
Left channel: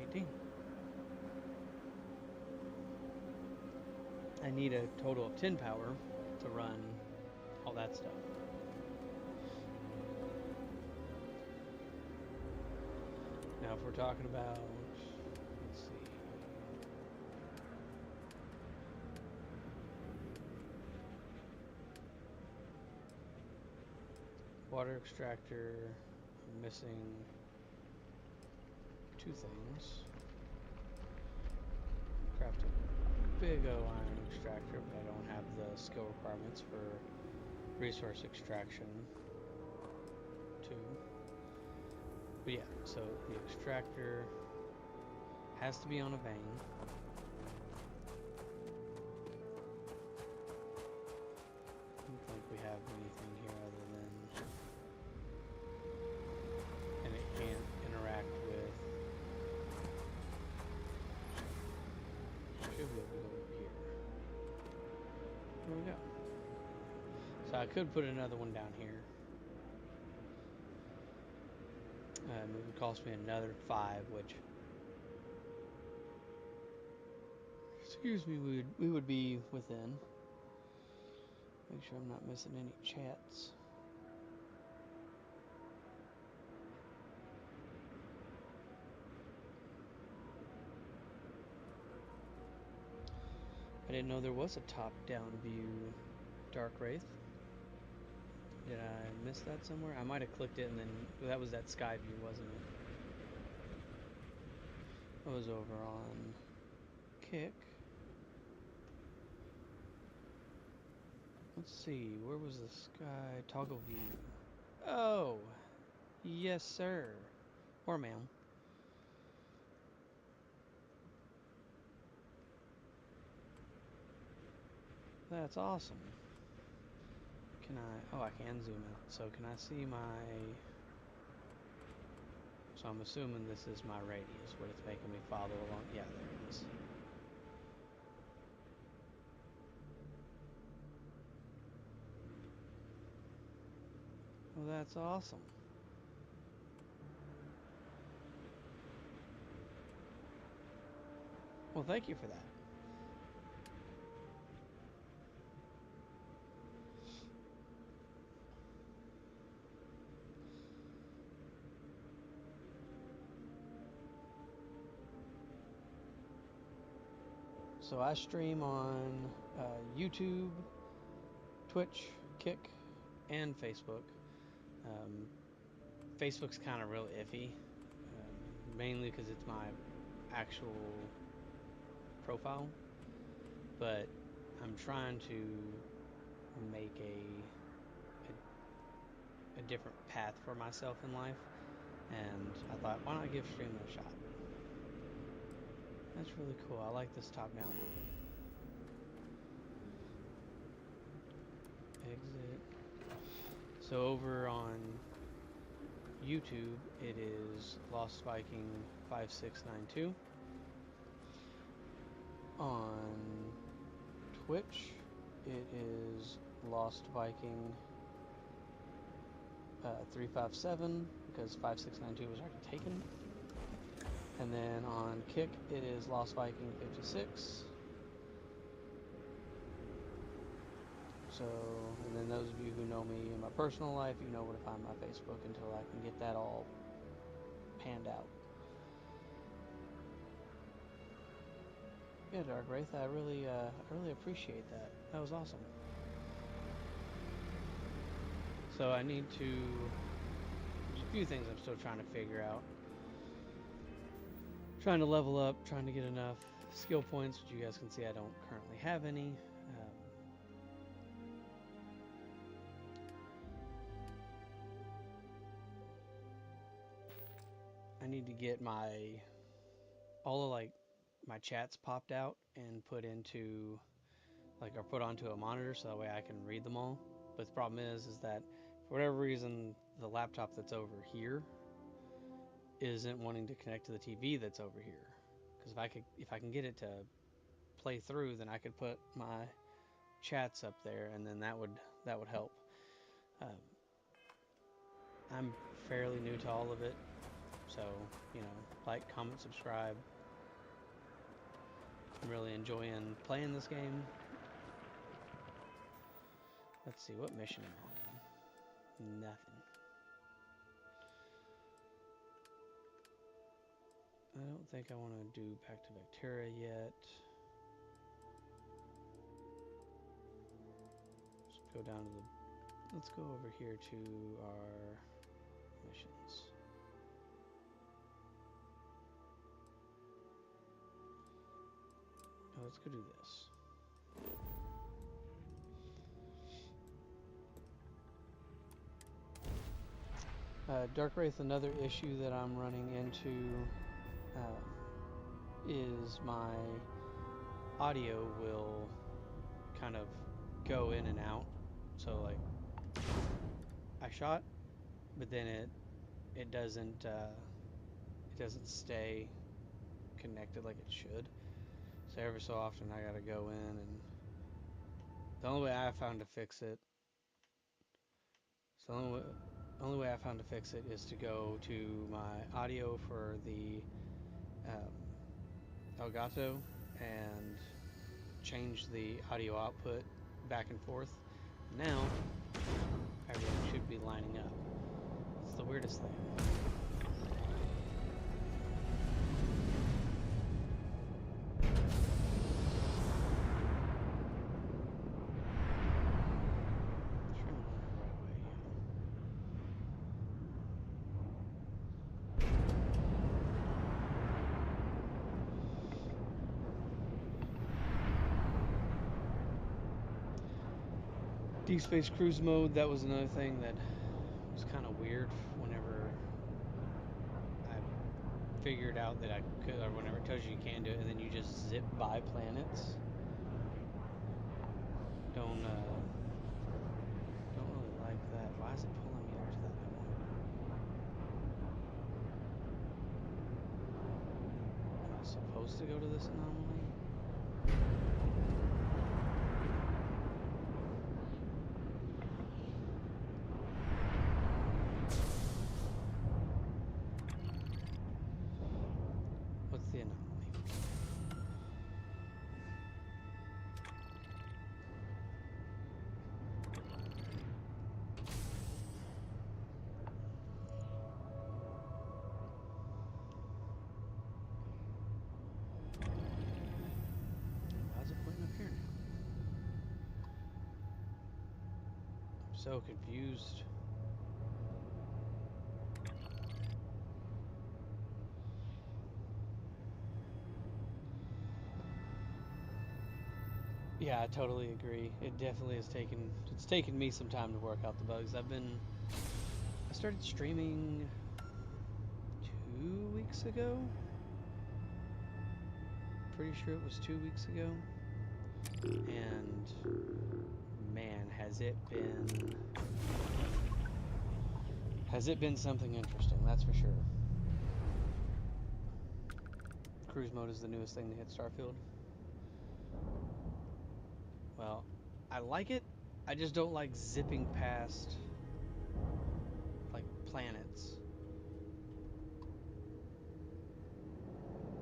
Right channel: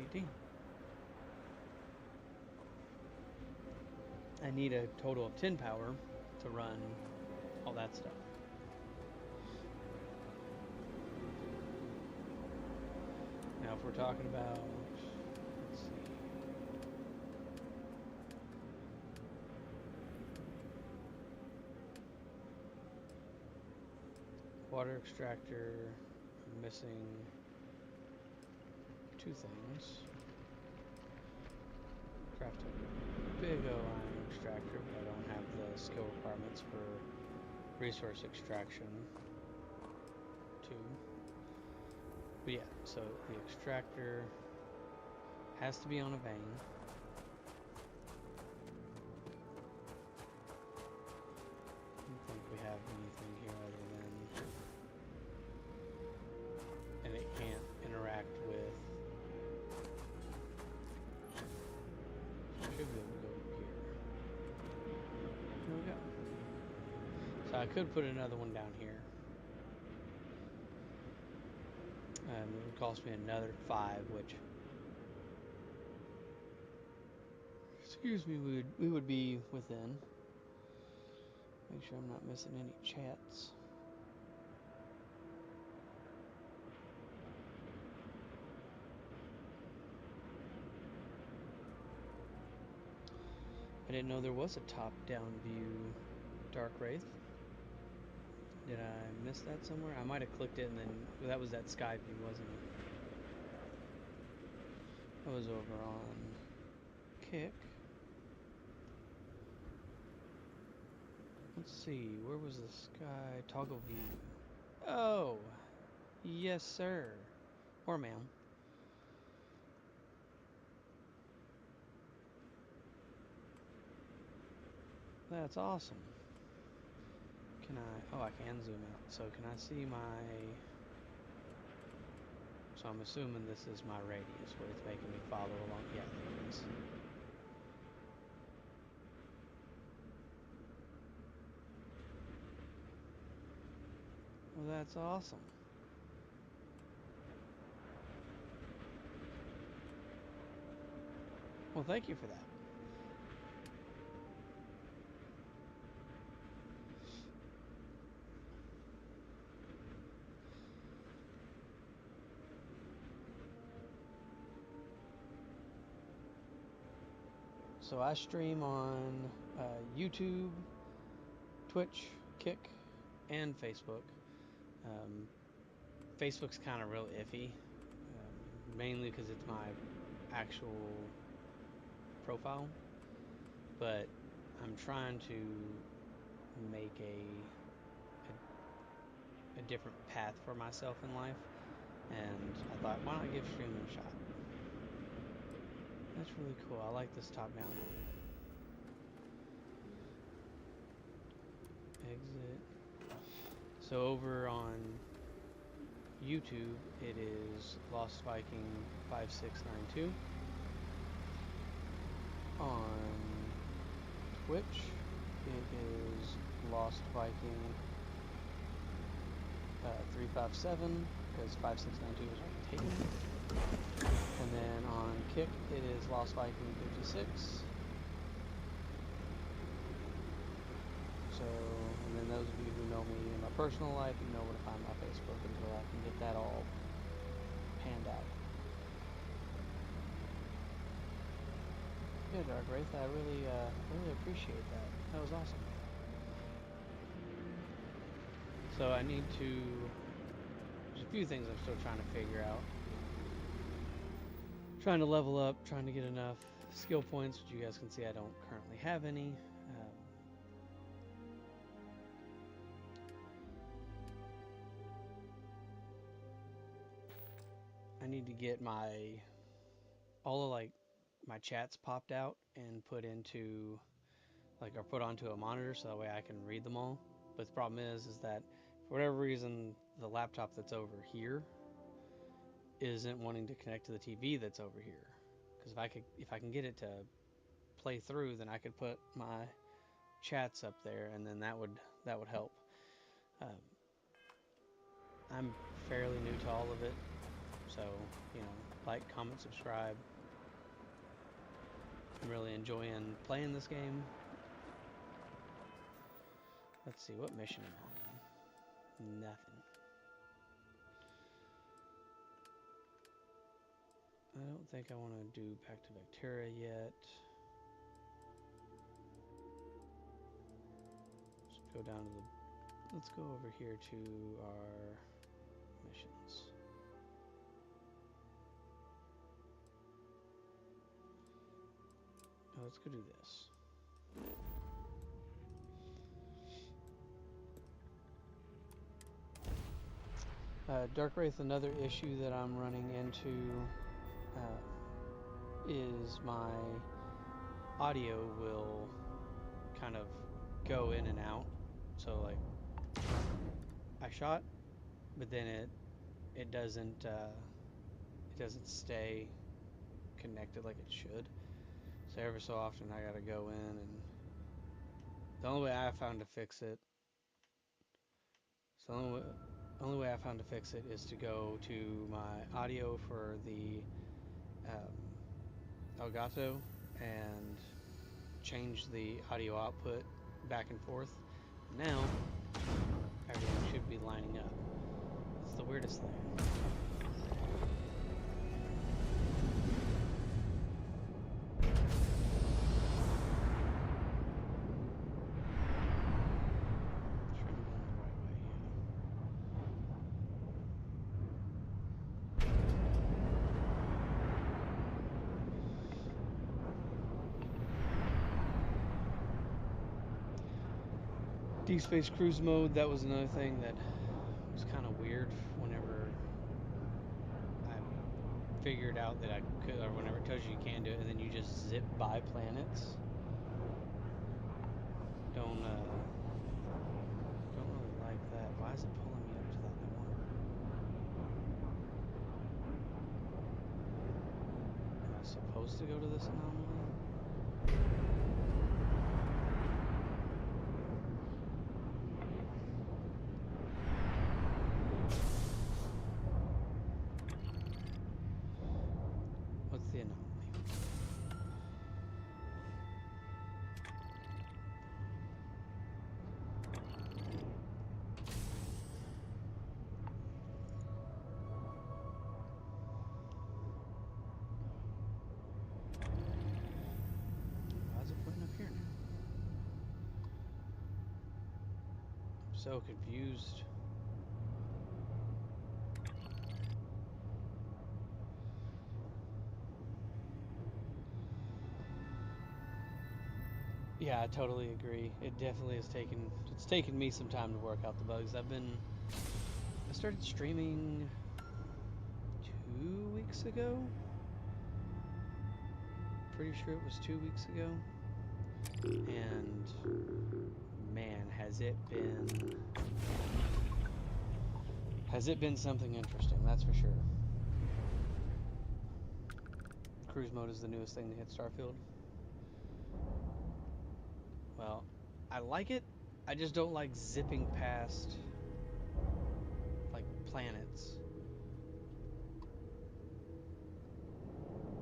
18. I need a total of 10 power to run all that stuff. Now if we're talking about, let's see. Water extractor, I'm missing 2 things. Craft a big O iron extractor, but I don't have the skill requirements for resource extraction 2. But yeah, so the extractor has to be on a vein. I don't think we have anything here other than, and it can't interact with, should be able to go here. Here we go. So I could put another one down here. It would cost me another 5, which is Excuse me, we would be within. Make sure I'm not missing any chats. I didn't know there was a top-down view Dark Wraith. Did I miss that somewhere? I might have clicked it and then that was that sky view, wasn't it? That was over on Kick. Let's see, where was the sky toggle view? Oh, yes, sir. Or ma'am. That's awesome. Can I, oh, I can zoom out. So can I see my, so I'm assuming this is my radius, what it's making me follow along. Yeah, there it is. Well, that's awesome. Well, thank you for that. So I stream on YouTube, Twitch, Kick, and Facebook. Facebook's kind of real iffy, mainly because it's my actual profile, but I'm trying to make a different path for myself in life, and I thought, why not give streaming a shot? That's really cool. I like this top-down one. Exit. So over on YouTube, it is Lost Viking 5692. On Twitch, it is Lost Viking 357 because 5692 was already taken. And then on Kick, it is Lost Viking 56. So, and then those of you who know me in my personal life, you know where to find my Facebook until I can get that all panned out. Yeah, Dark Wraith, I really appreciate that. That was awesome. So I need to, there's a few things I'm still trying to figure out. Trying to level up, trying to get enough skill points, which you guys can see I don't currently have any. I need to get all of like my chats popped out and put into or put onto a monitor so that way I can read them all. But the problem is that for whatever reason the laptop that's over here isn't wanting to connect to the TV that's over here. Because if I can get it to play through, then I could put my chats up there, and then that would help. I'm fairly new to all of it, so like, comment, subscribe. I'm really enjoying playing this game. Let's see, what mission am I on? Nothing. I don't think I want to do back to Vectura yet. Let's go down to let's go over here to our missions. Oh, let's go do this. Dark Wraith, another issue that I'm running into is my audio will kind of go in and out. So like I shot, but then it doesn't stay connected like it should. So every so often I gotta go in, and the only way I found to fix it. So the only way I found to fix it is to go to my audio for the Elgato and changed the audio output back and forth. Now, everything should be lining up. It's the weirdest thing. Deep Space Cruise mode, that was another thing that was kind of weird whenever I figured out that I could, or whenever it tells you you can do it, and then you just zip by planets. Don't really like that. Why is it pulling me up to that? Am I supposed to go to this anomaly? What's the anomaly? Why is it pointing up here now? I'm so confused. Yeah, I totally agree. It definitely has taken me some time to work out the bugs. I started streaming 2 weeks ago. Pretty sure it was 2 weeks ago. And man, has it been something interesting, that's for sure. Cruise mode is the newest thing to hit Starfield. Well, I like it. I just don't like zipping past like planets.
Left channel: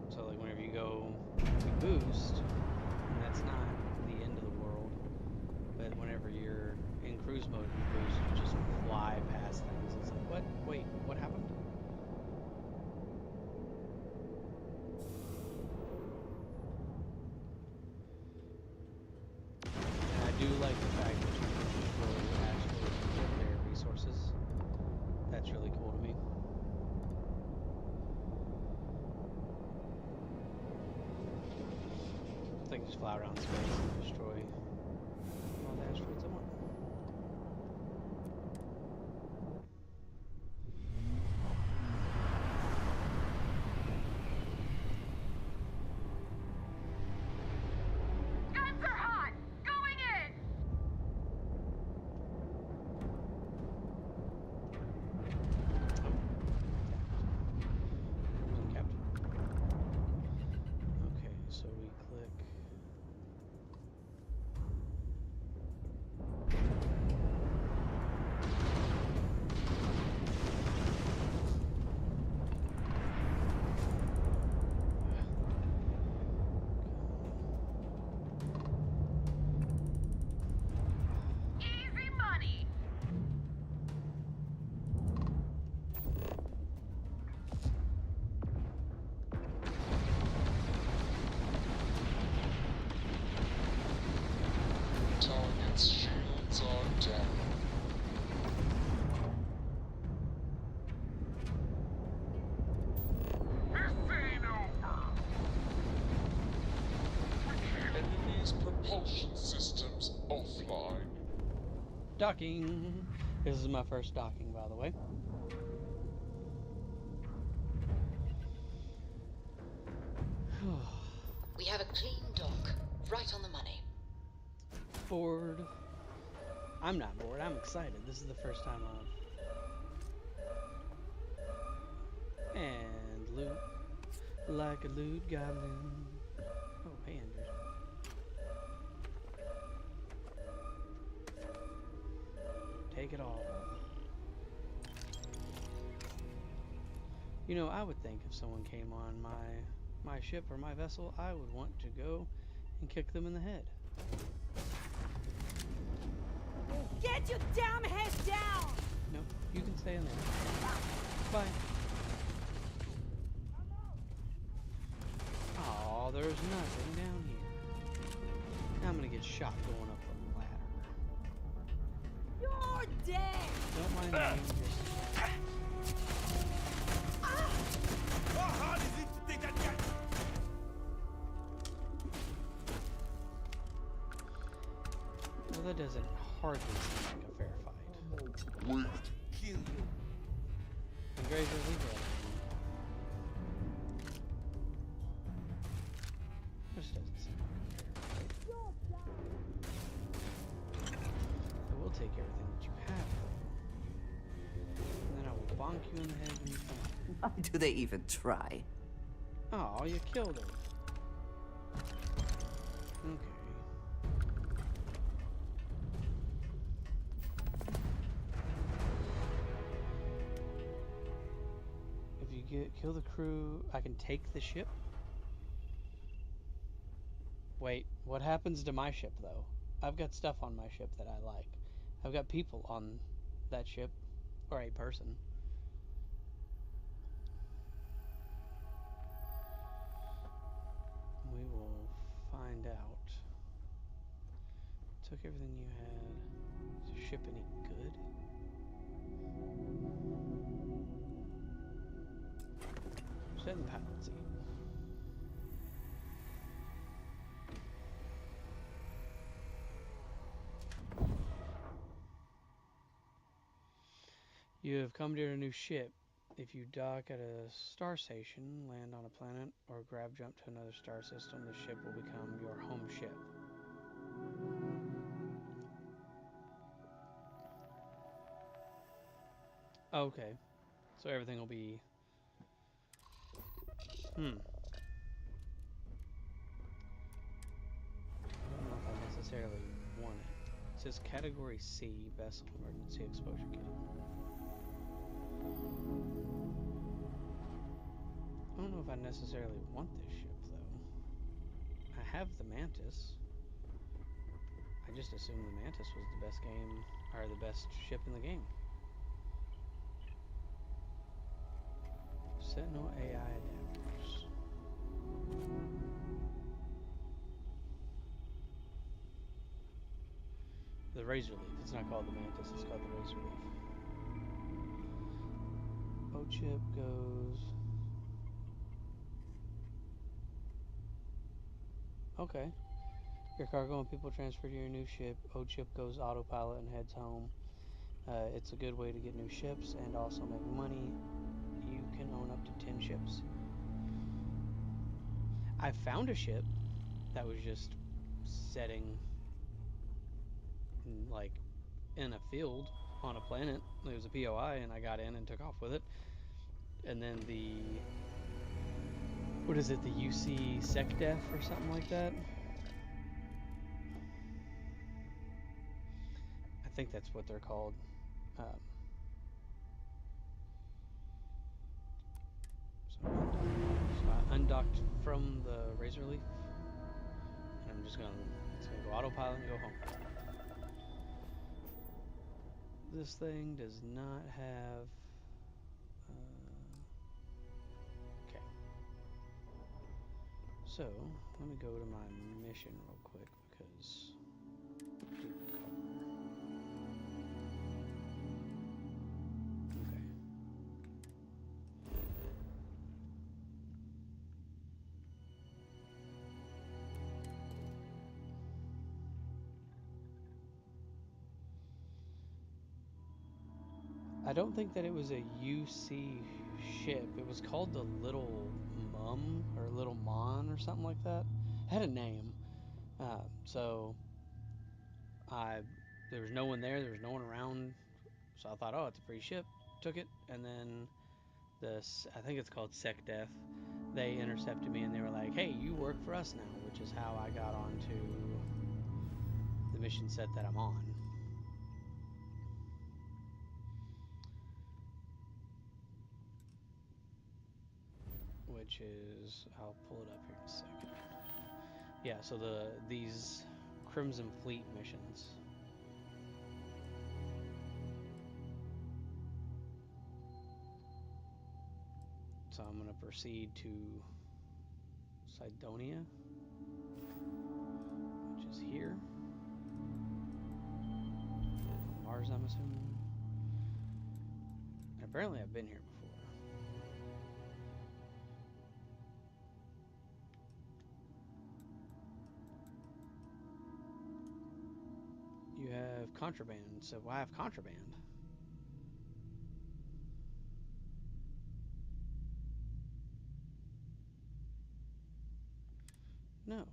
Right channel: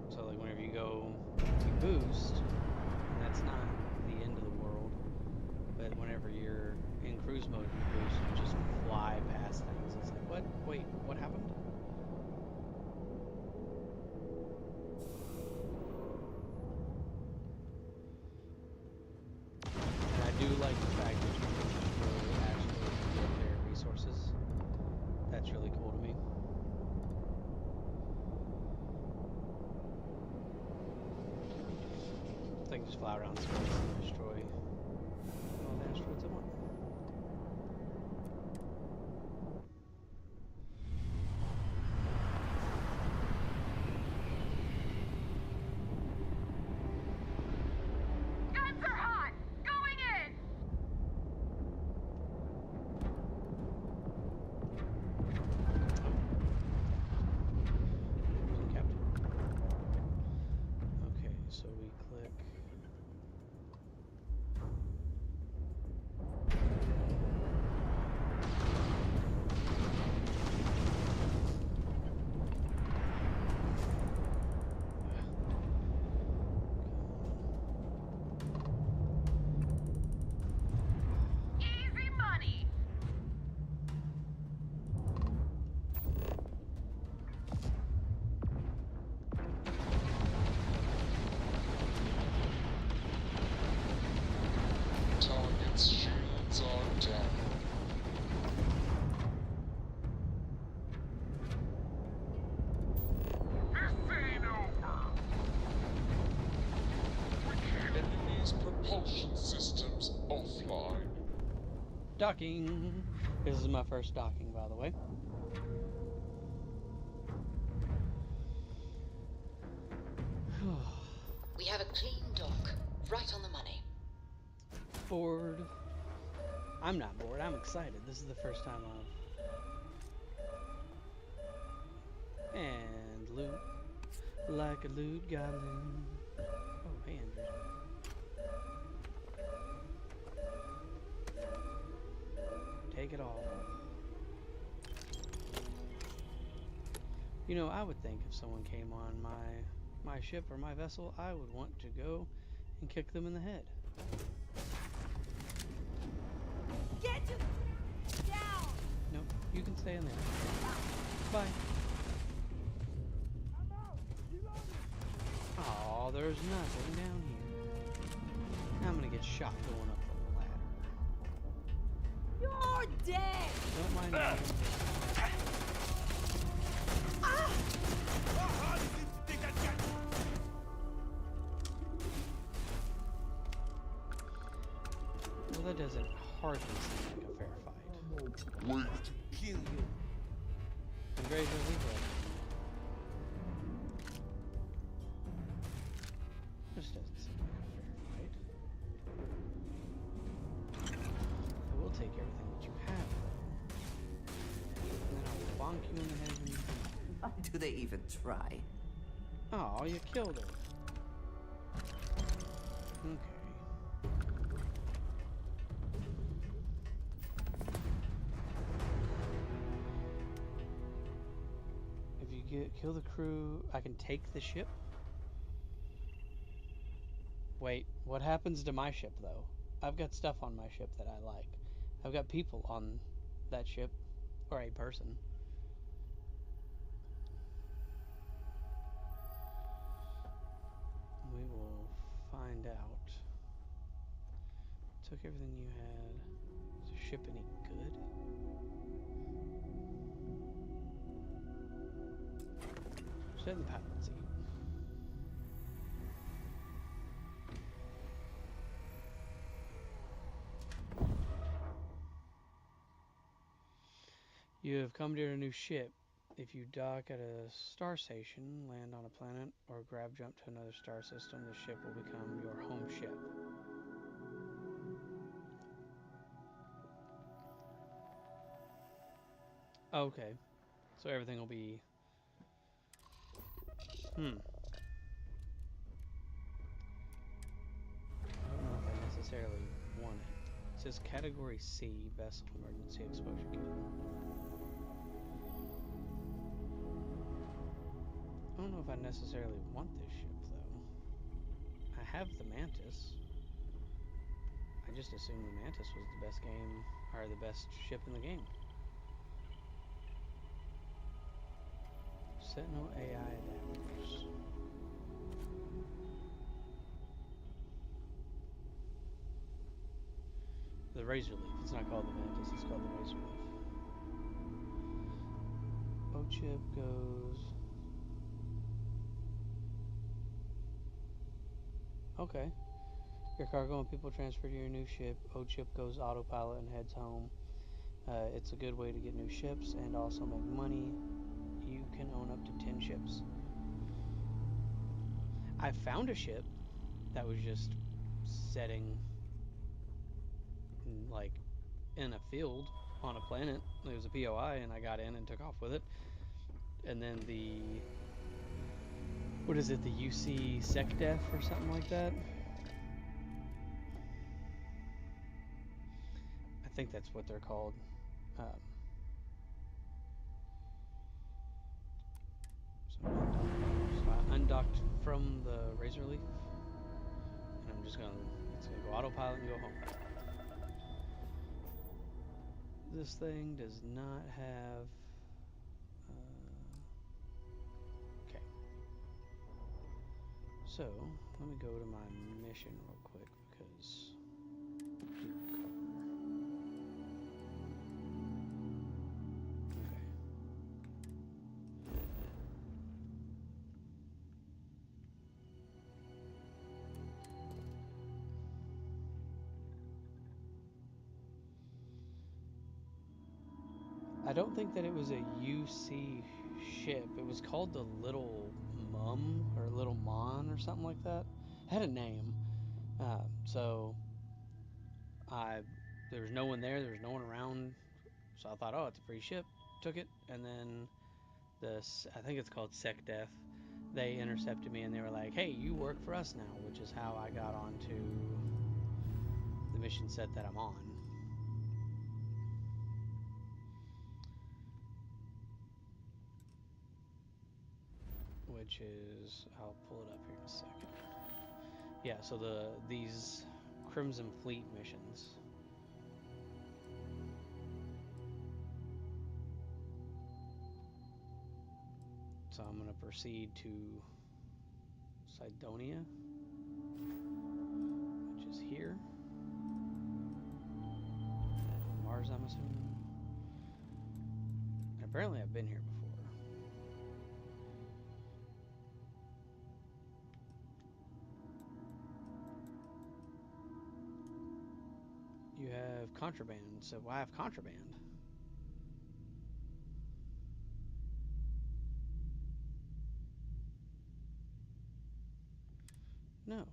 So like whenever you boost, and that's not the end of the world, but whenever you're in cruise mode and you boost, you just fly past things. It's like, what? Wait, what happened? And I do like the fact that you can just really actually get their resources. That's really cool to me. I think just fly around space and destroy all the asteroids I want. Guns are hot! Going in! Captain. Okay, so we click. Easy money! Target's shields are down. Enemy's propulsion systems offline. Docking. This is my first docking, by the way. We have a clean dock, right on the money. Bored. I'm not bored. I'm excited. This is the first time and loot like a loot goblin. Oh, hey, Andrew. Take it all. You know, I would think if someone came on my ship or my vessel, I would want to go and kick them in the head. Get your damn head down! Nope, you can stay in there. Bye. Oh, there's nothing down here. Now I'm gonna get shot going up the ladder. You're dead! Don't mind me. How hard is it to take that guy? Well, that doesn't hardly seem like a fair fight. Wait to kill you. And Grazer, leave her alone. This doesn't seem like a fair fight. I will take everything that you have, though. And then I will bonk you in the head when you come up. Why do they even try? Oh, you killed her. Okay. If you kill the crew, I can take the ship? Wait, what happens to my ship, though? I've got stuff on my ship that I like. I've got people on that ship, or a person. We will find out. Took everything you had. Is the ship any good? Sit in the pilot seat. You have come to your new ship. If you dock at a star station, land on a planet, or grab jump to another star system, the ship will become your home ship. Okay. So everything will be... I don't know if I necessarily want it. It says Category C, Vessel Emergency Exposure Kit. I don't know if I necessarily want this ship, though. I have the Mantis. I just assumed the Mantis was the best game, or the best ship in the game. Sentinel AI adapters. The Razor Leaf. It's not called the Mantis, it's called the Razor Leaf. O-chip goes... Okay. Your cargo and people transfer to your new ship. O-chip goes autopilot and heads home. It's a good way to get new ships and also make money. You can own up to 10 ships. I found a ship that was just setting like in a field on a planet. It was a POI and I got in and took off with it. And then the... What is it? The UC SecDef or something like that? I think that's what they're called. So I undocked from the Razor Leaf, and I'm just it's gonna go autopilot and go home. This thing does not have. Okay. So let me go to my mission real quick because. Okay. I don't think that it was a UC ship. It was called the Little Mum or Little Mon or something like that. It had a name. So there was no one there. There was no one around. So I thought, oh, it's a free ship. Took it, and then I think it's called SecDef. They intercepted me and they were like, hey, you work for us now, which is how I got onto the mission set that I'm on. Which is, I'll pull it up here in a second. Yeah, so these Crimson Fleet missions. So I'm going to proceed to Cydonia, which is here. Mars, I'm assuming. And apparently I've been here before. You have contraband, so why have contraband? No.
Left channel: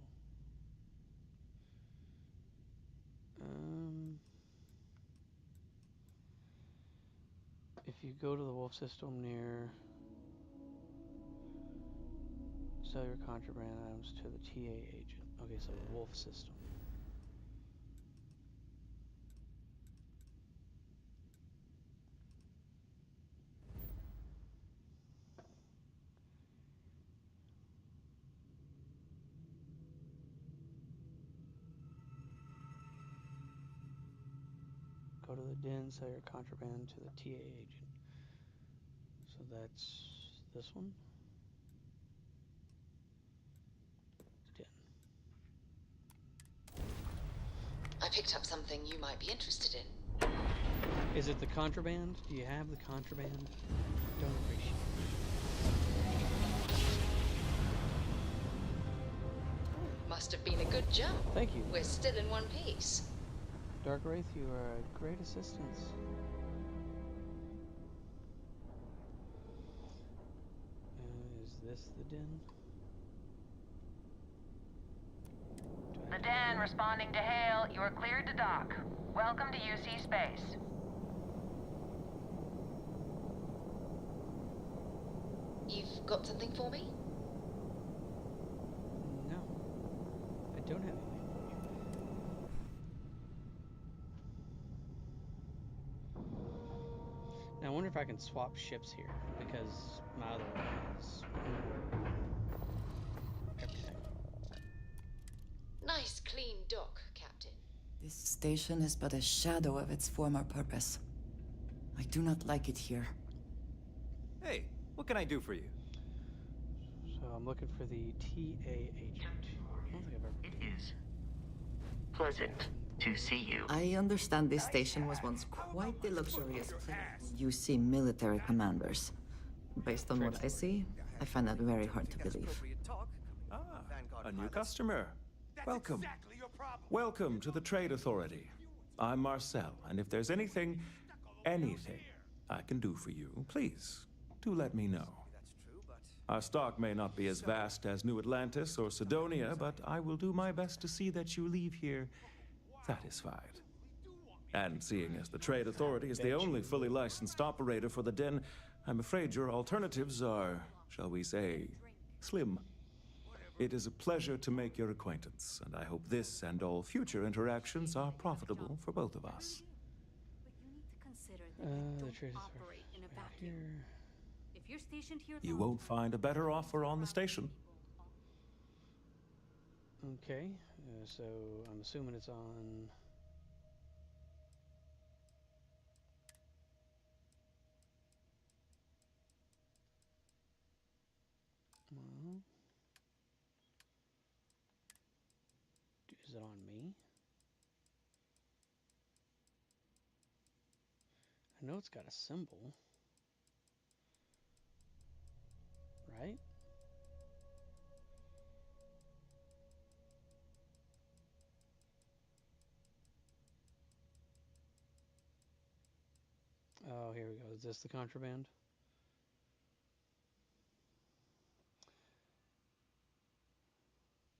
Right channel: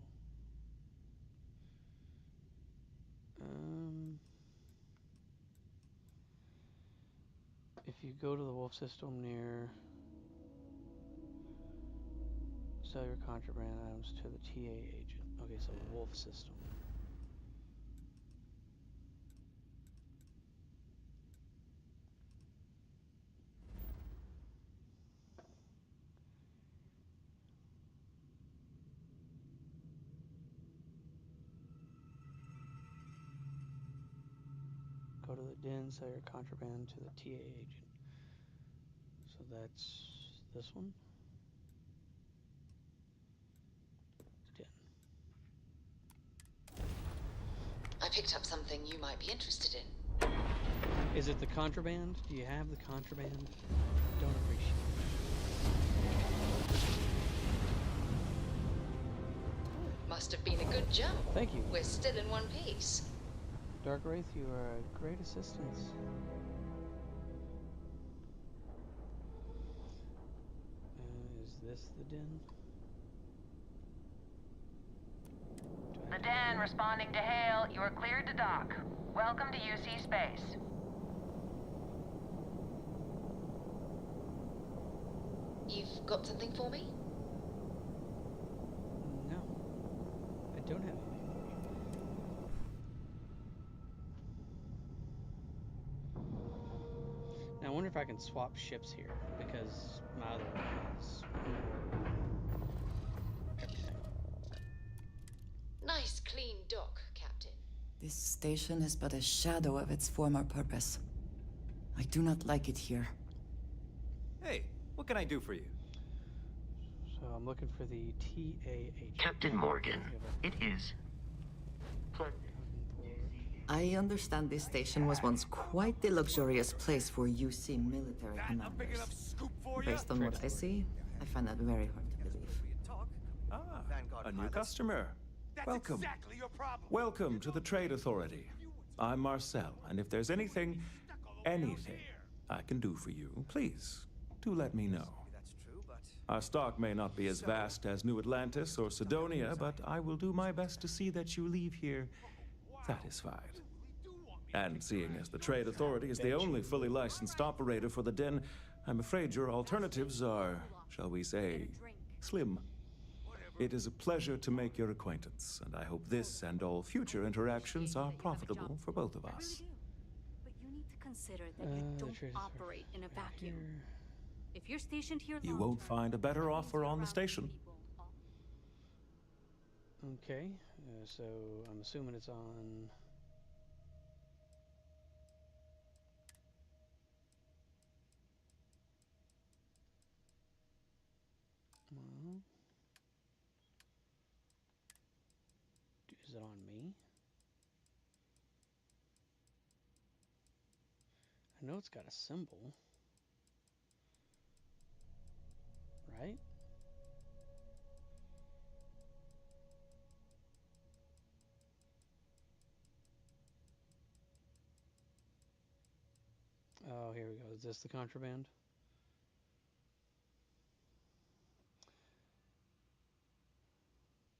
If you go to the wolf system near, sell your contraband items to the TA agent. Okay, so wolf system. Go to the den, sell your contraband to the TA agent. So that's this one. Den. I picked up something you might be interested in. Is it the contraband? Do you have the contraband? Don't appreciate it. Must have been a good jump. Thank you. We're still in one piece. Dark Wraith, you are a great assistance. Is this the den? The den responding to hail. You are cleared to dock. Welcome to UC space. You've got something for me? No. I don't have anything for you. Now I wonder if I can swap ships here, because my other one has everything. Nice clean dock, Captain. This station is but a shadow of its former purpose. I do not like it here. Hey, what can I do for you? So I'm looking for the TA agent. Captain Morgan, it is pleasant to see you. I understand this station was once quite the luxurious place for UC military commanders. Based on what I see, I find that very hard to believe. Ah, a new customer. Welcome. Welcome to the Trade Authority. I'm Marcel, and if there's anything I can do for you, please, do let me know. Our stock may not be as vast as New Atlantis or Cydonia, but I will do my best to see that you leave here satisfied. And seeing as the Trade Authority is the only fully licensed operator for the den, I'm afraid your alternatives are, shall we say, slim. It is a pleasure to make your acquaintance, and I hope this and all future interactions are profitable for both of us. But you need to consider that you don't operate in a vacuum. If you're stationed here, You won't find a better offer on the station. Okay, so I'm assuming it's on... Well, is it on me? I know it's got a symbol. Right? Oh, here we go. Is this the contraband?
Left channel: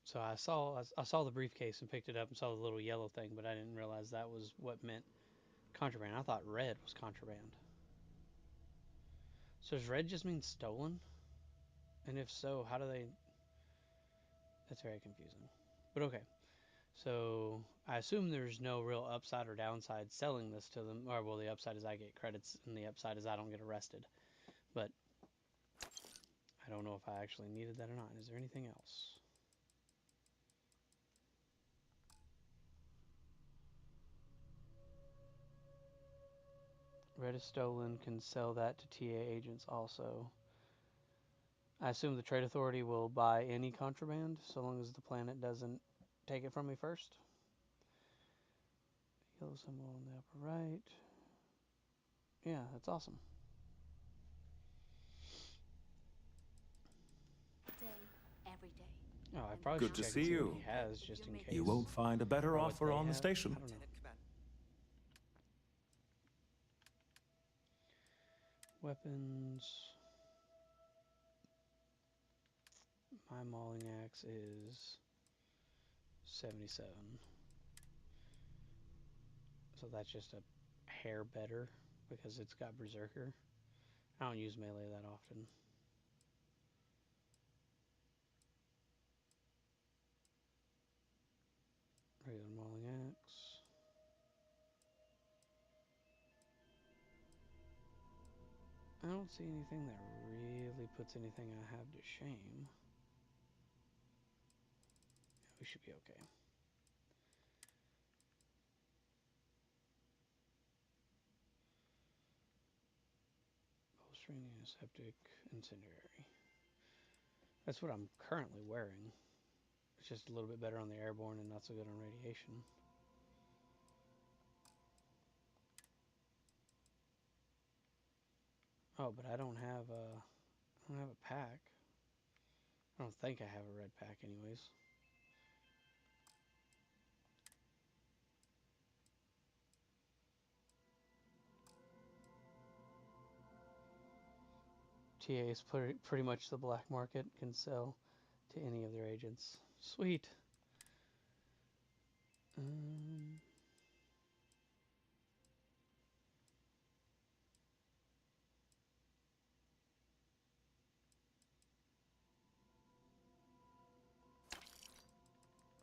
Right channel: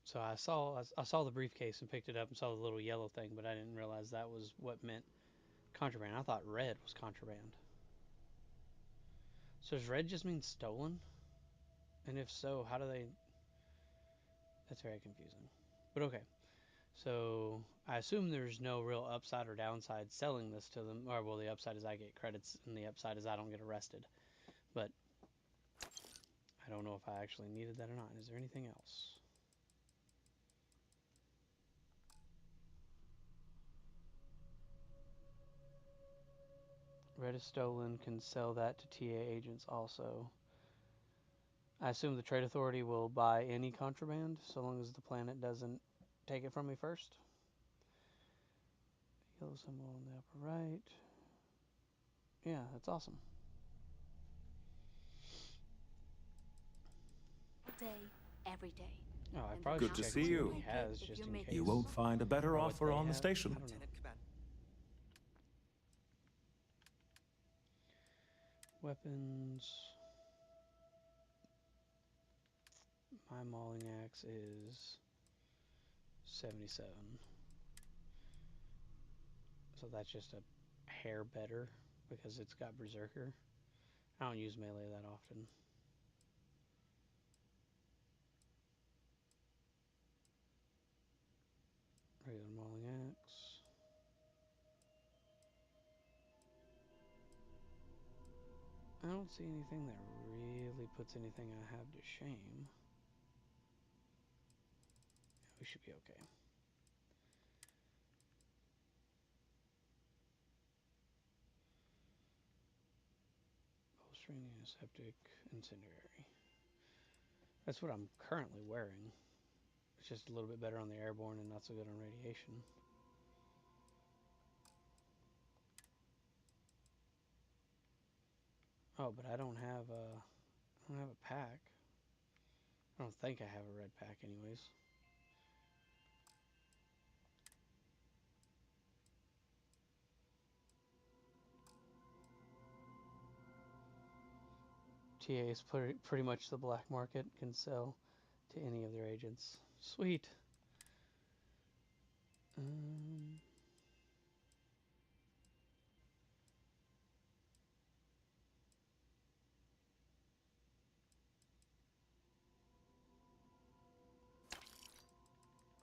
So I saw the briefcase and picked it up and saw the little yellow thing, but I didn't realize that was what meant contraband. I thought red was contraband. So does red just mean stolen? And if so, how do they... That's very confusing. But okay. So I assume there's no real upside or downside selling this to them. Or, well, the upside is I get credits, and the upside is I don't get arrested. But I don't know if I actually needed that or not. Is there anything else? Red is stolen. Can sell that to TA agents also. I assume the Trade Authority will buy any contraband so long as the planet doesn't take it from me first. Yellow symbol on the upper right. Yeah, that's awesome. Day, every day. Oh, I probably Good should to check see and see you. what he has just in case. You won't find a better offer on the station. I don't know. Weapons. My mauling axe is 77. So that's just a hair better because it's got Berserker. I don't use melee that often. Regular mauling axe. I don't see anything that really puts anything I have to shame. We should be okay. Bowstring, antiseptic, incendiary. That's what I'm currently wearing. It's just a little bit better on the airborne and not so good on radiation. Oh, but I don't have a pack. I don't think I have a red pack anyways. TA is pretty much the black market, can sell to any of their agents. Sweet.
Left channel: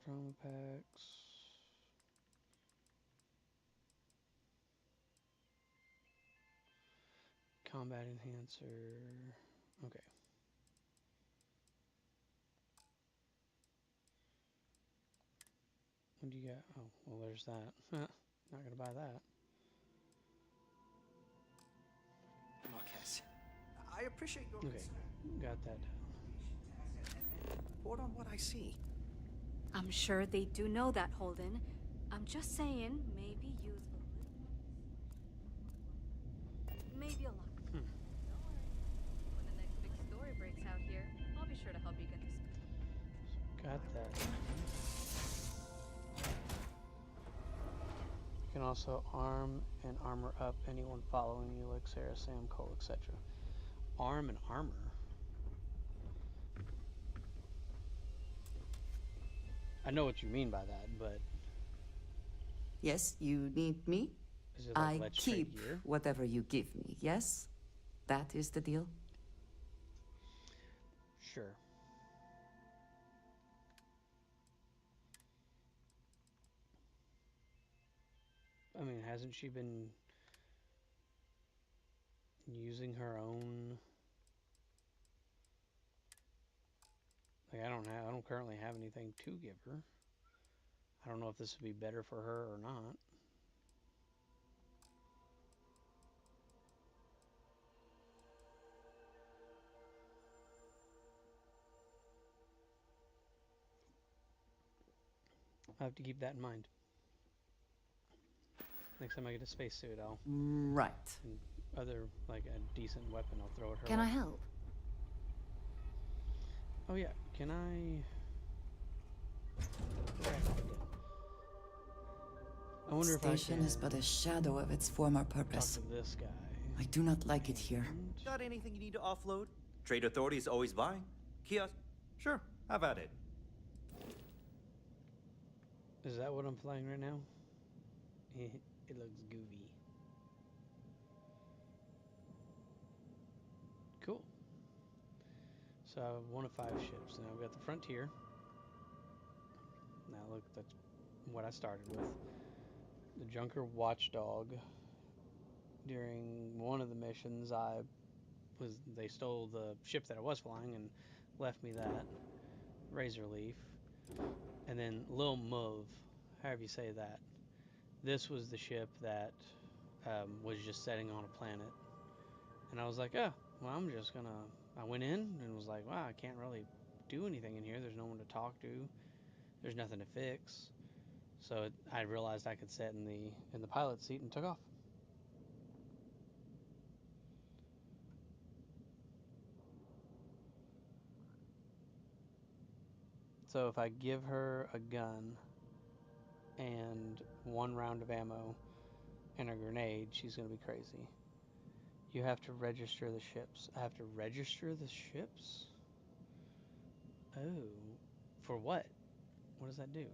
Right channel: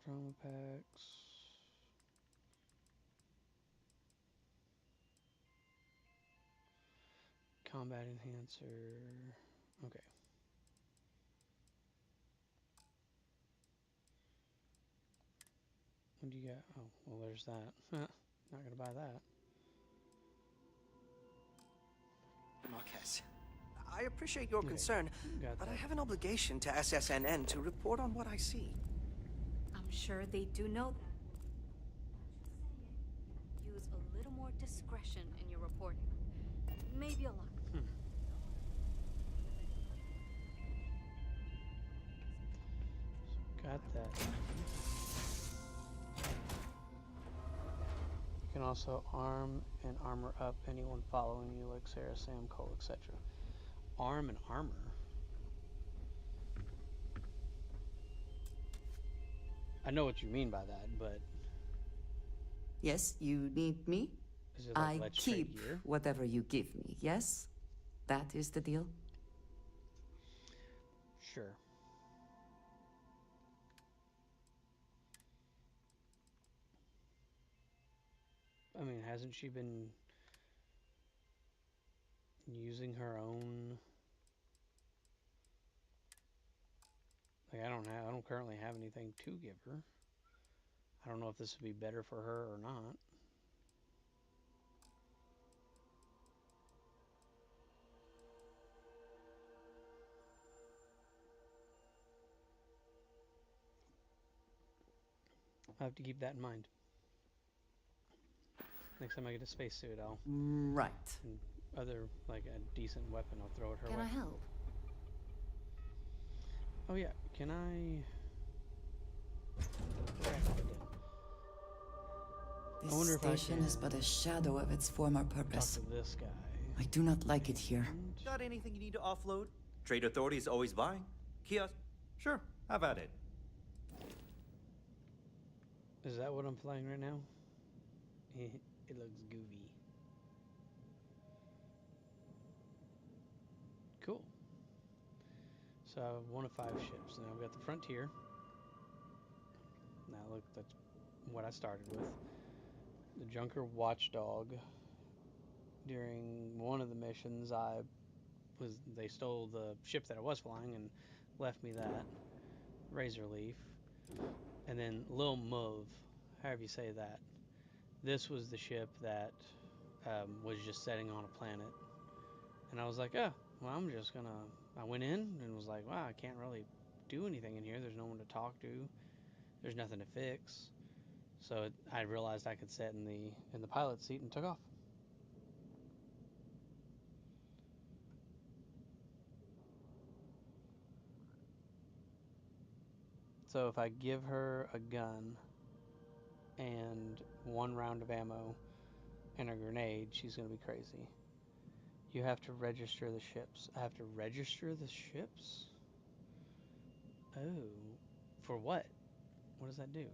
Trauma packs. Combat enhancer. Okay. What do you got? Oh, well, there's that. Not gonna buy that. Marquez, I appreciate your Okay, concern, but I have an obligation to SSNN to report on what I see. I'm sure they do know that, Holden. I'm just saying, maybe use a little more discretion in your reporting. Maybe a lot. When the next big story breaks out here, I'll be sure to help you get this. Got that. You can also arm and armor up anyone following you, like Sarah, Sam, Cole, etc. Arm and armor? I know what you mean by that, but... Yes, you need me? Is it like, I let's keep trade gear? whatever you give me, yes? That is the deal? Sure. I mean, hasn't she been using her own? Like, I don't currently have anything to give her. I don't know if this would be better for her or not. I have to keep that in mind. Next time I get a spacesuit, I'll... Right. And other, like, a decent weapon, I'll throw it her way. Can I help? Oh yeah, can I... This station is but a shadow of its former purpose. Talk to this guy. I do not like it here. Got anything you need to offload? Trade Authority is always buying. Kiosk? Sure, have at it. Is that what I'm flying right now? It looks goofy. Cool. So I have one of 5 ships. Now I've got the Frontier. Now look, that's what I started with. The Junker Watchdog. During one of the missions, they stole the ship that I was flying and left me that. Razorleaf. And then Lil Mauve, however you say that. This was the ship that was just setting on a planet, and I was like, oh, well, I'm just gonna. I went in and was like, wow, I can't really do anything in here. There's no one to talk to. There's nothing to fix. So I realized I could sit in the pilot seat and took off. So if I give her a gun and 1 round of ammo and a grenade, she's gonna be crazy. You have to register the ships. I have to register the ships? Oh. For what? What does that do?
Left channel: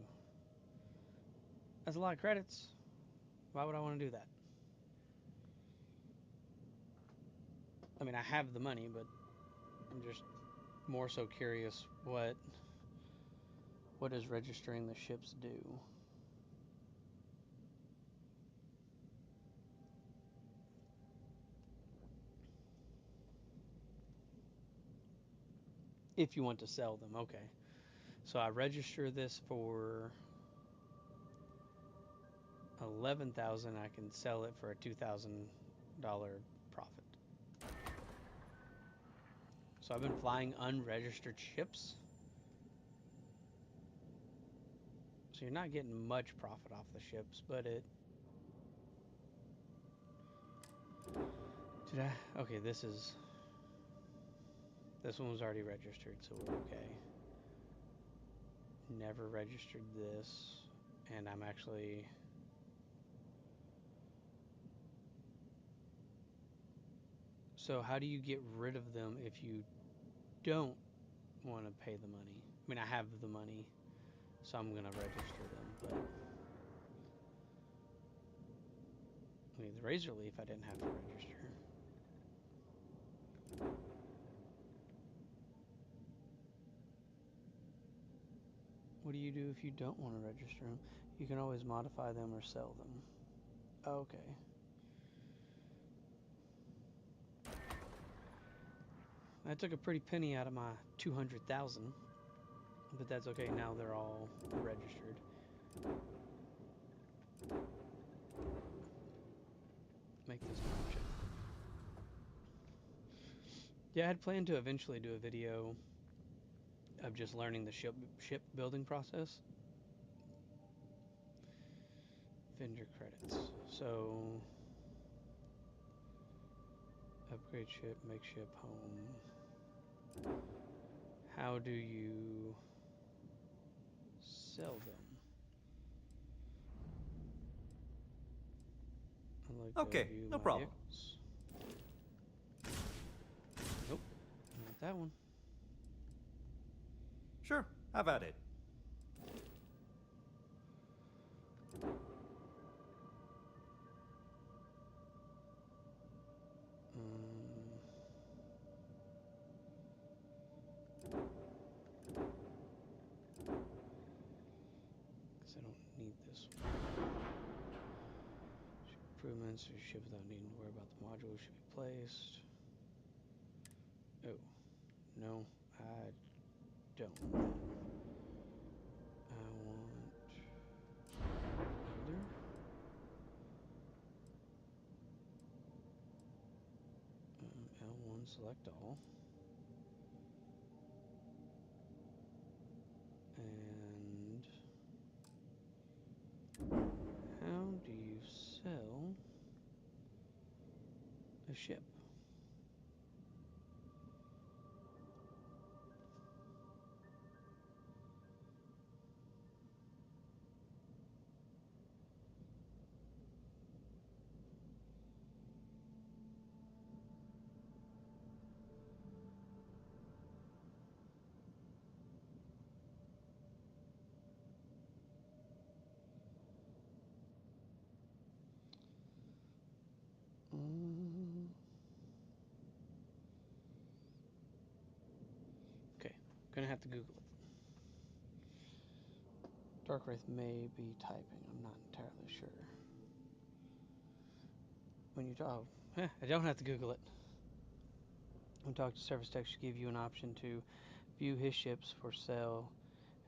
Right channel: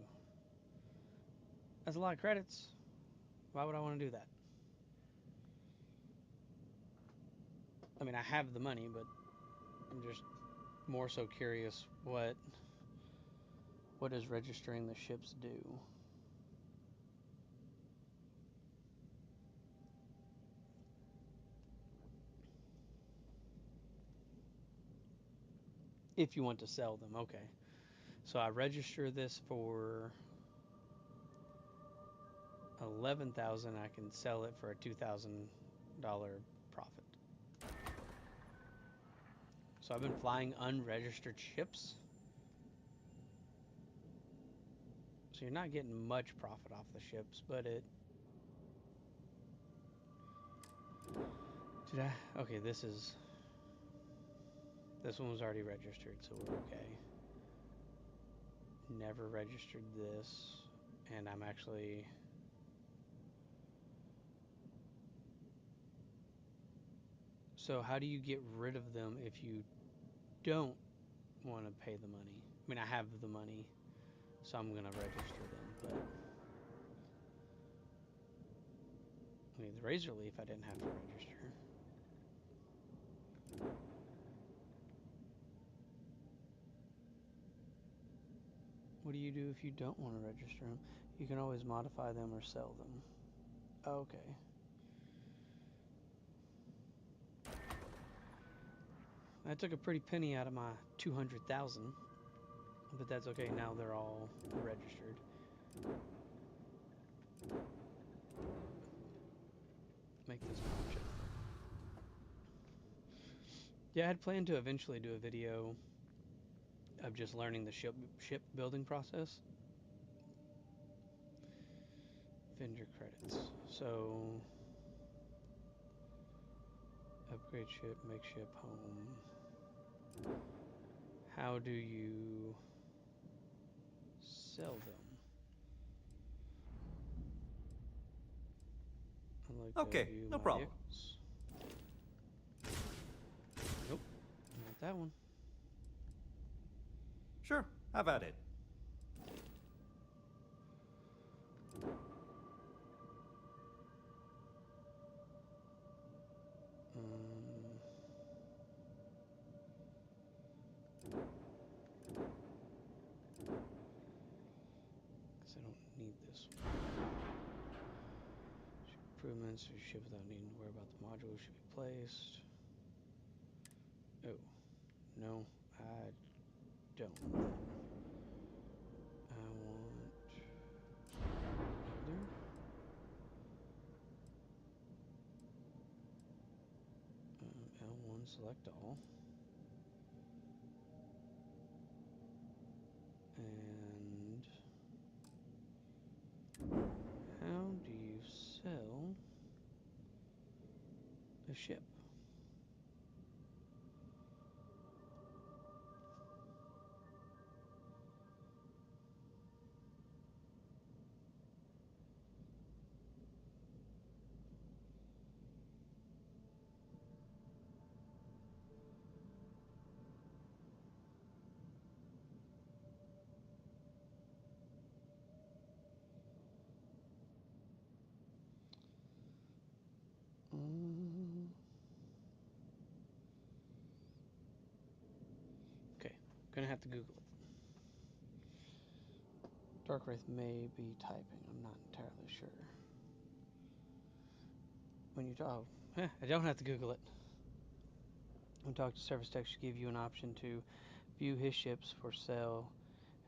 That's a lot of credits. Why would I want to do that? I mean, I have the money, but I'm just more so curious what does registering the ships do? If you want to sell them, okay. So I register this for 11,000. I can sell it for a $2,000 profit. So I've been flying unregistered ships. So you're not getting much profit off the ships, but it. Did I? Okay, this one was already registered, so we're okay. Never registered this, and I'm actually. So how do you get rid of them if you don't want to pay the money? I mean, I have the money, so I'm gonna register them, but I mean, the Razor Leaf I didn't have to register. What do you do if you don't want to register them? You can always modify them or sell them. Okay. I took a pretty penny out of my 200,000, but that's okay. Now they're all registered. Make this an option. Yeah, I had planned to eventually do a video of just learning the ship building process. Vendor credits. So upgrade ship, make ship home. How do you sell them? I'd like Okay, to view no my problem. vehicles. Nope, not that one. Sure, have at it. Because I don't need this one. Improvements to ship without needing to worry about the modules should be placed. Oh, no, I don't. I want builder. L1 select all. And how do you sell a ship? Okay, gonna have to Google it. Darkwraith may be typing, I'm not entirely sure. When you talk, I don't have to Google it. When talk to service tech should give you an option to view his ships for sale.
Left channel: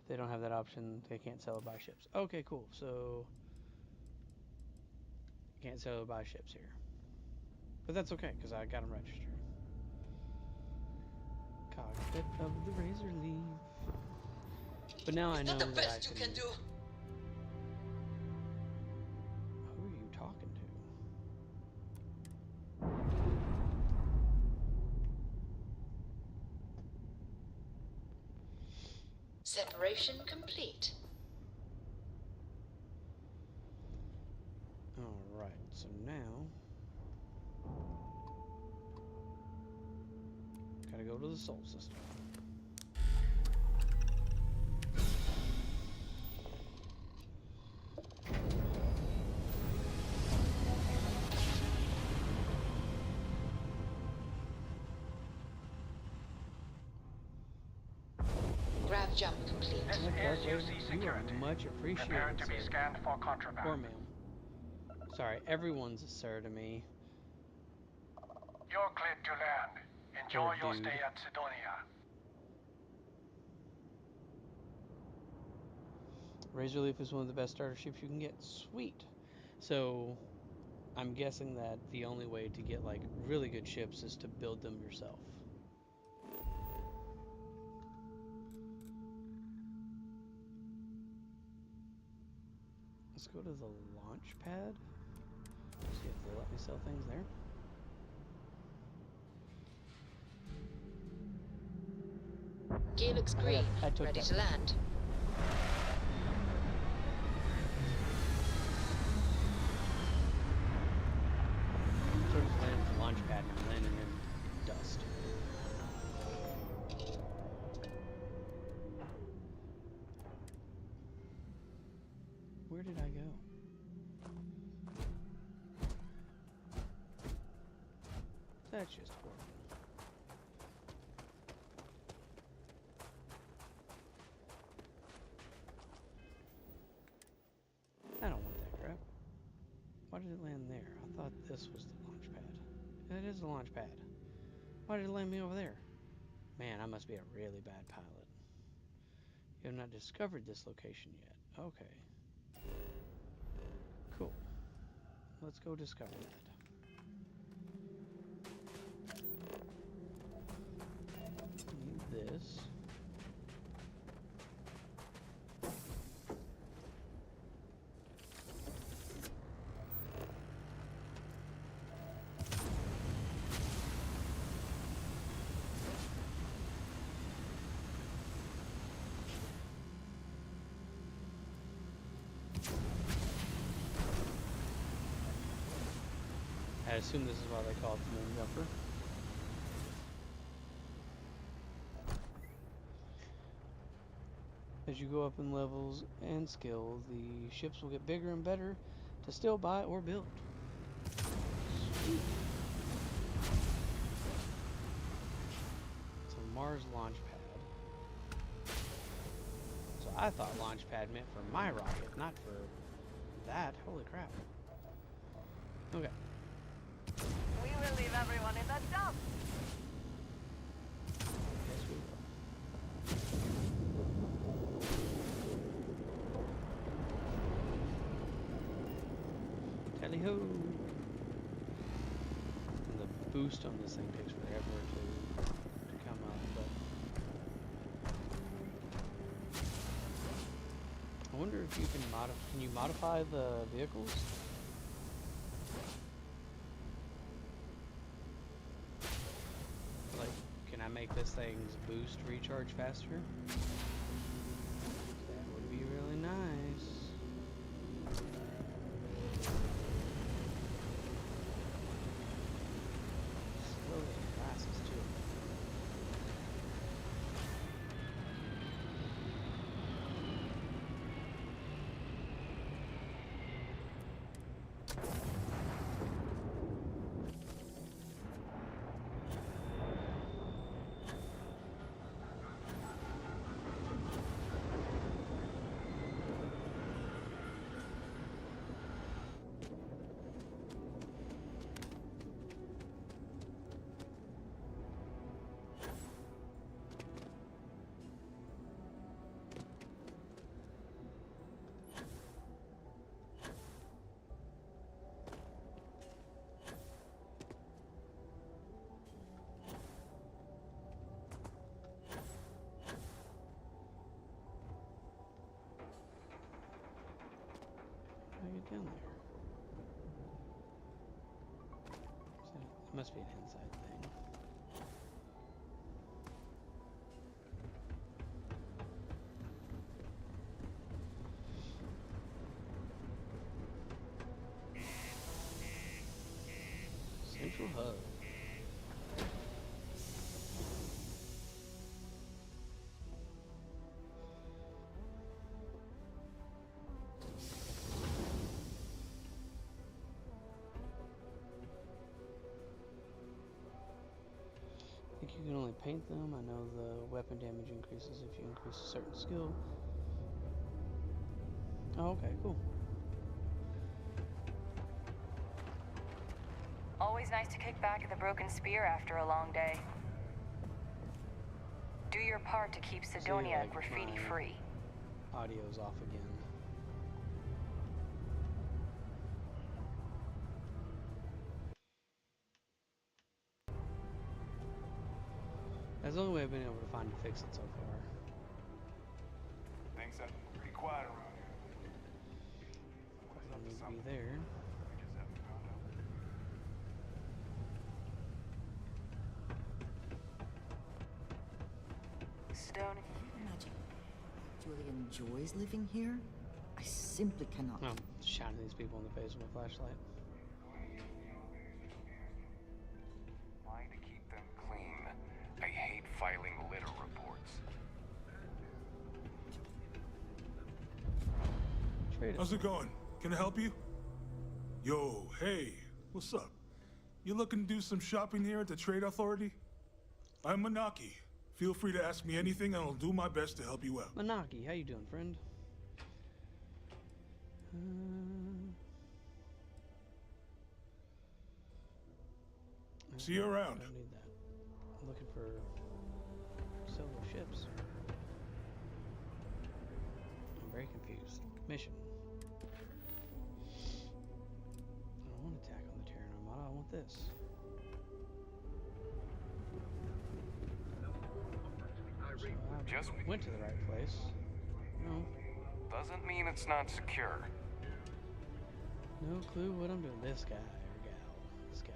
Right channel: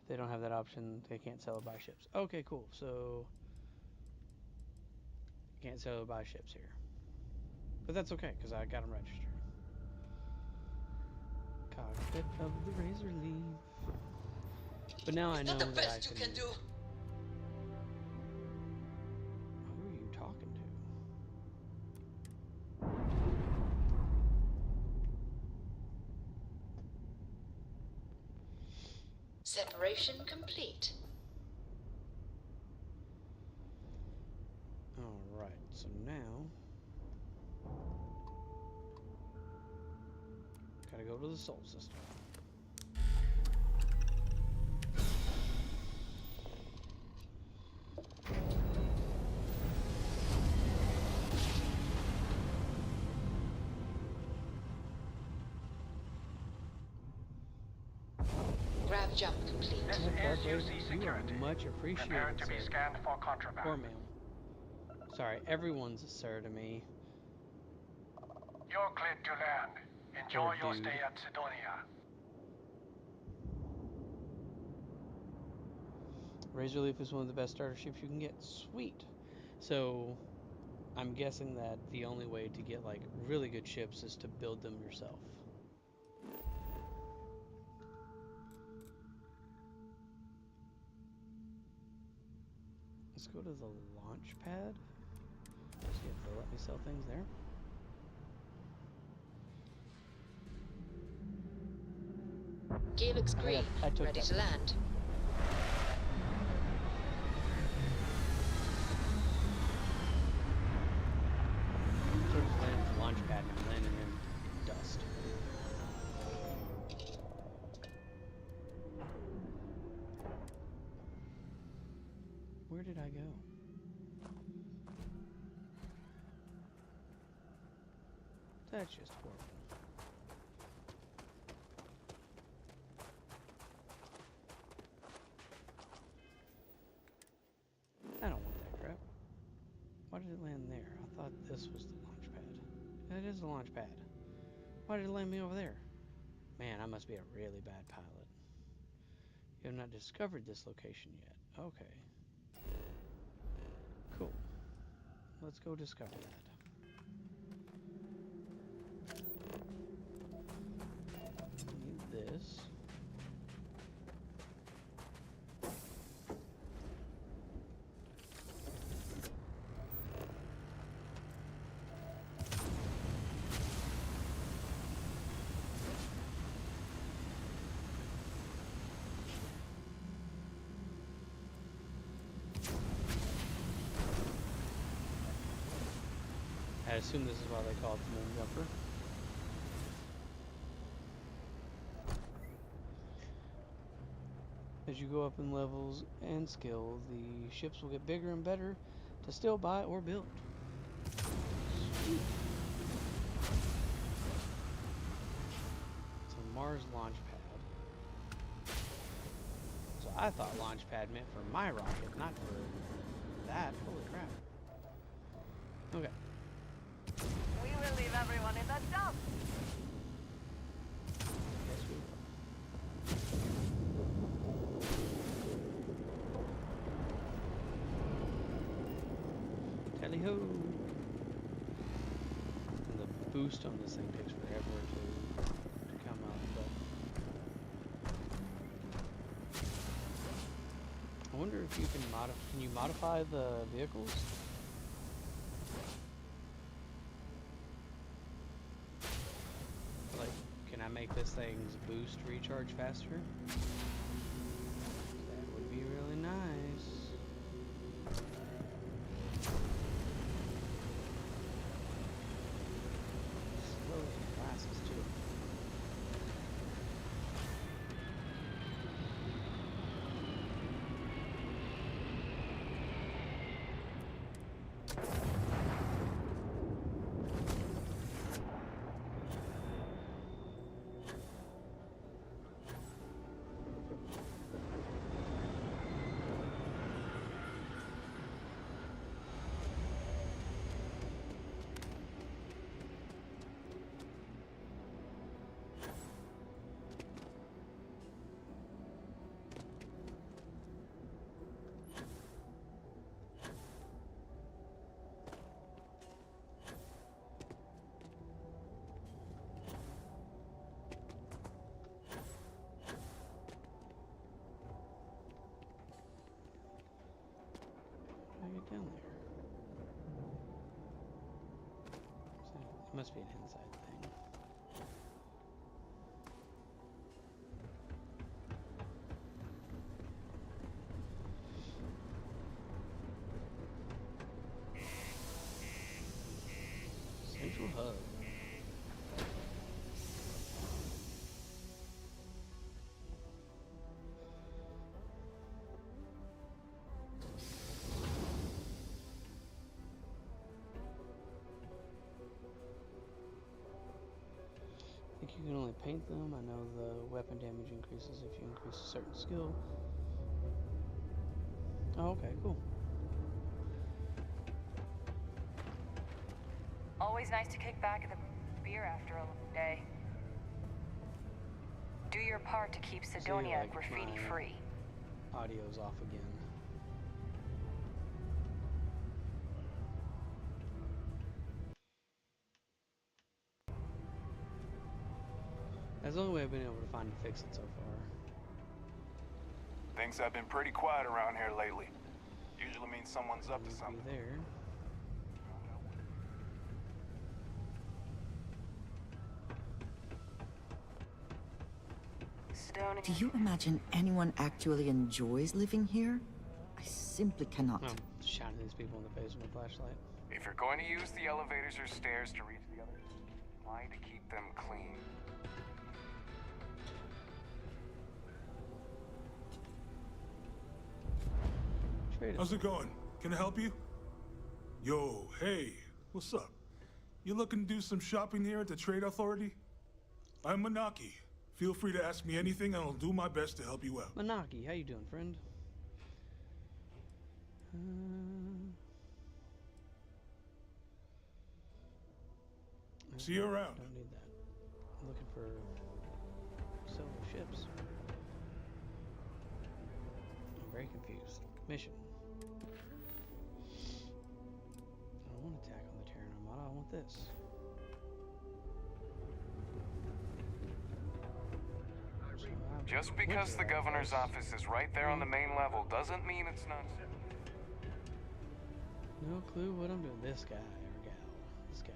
If they don't have that option, they can't sell or buy ships. Okay, cool. So Can't sell or buy ships here. But that's okay, because I got them registered. Cockpit of the Razor Leaf. But now I know that I can... Who are you talking to? Separation complete. Alright, so now... Gotta go to the Sol system. Grav jump complete. This is UC Security. Much appreciated, Prepare to be sir. scanned for contraband. Or ma'am. Sorry, everyone's a sir to me. You're cleared to land. Enjoy your dude. stay at Sidonia. Razor Leaf is one of the best starter ships you can get. Sweet. So, I'm guessing that the only way to get like really good ships is to build them yourself. Let's go to the launch pad. See if they'll let me sell things there. Gear looks green. Ready to land. Sort of landing at the launch pad and I'm landing in dust. Where did I go? That's just horrible. I don't want that crap. Why did it land there? I thought this was the launch pad. That is the launch pad. Why did it land me over there? Man, I must be a really bad pilot. You have not discovered this location yet. Okay. Cool. Let's go discover that. Need this. I assume this is why they call it the moon jumper. As you go up in levels and skill, the ships will get bigger and better to still buy or build. Sweet. It's a Mars launch pad. So I thought launch pad meant for my rocket, not for that. Holy crap. Okay. We will leave everyone in the dump. Yes, we will. Tally-ho! And the boost on this thing takes forever to come up, but... I wonder if you can you modify the vehicles? Like, can I make this thing's boost recharge faster? That would be really nice. Slow as glasses too. Must be an inside thing. Central Hub. I think you can only paint them. I know the weapon damage increases if you increase a certain skill. Oh, okay, cool. Always nice to kick back at the Broken Spear after a long day. Do your part to keep Sidonia graffiti free. Audio's off again. That's the only way I've been able to find to fix it so far. Things have been pretty quiet around here lately. Usually means someone's up to something. There. Do you imagine anyone actually enjoys living here? I simply cannot. I'm shouting these people in the face with a flashlight. If you're going to use the elevators or stairs to reach the other, try to keep them clean. I hate filing litter reports. How's it going? Can I help you? Yo, hey, what's up? You looking to do some shopping here at the Trade Authority? I'm Manaki. Feel free to ask me anything and I'll do my best to help you out. Manaki, how you doing, friend? See you around. Don't need that. I'm looking for solo ships. I'm very confused. Mission. I don't want to attack on the Terran Armada. I want this. Just because the governor's office is right there on the main level doesn't mean it's not secure. No clue what I'm doing. This guy or gal. This gal.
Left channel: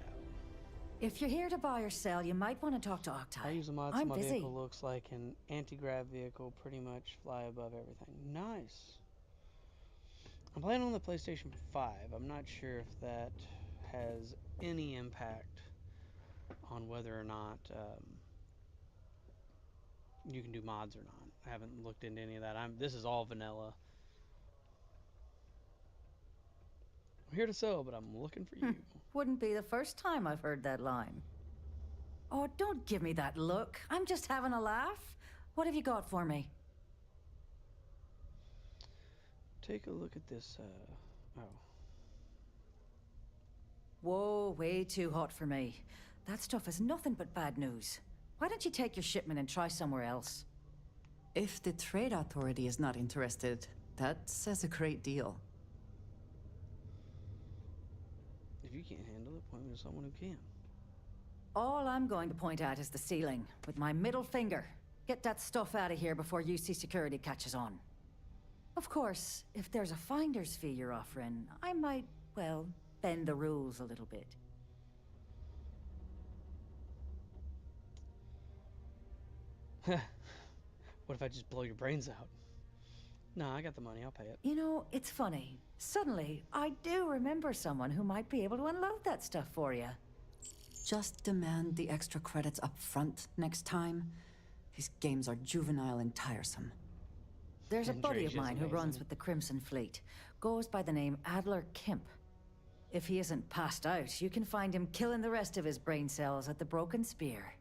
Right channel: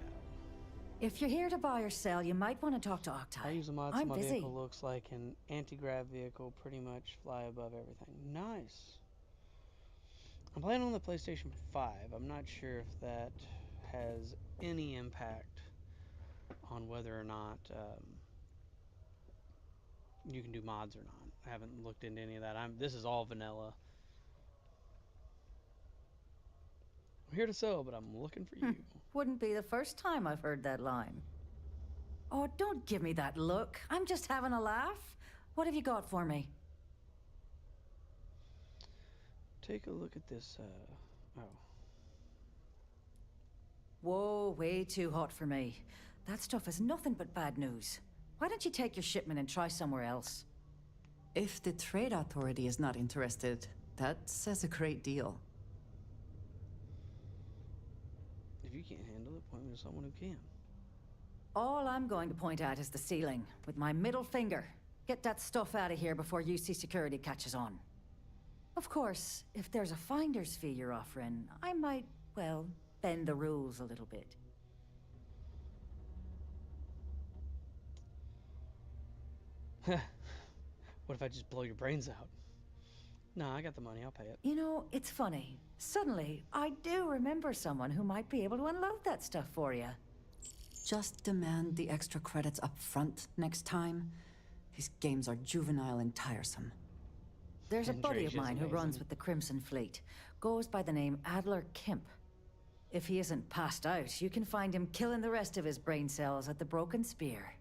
If you're here to buy or sell, you might want to talk to Octai. I use a mod so I'm my busy. vehicle looks like an anti-grav vehicle, pretty much fly above everything. Nice. I'm playing on the PlayStation 5. I'm not sure if that has any impact on whether or not you can do mods or not. I haven't looked into any of that. This is all vanilla. I'm here to sell, but I'm looking for you. Wouldn't be the first time I've heard that line. Oh, don't give me that look. I'm just having a laugh. What have you got for me? Take a look at this, oh. Whoa, way too hot for me. That stuff is nothing but bad news. Why don't you take your shipment and try somewhere else? If the Trade Authority is not interested, that says a great deal. If you can't handle it, point me to someone who can. All I'm going to point at is the ceiling, with my middle finger. Get that stuff out of here before UC security catches on. Of course, if there's a finder's fee you're offering, I might, well, bend the rules a little bit. What if I just blow your brains out? No, I got the money. I'll pay it. You know, it's funny. Suddenly, I do remember someone who might be able to unload that stuff for you. Just demand the extra credits up front next time. These games are juvenile and tiresome. There's a buddy of Drake is mine who runs amazing. with the Crimson Fleet. Goes by the name Adler Kemp. If he isn't passed out, you can find him killing the rest of his brain cells at the Broken Spear.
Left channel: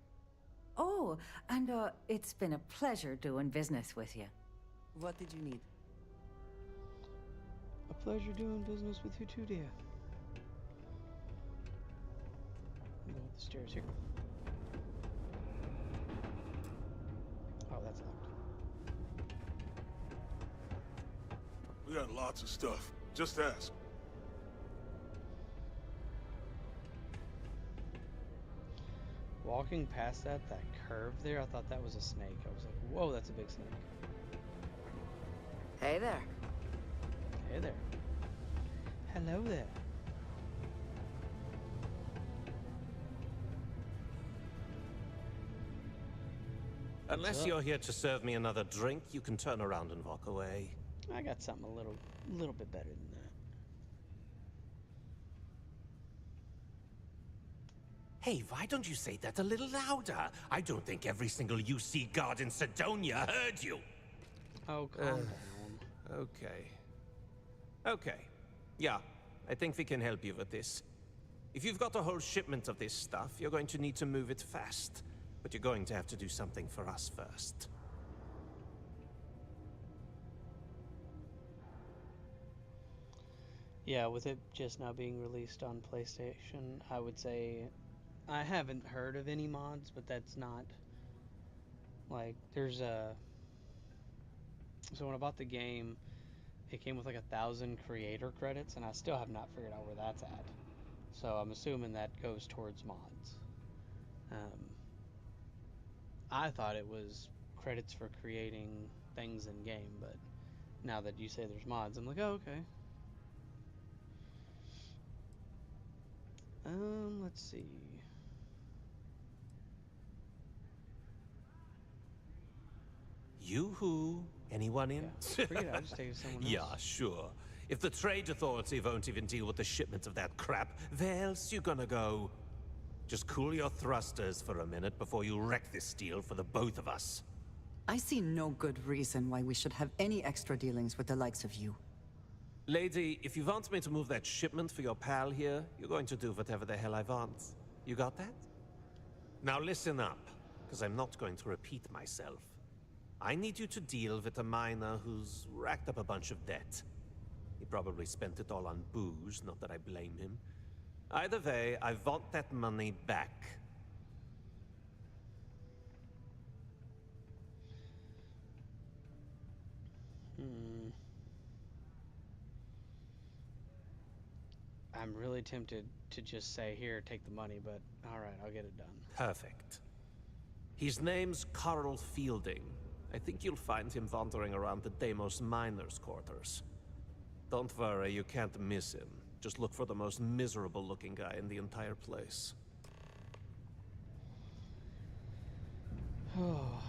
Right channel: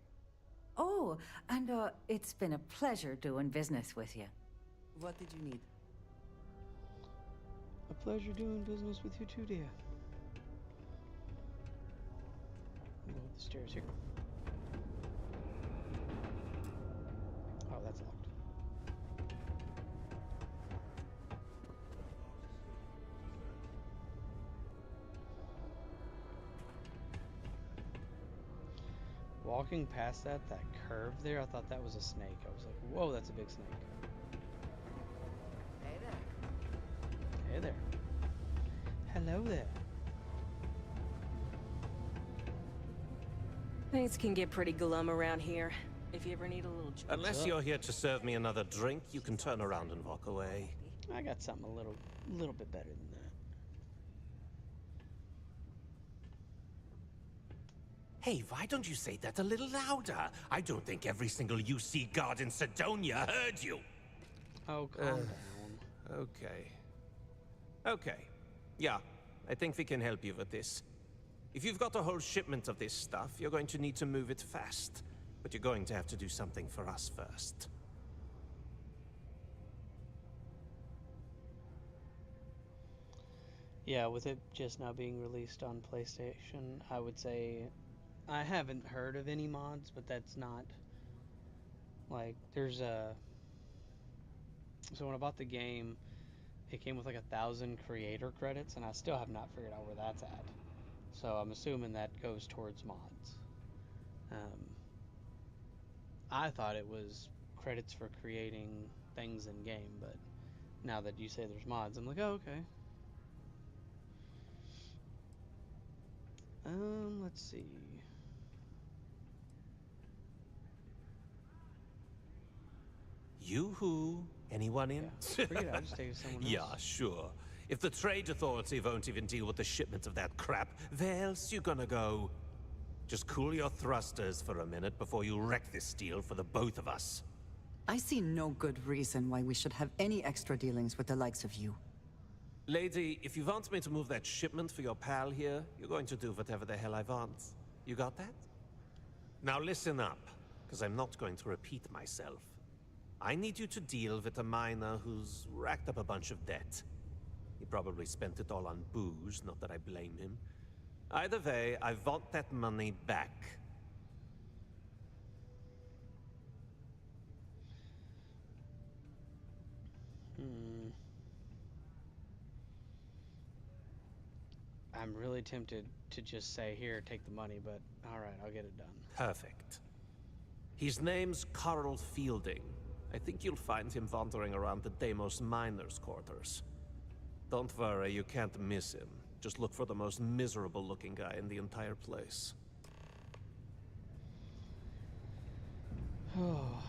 Oh, and it's been a pleasure doing business with you. What did you need? A pleasure doing business with you too, dear. Go up the stairs here. Oh, that's locked. We got lots of stuff. Just ask. Walking past that curve there, I thought that was a snake. I was like, whoa, that's a big snake. Hey there. Hey there. Hello there. Things can get pretty glum around here. If you ever need a little... Unless you're here to serve me another drink, you can turn around and walk away. I got something a little bit better than that. Hey, why don't you say that a little louder? I don't think every single UC guard in Sidonia heard you. Oh, calm down. Okay. Okay. Yeah, I think we can help you with this. If you've got a whole shipment of this stuff, you're going to need to move it fast. But you're going to have to do something for us first. Yeah, with it just now being released on PlayStation, I would say I haven't heard of any mods, but that's not like there's a. So when I bought the game, it came with like 1,000 creator credits, and I still have not figured out where that's at. So I'm assuming that goes towards mods. I thought it was credits for creating things in game, but now that you say there's mods, I'm like, oh, okay. Let's see. You-hoo? Anyone in? Yeah, forget it, I'll just take it to someone else. Yeah, sure. If the Trade Authority won't even deal with the shipment of that crap, where else you gonna go? Just cool your thrusters for a minute before you wreck this deal for the both of us. I see no good reason why we should have any extra dealings with the likes of you. Lady, if you want me to move that shipment for your pal here, you're going to do whatever the hell I want. You got that? Now listen up, because I'm not going to repeat myself. I need you to deal with a miner who's racked up a bunch of debt. He probably spent it all on booze, not that I blame him. Either way, I want that money back. I'm really tempted to just say, here, take the money, but alright, I'll get it done. Perfect. His name's Carl Fielding. I think you'll find him wandering around the Deimos miners' quarters. Don't worry, you can't miss him. Just look for the most miserable-looking guy in the entire place. Oh,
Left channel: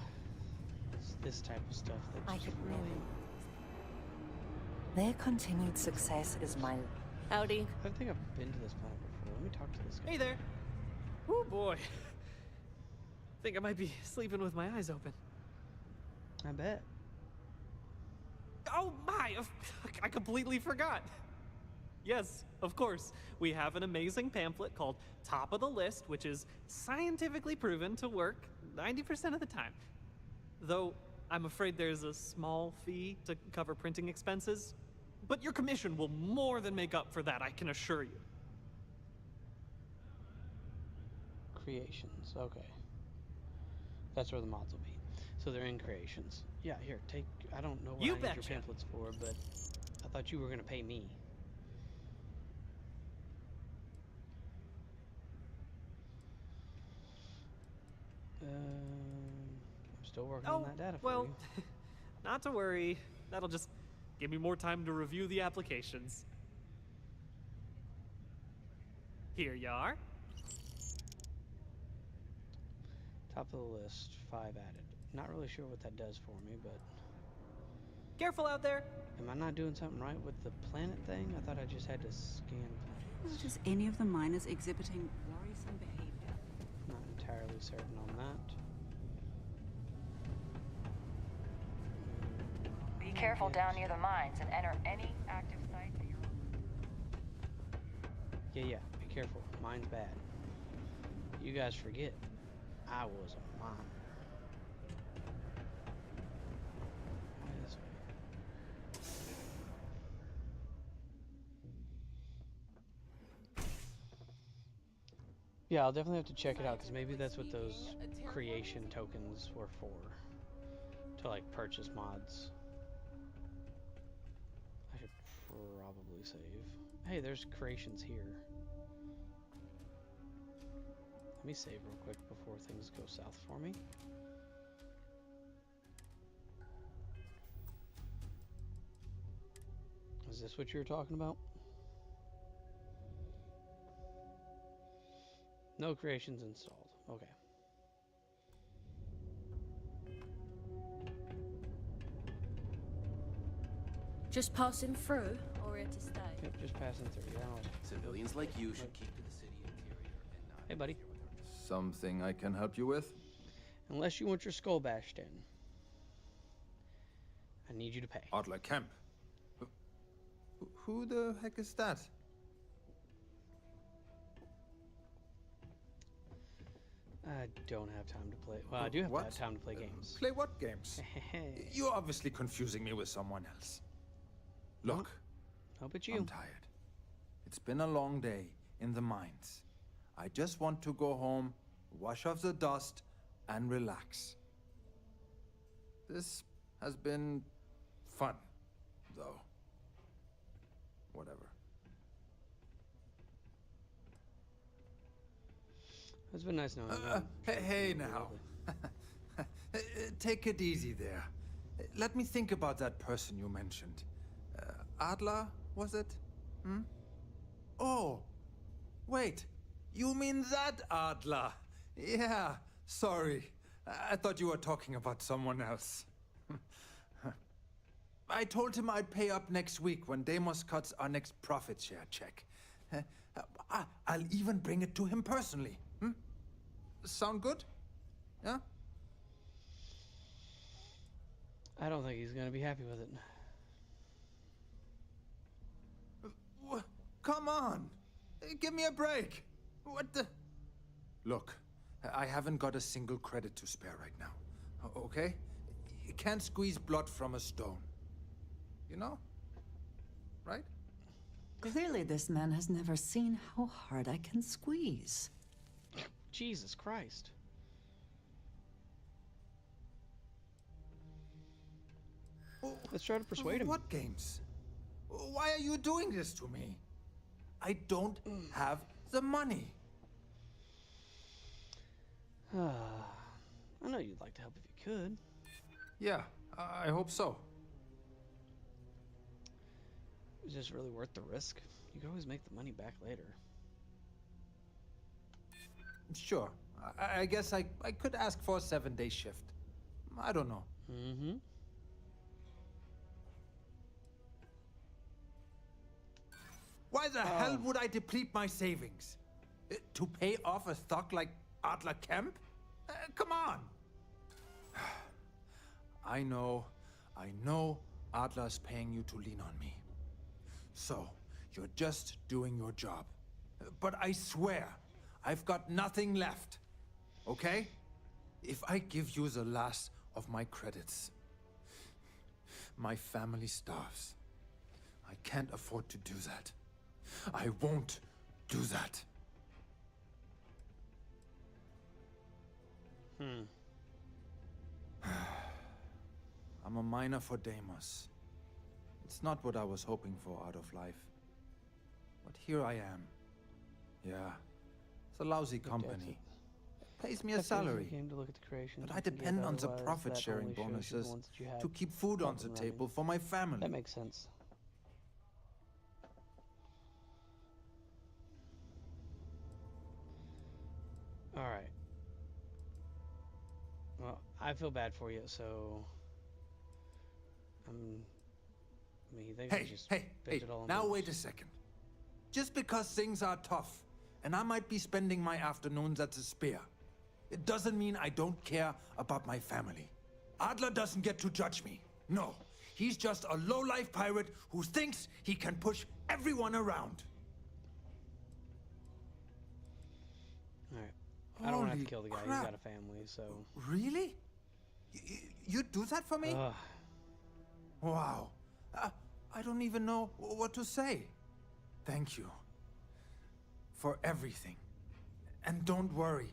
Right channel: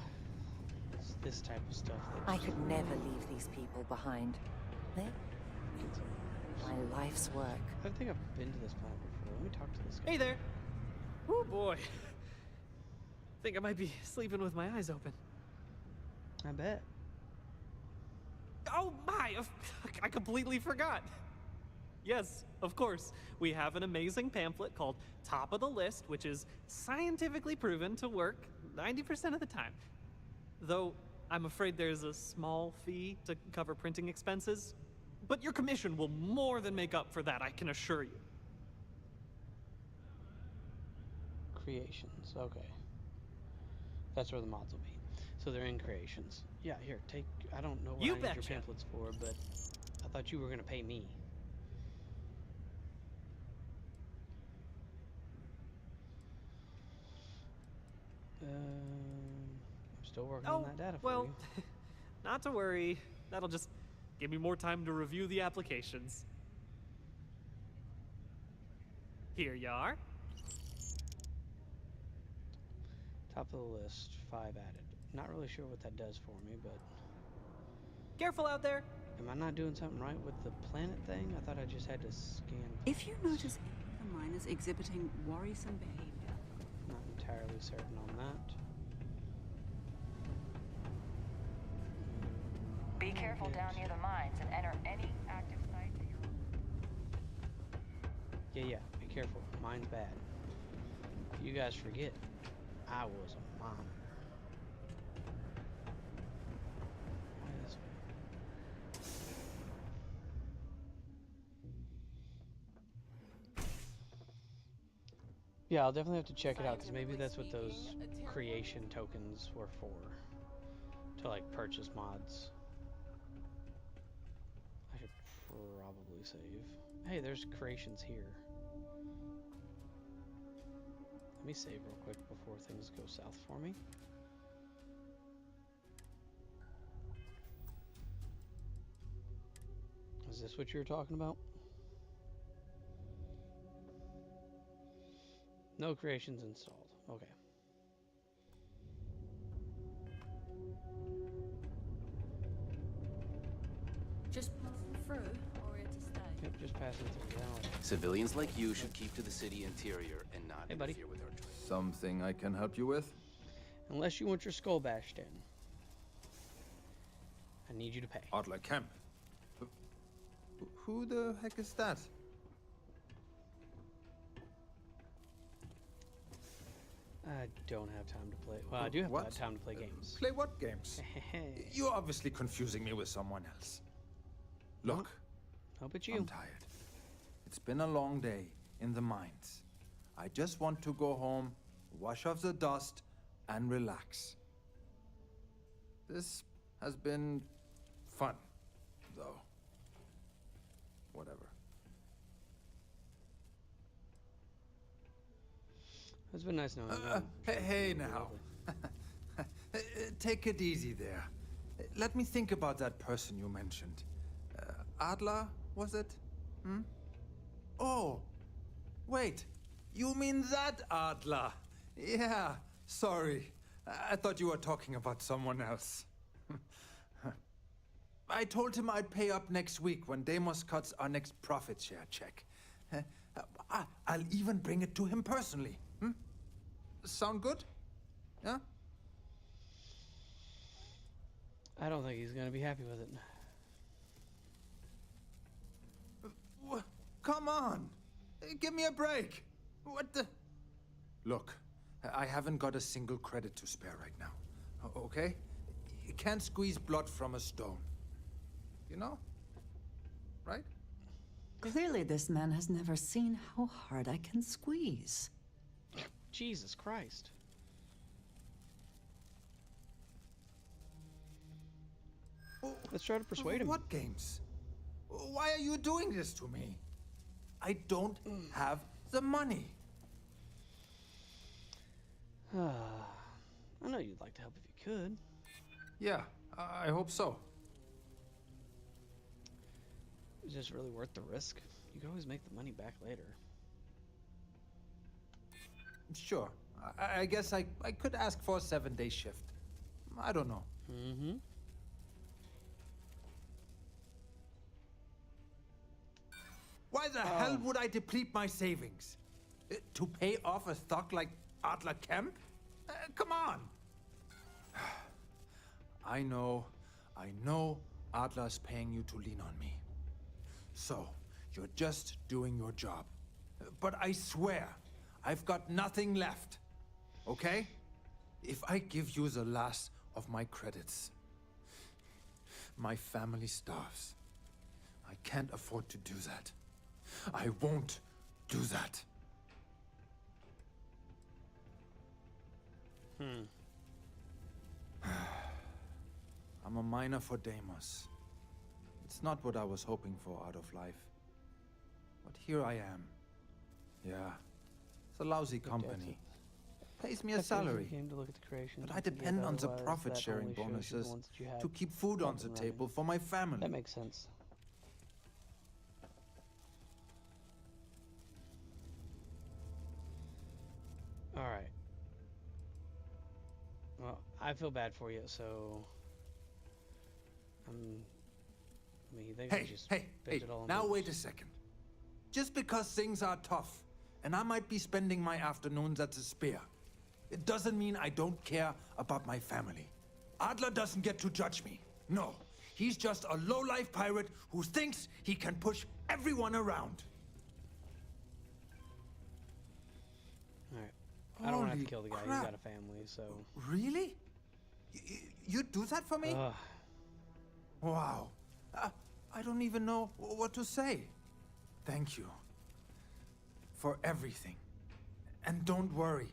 it's this type of stuff that I could never leave these people behind. Their continued success is my life's work. Howdy. I think I've been to this planet before. Let me talk to this guy. Hey there. Oh boy. Think I might be sleeping with my eyes open. I bet. Oh my! I completely forgot. Yes, of course. We have an amazing pamphlet called Top of the List, which is scientifically proven to work 90% of the time. Though, I'm afraid there's a small fee to cover printing expenses. But your commission will more than make up for that, I can assure you. Creations, okay. That's where the mods will be. So they're in creations. Yeah, here, take... I don't know what I need your pamphlets for, but I thought you were going to pay me. I'm still working on that data for you. Not to worry. That'll just give me more time to review the applications. Here you are. Top of the list, 5 added. Not really sure what that does for me, but... Careful out there! Am I not doing something right with the planet thing? I thought I just had to scan... If you notice any of the miners exhibiting worrisome behavior... Not entirely certain on that. Be careful down near the mines and enter any active site that you're... Yeah, be careful. Mine's bad. You guys forget, I was a miner. Yeah, I'll definitely have to check it out, because maybe that's what those creation tokens were for. To, like, purchase mods. I should probably save. Hey, there's creations here. Let me save real quick before things go south for me. Is this what you were talking about? No creations installed. Okay. Just passing through, or here to stay? Yep, just passing through. Yeah, Civilians like you should keep to the city interior and not Hey, buddy. interfere with our jobs. Something I can help you with? Unless you want your skull bashed in. I need you to pay. Adler Kemp. Who the heck is that? I don't have time to play. Well, I do have time to play games. Play what games? You're obviously confusing me with someone else. Look. How about you? I'm tired. It's been a long day in the mines. I just want to go home, wash off the dust, and relax. This has been fun, though. Whatever. It's been nice knowing you. Hey now. Take it easy there. Let me think about that person you mentioned. Adler, was it? Hmm? Oh, wait. You mean that Adler? Yeah, sorry. I thought you were talking about someone else. I told him I'd pay up next week when Deimos cuts our next profit share check. I'll even bring it to him personally. Hmm? Sound good? Yeah? I don't think he's gonna be happy with it. Come on! Give me a break! What the... Look, I haven't got a single credit to spare right now. Okay? You can't squeeze blood from a stone. You know? Right? Clearly this man has never seen how hard I can squeeze. Jesus Christ. Let's try to persuade him. What games? Why are you doing this to me? I don't have the money. I know you'd like to help if you could. Yeah, I hope so. Is this really worth the risk? You could always make the money back later. Sure. I guess I could ask for a 7-day shift. I don't know. Mm-hmm. Why the hell would I deplete my savings? To pay off a thug like Adler Kemp? Come on! I know Adler's paying you to lean on me. So, you're just doing your job. But I swear, I've got nothing left. Okay? If I give you the last of my credits, my family starves. I can't afford to do that. I won't do that. I'm a miner for Deimos. It's not what I was hoping for out of life. But here I am. Yeah, it's a lousy company. Pays me a salary. But I depend on the profit-sharing bonuses to keep food on the table for my family. That makes sense. All right. Well, I feel bad for you, so I mean, you think I just hey, it all now into wait a second. Just because things are tough, and I might be spending my afternoons at the Spear, it doesn't mean I don't care about my family. Adler doesn't get to judge me. No, he's just a low-life pirate who thinks he can push everyone around. All right. I don't have to kill the guy. He's got a family, so... Really? You'd do that for me? Wow. I don't even know what to say. Thank you. For everything. And don't worry.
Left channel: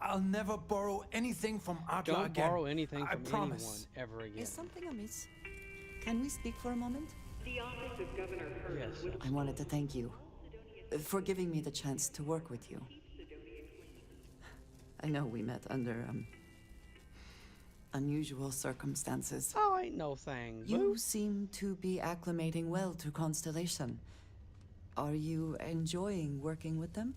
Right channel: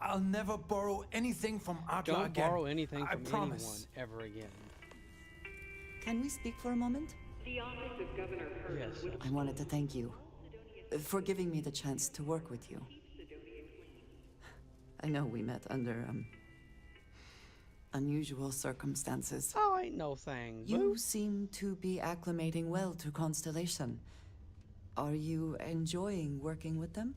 I'll never borrow anything from Adler again. Don't borrow anything from anyone promise. ever again. Is something amiss? Can we speak for a moment? The office of Governor Yes. I wanted to thank you for giving me the chance to work with you. I know we met under, unusual circumstances. Oh, ain't no thing. You seem to be acclimating well to Constellation. Are you enjoying working with them?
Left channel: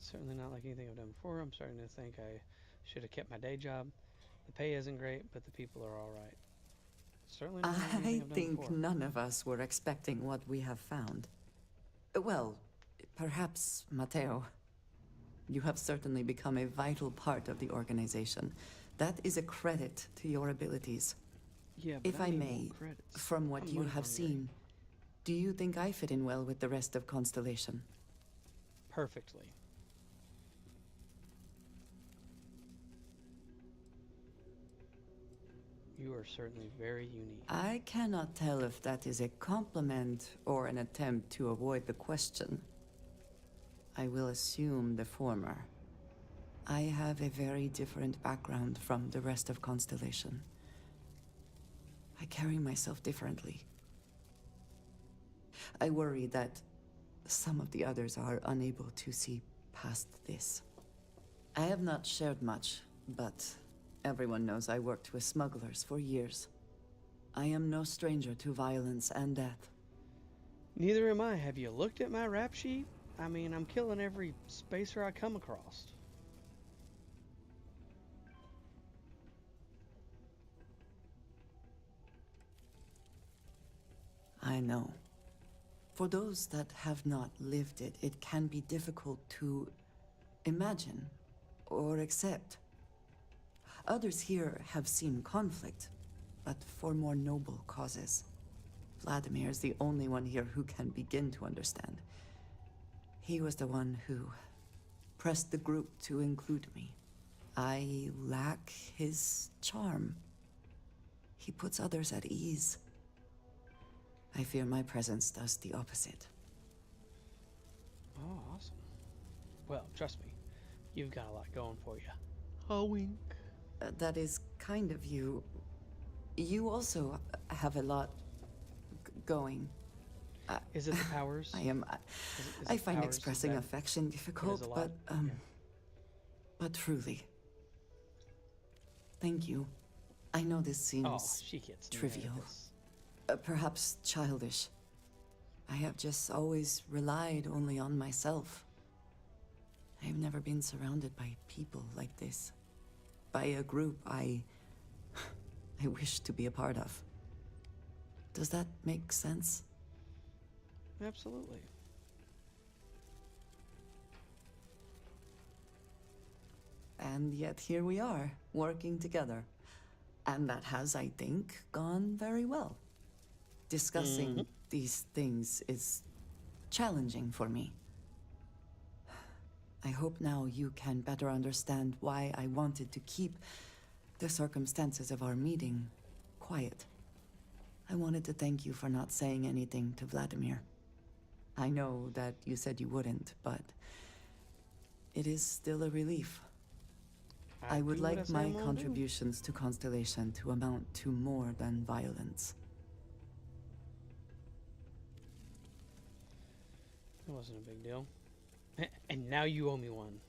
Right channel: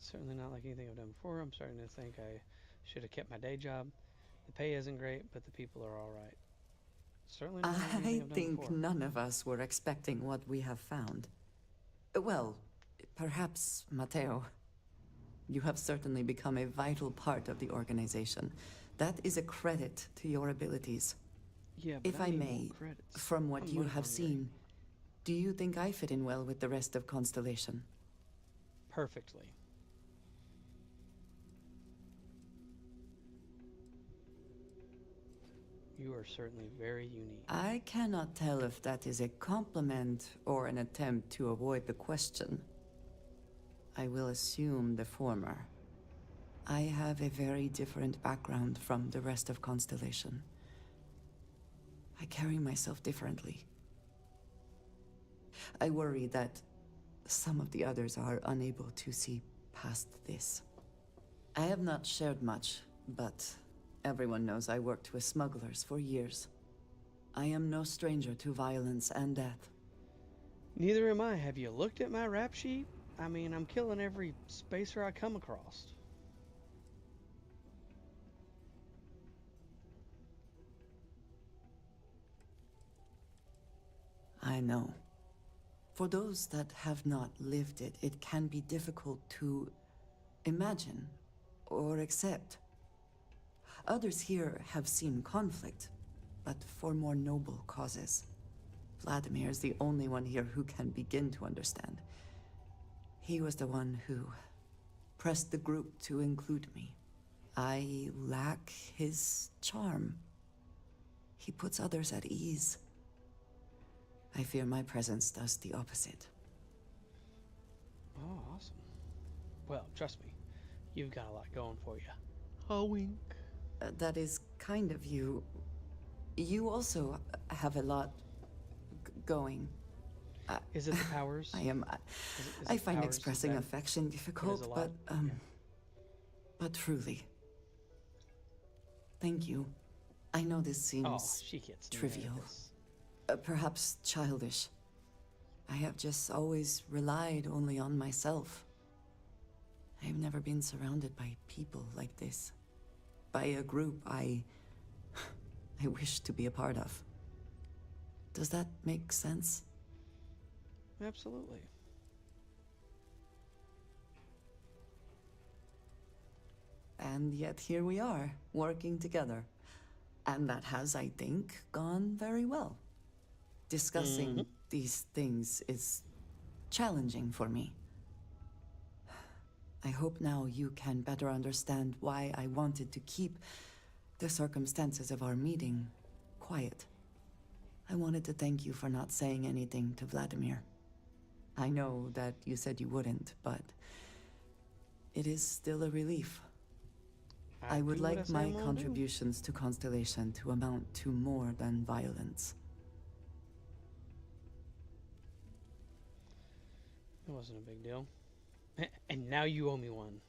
It's certainly not like anything I've done before. I'm starting to think I should have kept my day job. The pay isn't great, but the people are all right. Certainly not like anything I I've done think before. none of us were expecting what we have found. Well, perhaps Mateo. You have certainly become a vital part of the organization. That is a credit to your abilities. Yeah, but if I may, from what you have seen, do you think I fit in well with the rest of Constellation? Perfectly. You are certainly very unique. I cannot tell if that is a compliment or an attempt to avoid the question. I will assume the former. I have a very different background from the rest of Constellation. I carry myself differently. I worry that some of the others are unable to see past this. I have not shared much, but everyone knows I worked with smugglers for years. I am no stranger to violence and death. Neither am I. Have you looked at my rap sheet? I mean, I'm killing every spacer I come across. I know. For those that have not lived it, it can be difficult to imagine or accept. Others here have seen conflict, but for more noble causes. Vladimir is the only one here who can begin to understand. He was the one who pressed the group to include me. I lack his charm. He puts others at ease. I fear my presence does the opposite. Oh, awesome. Well, trust me, you've got a lot going for you. A wink. That is kind of you. You also have a lot going. Is it the powers? I find expressing affection difficult, but but truly. Thank you. I know this seems trivial. Perhaps childish. I have just always relied only on myself. I have never been surrounded by people like this. By a group I wish to be a part of. Does that make sense? Absolutely. And yet here we are, working together. And that has, I think, gone very well. Discussing these things is challenging for me. I hope now you can better understand why I wanted to keep the circumstances of our meeting quiet. I wanted to thank you for not saying anything to Vladimir. I know that you said you wouldn't, but it is still a relief. I would like my contributions to Constellation to amount to more than violence. It wasn't a big deal. And now you owe me one.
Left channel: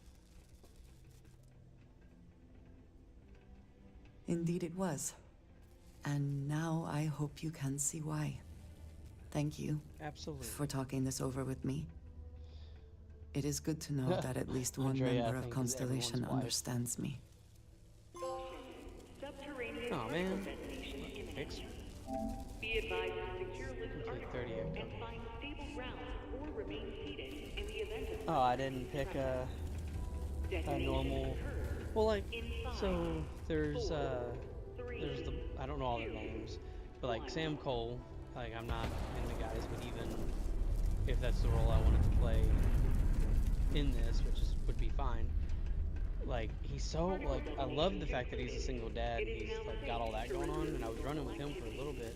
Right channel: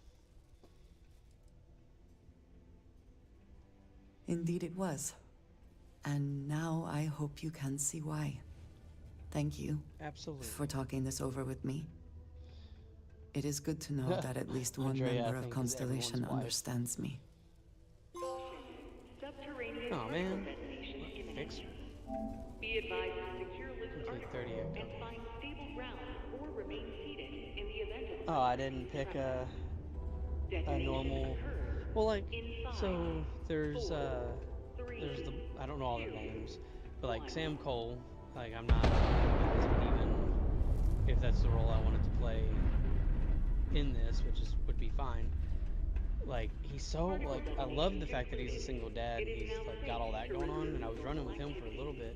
Indeed it was. And now I hope you can see why. Thank you. Absolutely. For talking this over with me. It is good to know that at least one member of Constellation understands me. Oh man. Fix. Be advised to secure Liz's artifact and okay. find stable ground or remain seated in the event of... Oh, I didn't pick a normal. Well, like, so there's the, I don't know all their names, but like Sam Cole, like I'm not the guys, but even if that's the role I wanted to play in this, which would be fine. Like, he's so, like, I love the fact that he's a single dad and he's, like, got all that going on, and I was running with him for a little bit.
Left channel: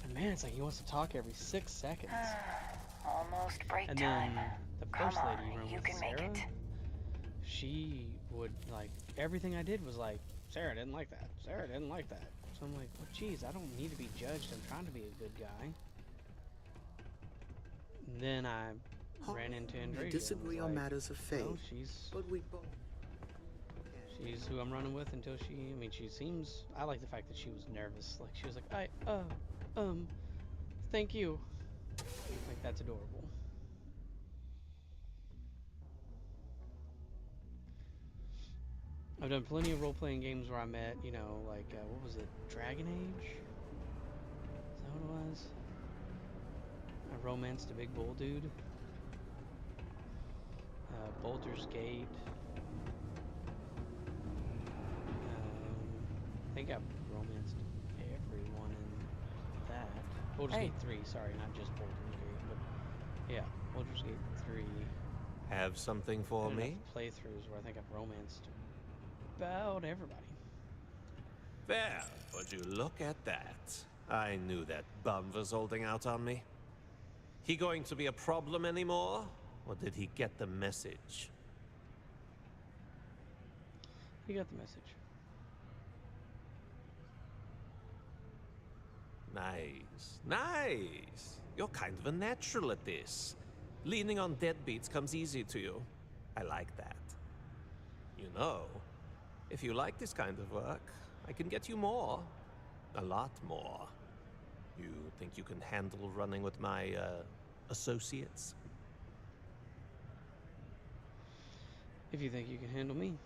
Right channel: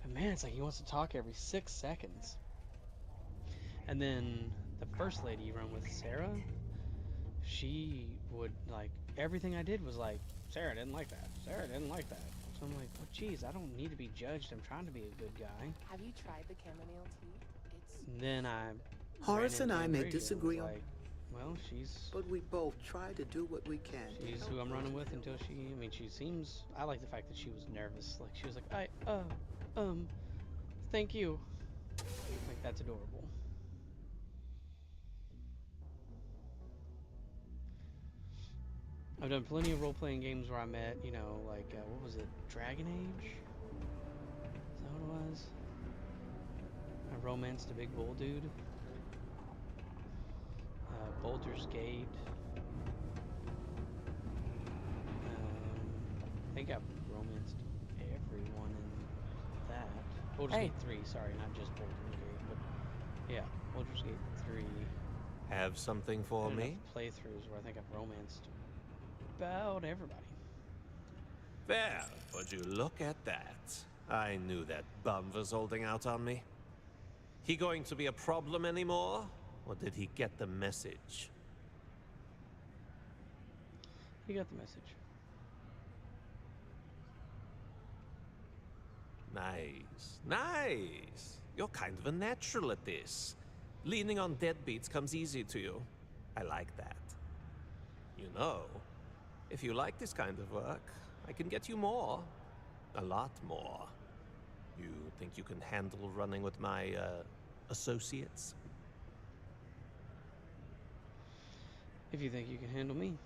But man, it's like he wants to talk every 6 seconds. And then the first lady you run with, Sarah, she would, like, everything I did was like, Sarah didn't like that. Sarah didn't like that. So I'm like, well, geez, I don't need to be judged. I'm trying to be a good guy. Have you tried the chamomile tea? And then I Horace and I may disagree on like, matters of faith, well, but we both try to do what we can. She's who I'm running with until she, I mean, she seems, I like the fact that she was nervous. Like, she was like, thank you. Like, that's adorable. I've done plenty of role-playing games where I met, you know, like, what was it, Dragon Age? Is that what it was? I romanced a big bull dude. Baldur's Gate. I think I've romanced everyone in that. Baldur's Gate 3, sorry, not just Baldur's Gate, but yeah, Baldur's Gate 3. Have something for me? Enough playthroughs where I think I've romanced about everybody. Well, would you look at that? I knew that bum was holding out on me. He going to be a problem anymore? Or did he get the message? He got the message. Nice. Nice. You're kind of a natural at this. Leaning on deadbeats comes easy to you. I like that. You know, if you like this kind of work, I can get you more. A lot more. You think you can handle running with my, associates? If you think you can handle me.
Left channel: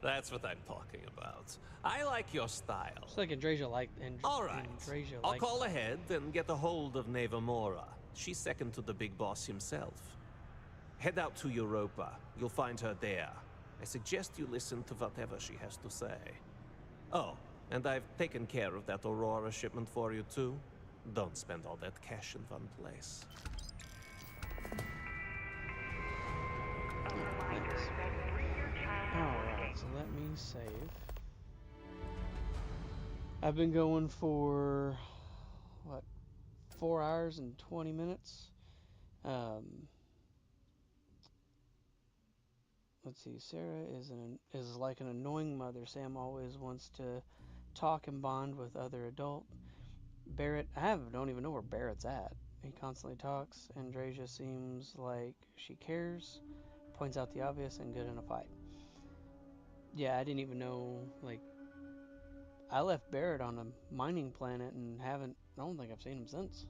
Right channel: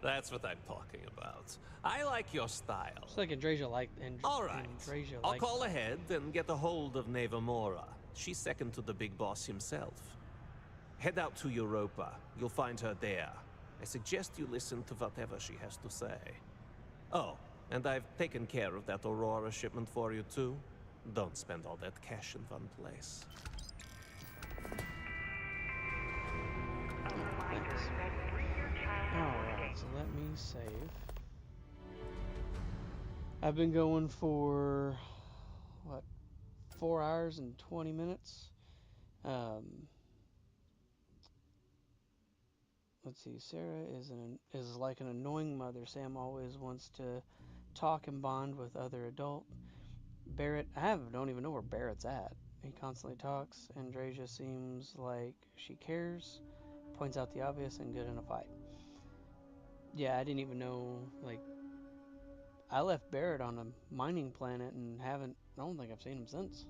That's what I'm talking about. I like your style. It's like Andreja liked. All right. I'll call ahead and get a hold of Nevamora. She's second to the big boss himself. Head out to Europa. You'll find her there. I suggest you listen to whatever she has to say. Oh, and I've taken care of that Aurora shipment for you too. Don't spend all that cash in one place. Alright, so let me save. I've been going for, what, 4 hours and 20 minutes? Let's see, Sarah is like an annoying mother. Sam always wants to talk and bond with other adult. Barrett, don't even know where Barrett's at. He constantly talks. Andreja seems like she cares, points out the obvious, and good in a fight. Yeah, I didn't even know, like, I left Barrett on a mining planet and I don't think I've seen him since.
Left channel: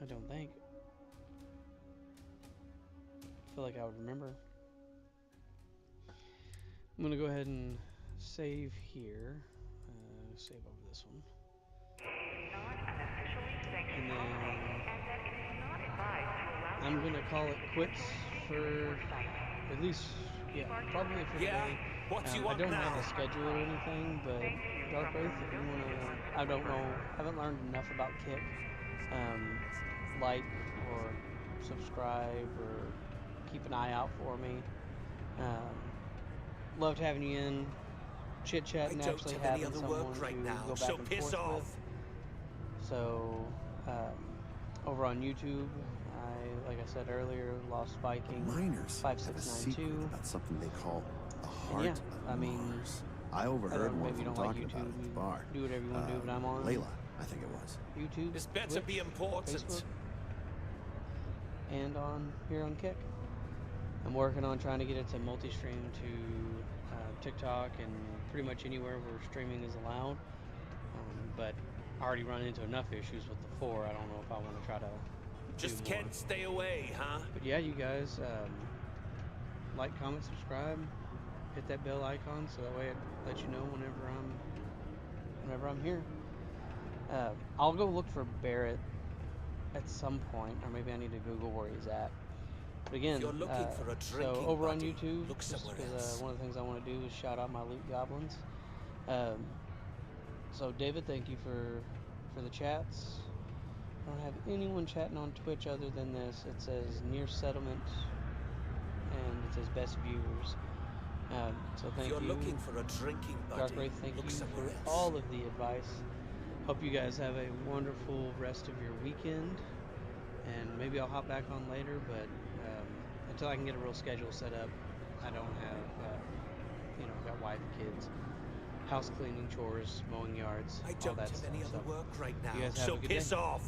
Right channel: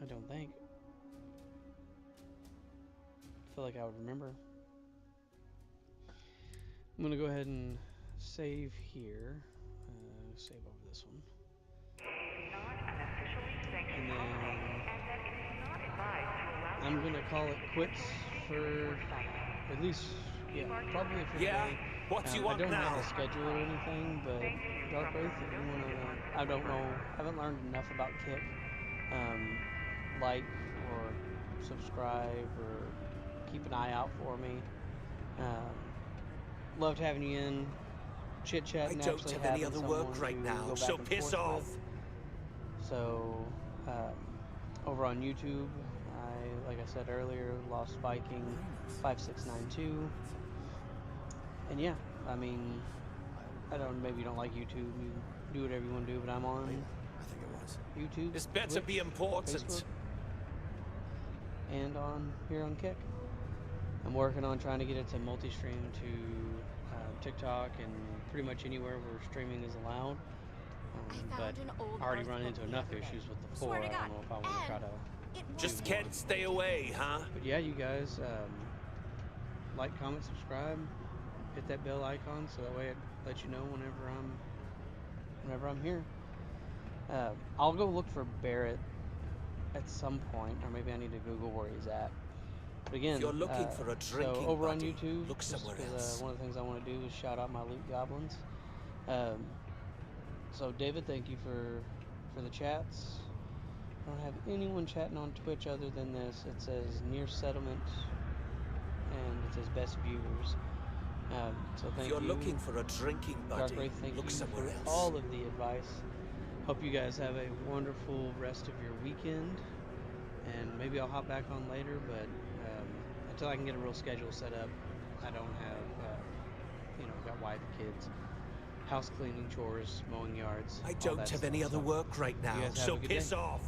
I don't think. I feel like I would remember. I'm gonna go ahead and save here. Save over this one. And then I'm gonna call it quits for at least, yeah, probably for today. What you want I don't now? have a schedule or anything, but Dark Wraith, if you wanna, I don't know, I haven't learned enough about Kick. Like or subscribe or keep an eye out for me. Loved having you in, chit chat, and actually having someone to go back and forth with. So over on YouTube, like I said earlier, Lost Viking 5692. That's something they call. And yeah, I mean, I don't. Maybe you don't like YouTube. You do whatever you want to do, but I'm on Layla, I think it was. YouTube. This better Twitch, be important. Facebook, and on here on Kick. I'm working on trying to get it to multi-stream to TikTok and pretty much anywhere where streaming is allowed. But I already run into enough issues with the 4. I don't know if I want to try to just can't stay away, huh? But yeah, you guys like, comment, subscribe, hit that bell icon so that way it lets you know whenever I'm here. I'll go look for Barrett at some point, or maybe I need to Google where he's at. But again, if you're looking for a so over on buddy, YouTube, look somewhere else. One of the things I want to do is shout out my loot goblins. So David, thank you for the chats. I don't have anyone chatting on Twitch other than this. It says near settlement, and it says best viewers. So thank you. If you're looking for a drinking buddy, Dark Wraith, thank you for all of the advice. Hope you guys have a wonderful rest of your weekend. And maybe I'll hop back on later, but until I can get a real schedule set up, I don't have, got wife, kids, house cleaning, chores, mowing yards. I don't have any other work right now, You guys have so a good piss day. off.